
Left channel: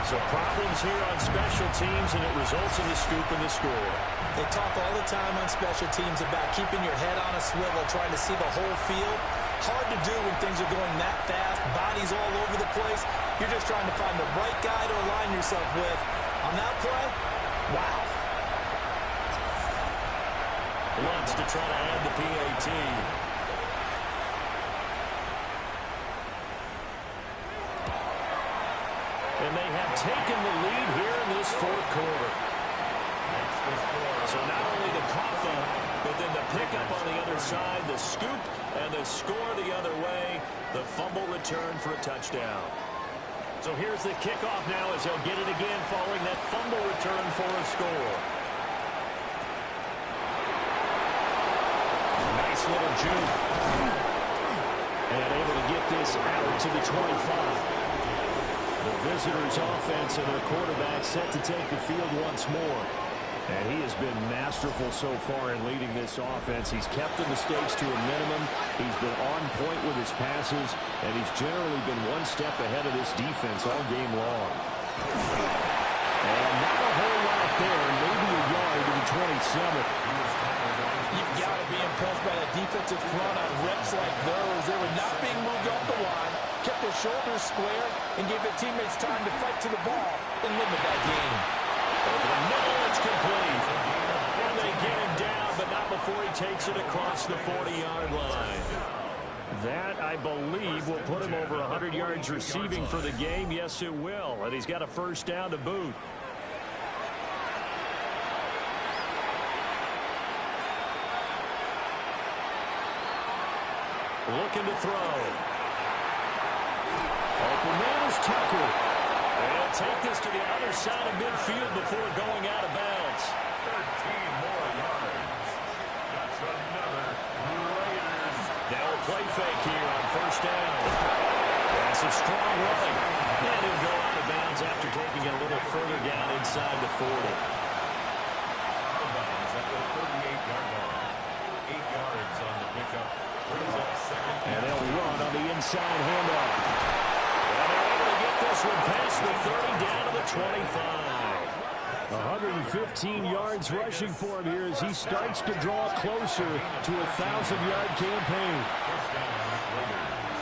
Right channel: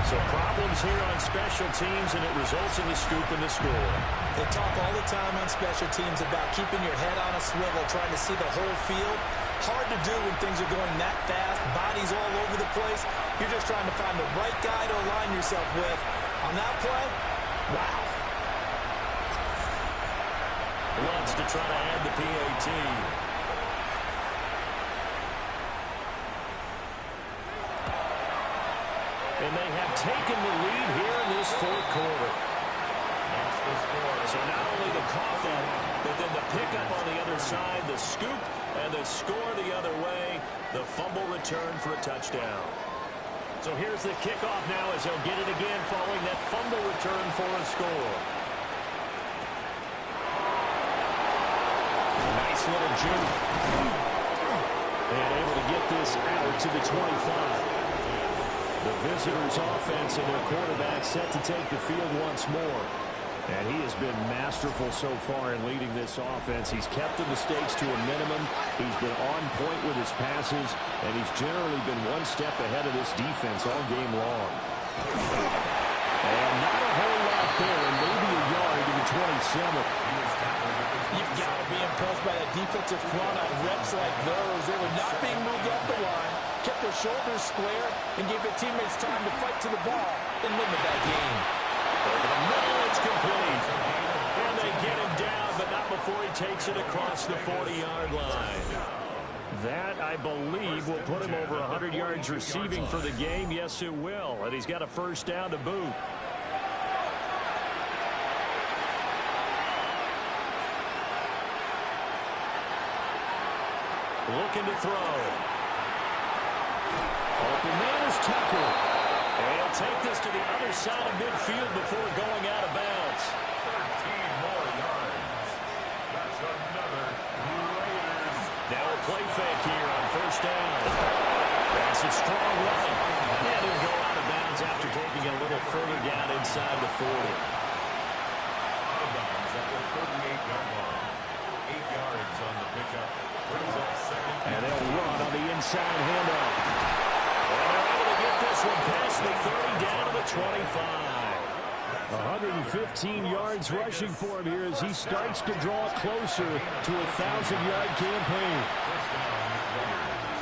So problems here on special teams, and it results in the scoop and the score. They talk all the time on special teams about keeping your head on a swivel, trying to see the whole field. Hard to do when things are going that fast, bodies all over the place. You're just trying to find the right guy to align yourself with. On that play, wow. Wants to try to add the PAT. And they have taken the lead here in this 4th quarter. So not only the cough up, but then the pickup on the other side, the scoop, and the score the other way, the fumble return for a touchdown. So here's the kickoff now as they'll get it again following that fumble return for a score. Nice little juke. And able to get this out to the 25. The visitors' offense and their quarterback set to take the field once more. And he has been masterful so far in leading this offense. He's kept the mistakes to a minimum. He's been on point with his passes, and he's generally been one step ahead of this defense all game long. And not a whole lot there, maybe a yard to the 27. You've got to be impressed by that defensive front on reps like those. They were not being moved off the line, kept their shoulders square, and gave their teammates time to fight to the ball and limit that game. Over the middle, it's complete. And they get him down, but not before he takes it across the 40-yard line. That, I believe, will put him over 100 yards receiving for the game. Yes, it will. And he's got a 1st down to boot. Looking to throw. Open man is Tucker. They'll take this to the other side of midfield before going out of bounds. 13 more yards. That's another Raiders. Now a play fake here on 1st down. That's a strong running. And he'll go out of bounds after taking it a little further down inside the 40. at the 38-yard line. 8 yards on the pickup. Brings up second. And they'll run on the inside handoff. And they're able to get this one past the 30 down to the 25. 115 yards rushing for him here as he starts to draw closer to a 1,000-yard campaign. First down, Raiders.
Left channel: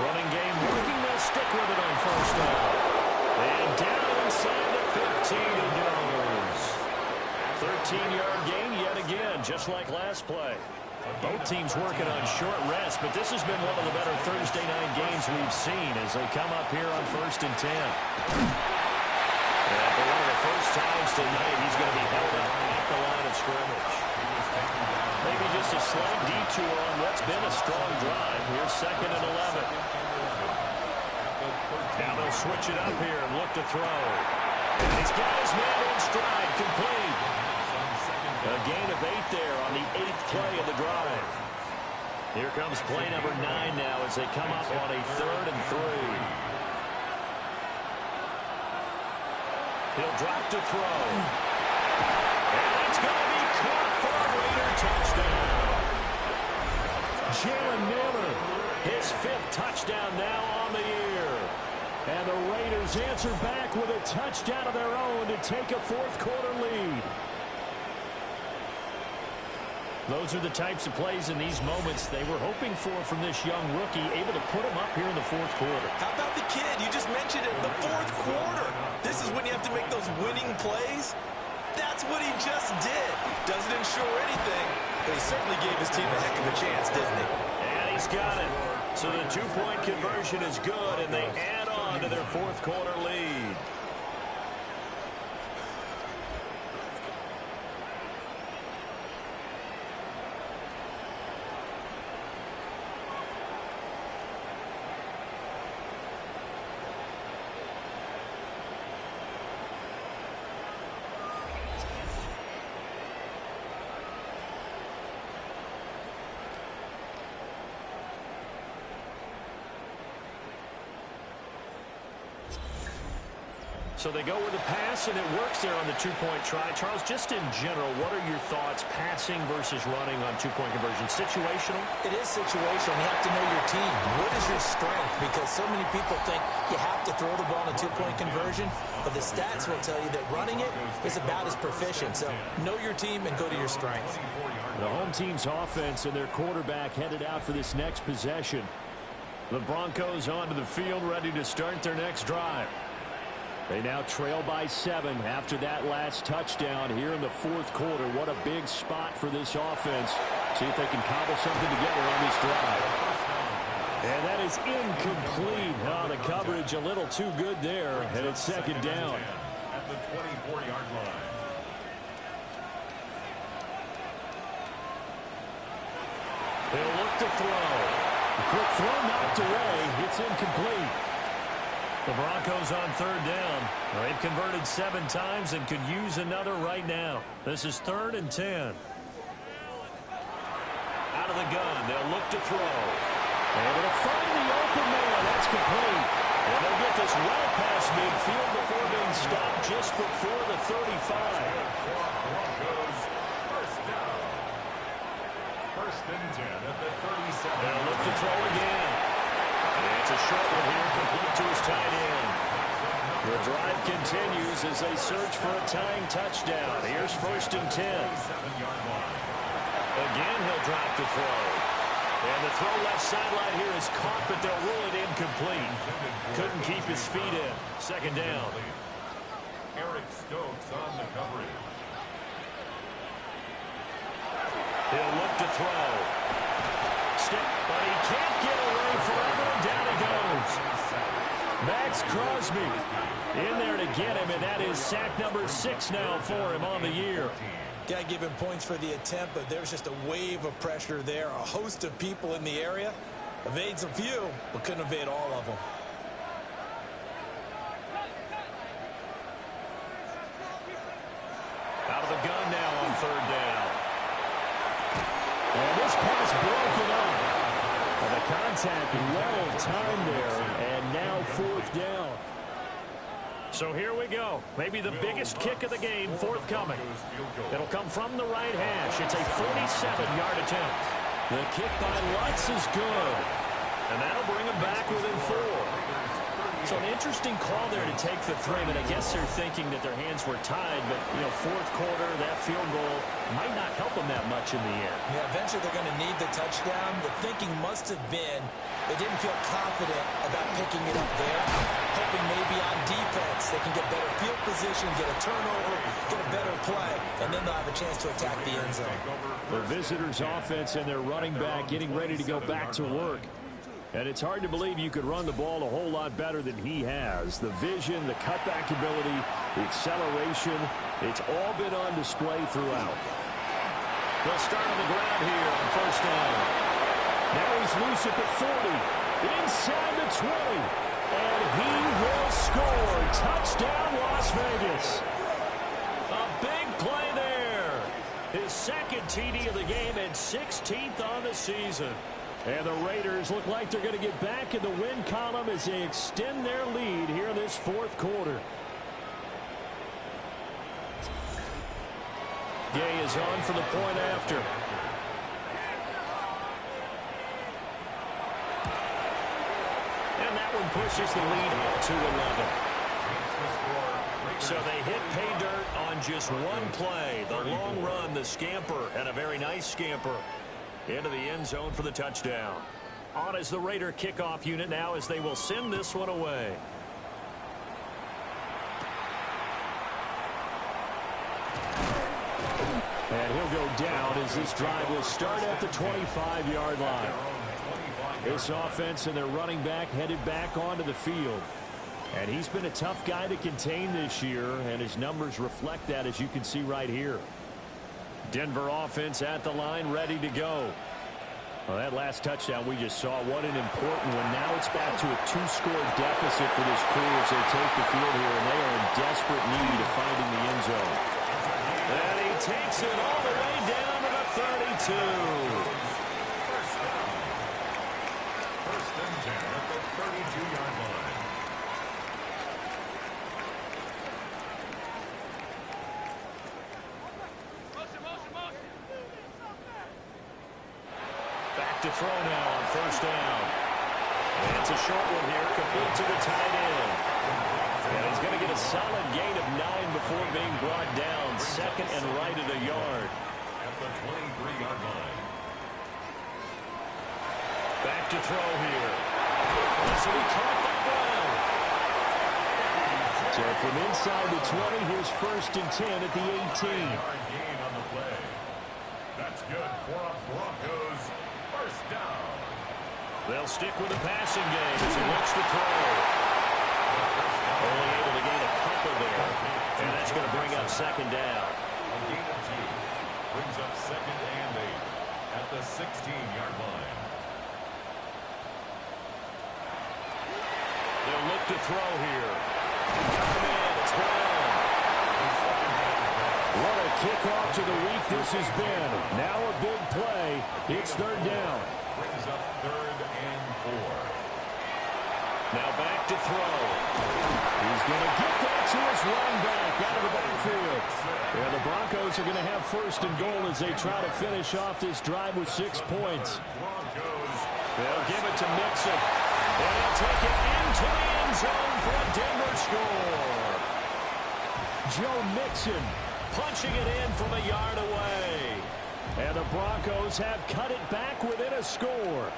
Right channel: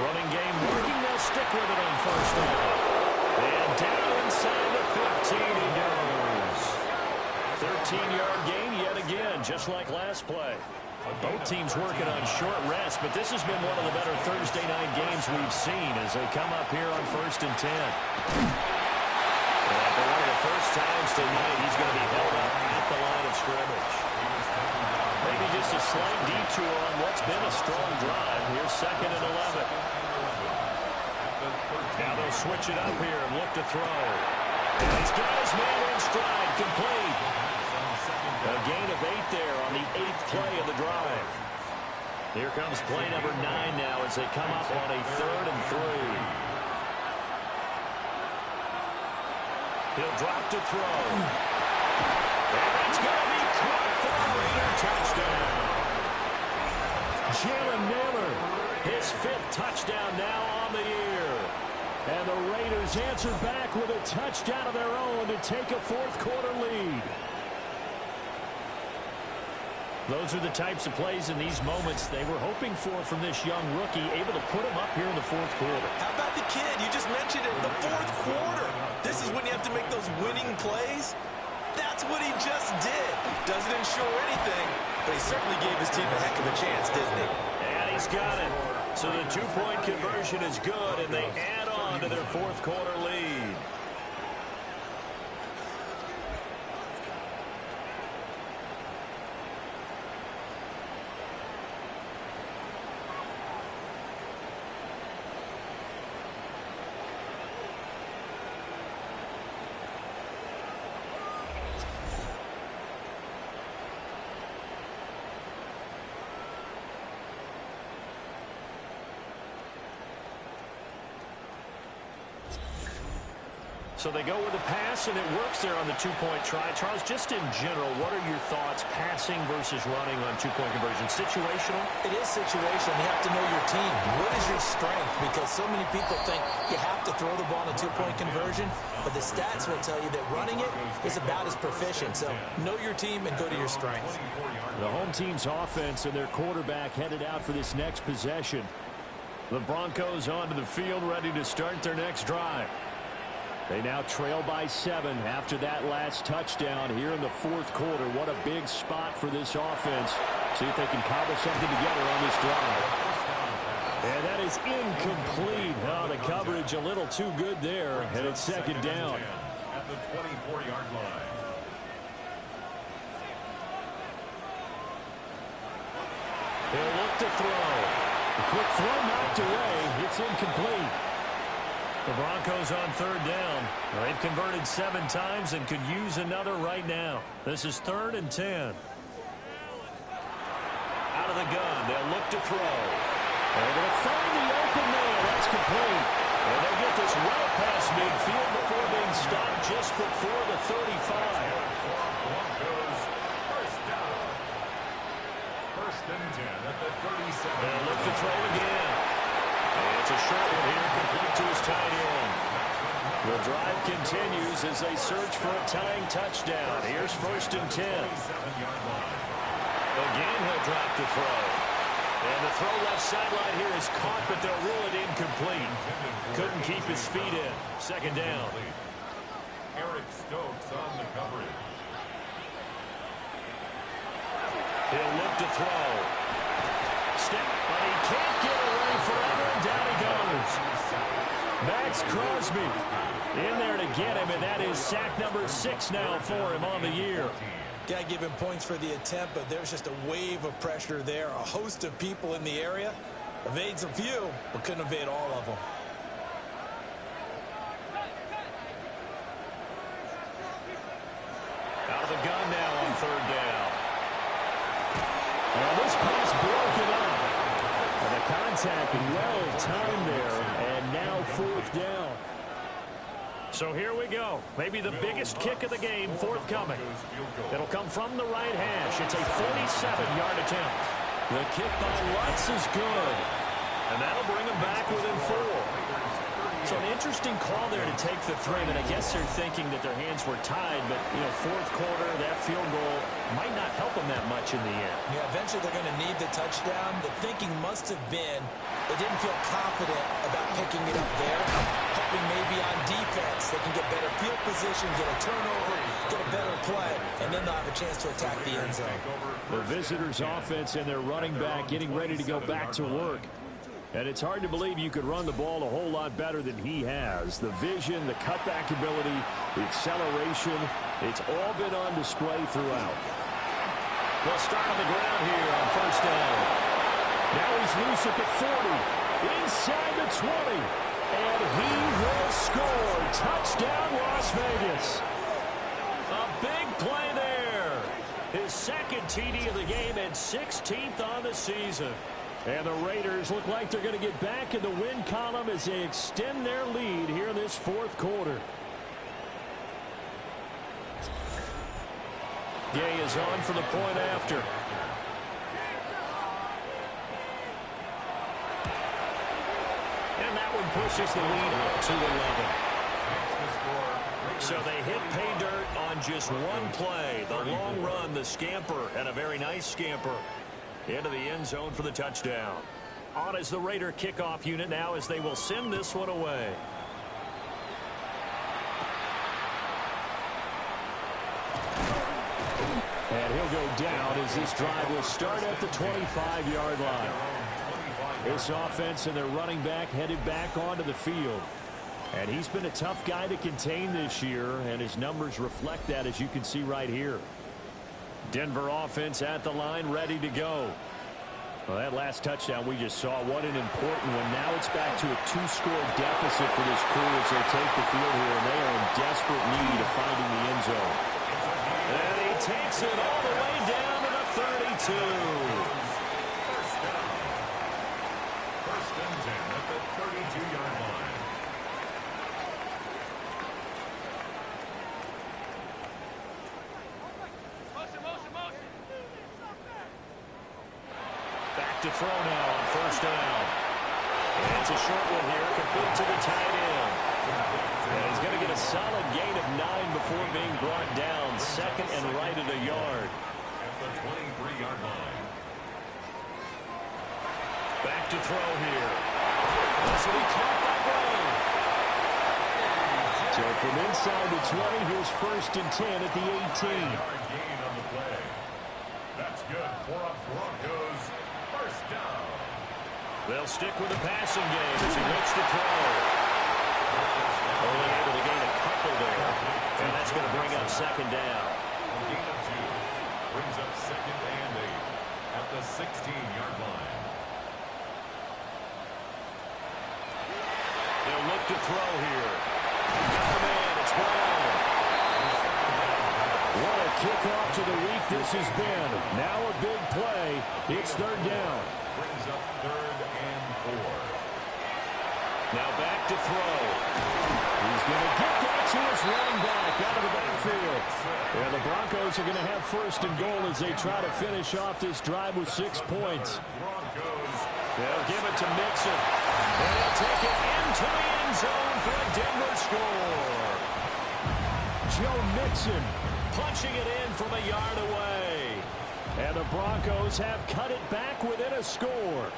Running game working. They'll stick with it on first down. And down inside the 15 he goes. 13-yard gain yet again, just like last play. Both teams working on short rest, but this has been one of the better Thursday night games we've seen as they come up here on 1st and 10. And for one of the first times tonight, he's going to be held up at the line of scrimmage. Maybe just a slight detour on what's been a strong drive. Here's 2nd and 11. Now they'll switch it up here and look to throw. And he's got his man in stride, complete. A gain of 8 there on the 8th play of the drive. Here comes play number 9 now as they come up on a 3rd and 3. He'll drop to throw. And it's going to be caught for a Raider touchdown. Jalen Naylor, his 5th touchdown now on the year. And the Raiders answer back with a touchdown of their own to take a 4th quarter lead. Those are the types of plays in these moments they were hoping for from this young rookie, able to put him up here in the 4th quarter. How about the kid? You just mentioned it, the 4th quarter. This is when you have to make those winning plays. That's what he just did. Doesn't ensure anything, but he certainly gave his team a heck of a chance, didn't he? And he's got it. So the 2-point conversion is good, and they add on to their 4th quarter lead. So they go with a pass, and it works there on the 2-point try. Charles, just in general, what are your thoughts passing versus running on 2-point conversion? Situational? It is situational. You have to know your team. What is your strength? Because so many people think you have to throw the ball in a 2-point conversion, but the stats will tell you that running it is about as proficient. So know your team and go to your strengths. The home team's offense and their quarterback headed out for this next possession. The Broncos onto the field, ready to start their next drive. They now trail by 7 after that last touchdown here in the 4th quarter. What a big spot for this offense. See if they can cobble something together on this drive. And that is incomplete. Oh, the coverage a little too good there, and it's 2nd down. At the 24-yard line. He'll look to throw. A quick throw knocked away. It's incomplete. The Broncos on 3rd down. They've converted 7 times and could use another right now. This is 3rd and 10. Out of the gun. They'll look to throw. Able to find the open man. That's complete. And they'll get this well past midfield before being stopped just before the 35. Broncos, first down. 1st and 10 at the 37. They'll look to throw again. And it's a short one here, complete to his tight end. The drive continues as they search for a tying touchdown. Here's 1st and 10. Again, he'll drop to throw. And the throw left sideline here is caught, but they'll rule it incomplete. Couldn't keep his feet in. 2nd down. Eric Stokes on the coverage. He'll look to throw. Step, but he can't get away forever, and down he goes. Max Crosby in there to get him, and that is sack number 6 now for him on the year. Got to give him points for the attempt, but there's just a wave of pressure there. A host of people in the area. Evades a few, but couldn't evade all of them. Out of the gun now on 3rd down. And this pass broken up. And the contact well timed there, and now 4th down. So So here we go. Maybe the biggest kick of the game forthcoming. It'll come from the right hash. It's a 47-yard attempt. The kick by Lutz is good. And that'll bring him back within 4. So an interesting call there to take the 3. And I guess they're thinking that their hands were tied. But, you know, fourth quarter, that field goal might not help them that much in the end. Yeah, eventually they're going to need the touchdown. The thinking must have been they didn't feel confident about picking it up there, hoping maybe on defense they can get better field position, get a turnover, get a better play, and then they'll have a chance to attack the end zone. The visitors' offense and their running back getting ready to go back to work. And it's hard to believe you could run the ball a whole lot better than he has. The vision, the cutback ability, the acceleration, it's all been on display throughout. They'll start on the ground here on first down. Now he's loose at the 40, inside the 20, and he will score. Touchdown, Las Vegas. A big play there. His second TD of the game and 16th on the season. And the Raiders look like they're going to get back in the win column as they extend their lead here in this fourth quarter. Gay is on for the point after. And that one pushes the lead up to 11. So they hit pay dirt on just one play. The long run, the scamper, and a very nice scamper into the end zone for the touchdown. On is the Raider kickoff unit now as they will send this one away. And he'll go down as this drive will start at the 25-yard line. This offense and their running back headed back onto the field. And he's been a tough guy to contain this year, and his numbers reflect that, as you can see right here. Denver offense at the line, ready to go. Well, that last touchdown we just saw, what an important one. Now it's back to a 2-score deficit for this crew as they take the field here, and they are in desperate need of finding the end zone. And he takes it all the way down to the 32. First down. First and 10 at the 32-yard line. Back to throw now on first down. And it's a short one here, complete to the tight end. And he's going to get a solid gain of 9 before being brought down. Second and right at a yard. At the 23-yard line. Back to throw here. This will be caught by Brown. So from inside the 20, here's first and 10 at the 18. 9-yard gain on the play. That's good for a Broncos first down. They'll stick with the passing game as he looks to throw. Only able to gain a couple there. And that's going to bring up second down. A gain of 2. Brings up second and 8 at the 16-yard line. They'll look to throw here. Got the man. It's Brown. What a kickoff to the week this has been. Now a big play. It's third down. Brings up third and 4. Now back to throw. He's going to get that to his running back out of the backfield. Yeah, the Broncos are going to have first and goal as they try to finish off this drive with 6 points. They'll give it to Mixon. And he'll take it into the end zone for a Denver score. Joe Mixon punching it in from a yard away. And the Broncos have cut it back within a score.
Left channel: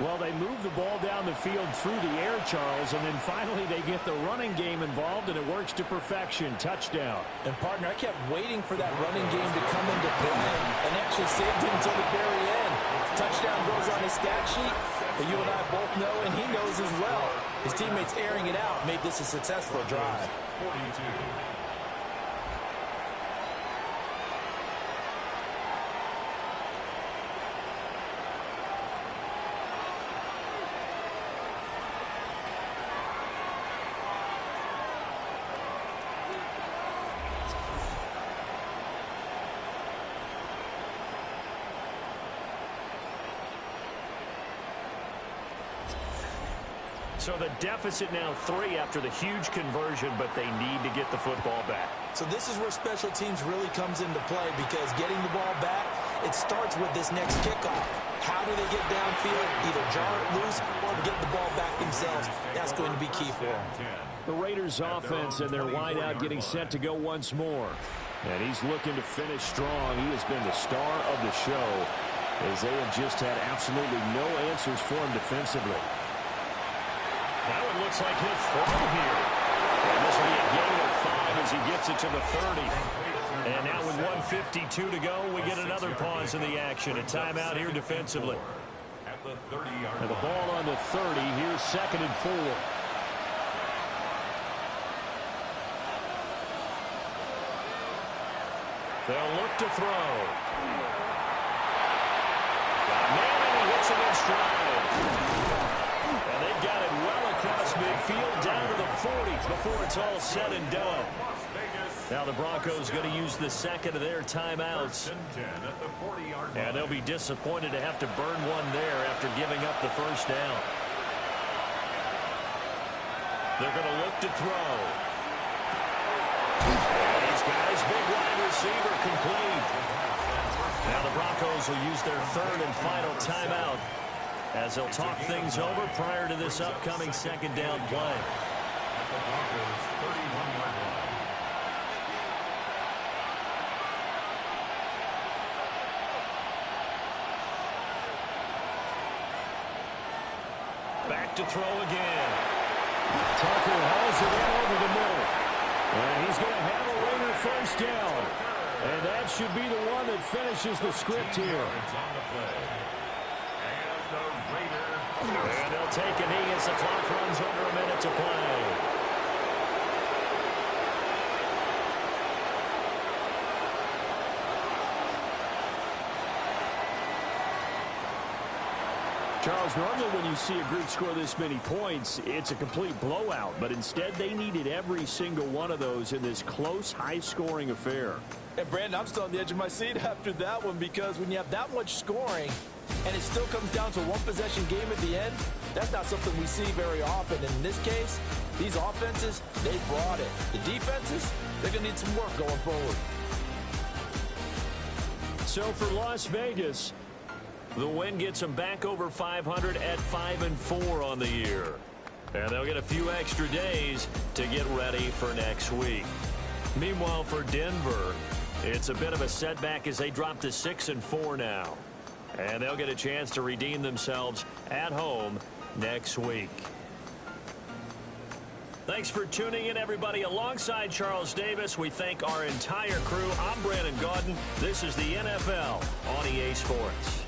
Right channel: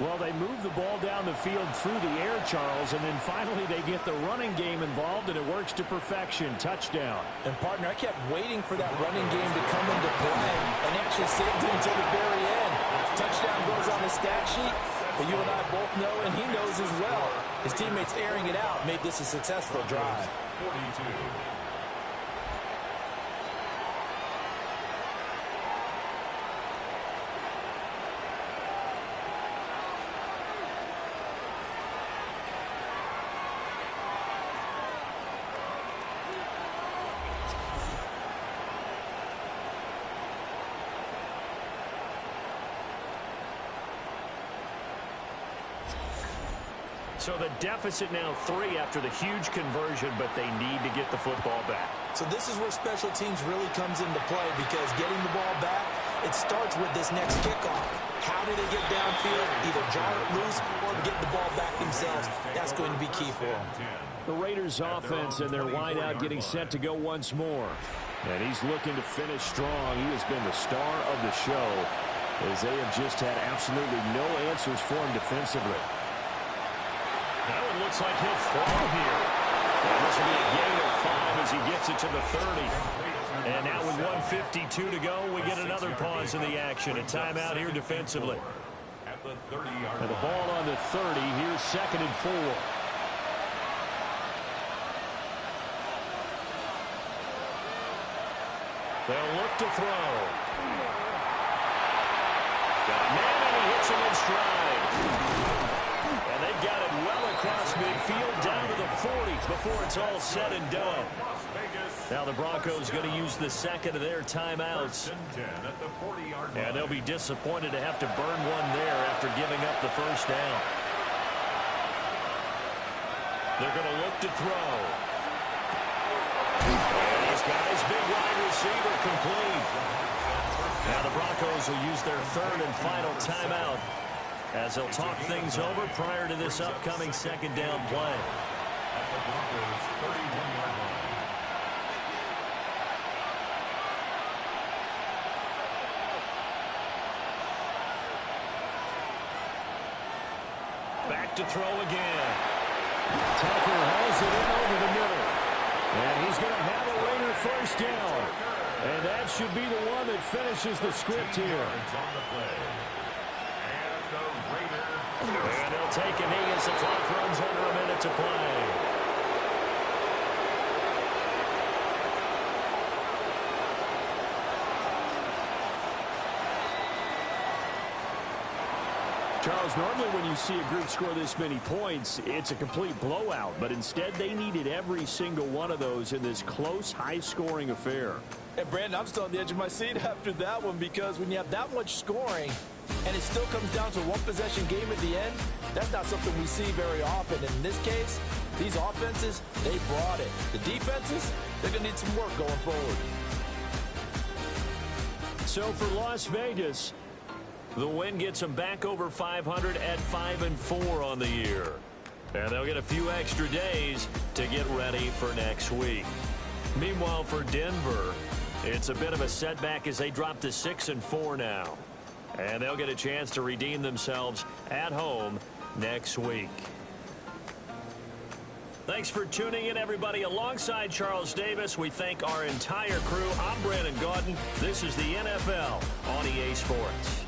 Well, they move the ball down the field through the air, Charles, and then finally they get the running game involved, and it works to perfection. Touchdown. And, partner, I kept waiting for that running game to come into play and actually saved it until the very end. Touchdown goes on the stat sheet, but you and I both know, and he knows as well, his teammates airing it out made this a successful drive. 42. So the deficit now 3 after the huge conversion, but they need to get the football back. So this is where special teams really comes into play, because getting the ball back, it starts with this next kickoff. How do they get downfield? Either jar it loose or get the ball back themselves. That's going to be key for them. The Raiders offense and their wideout getting set to go once more. And he's looking to finish strong. He has been the star of the show, as they have just had absolutely no answers for him defensively. That one looks like he'll throw here. And this will be a gain of 5 as he gets it to the 30. And now with 1:52 to go, we get another pause in the action. A timeout here defensively. And the ball on the 30. Here's 2nd and 4. They'll look to throw. Got a man, and he hits him in stride. And they've got it well across midfield down to the 40 before it's all said and done. Now the Broncos going to use the second of their timeouts. And they'll be disappointed to have to burn one there after giving up the first down. They're going to look to throw. And he's got his big wide receiver complete. Now the Broncos will use their 3rd and final timeout, as they'll talk things over prior to this upcoming 2nd down play. At the Broncos' 31-yard line. Back to throw again. Tucker hauls it in over the middle. And he's going to have a Raider first down. And that should be the one that finishes the script here. And they'll take a knee as the clock runs under a minute to play. Charles, normally when you see a group score this many points, it's a complete blowout. But instead, they needed every single one of those in this close, high-scoring affair. And, Brandon, I'm still on the edge of my seat after that one, because when you have that much scoring and it still comes down to a one-possession game at the end, that's not something we see very often. In this case, these offenses, they brought it. The defenses, they're going to need some work going forward. So for Las Vegas, the win gets them back over 500 at 5-4 on the year. And they'll get a few extra days to get ready for next week. Meanwhile, for Denver, it's a bit of a setback as they drop to 6-4 now. And they'll get a chance to redeem themselves at home next week. Thanks for tuning in, everybody. Alongside Charles Davis, we thank our entire crew. I'm Brandon Gaudin. This is the NFL on EA Sports.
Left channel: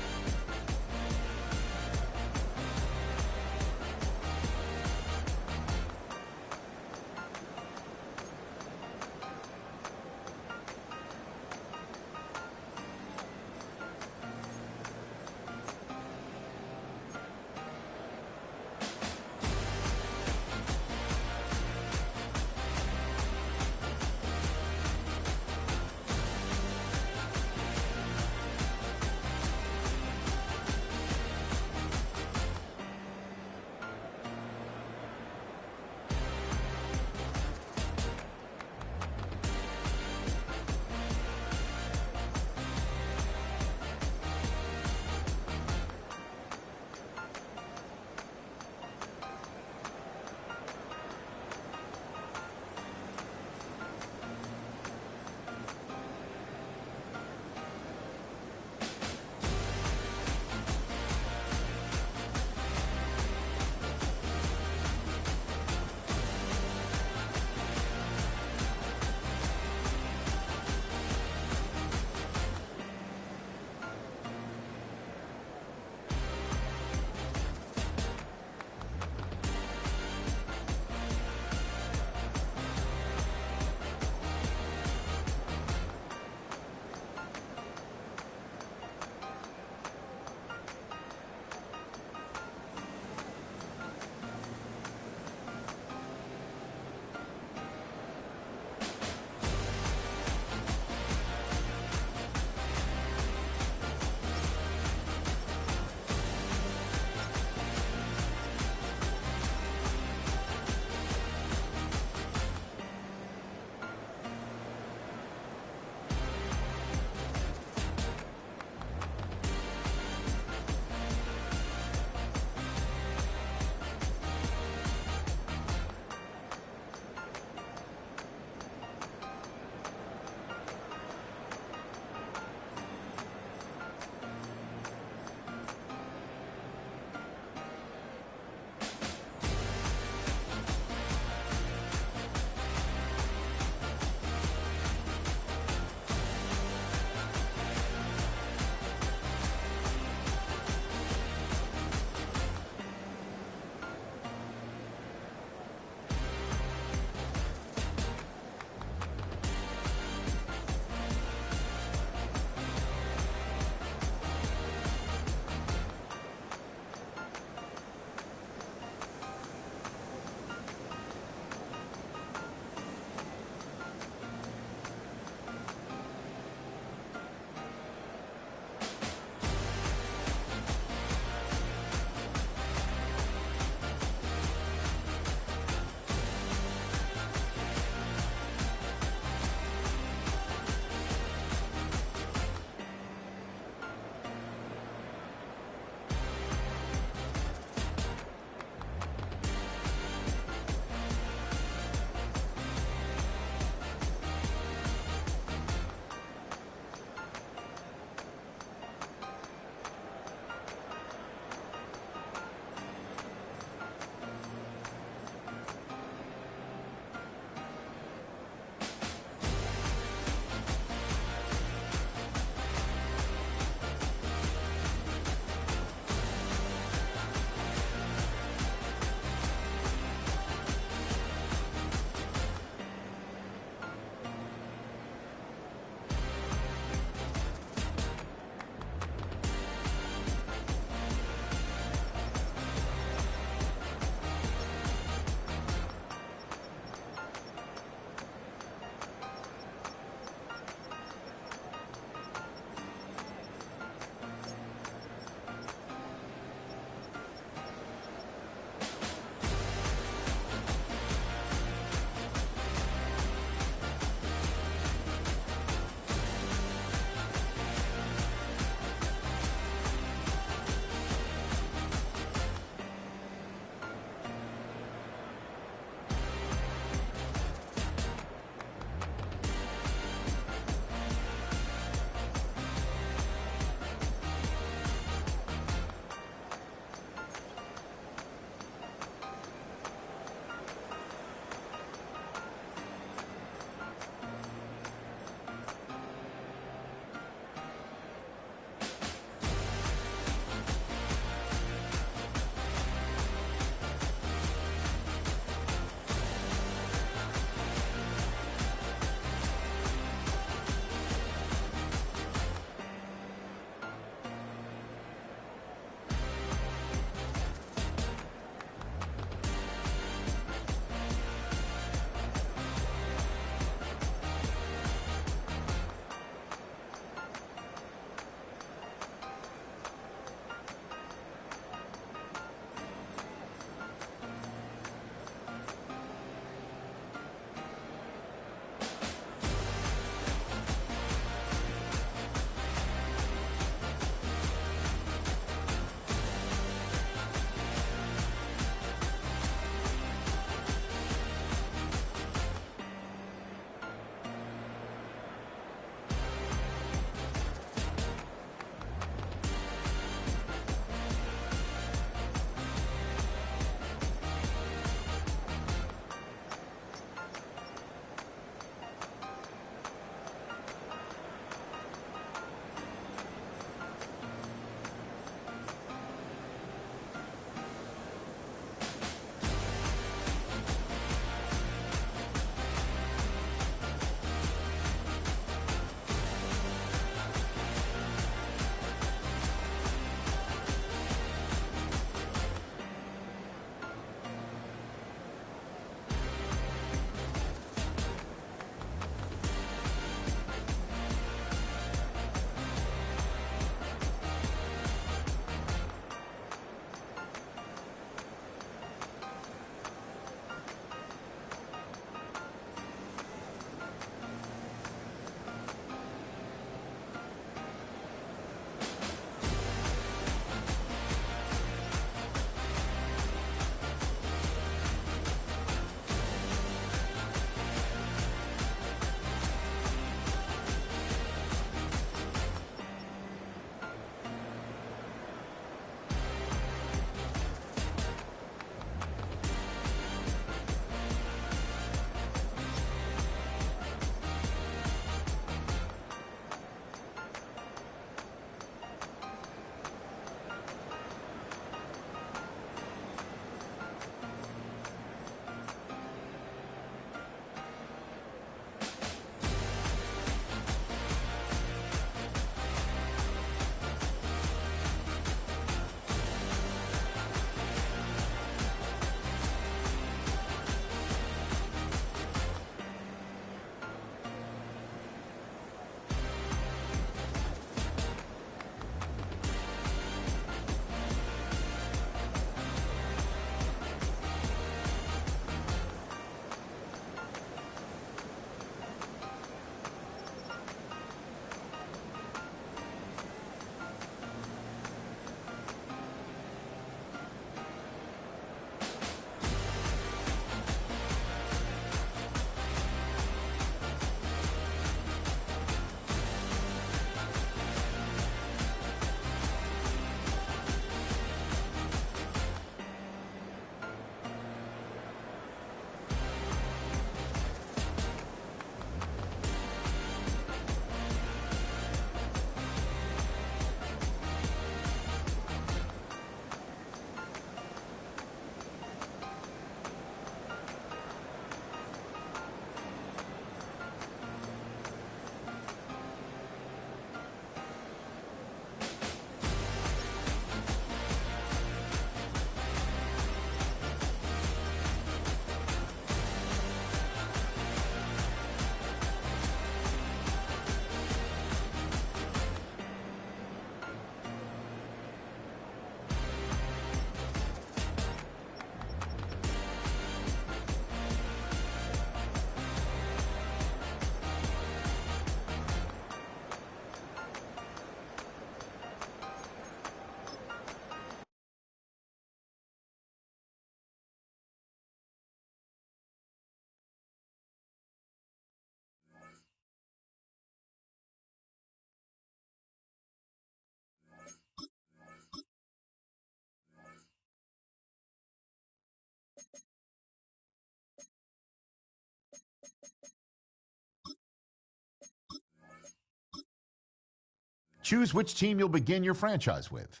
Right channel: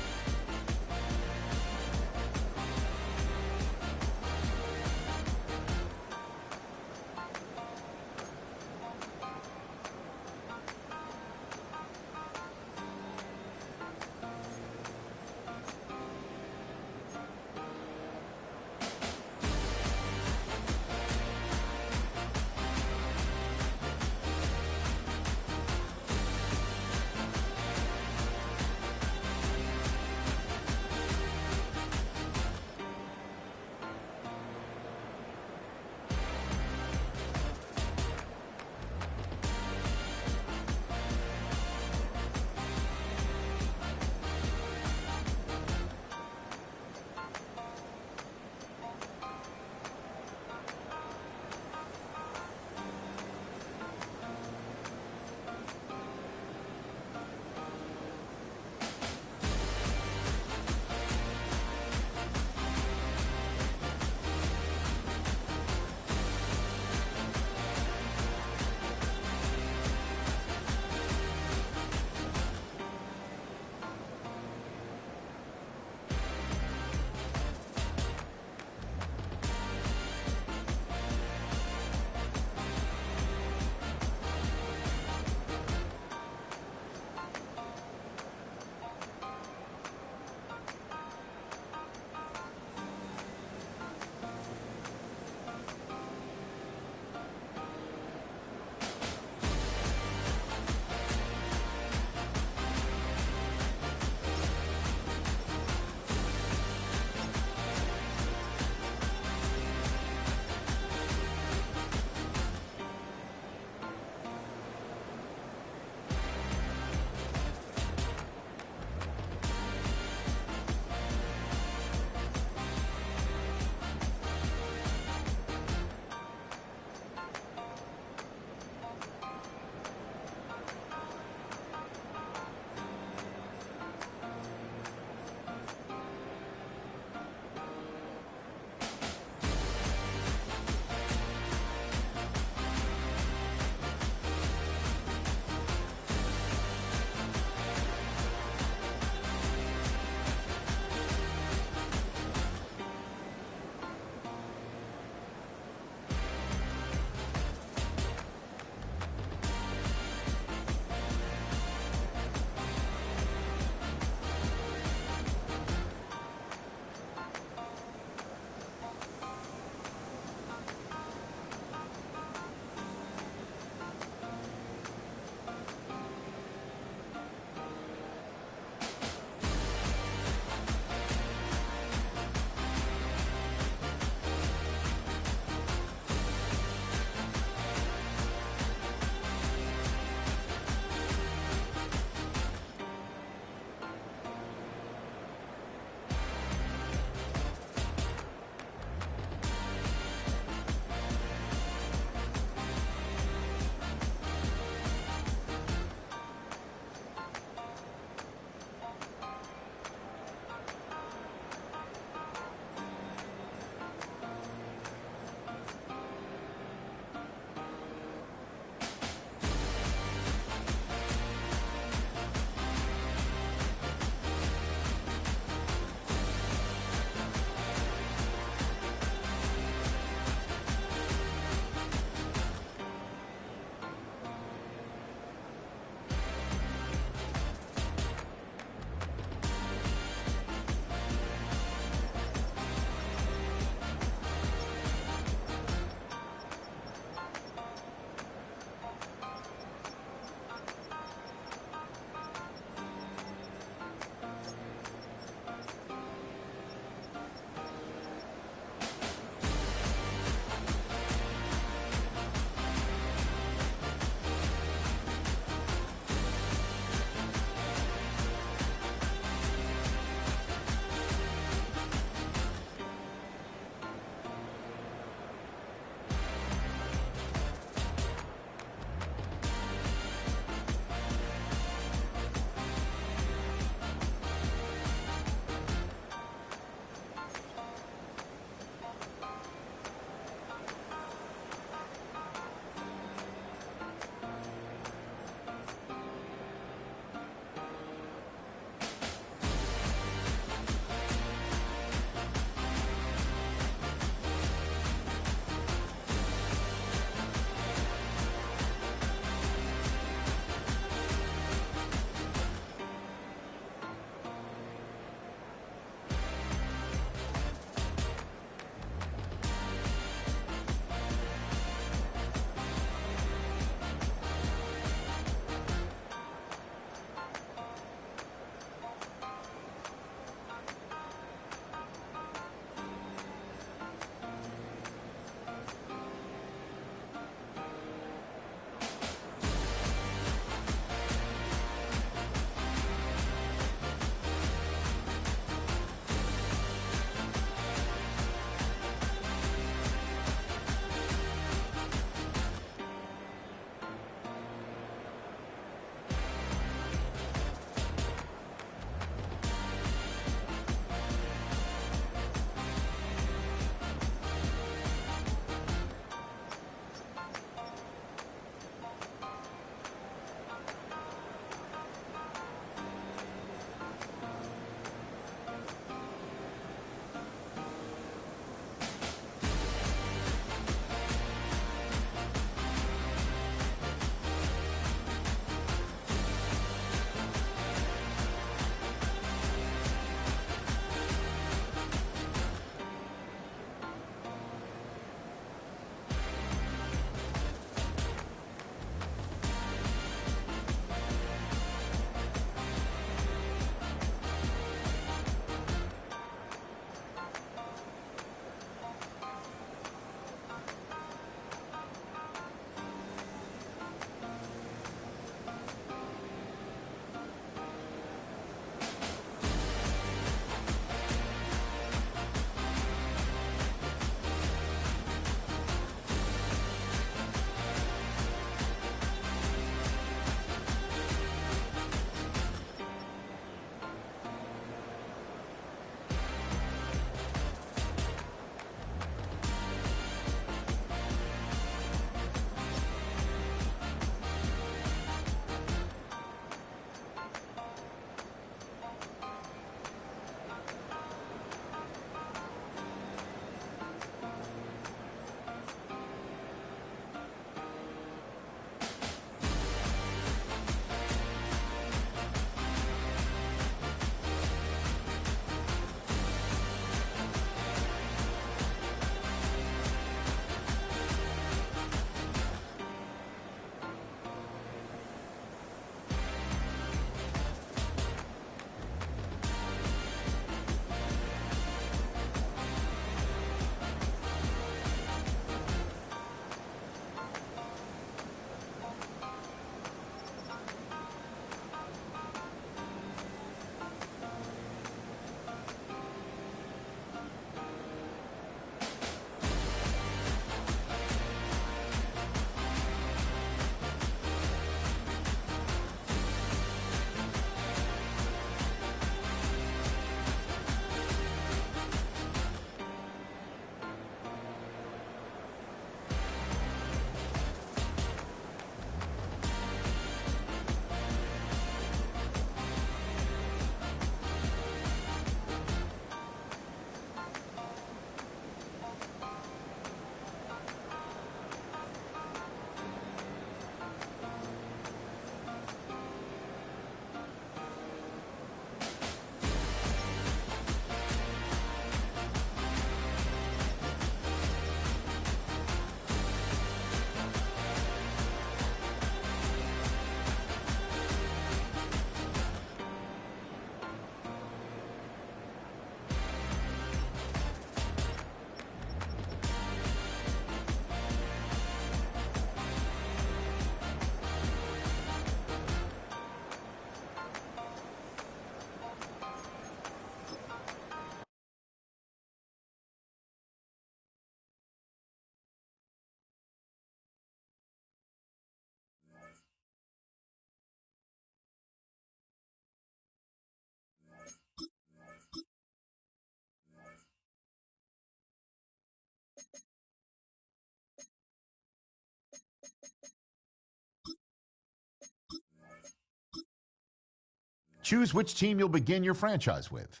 Choose which team you'll begin your franchise with.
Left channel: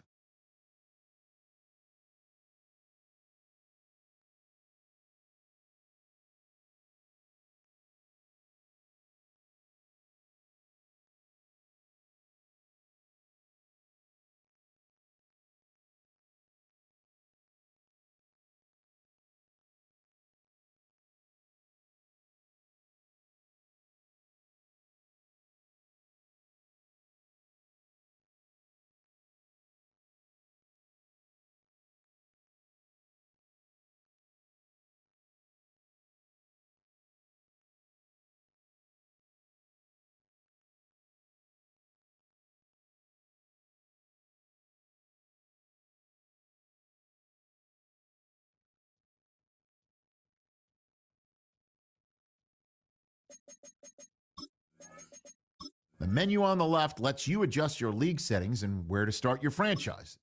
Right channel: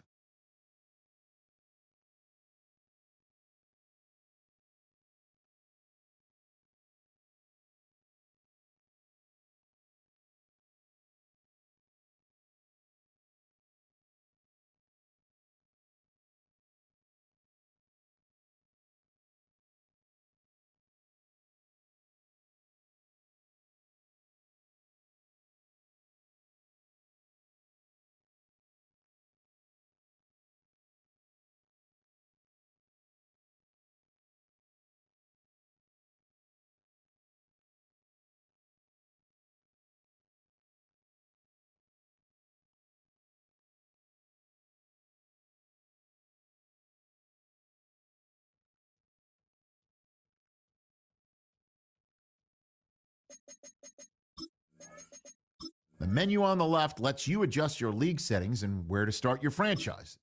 The menu on the left lets you adjust your league settings and where to start your franchise.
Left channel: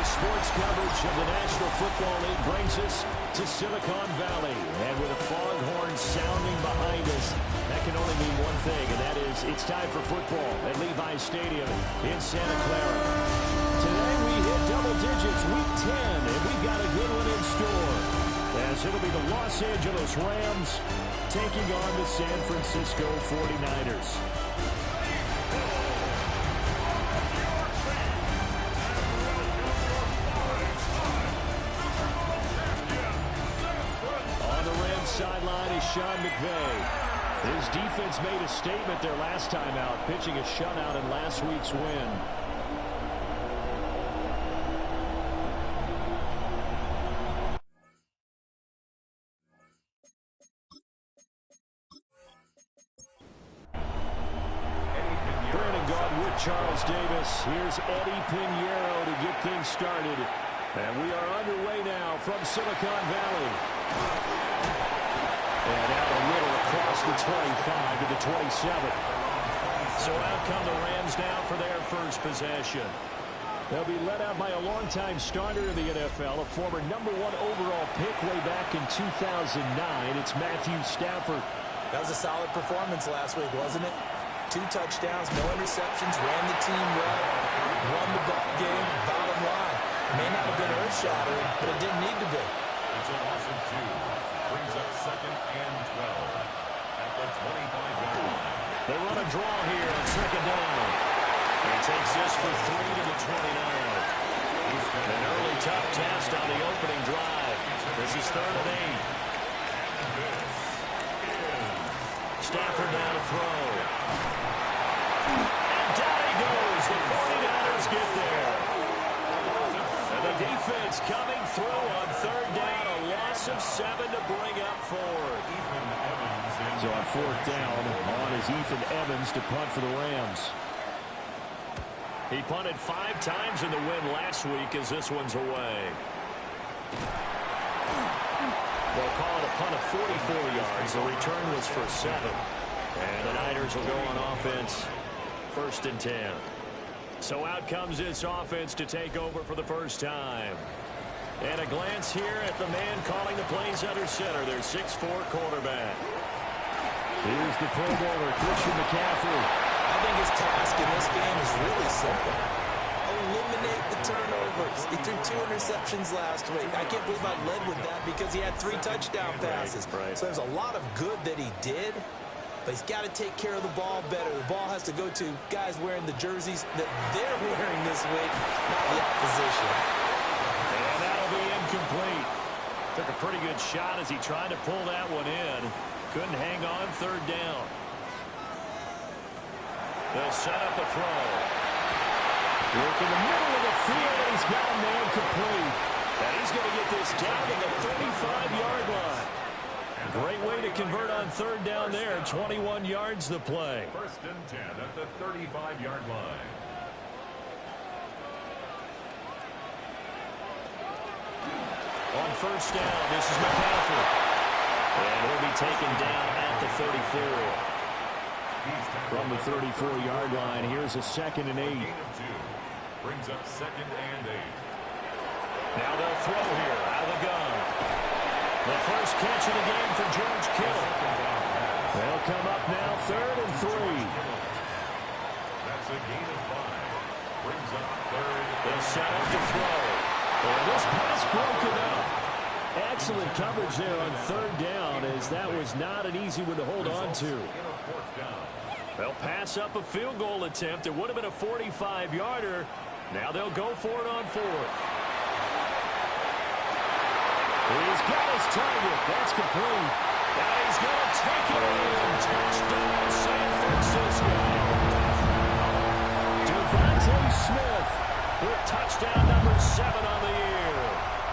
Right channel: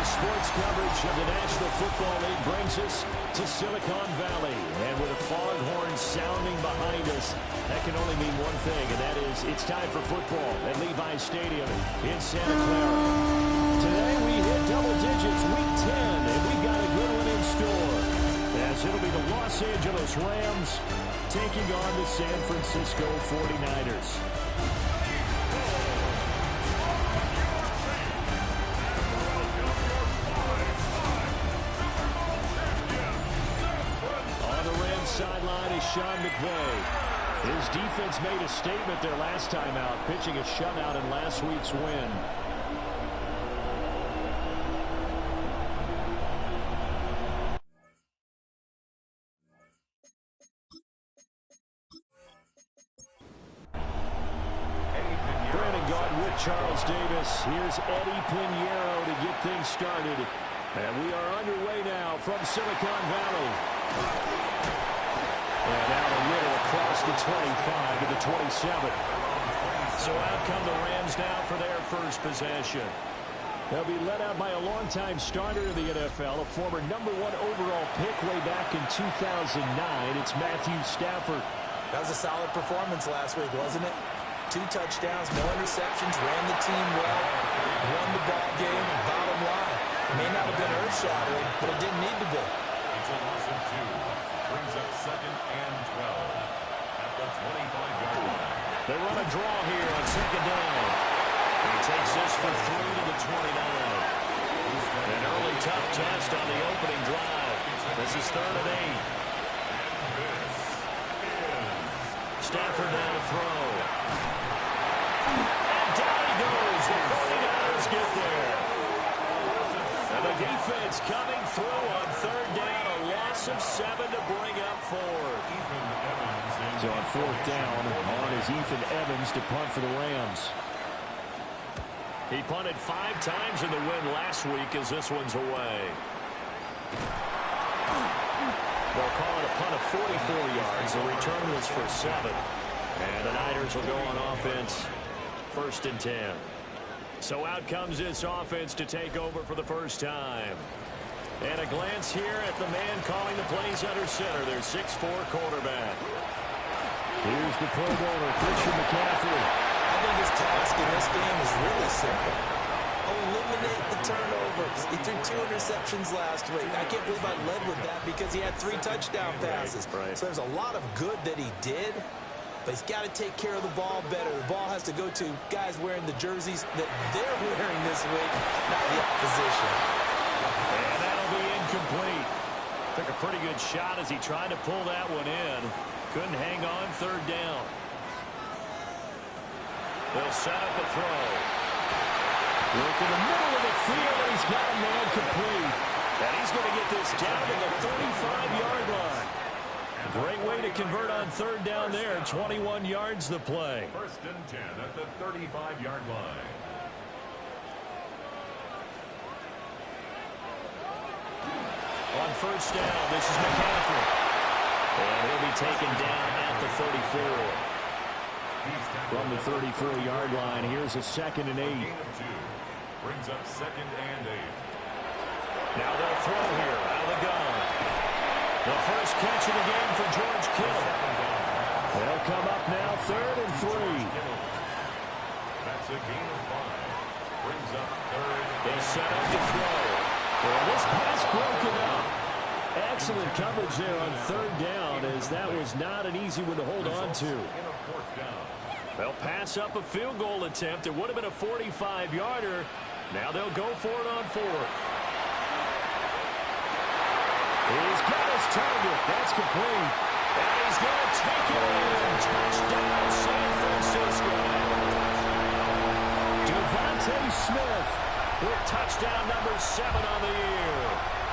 Daily sports coverage of the National Football League brings us to Silicon Valley. And with a foghorn sounding behind us, that can only mean one thing, and that is it's time for football at Levi's Stadium in Santa Clara. Today we hit double digits, week 10, and we've got a good one in store, as it'll be the Los Angeles Rams taking on the San Francisco 49ers. On the Rams sideline is Sean McVay. His defense made a statement their last time out, pitching a shutout in last week's win. Charles Davis. Here's Eddie Pinheiro to get things started. And we are underway now from Silicon Valley. And out a little across the 25 to the 27. So out come the Rams now for their first possession. They'll be led out by a longtime starter in the NFL, a former #1 overall pick way back in 2009. It's Matthew Stafford. That was a solid performance last week, wasn't it? 2 touchdowns, no interceptions, ran the team well, won the ball game. Bottom line, may not have been earth-shattering, but it didn't need to be. It's a loss of 2. Brings up 2nd and 12 at the 25-yard line. They run a draw here on 2nd down. He takes this for 3 to the 29. An early tough test on the opening drive. This is 3rd and 8. Stafford now to throw. And down he goes. The 49ers get there. And the defense coming through on 3rd down. A loss of 7 to bring up 4th. So on 4th down, on is Ethan Evans to punt for the Rams. He punted 5 times in the win last week as this one's away. They'll call it a punt of 44 yards. The return was for 7. And the Niners will go on offense, 1st and 10. So out comes this offense to take over for the first time. And a glance here at the man calling the plays under center, their 6'4" quarterback. Here's the Pro Bowler, Christian McCaffrey. I think his task in this game is really simple. Eliminate the turnovers. He threw 2 interceptions last week. I can't believe I led with that because he had 3 touchdown passes. Right. So there's a lot of good that he did, but he's got to take care of the ball better. The ball has to go to guys wearing the jerseys that they're wearing this week, not the opposition. And that'll be incomplete. Took a pretty good shot as he tried to pull that one in. Couldn't hang on 3rd down. They'll set up a throw. Work in the middle of the field, and he's got a man complete. And he's going to get this down to the 35-yard line. Great way to convert on 3rd down there. 21 yards the play. 1st and 10 at the 35-yard line. On 1st down, this is McCaffrey. And he'll be taken down at the 34. From the 34-yard line, here's a 2nd and 8. Gain of 2. Brings up 2nd and 8. Now they'll throw here out of the gun. The first catch of the game for George Kittle. They'll come up now 3rd and 3. That's a gain of 5. Brings up 3rd. They'll set up to throw. And this pass broken up. Excellent coverage there on 3rd down, as that was not an easy one to hold on to. They'll pass up a field goal attempt. It would have been a 45-yarder. Now they'll go for it on 4th. He's got his target. That's complete. And he's going to take it in. Touchdown, San Francisco. Devontae Smith with touchdown number 7 on the year.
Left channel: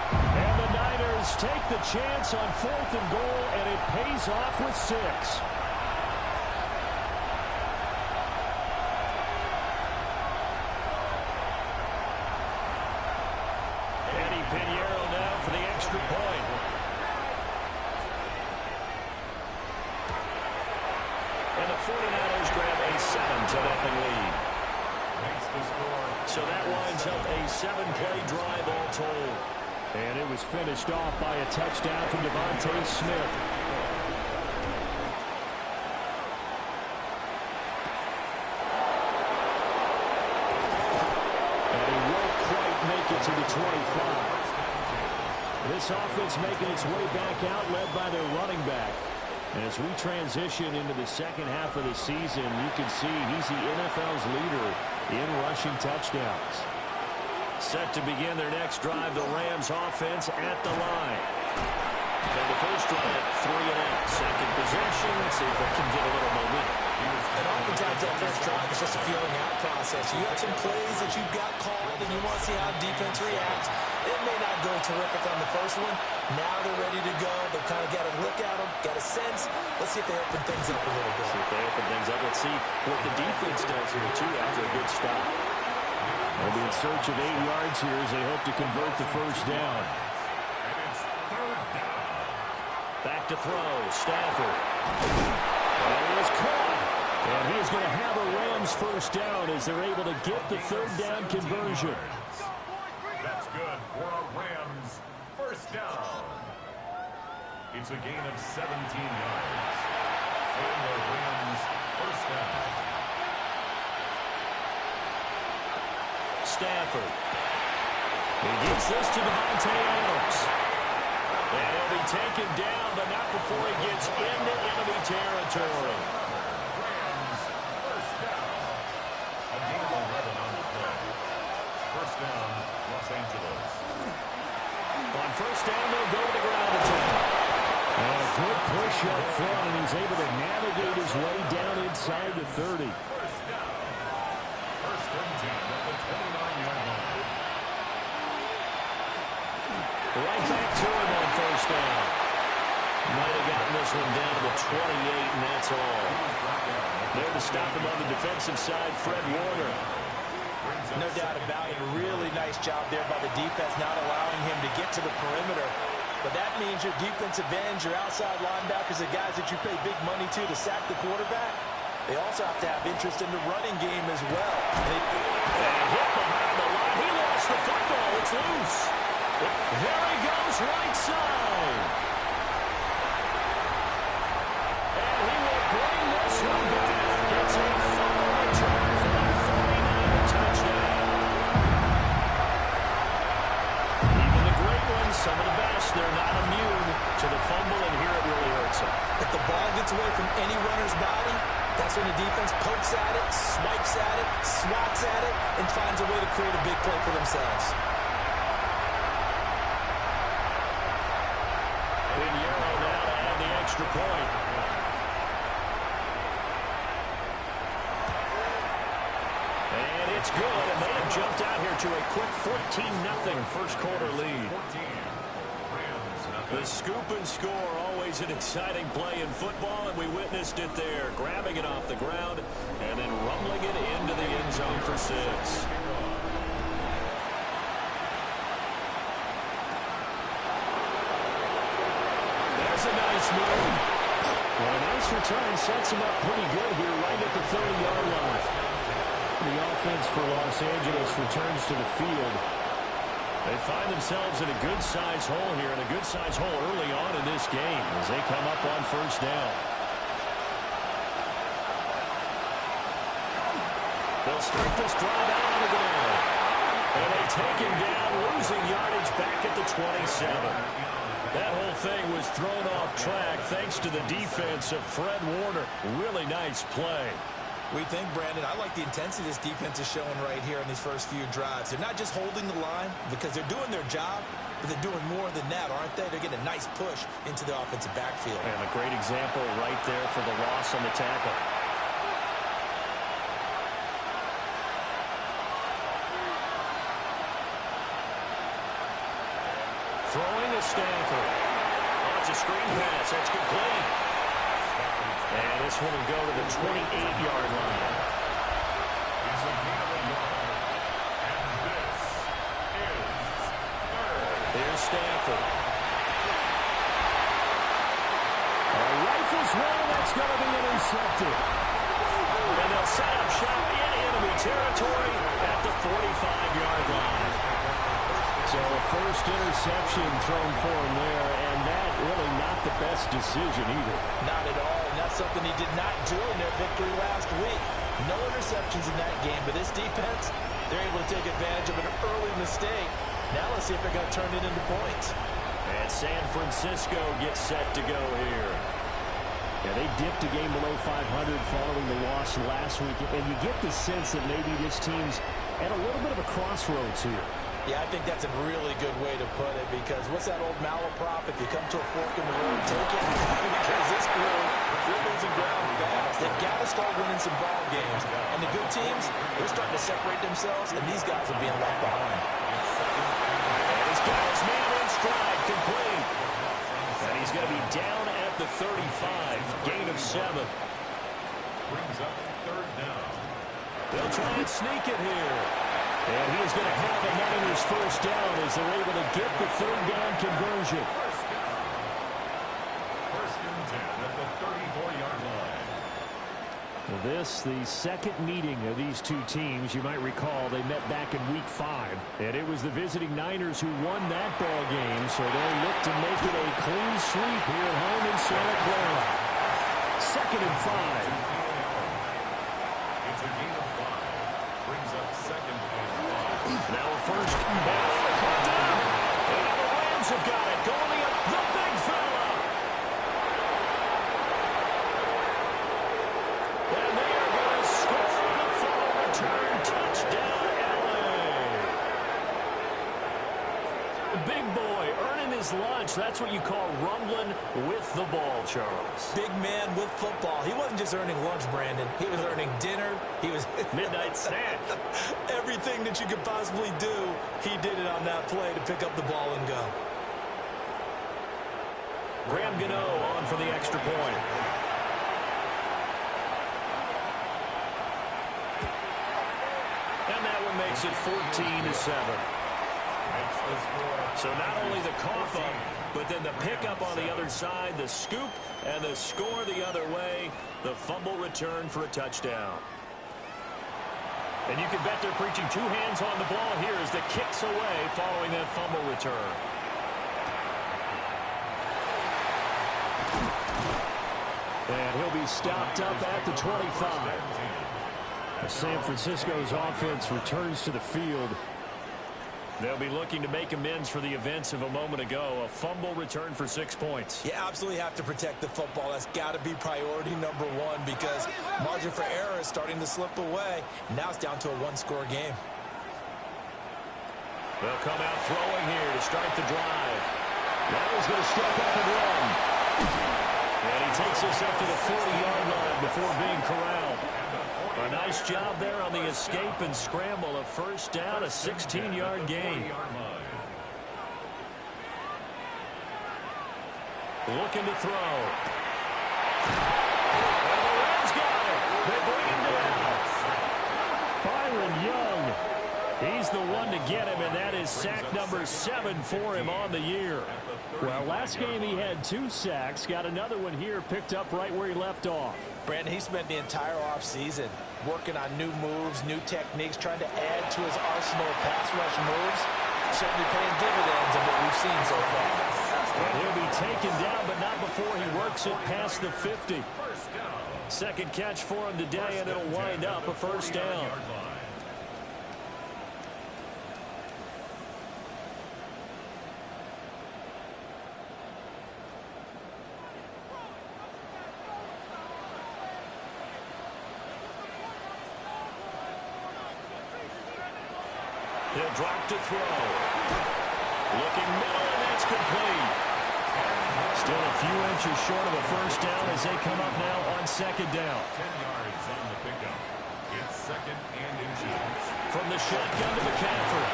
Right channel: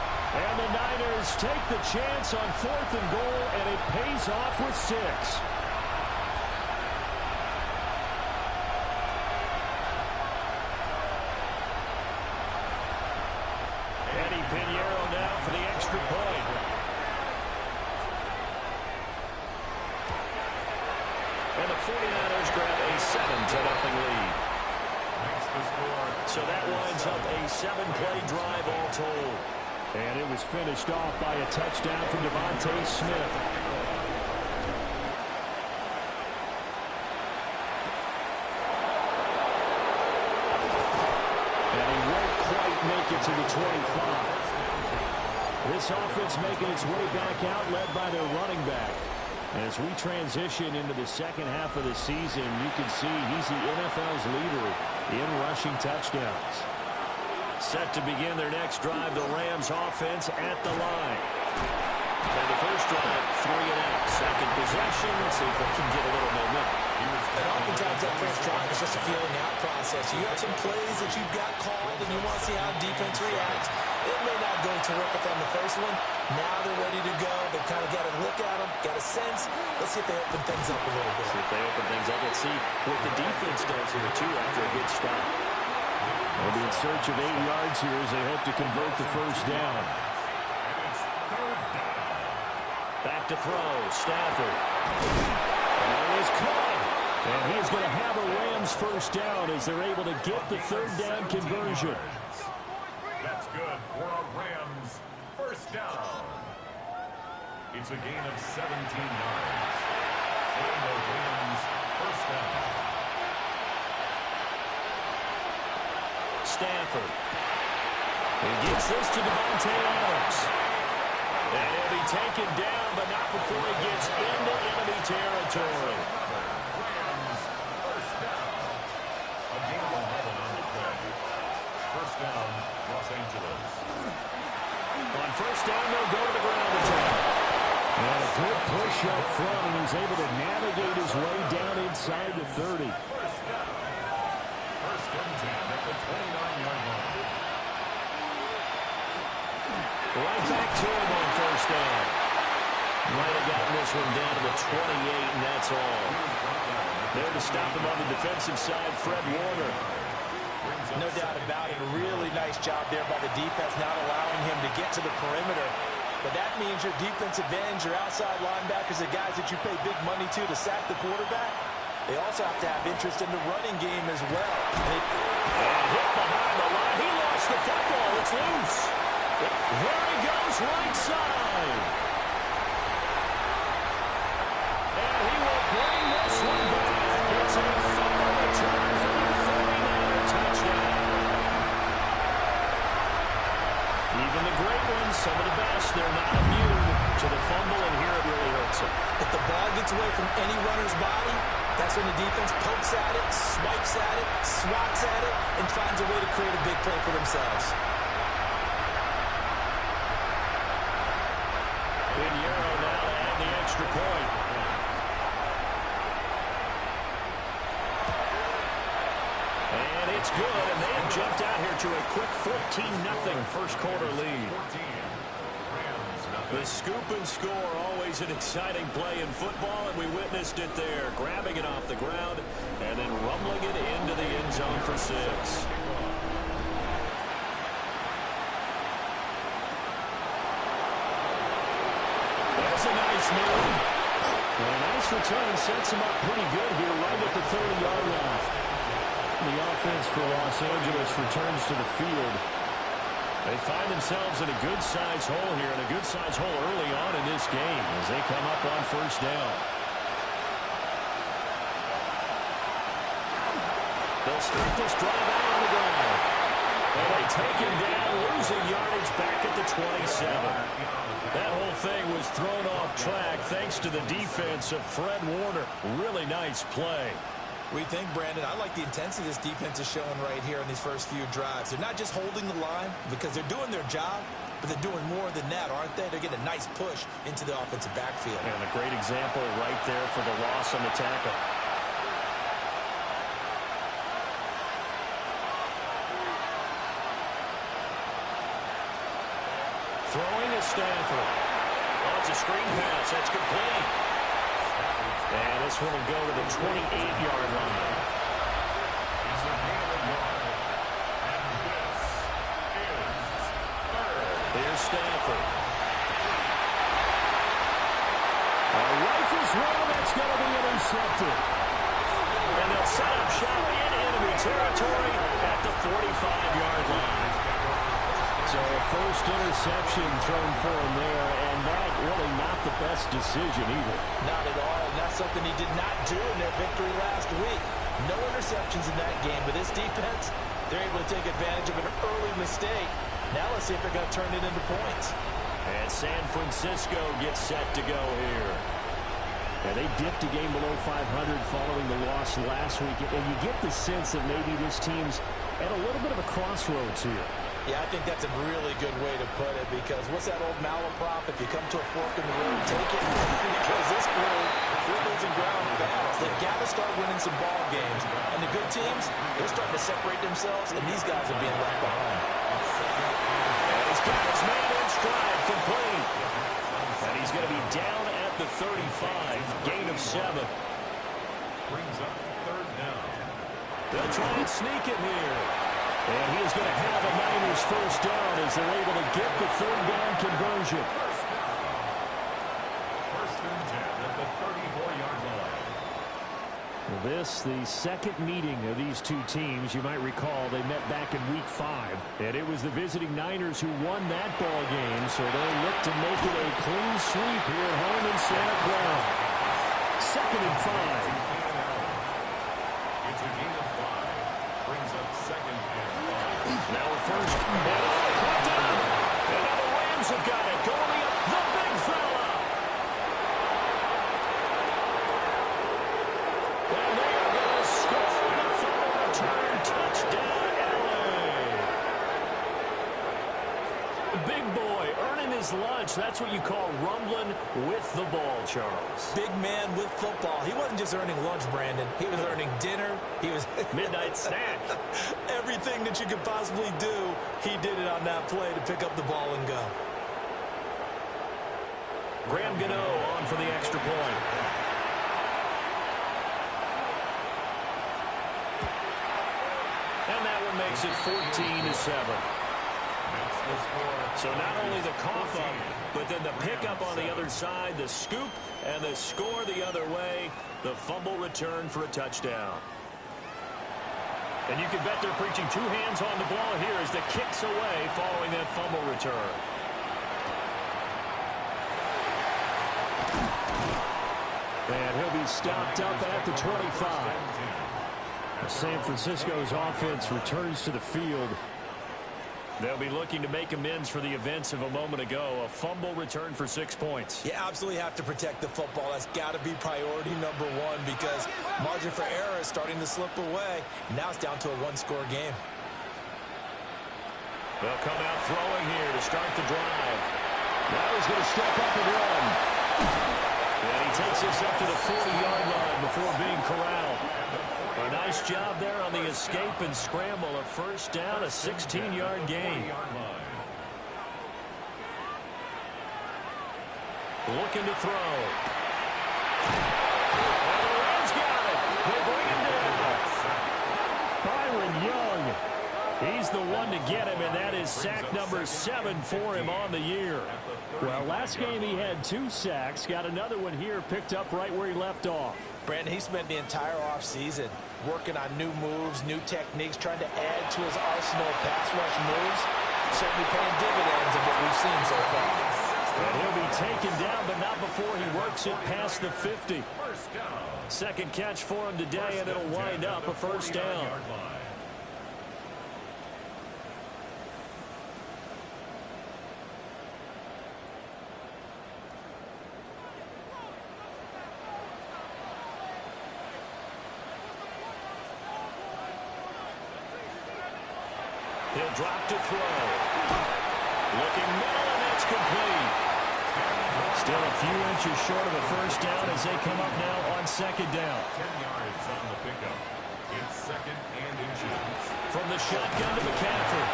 And the Niners take the chance on 4th and goal, and it pays off with 6. Eddie Pinheiro now for the extra point. And the 49ers grab a 7-0 lead. makes the score. So that winds up a 7-play drive all told. And it was finished off by a touchdown from Devontae Smith. And he won't quite make it to the 25. This offense making its way back out, led by their running back. As we transition into the second half of the season, you can see he's the NFL's leader in rushing touchdowns. Set to begin their next drive, the Rams offense at the line. And the first drive, 3 and out. Second possession, let's see if they can get a little momentum. And oftentimes that first drive is just a feeling out process. You have some plays that you've got called and you want to see how defense reacts. It may not go terrific on the first one. Now they're ready to go. They've kind of got a look at them, got a sense. Let's see if they open things up a little bit. See if they open things up. Let's see what the defense does here, too, after a good stop. They'll be in search of 8 yards here as they hope to convert the first down. Back to throw, Stafford. And he is caught. And he is going to have a Rams first down as they're able to get the third down conversion. That's good for a Rams first down. It's a gain of 17 yards. And the Rams first down. Stafford. He gets this to Devontae Adams. And he'll be taken down, but not before he gets into enemy territory. Rams first down. A gain of 11 on the play. First down, Los Angeles. On first down, they'll go to the ground attack. And a good push up front, and he's able to navigate his way down inside the 30. First down. First and 10 at the 29-yard line. Right back to him on first down. Might have gotten this one down to the 28, and that's all. There to stop him on the defensive side, Fred Warner. No doubt about it. A really nice job there by the defense, not allowing him to get to the perimeter. But that means your defensive ends, your outside linebackers, the guys that you pay big money to sack the quarterback, they also have to have interest in the running game as well. And hit behind the line. He lost the football. It's loose. There he goes, right side. And he will bring this one back. It's a fumble return for the 49er touchdown. Even the great ones, some of the best, they're not immune to the fumble, and here it really hurts them. If the ball gets away from any runner's body, that's when the defense pokes at it, swipes at it, swats at it, and finds a way to create a big play for themselves. Pinheiro now to add the extra point. And it's good, and they have jumped out here to a quick 14-0 first quarter lead. The scoop and score, always an exciting play in football, and we witnessed it there, grabbing it off the ground and then rumbling it into the end zone for 6. There's a nice move. Well, a nice return sets him up pretty good here right at the 30-yard line. The offense for Los Angeles returns to the field. They find themselves in a good-sized hole here, and a good-sized hole early on in this game as they come up on first down. They'll start this drive out on the ground. And they take him down, losing yardage back at the 27. That whole thing was thrown off track thanks to the defense of Fred Warner. Really nice play. We think, Brandon, I like the intensity this defense is showing right here in these first few drives. They're not just holding the line because they're doing their job, but they're doing more than that, aren't they? They're getting a nice push into the offensive backfield. And a great example right there for the loss on the tackle. Throwing a Stafford. Oh, it's a screen pass. That's complete. And this one will go to the 28-yard line. It's a gain of a yard. And this is third. Here's Stafford. Rifles one, that's going to be intercepted. And they'll set up shop in enemy territory at the 45-yard line. So a first interception thrown for him there, and that really not the best decision either. Not at all, and that's something he did not do in their victory last week. No interceptions in that game, but this defense, they're able to take advantage of an early mistake. Now let's see if they're going to turn it into points. And San Francisco gets set to go here. Yeah, they dipped a game below 500 following the loss last week, and you get the sense that maybe this team's at a little bit of a crossroads here. Yeah, I think that's a really good way to put it, because what's that old malaprop? If you come to a fork in the road, take it. Because this crew, they're losing ground fast. They've got to start winning some ball games. And the good teams, they're starting to separate themselves, and these guys are being left behind. And he's got his man in stride, complete. And he's going to be down at the 35, gain of 7. Brings up third down. They'll try and sneak it here. And he is going to have a Niners first down as they're able to get the third down conversion. First down. First and 10 at the 34-yard line. This, the second meeting of these two teams. You might recall they met back in Week 5. And it was the visiting Niners who won that ball game. So they'll look to make it a clean sweep here at home in Santa Clara. Second and 5. It's a gain of 5. Brings up second and 5. Now a first. And they caught up. And now the Rams have got it. Going up the big fella. And they are going to score on a full return touchdown, LA. Big boy earning his lunch. That's what you call rumbling with the ball, Charles. Big man with football. He wasn't just earning lunch, Brandon. He was earning dinner. He was midnight snack. Everything that you could possibly do, he did it on that play to pick up the ball and go. Graham Gano on for the extra point. And that one makes it 14-7. So not only the cough up, but then the pickup on the other side, the scoop, and the score the other way, the fumble return for a touchdown. And you can bet they're preaching two hands on the ball here as the kick's away following that fumble return. And he'll be stopped up at the 25. San Francisco's offense returns to the field. They'll be looking to make amends for the events of a moment ago. A fumble return for 6 points. You absolutely have to protect the football. That's got to be priority number one, because margin for error is starting to slip away. Now it's down to a one-score game. They'll come out throwing here to start the drive. Now he's going to step up and run. And he takes us up to the 40-yard line before being corralled. A nice job there on the escape and scramble. A first down, a 16-yard gain. Looking to throw. And the Rams got it. They bring him down. Byron Young. He's the one to get him, and that is sack number 7 for him on the year. Well, last game he had 2 sacks. Got another one here, picked up right where he left off. Brandon, he spent the entire offseason working on new moves, new techniques, trying to add to his arsenal of pass rush moves. Certainly paying dividends in what we've seen so far. And he'll be taken down, but not before he works it past the 50. Second catch for him today, and it'll wind up a first down. He'll drop to throw. Looking middle, and that's complete. Still a few inches short of a first down as they come up now on second down. 10 yards on the pickup. It's second and inches. From the shotgun to McCaffrey.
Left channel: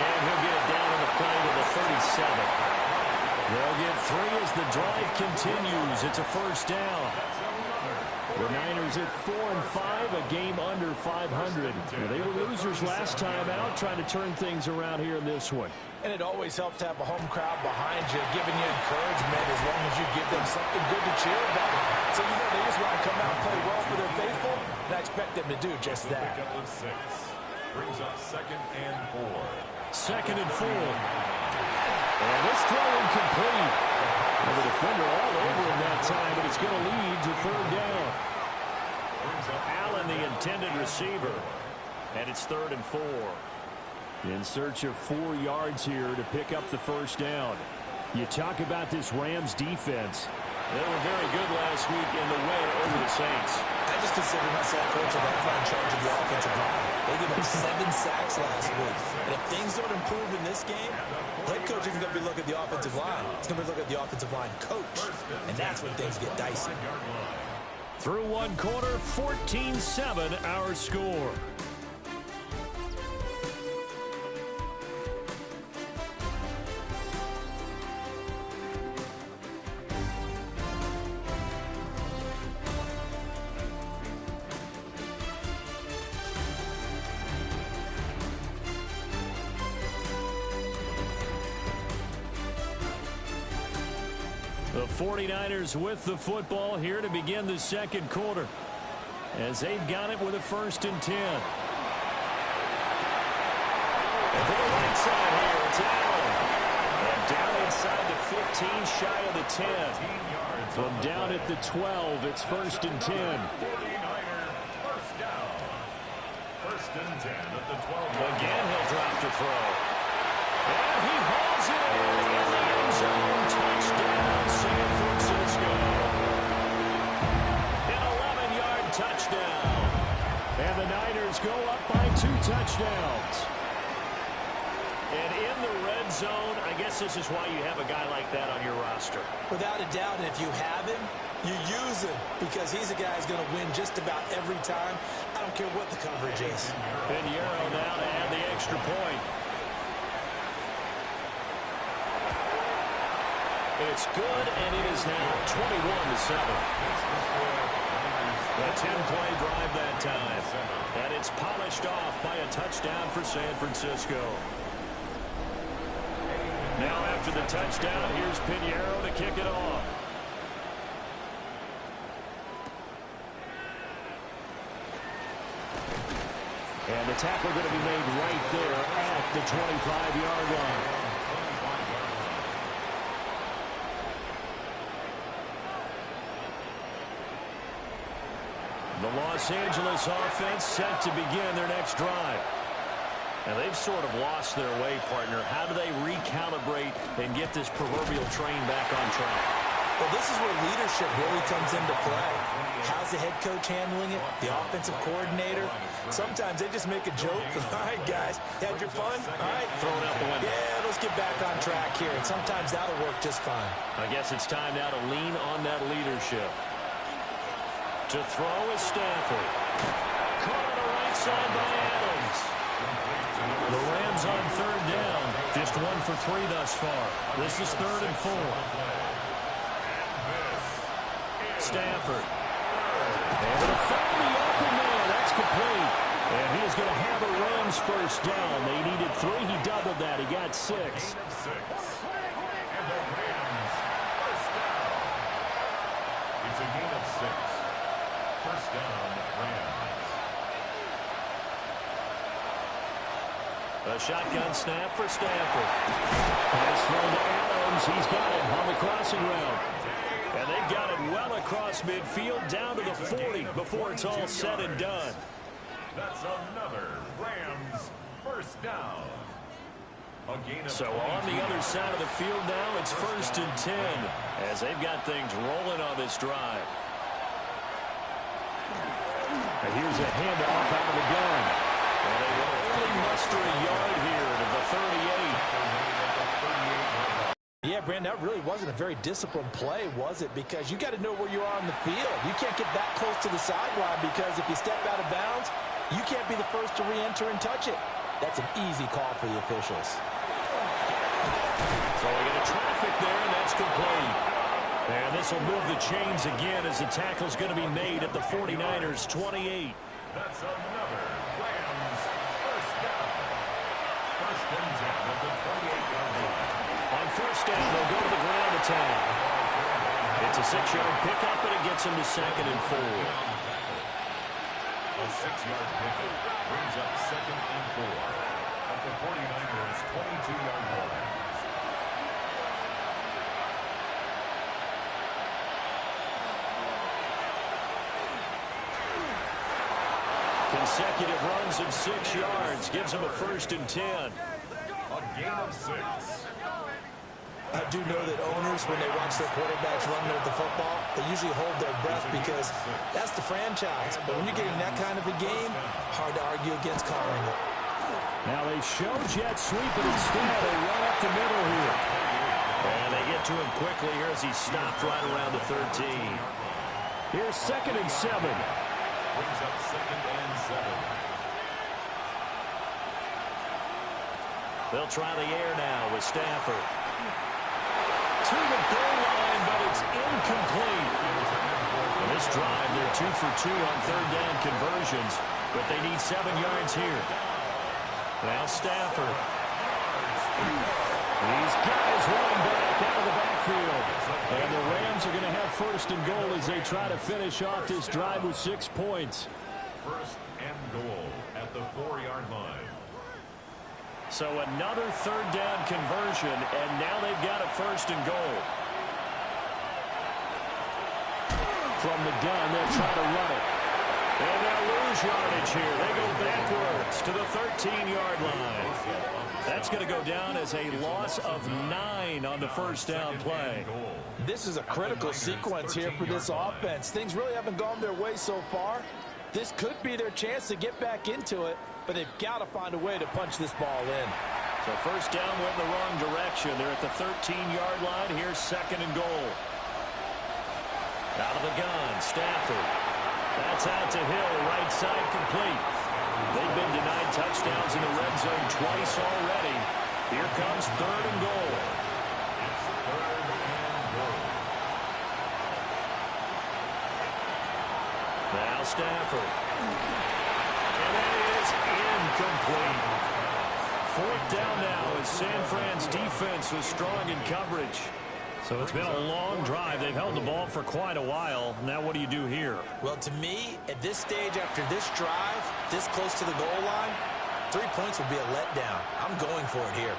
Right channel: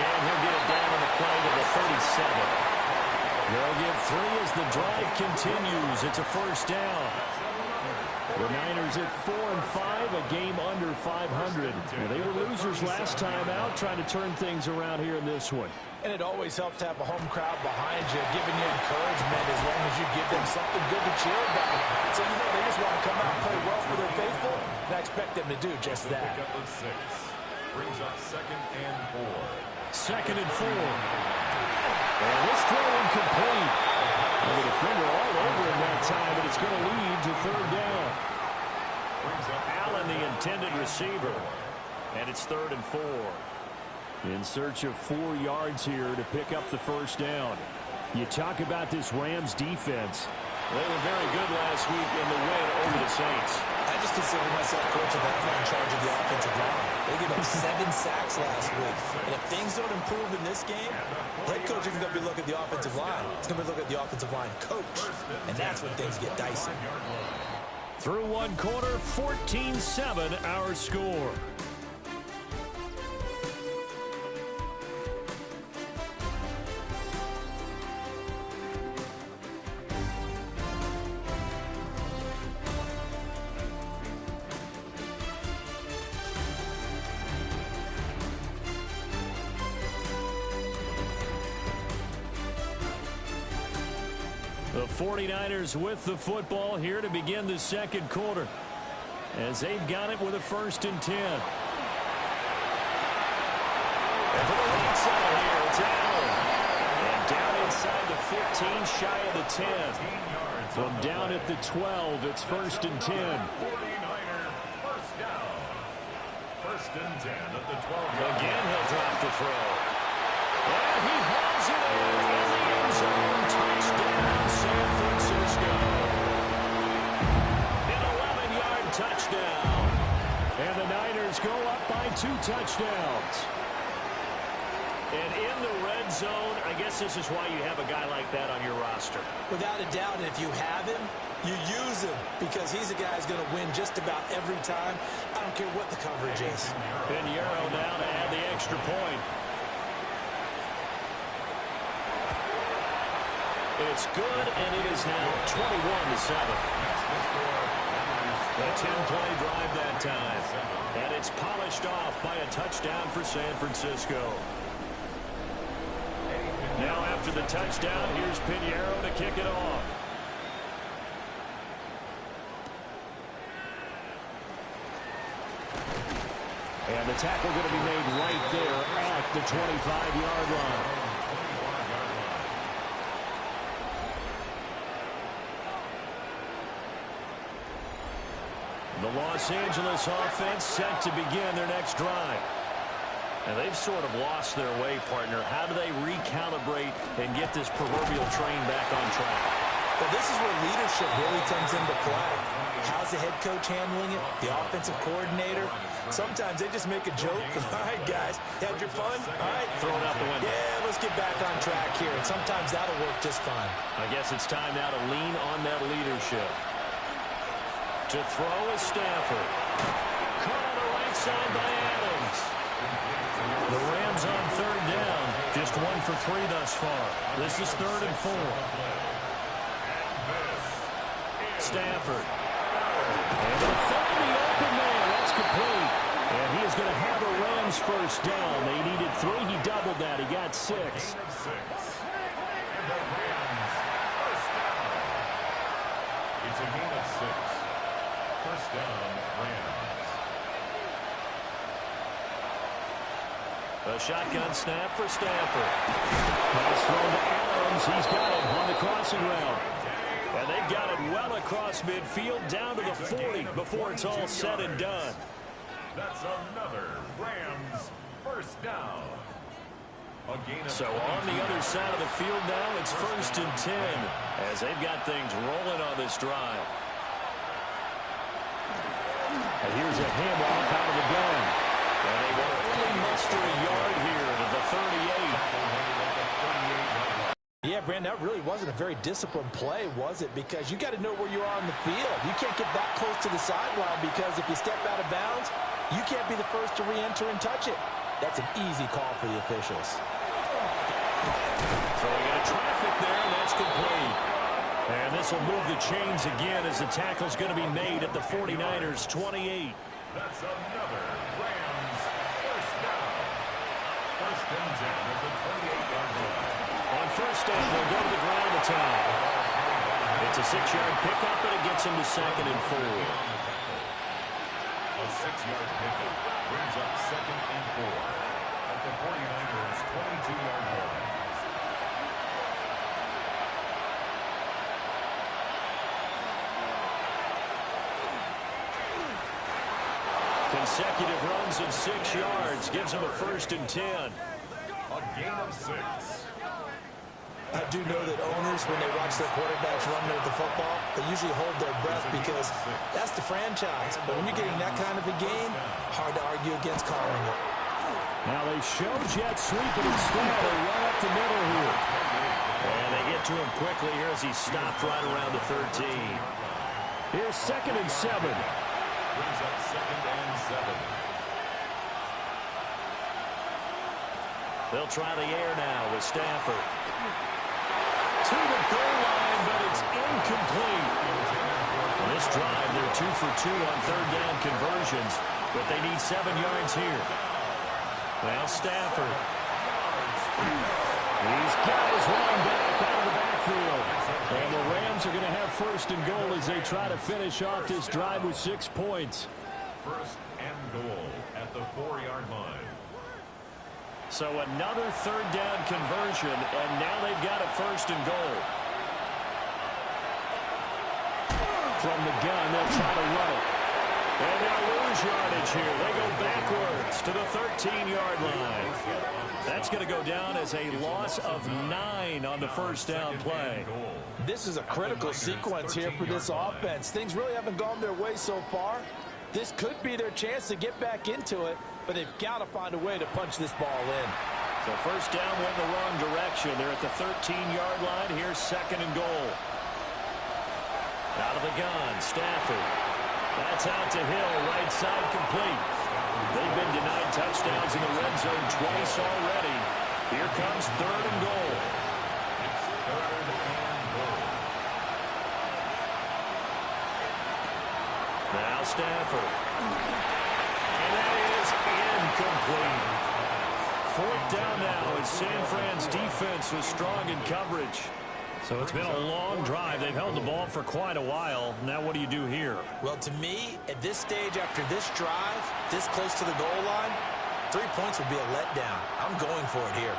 And he'll get it down on the play to the 37. They'll get 3 as the drive continues. It's a first down. The Niners at 4-5, a game under 500. Well, they were losers last time out, trying to turn things around here in this one. And it always helps to have a home crowd behind you, giving you encouragement as long as you give them something good to cheer about. So, you know, they just want to come out and play well for their faithful. And I expect them to do just that. Pick up of 6. Brings up 2nd and 4. 2nd and 4. And this throw incomplete. And the defender all over him that time, but it's going to lead to 3rd down. Allen, the intended receiver. And it's 3rd and 4. In search of 4 yards here to pick up the 1st down. You talk about this Rams defense. They were very good last week in the win over the Saints. I just consider myself fortunate that I'm not in charge of the offensive line. They gave up 7 sacks last week. And if things don't improve in this game, head coach isn't going to be looking at the offensive line. He's going to be looking at the offensive line coach. And that's when things get dicey. Through 1 quarter, 14-7 our score. The 49ers with the football here to begin the 2nd quarter, as they've got it with a 1st and 10. And to the right side here, it's Allen. And down inside the 15, shy of the 10. From down at the 12, it's 1st and 10. 49er first down. 1st and 10 at the 12. Again, he'll drop the throw. And he hauls it in the end zone. Touchdown, San Francisco. An 11-yard touchdown. And the Niners go up by 2 touchdowns. And in the red zone, I guess this is why you have a guy like that on your roster. Without a doubt, and if you have him, you use him, because he's a guy who's going to win just about every time. I don't care what the coverage is. Pinheiro now to add the extra point. It's good, and it is now 21-7. A 10-play drive that time. And it's polished off by a touchdown for San Francisco. Now after the touchdown, here's Pinheiro to kick it off. And the tackle going to be made right there at the 25-yard line. The Los Angeles offense set to begin their next drive. And they've sort of lost their way, partner. How do they recalibrate and get this proverbial train back on track? Well, this is where leadership really comes into play. How's the head coach handling it? The offensive coordinator? Sometimes they just make a joke. All right, guys, had your fun? All right. Throw it out the window. Yeah, let's get back on track here. And sometimes that'll work just fine. I guess it's time now to lean on that leadership. To throw is Stafford. Caught on the right side by Adams. The Rams on 3rd down. Just 1 for 3 thus far. This is 3rd and 4. Stafford. And they'll find the open man. That's complete. And he is going to have a Rams first down. They needed 3. He doubled that. He got 6. And the Rams first down. It's a gain of 6. First down, Rams. A shotgun snap for Stafford. Pass thrown to Adams. He's got it on the crossing route. And they've got it well across midfield down to the 40 before it's all said and done. That's another Rams first down. So on the other side of the field now, it's 1st and 10 as they've got things rolling on this drive. And here's a handoff out of the gun. And they will only muster a yard here to the 38. Yeah, Brandon, that really wasn't a very disciplined play, was it? Because you got to know where you are on the field. You can't get that close to the sideline because if you step out of bounds, you can't be the first to re-enter and touch it. That's an easy call for the officials. Throwing into traffic there, and that's complete. And this will move the chains again as the tackle's going to be made at the 49ers' 28. That's another Rams first down. 1st and 10 at the 28-yard line. On 1st down, they'll go to the ground attack. It's a 6-yard pickup, and it gets them to 2nd and 4. 6-yard pickup brings up 2nd and 4 at the 49ers' 22-yard line. Consecutive runs of 6 yards gives him a 1st and 10. A gain of 6. I do know that owners, when they watch their quarterbacks run at the football, they usually hold their breath because that's the franchise. But when you're getting that kind of a game, hard to argue against calling it. Now they show jet sweep, but instead they run up the middle here. And they get to him quickly here as he stopped right around the 13. Here's 2nd and 7. Brings up 2nd and 7. They'll try the air now with Stafford. To the goal line, but it's incomplete. On this drive, they're 2 for 2 on 3rd down conversions, but they need 7 yards here. Now Stafford. He's got his running back out of the backfield. And the Rams are going to have 1st and goal as they try to finish off this drive with 6 points. 1st and goal at the 4-yard line. So another 3rd down conversion, and now they've got a 1st and goal. From the gun, they'll try to run it. And they'll lose yardage here. They go backwards to the 13-yard line. That's going to go down as a loss of 9 on the 1st down play. This is a critical sequence here for this offense. Things really haven't gone their way so far. This could be their chance to get back into it, but they've got to find a way to punch this ball in. So 1st down went in the wrong direction. They're at the 13-yard line. Here's 2nd and goal. Out of the gun, Stafford. That's out to Hill, right side complete. They've been denied touchdowns in the red zone twice already. Here comes 3rd and goal. It's 3rd and goal. Now Stafford. And that is incomplete. 4th down now as San Fran's defense was strong in coverage. So it's been a long drive. They've held the ball for quite a while. Now what do you do here? Well, to me, at this stage after this drive, this close to the goal line, 3 points would be a letdown. I'm going for it here.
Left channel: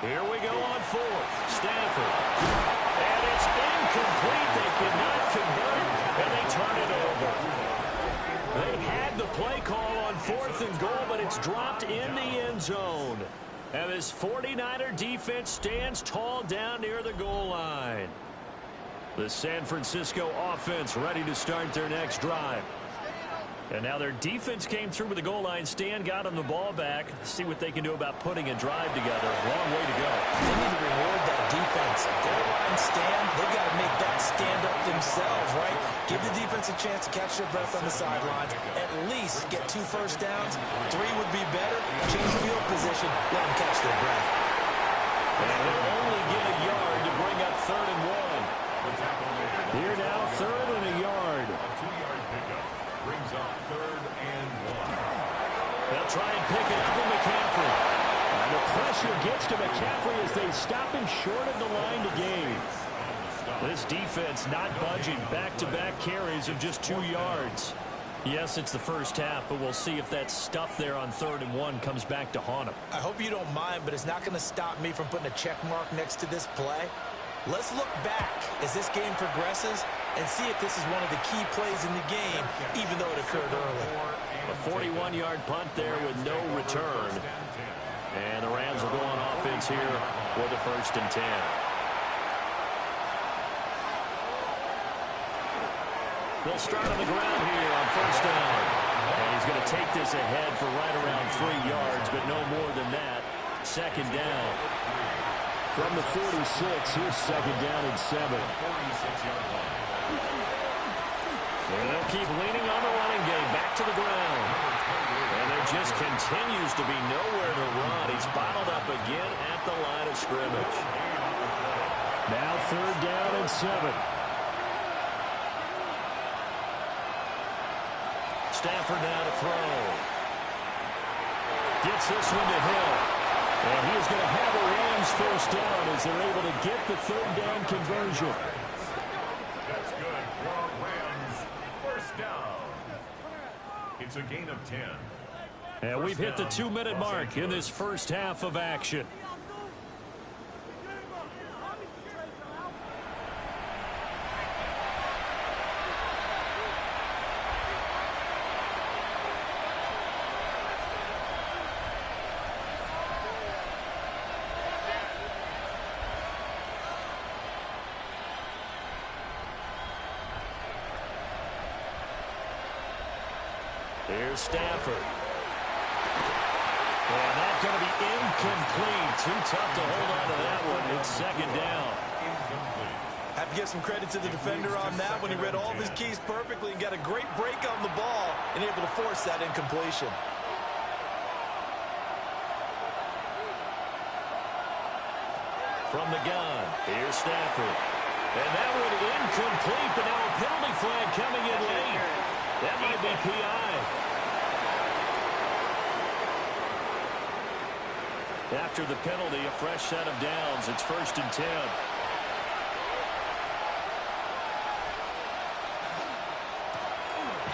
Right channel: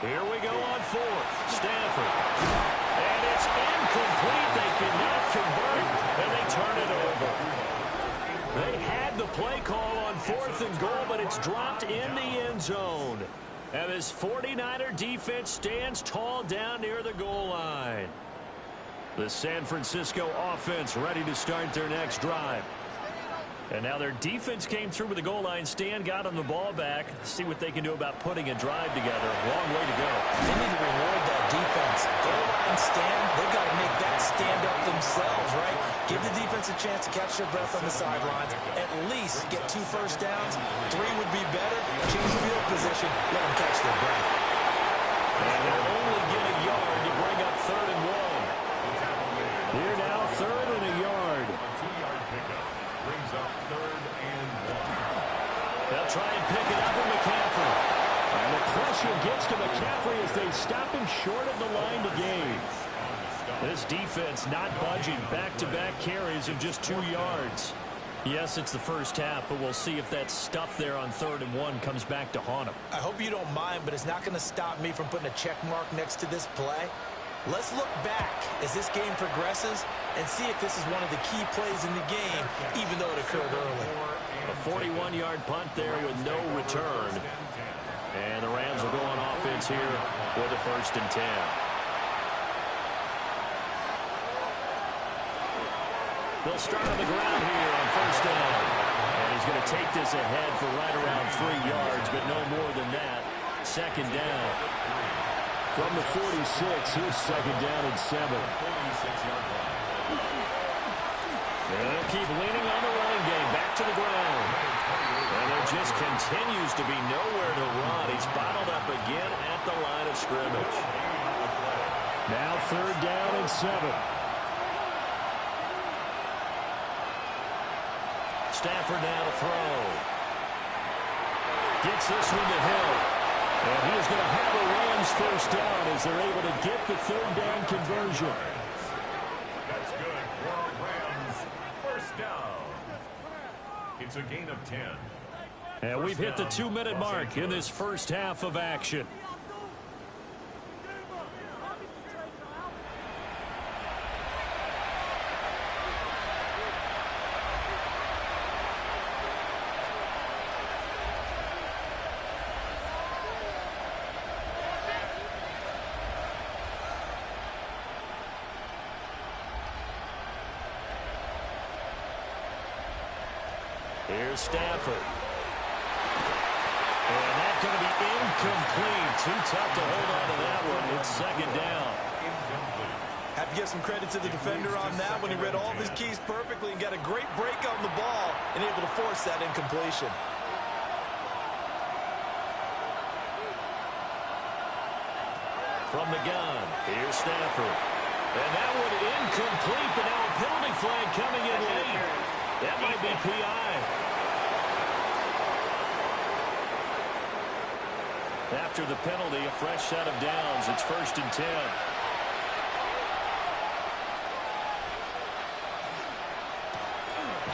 Here we go on 4th. Stafford. And it's incomplete. They cannot convert, and they turn it over. They had the play call on 4th and goal, but it's dropped in the end zone. And this 49er defense stands tall down near the goal line. The San Francisco offense ready to start their next drive. And now their defense came through with the goal line stand, got them the ball back. See what they can do about putting a drive together. Long way to go. They need to reward that defense. Goal line stand, they've got to make that stand up themselves, right? Give the defense a chance to catch their breath on the sidelines. At least get 2 first downs. 3 would be better. Change field position. Let them catch their breath. And they'll only get a yard to bring up 3rd and 1. Here now, 3rd and a yard. A 2-yard pickup brings up 3rd and 1. They'll try and pick it up with McCaffrey. And the pressure gets to McCaffrey as they stop him short of the line to gain. This defense not budging. Back-to-back carries of just 2 yards. Yes, it's the first half, but we'll see if that stuff there on 3rd and 1 comes back to haunt him. I hope you don't mind, but it's not going to stop me from putting a check mark next to this play. Let's look back as this game progresses and see if this is one of the key plays in the game, even though it occurred early. A 41-yard punt there with no return. And the Rams will go on offense here with a 1st and 10. They'll start on the ground here on 1st down. And he's going to take this ahead for right around 3 yards, but no more than that. 2nd down. From the 46, here's 2nd down and 7. And they'll keep leaning on the running game. Back to the ground. And there just continues to be nowhere to run. He's bottled up again at the line of scrimmage. Now 3rd down and 7. Stafford now to throw. Gets this one to Hill. And he is going to have a Rams first down as they're able to get the third down conversion. That's good for a Rams first down. It's a gain of 10. And we've hit the 2-minute mark in this first half of action. Here's Stafford. And that's going to be incomplete. Too tough to hold on to that one. It's second down. Incomplete. Have to give some credit to the defender on that when he read all of his keys perfectly and got a great break on the ball and able to force that incompletion. From the gun, here's Stafford. And that one incomplete, but now a penalty flag coming in late. That might be PI. After the penalty, a fresh set of downs. It's 1st and 10.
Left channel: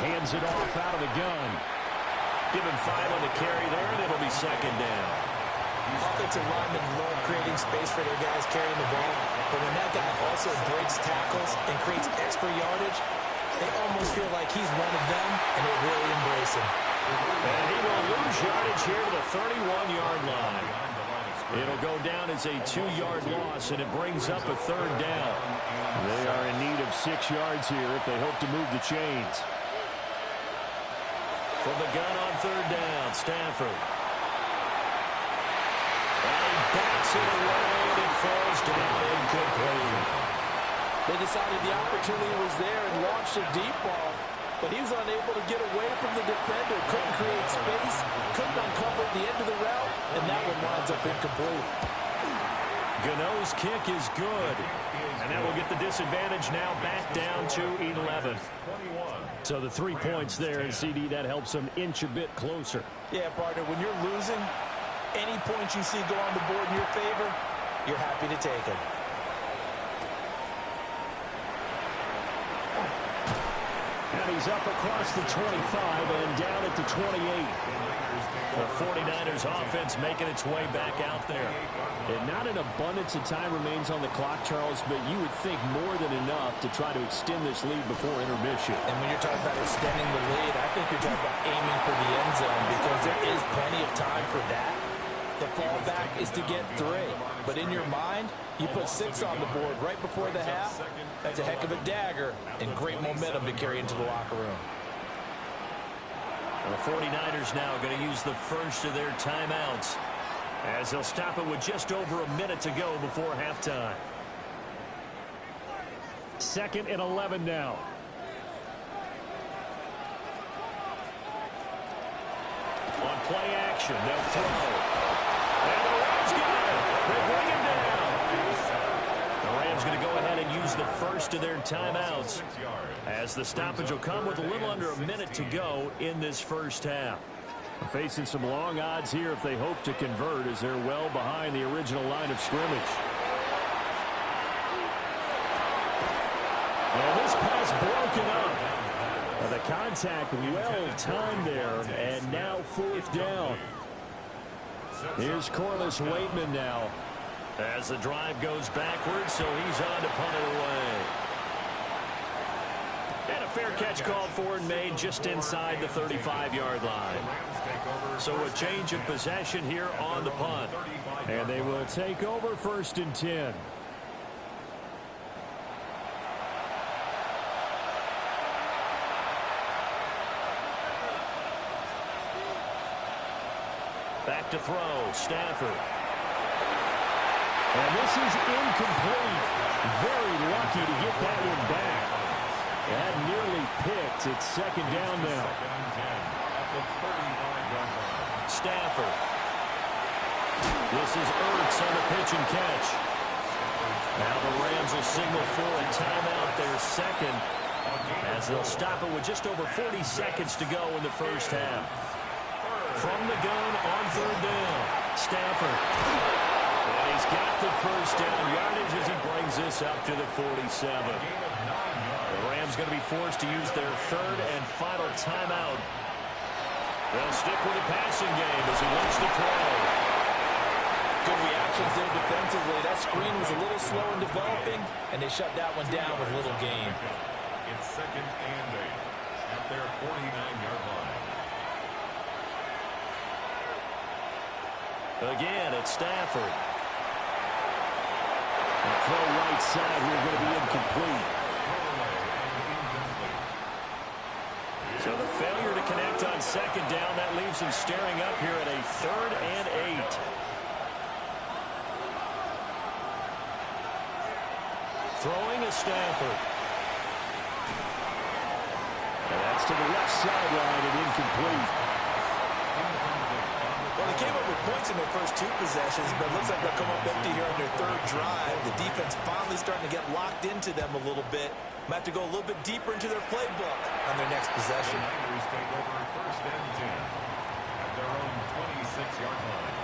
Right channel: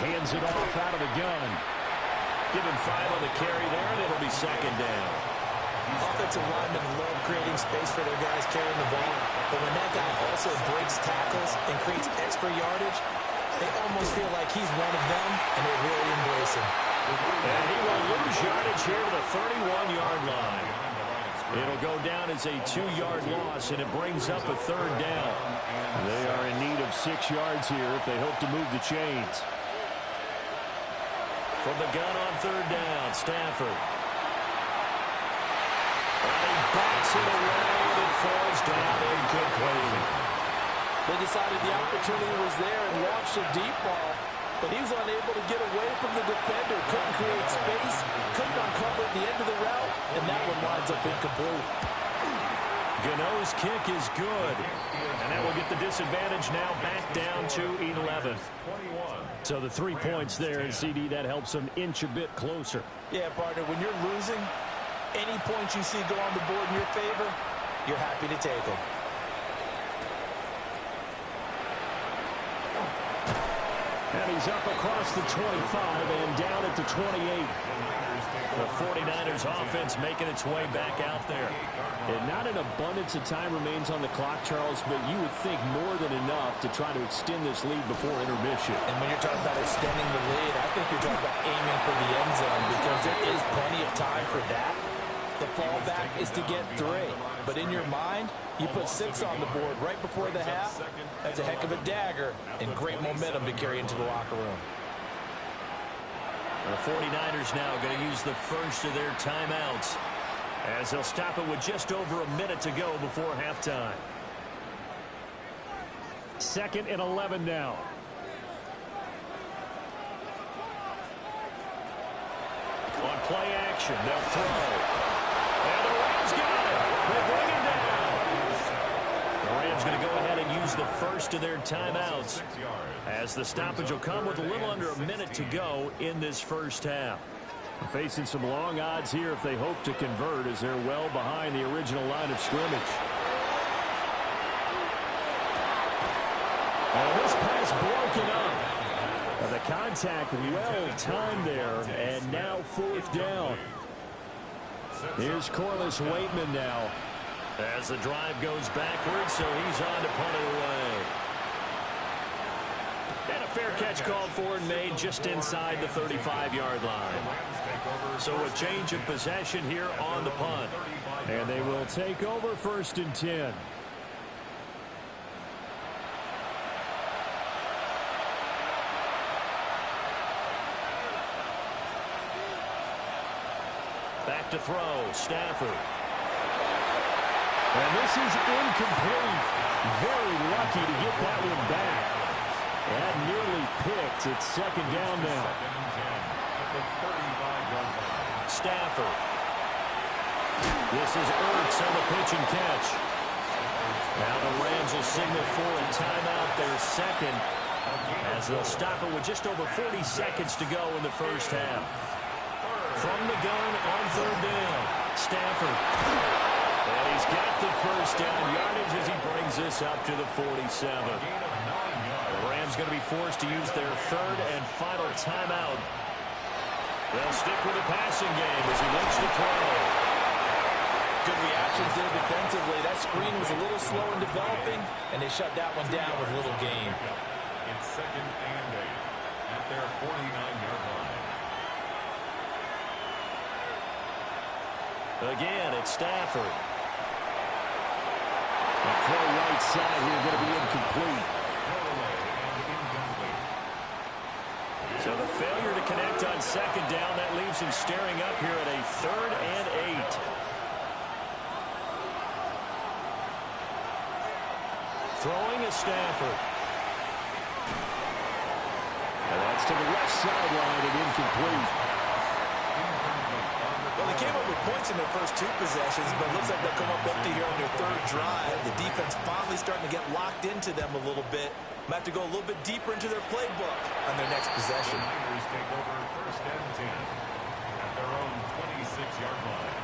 Hands it off out of the gun. Give him 5 on the carry there, and it'll be second down. Offensive linemen love creating space for their guys carrying the ball, but when that guy also breaks tackles and creates extra yardage, they almost feel like he's one of them, and they really embrace him. And he will lose yardage here to the 31-yard line. It'll go down as a 2-yard loss, and it brings up a third down. They are in need of 6 yards here if they hope to move the chains. From the gun on third down, Stafford. And he backs it away, and it falls down incomplete. They decided the opportunity was there and launched a deep ball, but he was unable to get away from the defender. Couldn't create space, couldn't uncover at the end of the route, and that one winds up incomplete. Gano's kick is good, and that will get the disadvantage now back down to 11. So the 3 points there, and CD, that helps them inch a bit closer. Yeah, partner, when you're losing, any points you see go on the board in your favor, you're happy to take them. And he's up across the 25 and down at the 28. The 49ers offense making its way back out there. And not an abundance of time remains on the clock, Charles, but you would think more than enough to try to extend this lead before intermission. And when you're talking about extending the lead, I think you're talking about aiming for the end zone because there is plenty of time for that. The fallback is to get 3. But in your mind, you put 6 on the board right before the half. That's a heck of a dagger and great momentum to carry into the locker room. The 49ers now going to use the first of their timeouts as they'll stop it with just over a minute to go before halftime. 2nd and 11 now. On play action, they'll throw. And the Rams got it. They bring him down. The Rams going to go ahead and use the first of their timeouts as the stoppage will come with a little under a minute to go in this first half. Facing some long odds here if they hope to convert as they're well behind the original line of scrimmage. And this pass broken up. The contact well timed there, and now 4th down. Here's Corliss Waitman now as the drive goes backwards, so he's on to punt it away. And a fair catch called for and made just inside the 35-yard line. So a change of possession here on the punt. And they will take over 1st and 10. Back to throw, Stafford. And this is incomplete. Very lucky to get that one back. That nearly picked. It's 2nd down now. 2nd and 10 at the 35-yard line. Stafford. This is Ertz on the pitch and catch. Now the Rams will signal for a timeout, their 2nd, as they'll stop it with just over 40 seconds to go in the first half. From the gun on third down, Stafford. And he's got the first down yardage as he brings this up to the 47. The Rams going to be forced to use their third and final timeout. They'll stick with the passing game as he looks to throw. Good reactions there defensively. That screen was a little slow in developing, and they shut that one down with little gain. It's 2nd and 8 at their 49-yard line. Again, it's Stafford. That throw right side here going to be incomplete. So the failure to connect on second down, that leaves him staring up here at a 3rd and 8. Throwing is Stafford. And that's to the left sideline and incomplete. Well, they came up with points in their first 2 possessions, but it looks like they'll come up empty here on their 3rd drive. The defense finally starting to get locked into them a little bit. Might have to go a little bit deeper into their playbook on their next possession. The Niners take over 1st and 10 at their own 26-yard line.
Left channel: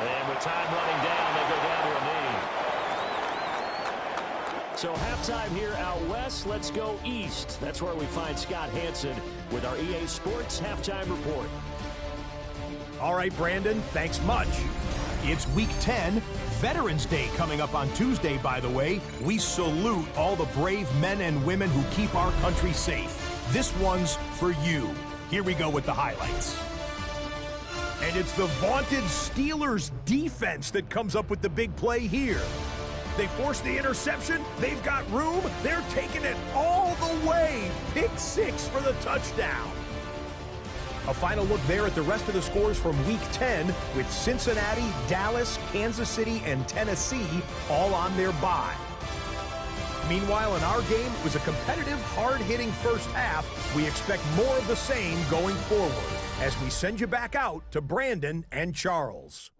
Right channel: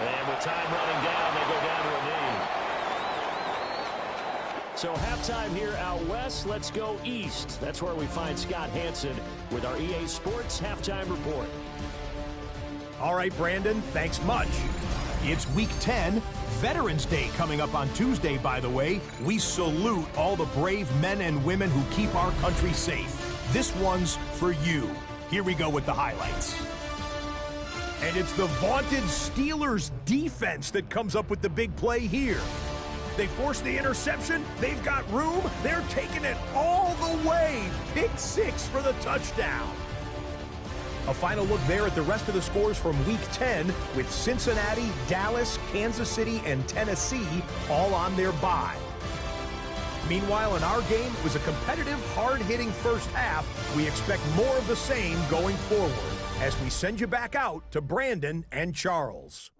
And with time running down, they go down to a knee. So halftime here out west. Let's go east. That's where we find Scott Hansen with our EA Sports Halftime Report. All right, Brandon, thanks much. It's Week 10, Veterans Day coming up on Tuesday, by the way. We salute all the brave men and women who keep our country safe. This one's for you. Here we go with the highlights. And it's the vaunted Steelers defense that comes up with the big play here. They force the interception. They've got room. They're taking it all the way. Pick 6 for the touchdown. A final look there at the rest of the scores from Week 10 with Cincinnati, Dallas, Kansas City, and Tennessee all on their bye. Meanwhile, in our game, it was a competitive, hard-hitting first half. We expect more of the same going forward as we send you back out to Brandon and Charles.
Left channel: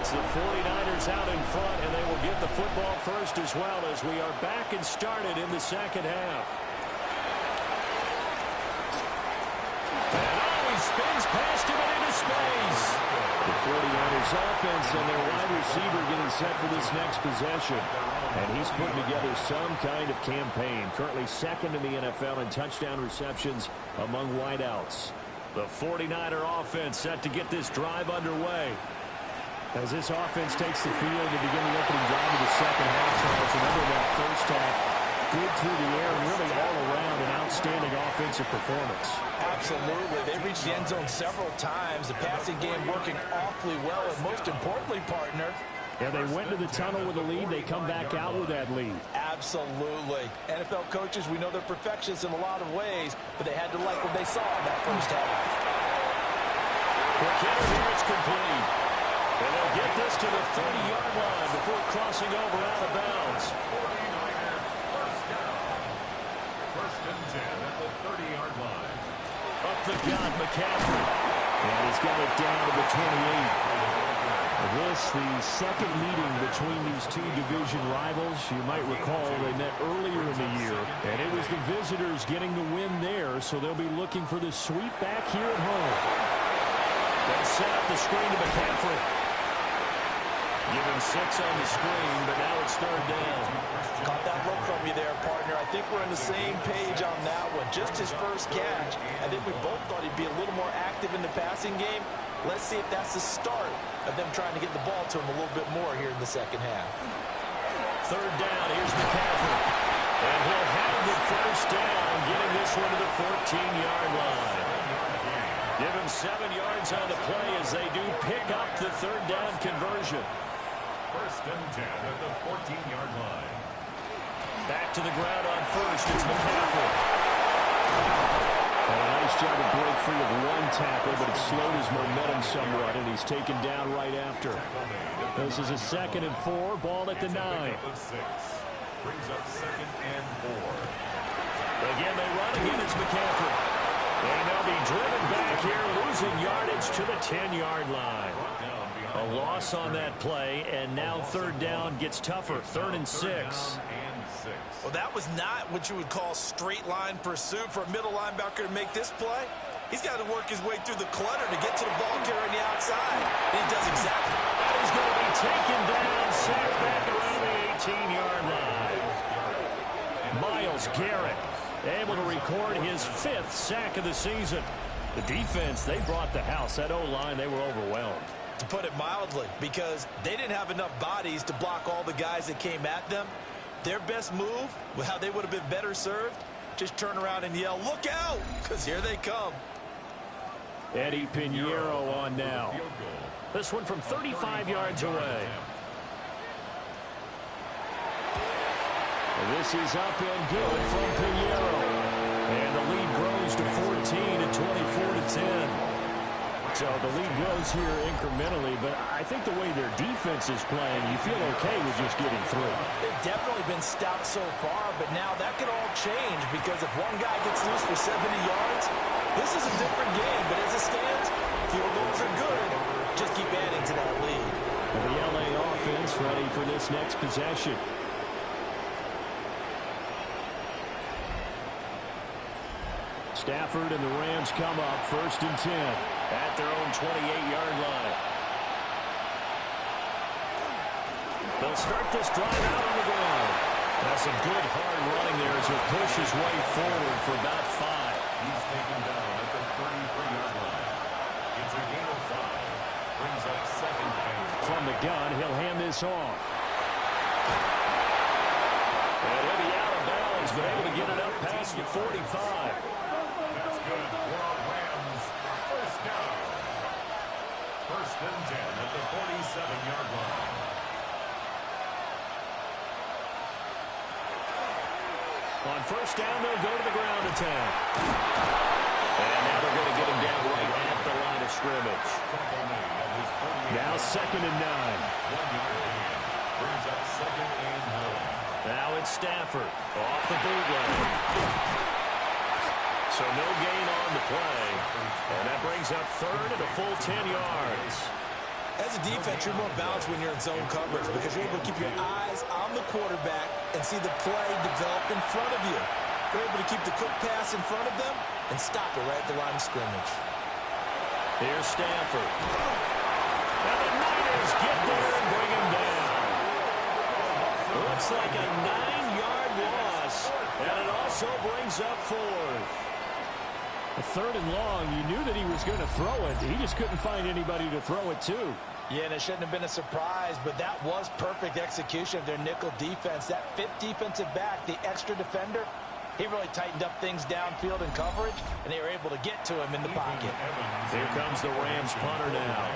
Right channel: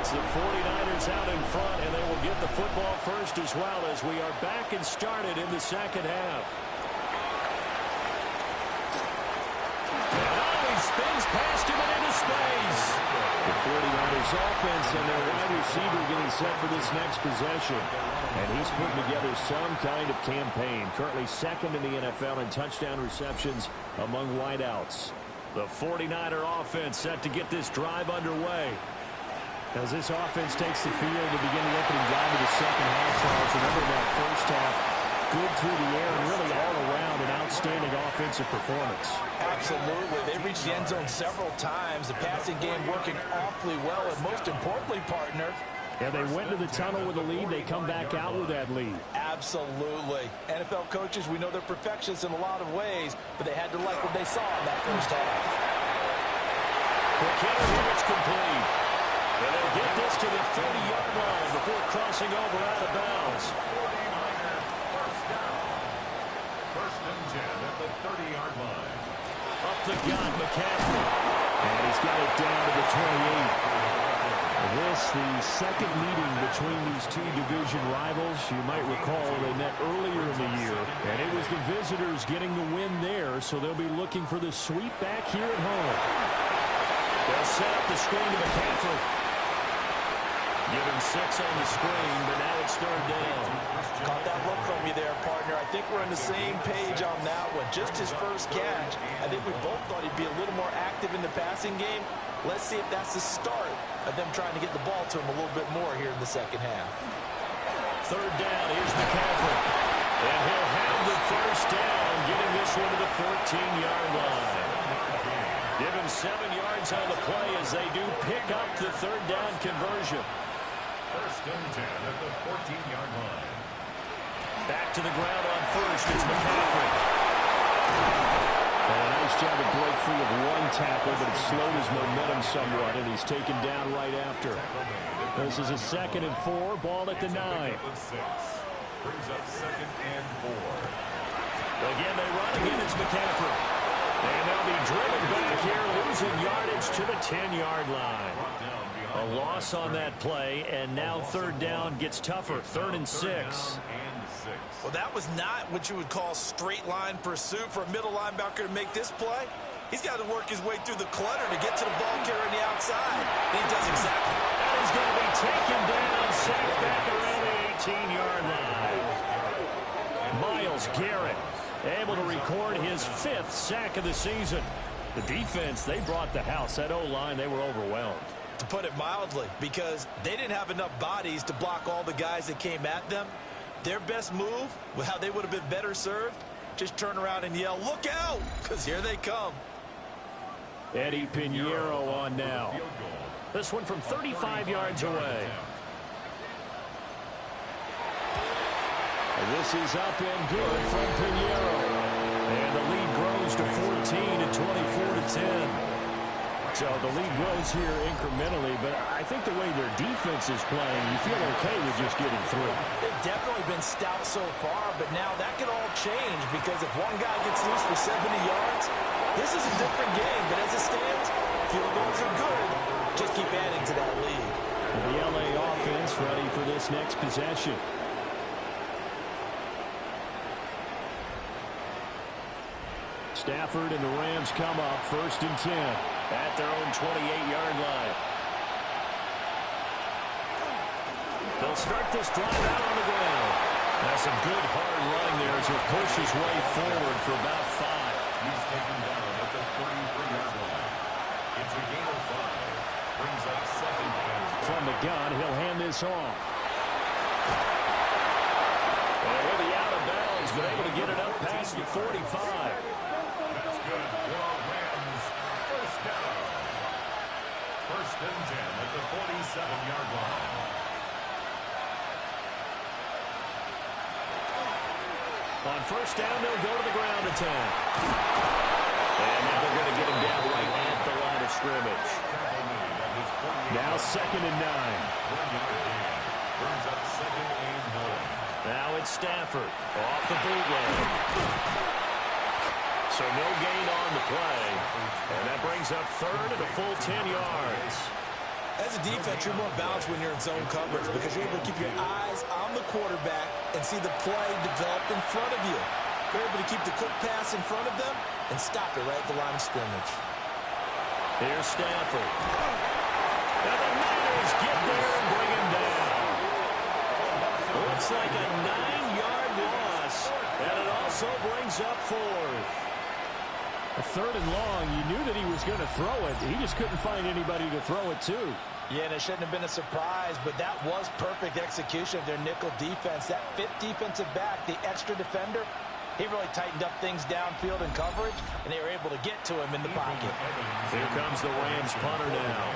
It's the 49ers out in front, and they will get the football first as well as we are back and started in the second half. And he spins past him and into space. The 49ers offense and their wide receiver getting set for this next possession. And he's putting together some kind of campaign. Currently 2nd in the NFL in touchdown receptions among wideouts. The 49er offense set to get this drive underway. As this offense takes the field to begin the opening drive of the second half, Charles, remember that first half, good through the air and really all around an outstanding offensive performance. Absolutely. They reached the end zone several times. The passing game working awfully well, and most importantly, partner, yeah, they went to the tunnel with a lead. They come back out with that lead. Absolutely. NFL coaches, we know they're perfectionists in a lot of ways, but they had to like what they saw in that first half. Quick hitter here, it's complete. And they'll get this to the 30-yard line before crossing over out of bounds. 49er first down. 1st and 10 at the 30-yard line. Up the gut, McCaffrey. And he's got it down to the 28. This, the second meeting between these two division rivals. You might recall they met earlier in the year, and it was the visitors getting the win there, so they'll be looking for the sweep back here at home. They'll set up the screen to McCaffrey. Give him 6 on the screen, but now it's 3rd down. Caught that look from you there, partner. I think we're on the same page on that one. Just his first catch. I think we both thought he'd be a little more active in the passing game. Let's see if that's the start of them trying to get the ball to him a little bit more here in the second half. 3rd down, here's McCaffrey. And he'll have the first down, getting this one to the 14-yard line. Give him 7 yards on the play as they do pick up the third down conversion. First and 10 at the 14-yard line. Back to the ground on first. It's McCaffrey. And a nice job to break free of one tackle, but it slowed his momentum somewhat, and he's taken down right after. This is a 2nd and 4, ball at the 9. Brings up 2nd and 4. Again, they run. Again, it's McCaffrey. And they'll be driven back here, losing yardage to the 10-yard line. A loss on that play, and now third down gets tougher. 3rd and 6. Well, that was not what you would call straight line pursuit for a middle linebacker to make this play. He's got to work his way through the clutter to get to the ball carrier on the outside. And he does exactly. That is going to be taken down, sacked back around the 18-yard line. Myles Garrett able to record his 5th sack of the season. The defense, they brought the house. That O-line, they were overwhelmed. To put it mildly, because they didn't have enough bodies to block all the guys that came at them. Their best move, how they would have been better served, just turn around and yell, "Look out!" because here they come. Eddie Pinheiro on now. This one from 35 yards away. This is up and good from Pinheiro. And the lead grows to 14 and 24-10. So the lead grows here incrementally, but I think the way their defense is playing, you feel okay with just getting through. They've definitely been stout so far, but now that could all change because if one guy gets loose for 70 yards, this is a different game. But as it stands, field goals are good. Just keep adding to that lead. And the LA offense ready for this next possession. Stafford and the Rams come up 1st and 10 at their own 28-yard line. They'll start this drive out on the ground. That's some good hard running there as he'll push his way forward for about 5. He's taken down at the 33-yard line. It's a gain of 5. Brings up 2nd and 4. From the gun, he'll hand this off. And he'll be out of bounds, but able to get it up past the 45. That's good for a Rams first down. 1st and 10 at the 47-yard line. On first down, they'll go to the ground attack. And now they're going to get him down right at the line of scrimmage. Now 2nd and 9. 1-yard gain. Brings up 2nd and 9. Now it's Stafford off the bootleg. So no gain on the play. And that brings up 3rd and a full 10 yards. As a defense, you're more balanced when you're in zone coverage because you're able to keep your eyes on the quarterback and see the play develop in front of you. You're able to keep the quick pass in front of them and stop it right at the line of scrimmage. Here's Stafford. Now the Niners get there and bring him down. Looks like a 9-yard loss, and it also brings up 4th. A 3rd and long, you knew that he was going to throw it. He just couldn't find anybody to throw it to. Yeah, and it shouldn't have been a surprise, but that was perfect execution of their nickel defense. That 5th defensive back, the extra defender, he really tightened up things downfield in coverage, and they were able to get to him in the pocket. Here comes the Rams punter now,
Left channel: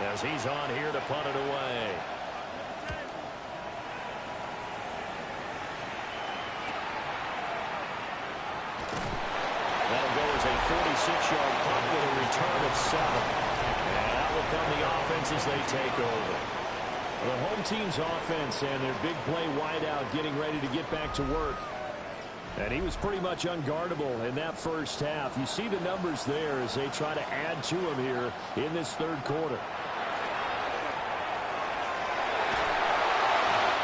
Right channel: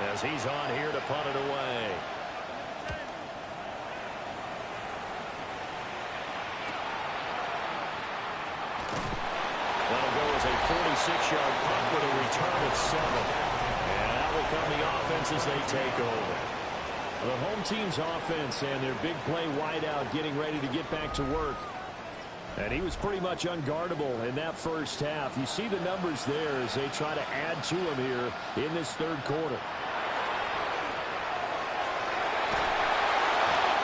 as he's on here to punt it away. That'll go as a 46-yard punt with a return of 7. And out will come the offense as they take over. The home team's offense and their big play wideout getting ready to get back to work. And he was pretty much unguardable in that first half. You see the numbers there as they try to add to him here in this 3rd quarter.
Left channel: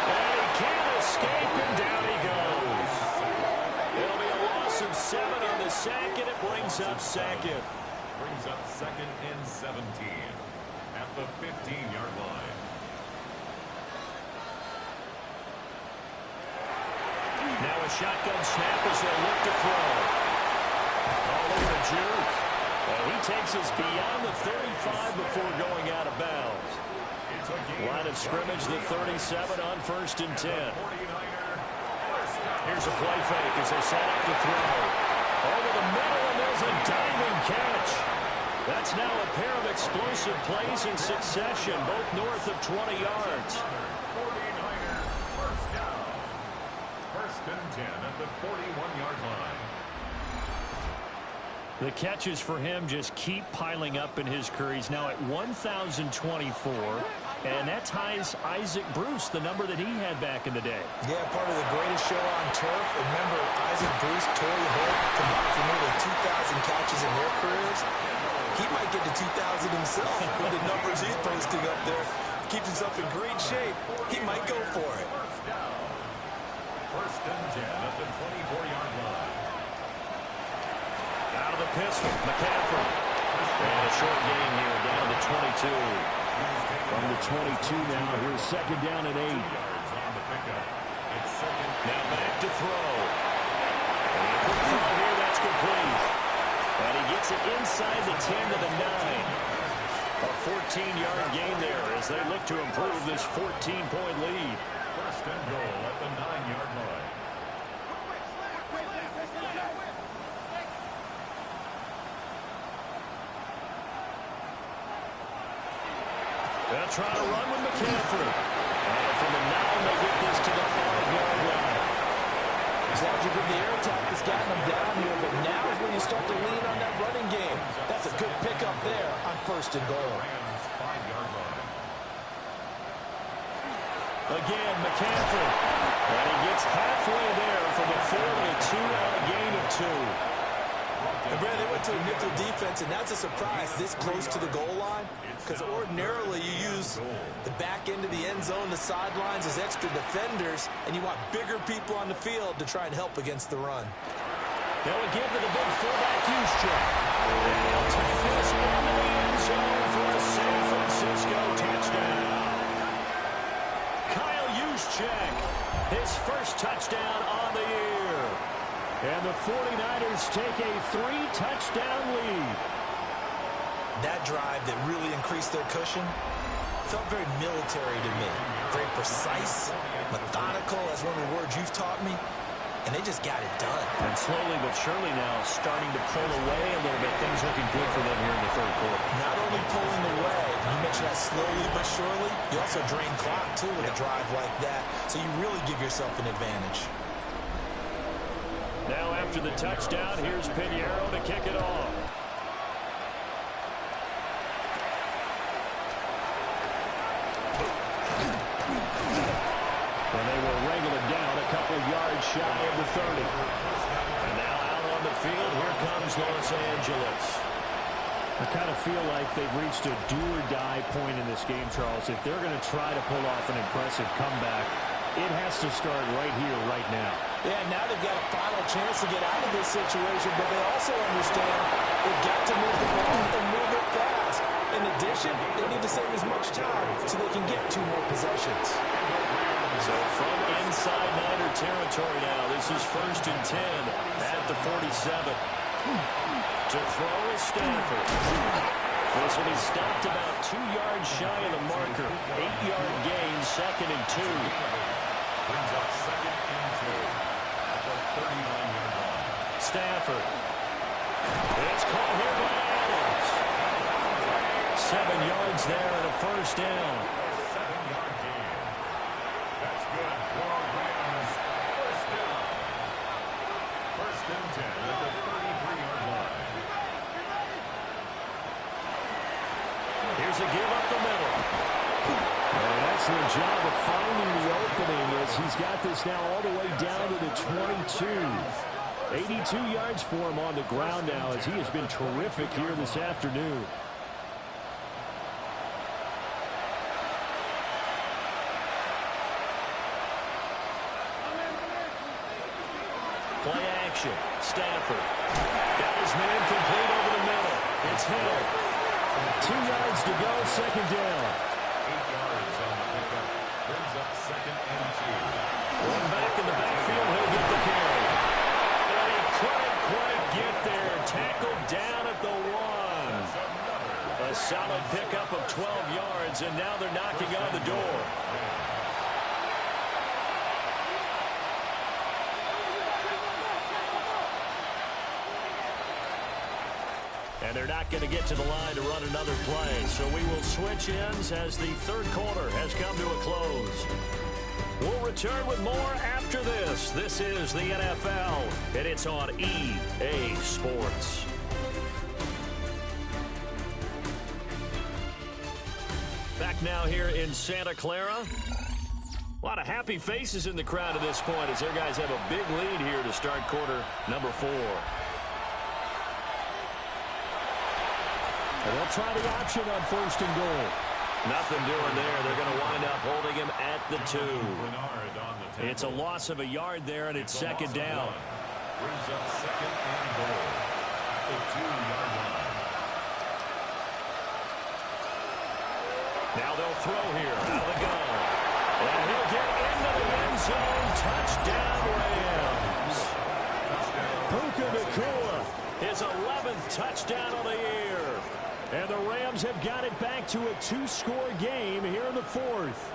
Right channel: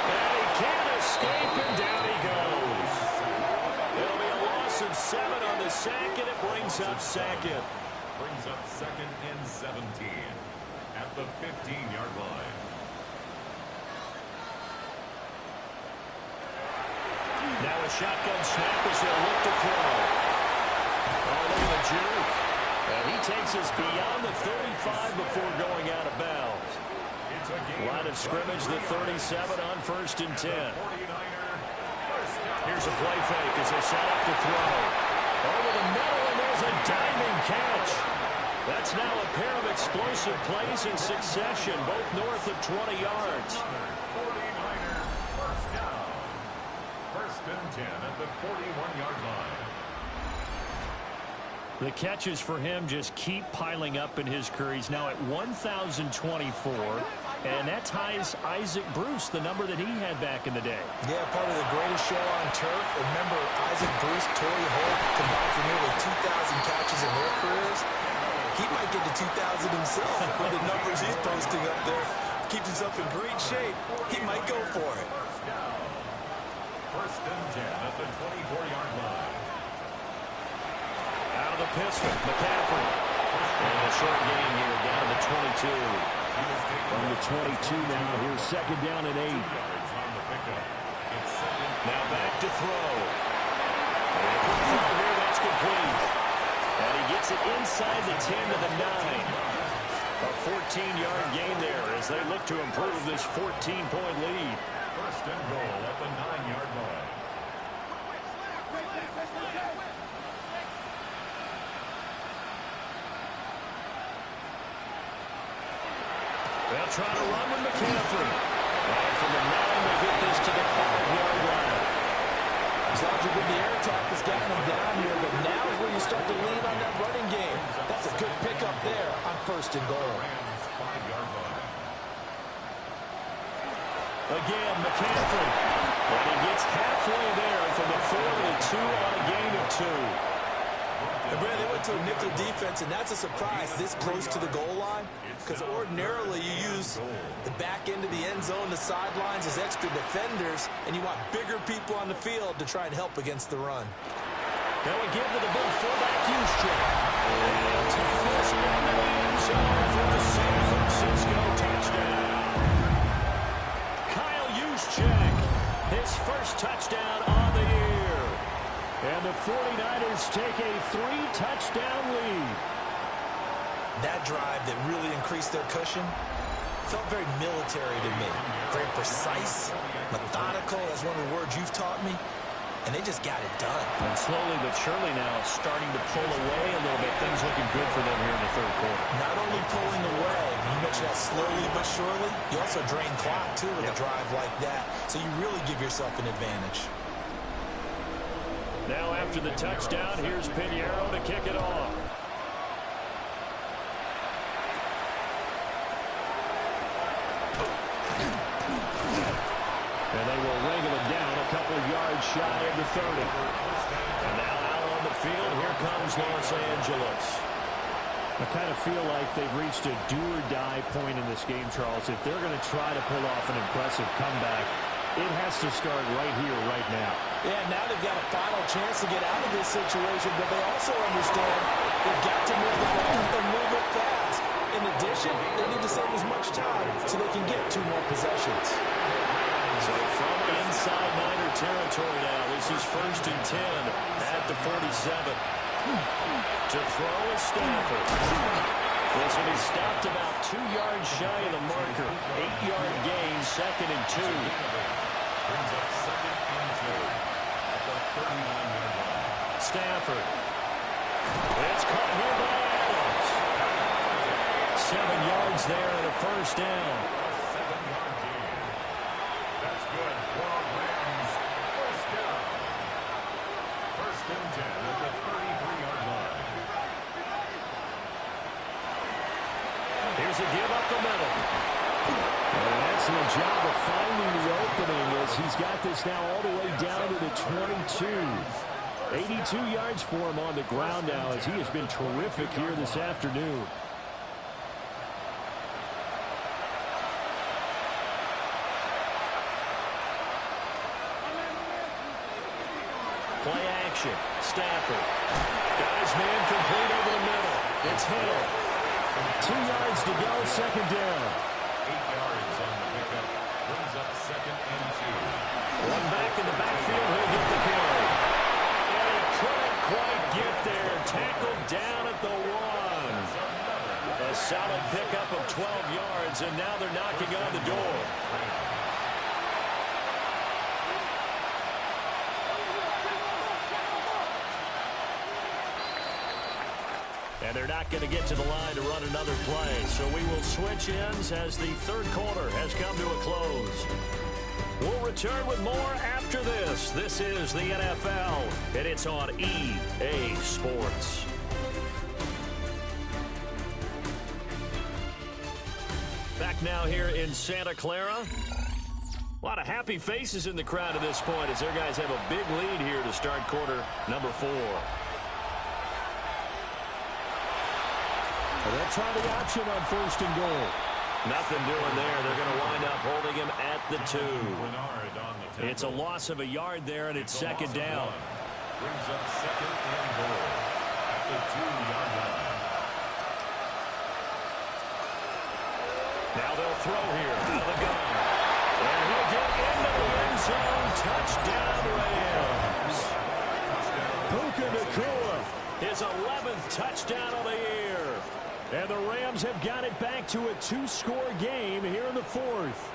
And he can't escape, and down he goes. It'll be a loss of 7 on the sack, and it brings up 2nd. Brings up 2nd and 17 at the 15-yard line. Now a shotgun snap as they'll look to throw. Oh, look at the juke. And he takes us beyond the 35 before going out of bounds. Line of scrimmage, the 37 on 1st and 10. Here's a play fake as they set up to throw. Over the middle, and there's a diving catch. That's now a pair of explosive plays in succession, both north of 20 yards. 49er first down. First and 10 at the 41-yard line. The catches for him just keep piling up in his career. He's now at 1,024, and that ties Isaac Bruce, the number that he had back in the day. Yeah, part of the greatest show on turf. Remember, Isaac Bruce, Torrey Holt combined for nearly 2,000 catches in their careers. He might get to 2,000 himself with the numbers he's posting up there. Keeps himself in great shape. He might go for it. First down. First and 10 at the 24-yard line. Out of the pistol, McCaffrey. And a short gain here, down to the 22. From the 22 now, here's second down and 8. Yards on the pickup. It's second. Now back to throw. And quick throw here, that's complete. And he gets it inside the 10 to the 9. A 14-yard gain there as they look to improve this 14-point lead. First and goal at the 9-yard line. They'll try to run with McCaffrey. And from the 9, they get this to the 5-yard line. His logic with the air attack has gotten him down here, but now is where you start to lean on that running game. That's a good pickup there on first and goal. Rams 5-yard line. Again, McCaffrey. And he gets halfway there from the 4 to the 2 on a gain of 2. And Brad, they went to a nickel defense, and that's a surprise this close to the goal line, because ordinarily you use the back end of the end zone, the sidelines as extra defenders, and you want bigger people on the field to try and help against the run. Now we give to the big fullback Juszczyk. And he'll take this into the end zone for a San Francisco touchdown. Kyle Juszczyk, his first touchdown on the year. And the 49ers take a 3-touchdown lead. That drive that really increased their cushion felt very military to me. Very precise, methodical, that's one of the words you've taught me. And they just got it done. And slowly but surely now starting to pull away a little bit. Things looking good for them here in the third quarter. Not only pulling away, you mentioned that slowly but surely, you also drain clock too with a drive like that. So you really give yourself an advantage. Now after the touchdown, here's Pinheiro to kick it off. And they will wrangle it down a couple yards shy of the 30. And now out on the field, here comes Los Angeles. I kind of feel like they've reached a do-or-die point in this game, Charles. If they're going to try to pull off an impressive comeback, it has to start right here, right now. Yeah, now they've got a final chance to get out of this situation, but they also understand they've got to move the ball and move it fast. In addition, they need to save as much time so they can get 2 more possessions. So from inside Niner territory now, this is first and 10 at the 47. To throw is Stafford. This one is stopped about 2 yards shy of the marker. 8-yard gain, second and 2. Brings up second and 2 at the 39-yard line. Stafford. It's caught here by Adams. 7 yards there and a first down. 7-yard gain. That's good for our Rams. First down. First and 10 at the 33-yard line. Here's a give up the middle. And an excellent job of finding the opening as he's got this now all the way down to the 22. 82 yards for him on the ground now as he has been terrific here this afternoon. Play action. Stafford. Got his man complete over the middle. It's Hill. 2 yards to go, second down. 8 yards on the pickup. Brings up second and 2. One back in the backfield. He'll get the carry. And he couldn't quite get there. Tackled down at the 1. A solid pickup of 12 yards, and now they're knocking on the door. And they're not going to get to the line to run another play. So we will switch ends as the third quarter has come to a close. We'll return with more after this. This is the NFL, and it's on EA Sports. Back now here in Santa Clara. A lot of happy faces in the crowd at this point as their guys have a big lead here to start quarter number 4. And they'll try the option on 1st and goal. Nothing doing there. They're going to wind up holding him at the 2. It's a loss of a yard there, and it's 2nd down. Brings up 2nd and goal at the 2-yard line. Now they'll throw here out of the gun. And he'll get into the end zone. Touchdown, Rams. Puka Nacua, his 11th touchdown of the year. And the Rams have got it back to a 2-score game here in the 4th.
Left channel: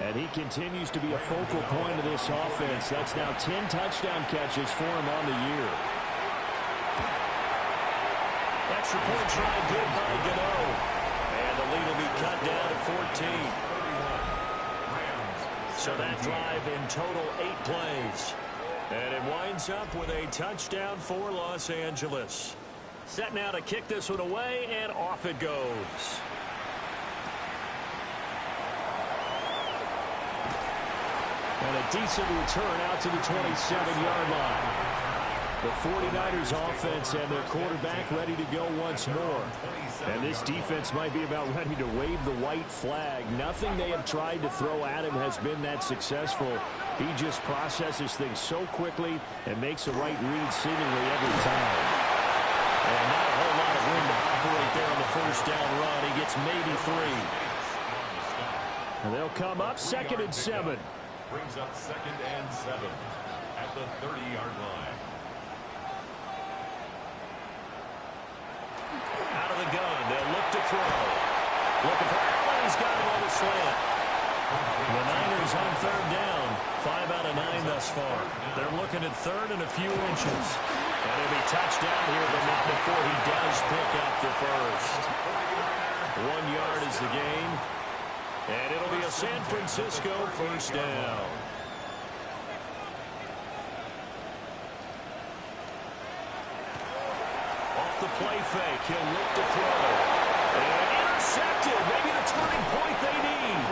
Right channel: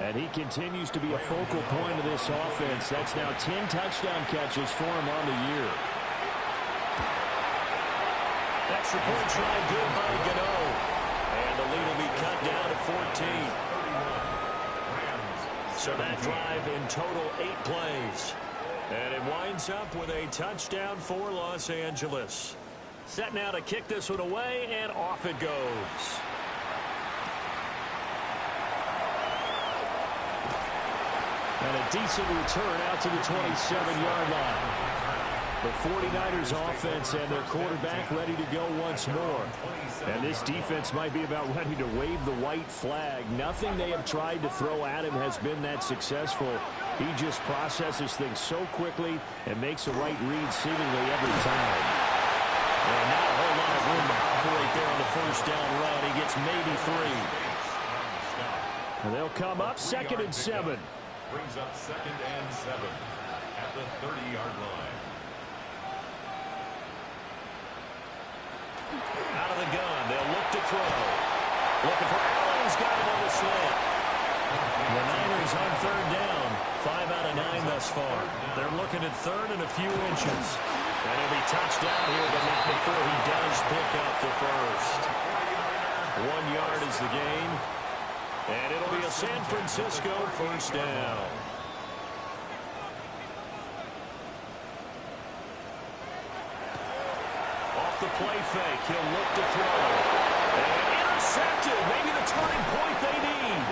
And he continues to be a focal point of this offense. That's now 10 touchdown catches for him on the year. Extra point try good by Gano. And the lead will be cut down to 14. So that drive in total 8 plays. And it winds up with a touchdown for Los Angeles. Set now to kick this one away, and off it goes. And a decent return out to the 27-yard line. The 49ers offense and their quarterback ready to go once more. And this defense might be about ready to wave the white flag. Nothing they have tried to throw at him has been that successful. He just processes things so quickly and makes the right read seemingly every time. And not a whole lot of room to operate there on the 1st down run. He gets maybe 3. And they'll come up 2nd and 7. Brings up 2nd and 7 at the 30-yard line. Out of the gun, they'll look to throw. Looking for Allen, he's got him on the slant. The Niners on 3rd down. 5 out of 9 thus far. They're looking at 3rd and a few inches. And he'll be touched down here, but not before he does pick up the 1st. 1 yard is the gain. And it'll be a San Francisco 1st down. Off the play fake, he'll look to throw. And intercepted, maybe the turning point they need.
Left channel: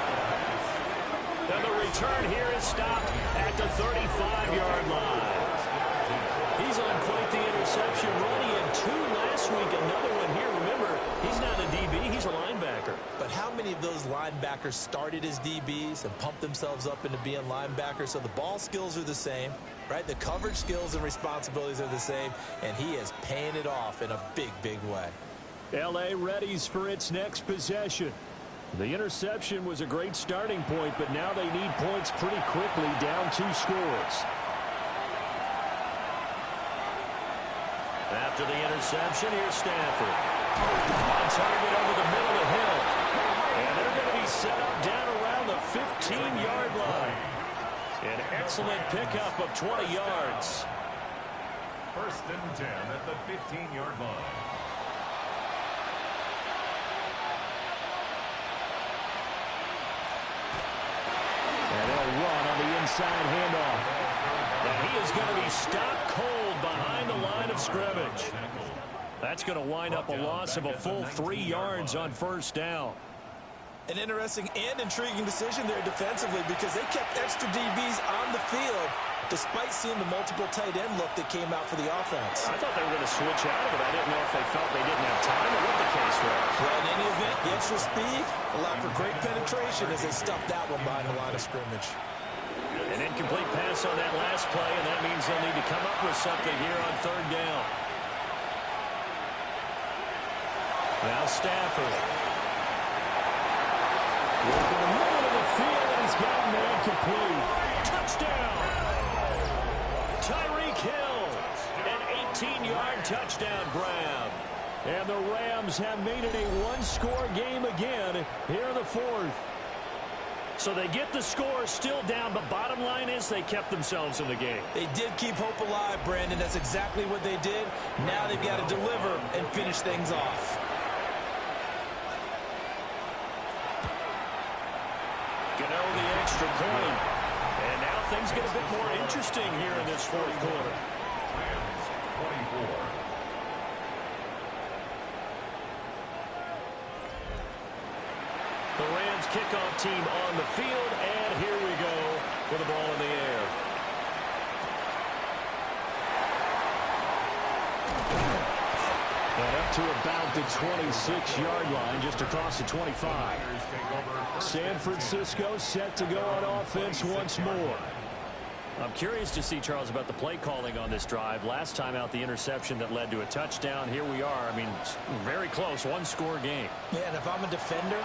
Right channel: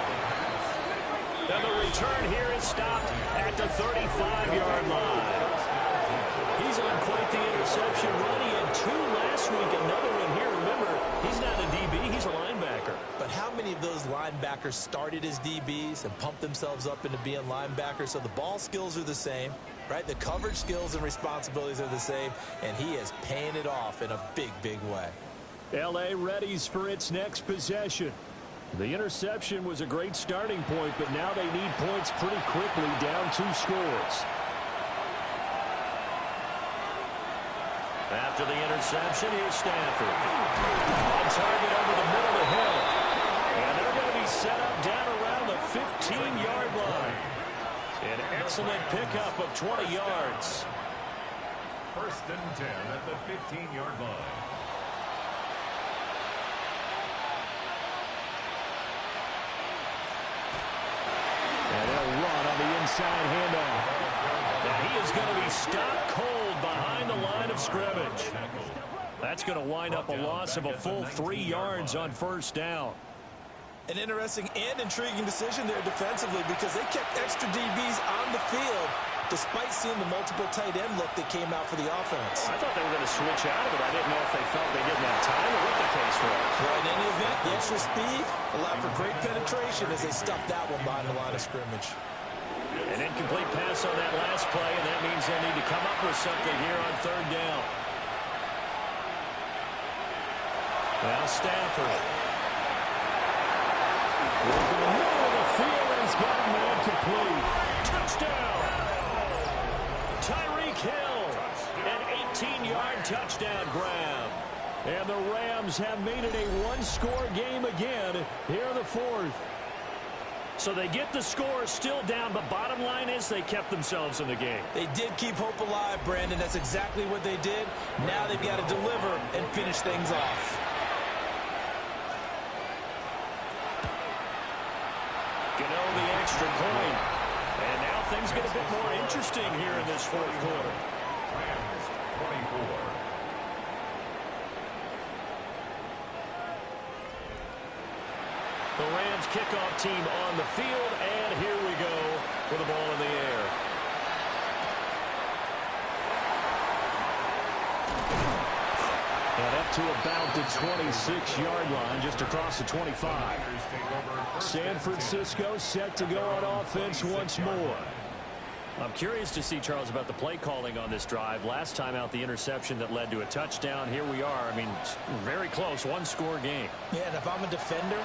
And the return here is stopped at the 35-yard line. He's on quite the interception run. He had 2 last week, another one here. Remember, he's not a DB, he's a linebacker. But how many of those linebackers started as DBs and pumped themselves up into being linebackers? So the ball skills are the same, right? The coverage skills and responsibilities are the same, and he is paying it off in a big, big way. L.A. readies for its next possession. The interception was a great starting point, but now they need points pretty quickly, down 2 scores. After the interception, here's Stafford. On target over the middle of Hill. And they're going to be set up down around the 15-yard line. An excellent pickup of 20 yards. 1st and 10 at the 15-yard line. And they'll run on the inside handoff. And he is going to be stopped cold behind the line of scrimmage. That's going to wind up a loss of a full 3 yards on 1st down. An interesting and intriguing decision there defensively because they kept extra DBs on the field despite seeing the multiple tight end look that came out for the offense. I thought they were going to switch out of it. I didn't know if they felt they didn't have time or what the case was. Well, in any event, the extra speed allowed for great penetration as they stuffed that one behind the line of scrimmage. An incomplete pass on that last play, and that means they'll need to come up with something here on 3rd down. Now Stafford. Working the middle of the field, and he's got a man complete. Touchdown! Tyreek Hill, an 18-yard touchdown grab. And the Rams have made it a 1-score game again here in the 4th. So they get the score still down, but bottom line is they kept themselves in the game. They did keep hope alive, Brandon. That's exactly what they did. Now they've got to deliver and finish things off. Gano the extra point. And now things get a bit more interesting here in this fourth quarter. Rams 24. The Rams kickoff team on the field, and here we go with the ball in the air. And up to about the 26-yard line, just across the 25. San Francisco set to go on offense once more. I'm curious to see, Charles, about the play calling on this drive. Last time out, the interception that led to a touchdown. Here we are. I mean, very close, one-score game. Yeah, and if I'm a defender,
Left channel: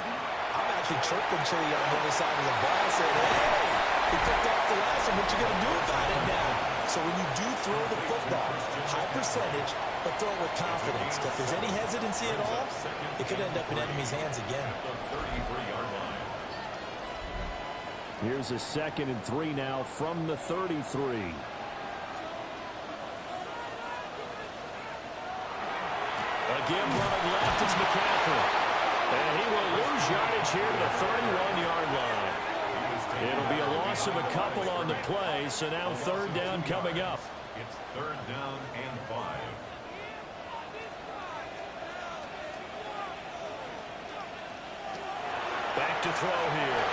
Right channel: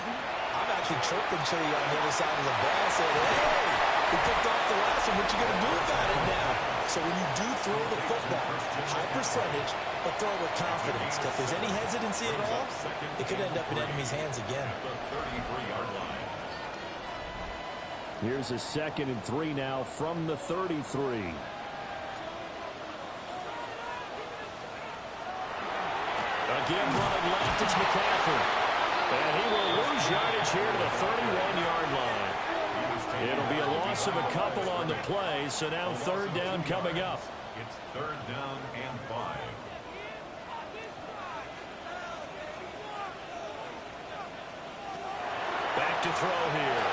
I'm actually chirping Chili on the other side of the ball, saying, hey, we picked off the last one. What you going to do about it now? So when you do throw the football, high percentage, but throw it with confidence. Because if there's any hesitancy at all, it could end up in enemy's hands again. The 33-yard line. Here's a 2nd and 3 now from the 33. Again running left, it's McCaffrey. And he will lose yardage here to the 31-yard line. It'll be a loss of a couple on the play, so now 3rd down coming up. It's 3rd down and 5. Back to throw here.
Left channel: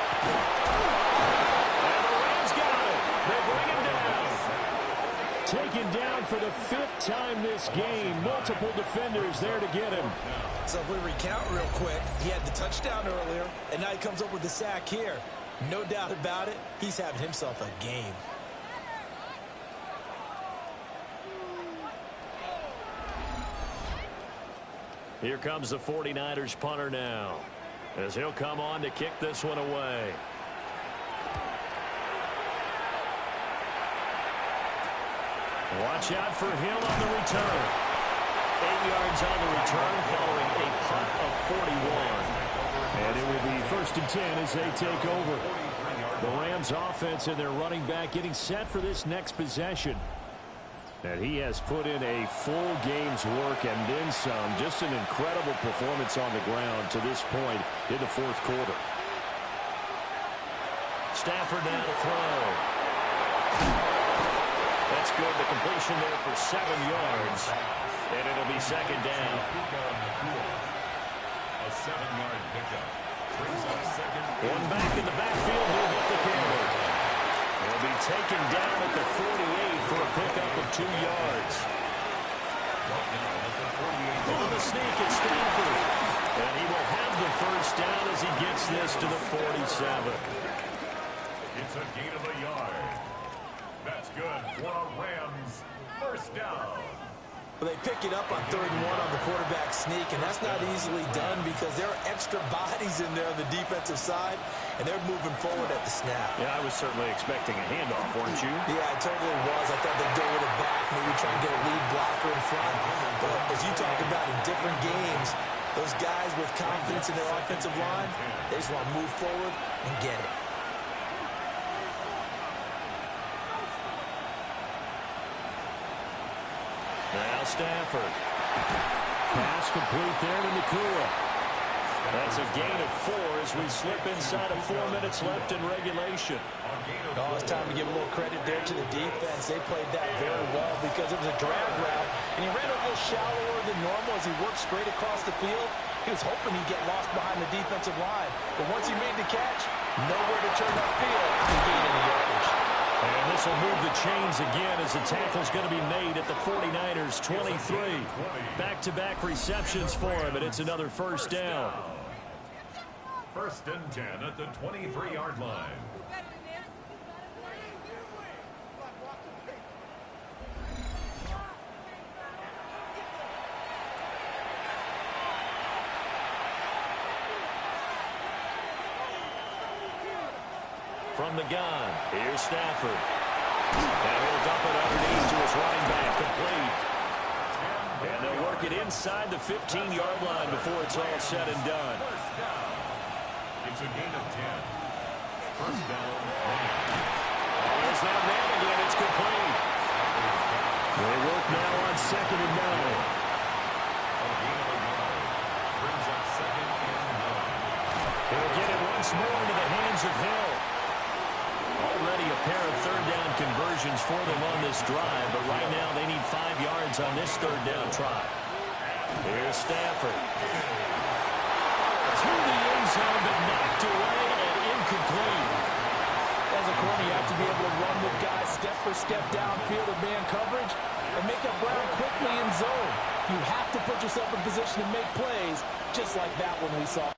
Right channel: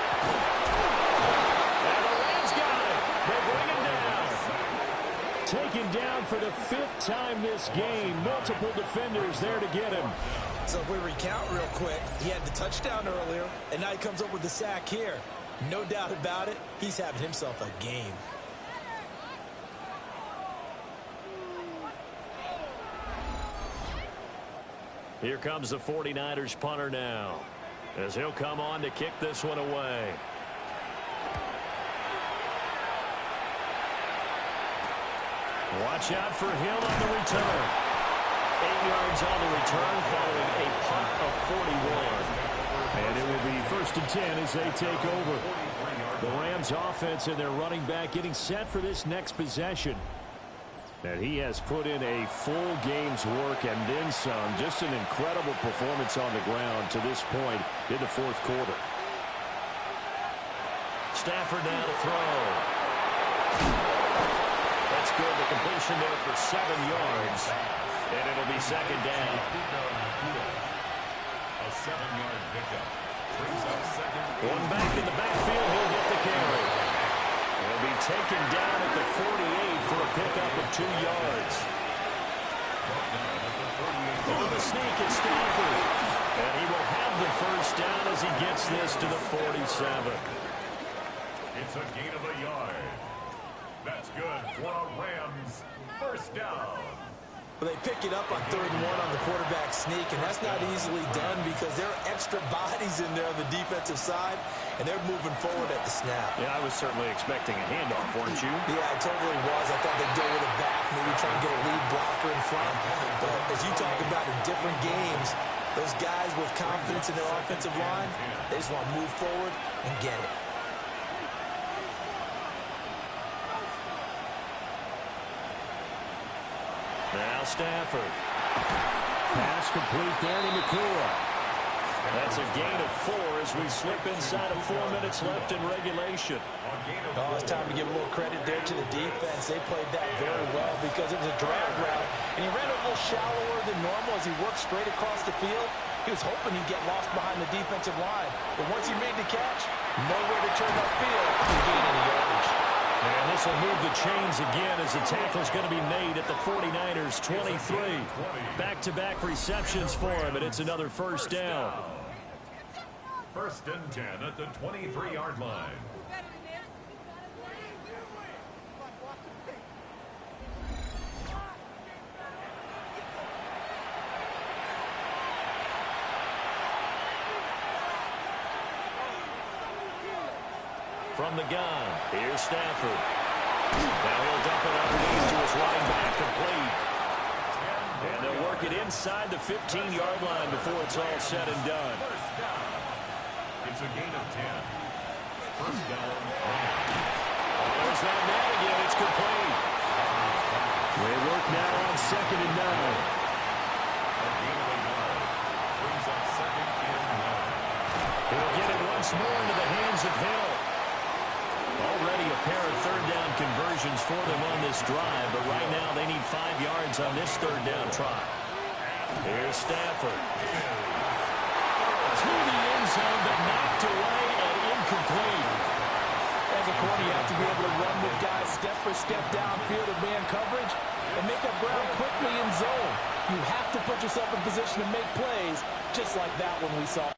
And the Rams got it. They bring him down. Taken down for the 5th time this game. Multiple defenders there to get him. So if we recount real quick, he had the touchdown earlier, and now he comes up with the sack here. No doubt about it, he's having himself a game. Here comes the 49ers punter now, as he'll come on to kick this one away. Watch out for Hill on the return. 8 yards on the return following a punt of 41. And it will be 1st and 10 as they take over. The Rams offense and their running back getting set for this next possession. And he has put in a full game's work and then some. Just an incredible performance on the ground to this point in the 4th quarter. Stafford now to throw. That's good. The completion there for 7 yards. And it'll be 2nd down. A 7-yard pickup. Brings up 2nd. One back in the backfield. He'll get the carry. He'll be taken down at the 48 for a pickup of 2 yards. On the sneak at Stafford. And he will have the 1st down as he gets this to the 47. It's a gain of a yard. That's good for a Rams 1st down. Well, they pick it up on 3rd and 1 on the quarterback sneak, and that's not easily done because there are extra bodies in there on the defensive side, and they're moving forward at the snap. Yeah, I was certainly expecting a handoff, weren't you? Yeah, I totally was. I thought they'd go with it back, maybe try and get a lead blocker in front. But as you talk about in different games, those guys with confidence in their offensive line, they just want to move forward and get it. Now Stafford. Pass complete there to Nakua. That's a gain of 4 as we slip inside of 4 minutes left in regulation. Oh, it's time to give a little credit there to the defense. They played that very well because it was a drag route, and he ran a little shallower than normal as he worked straight across the field. He was hoping he'd get lost behind the defensive line, but once he made the catch, nowhere to turn upfield to gain any yardage. And this will move the chains again as the tackle's going to be made at the 49ers 23. Back-to-back receptions for him, and it's another 1st down. 1st and 10 at the 23-yard line. From the gun, here's Stafford. Now he'll dump it underneath to his running back, complete. And they'll work it inside the 15-yard line before it's all said and done. It's a gain of 10. First down. Oh, there's that man again. It's complete. They work now on 2nd and 9. A gain of 9. Brings up 2nd and 9. He'll get it once more into the hands of Hill. Already a pair of 3rd down conversions for them on this drive, but right now they need 5 yards on this 3rd down try. Here's Stafford. To the end zone, but knocked away and incomplete. As a corner, you have to be able to run with guys step for step downfield of man coverage and make up ground quickly in zone. You have to put yourself in position to make plays, just like that one we saw.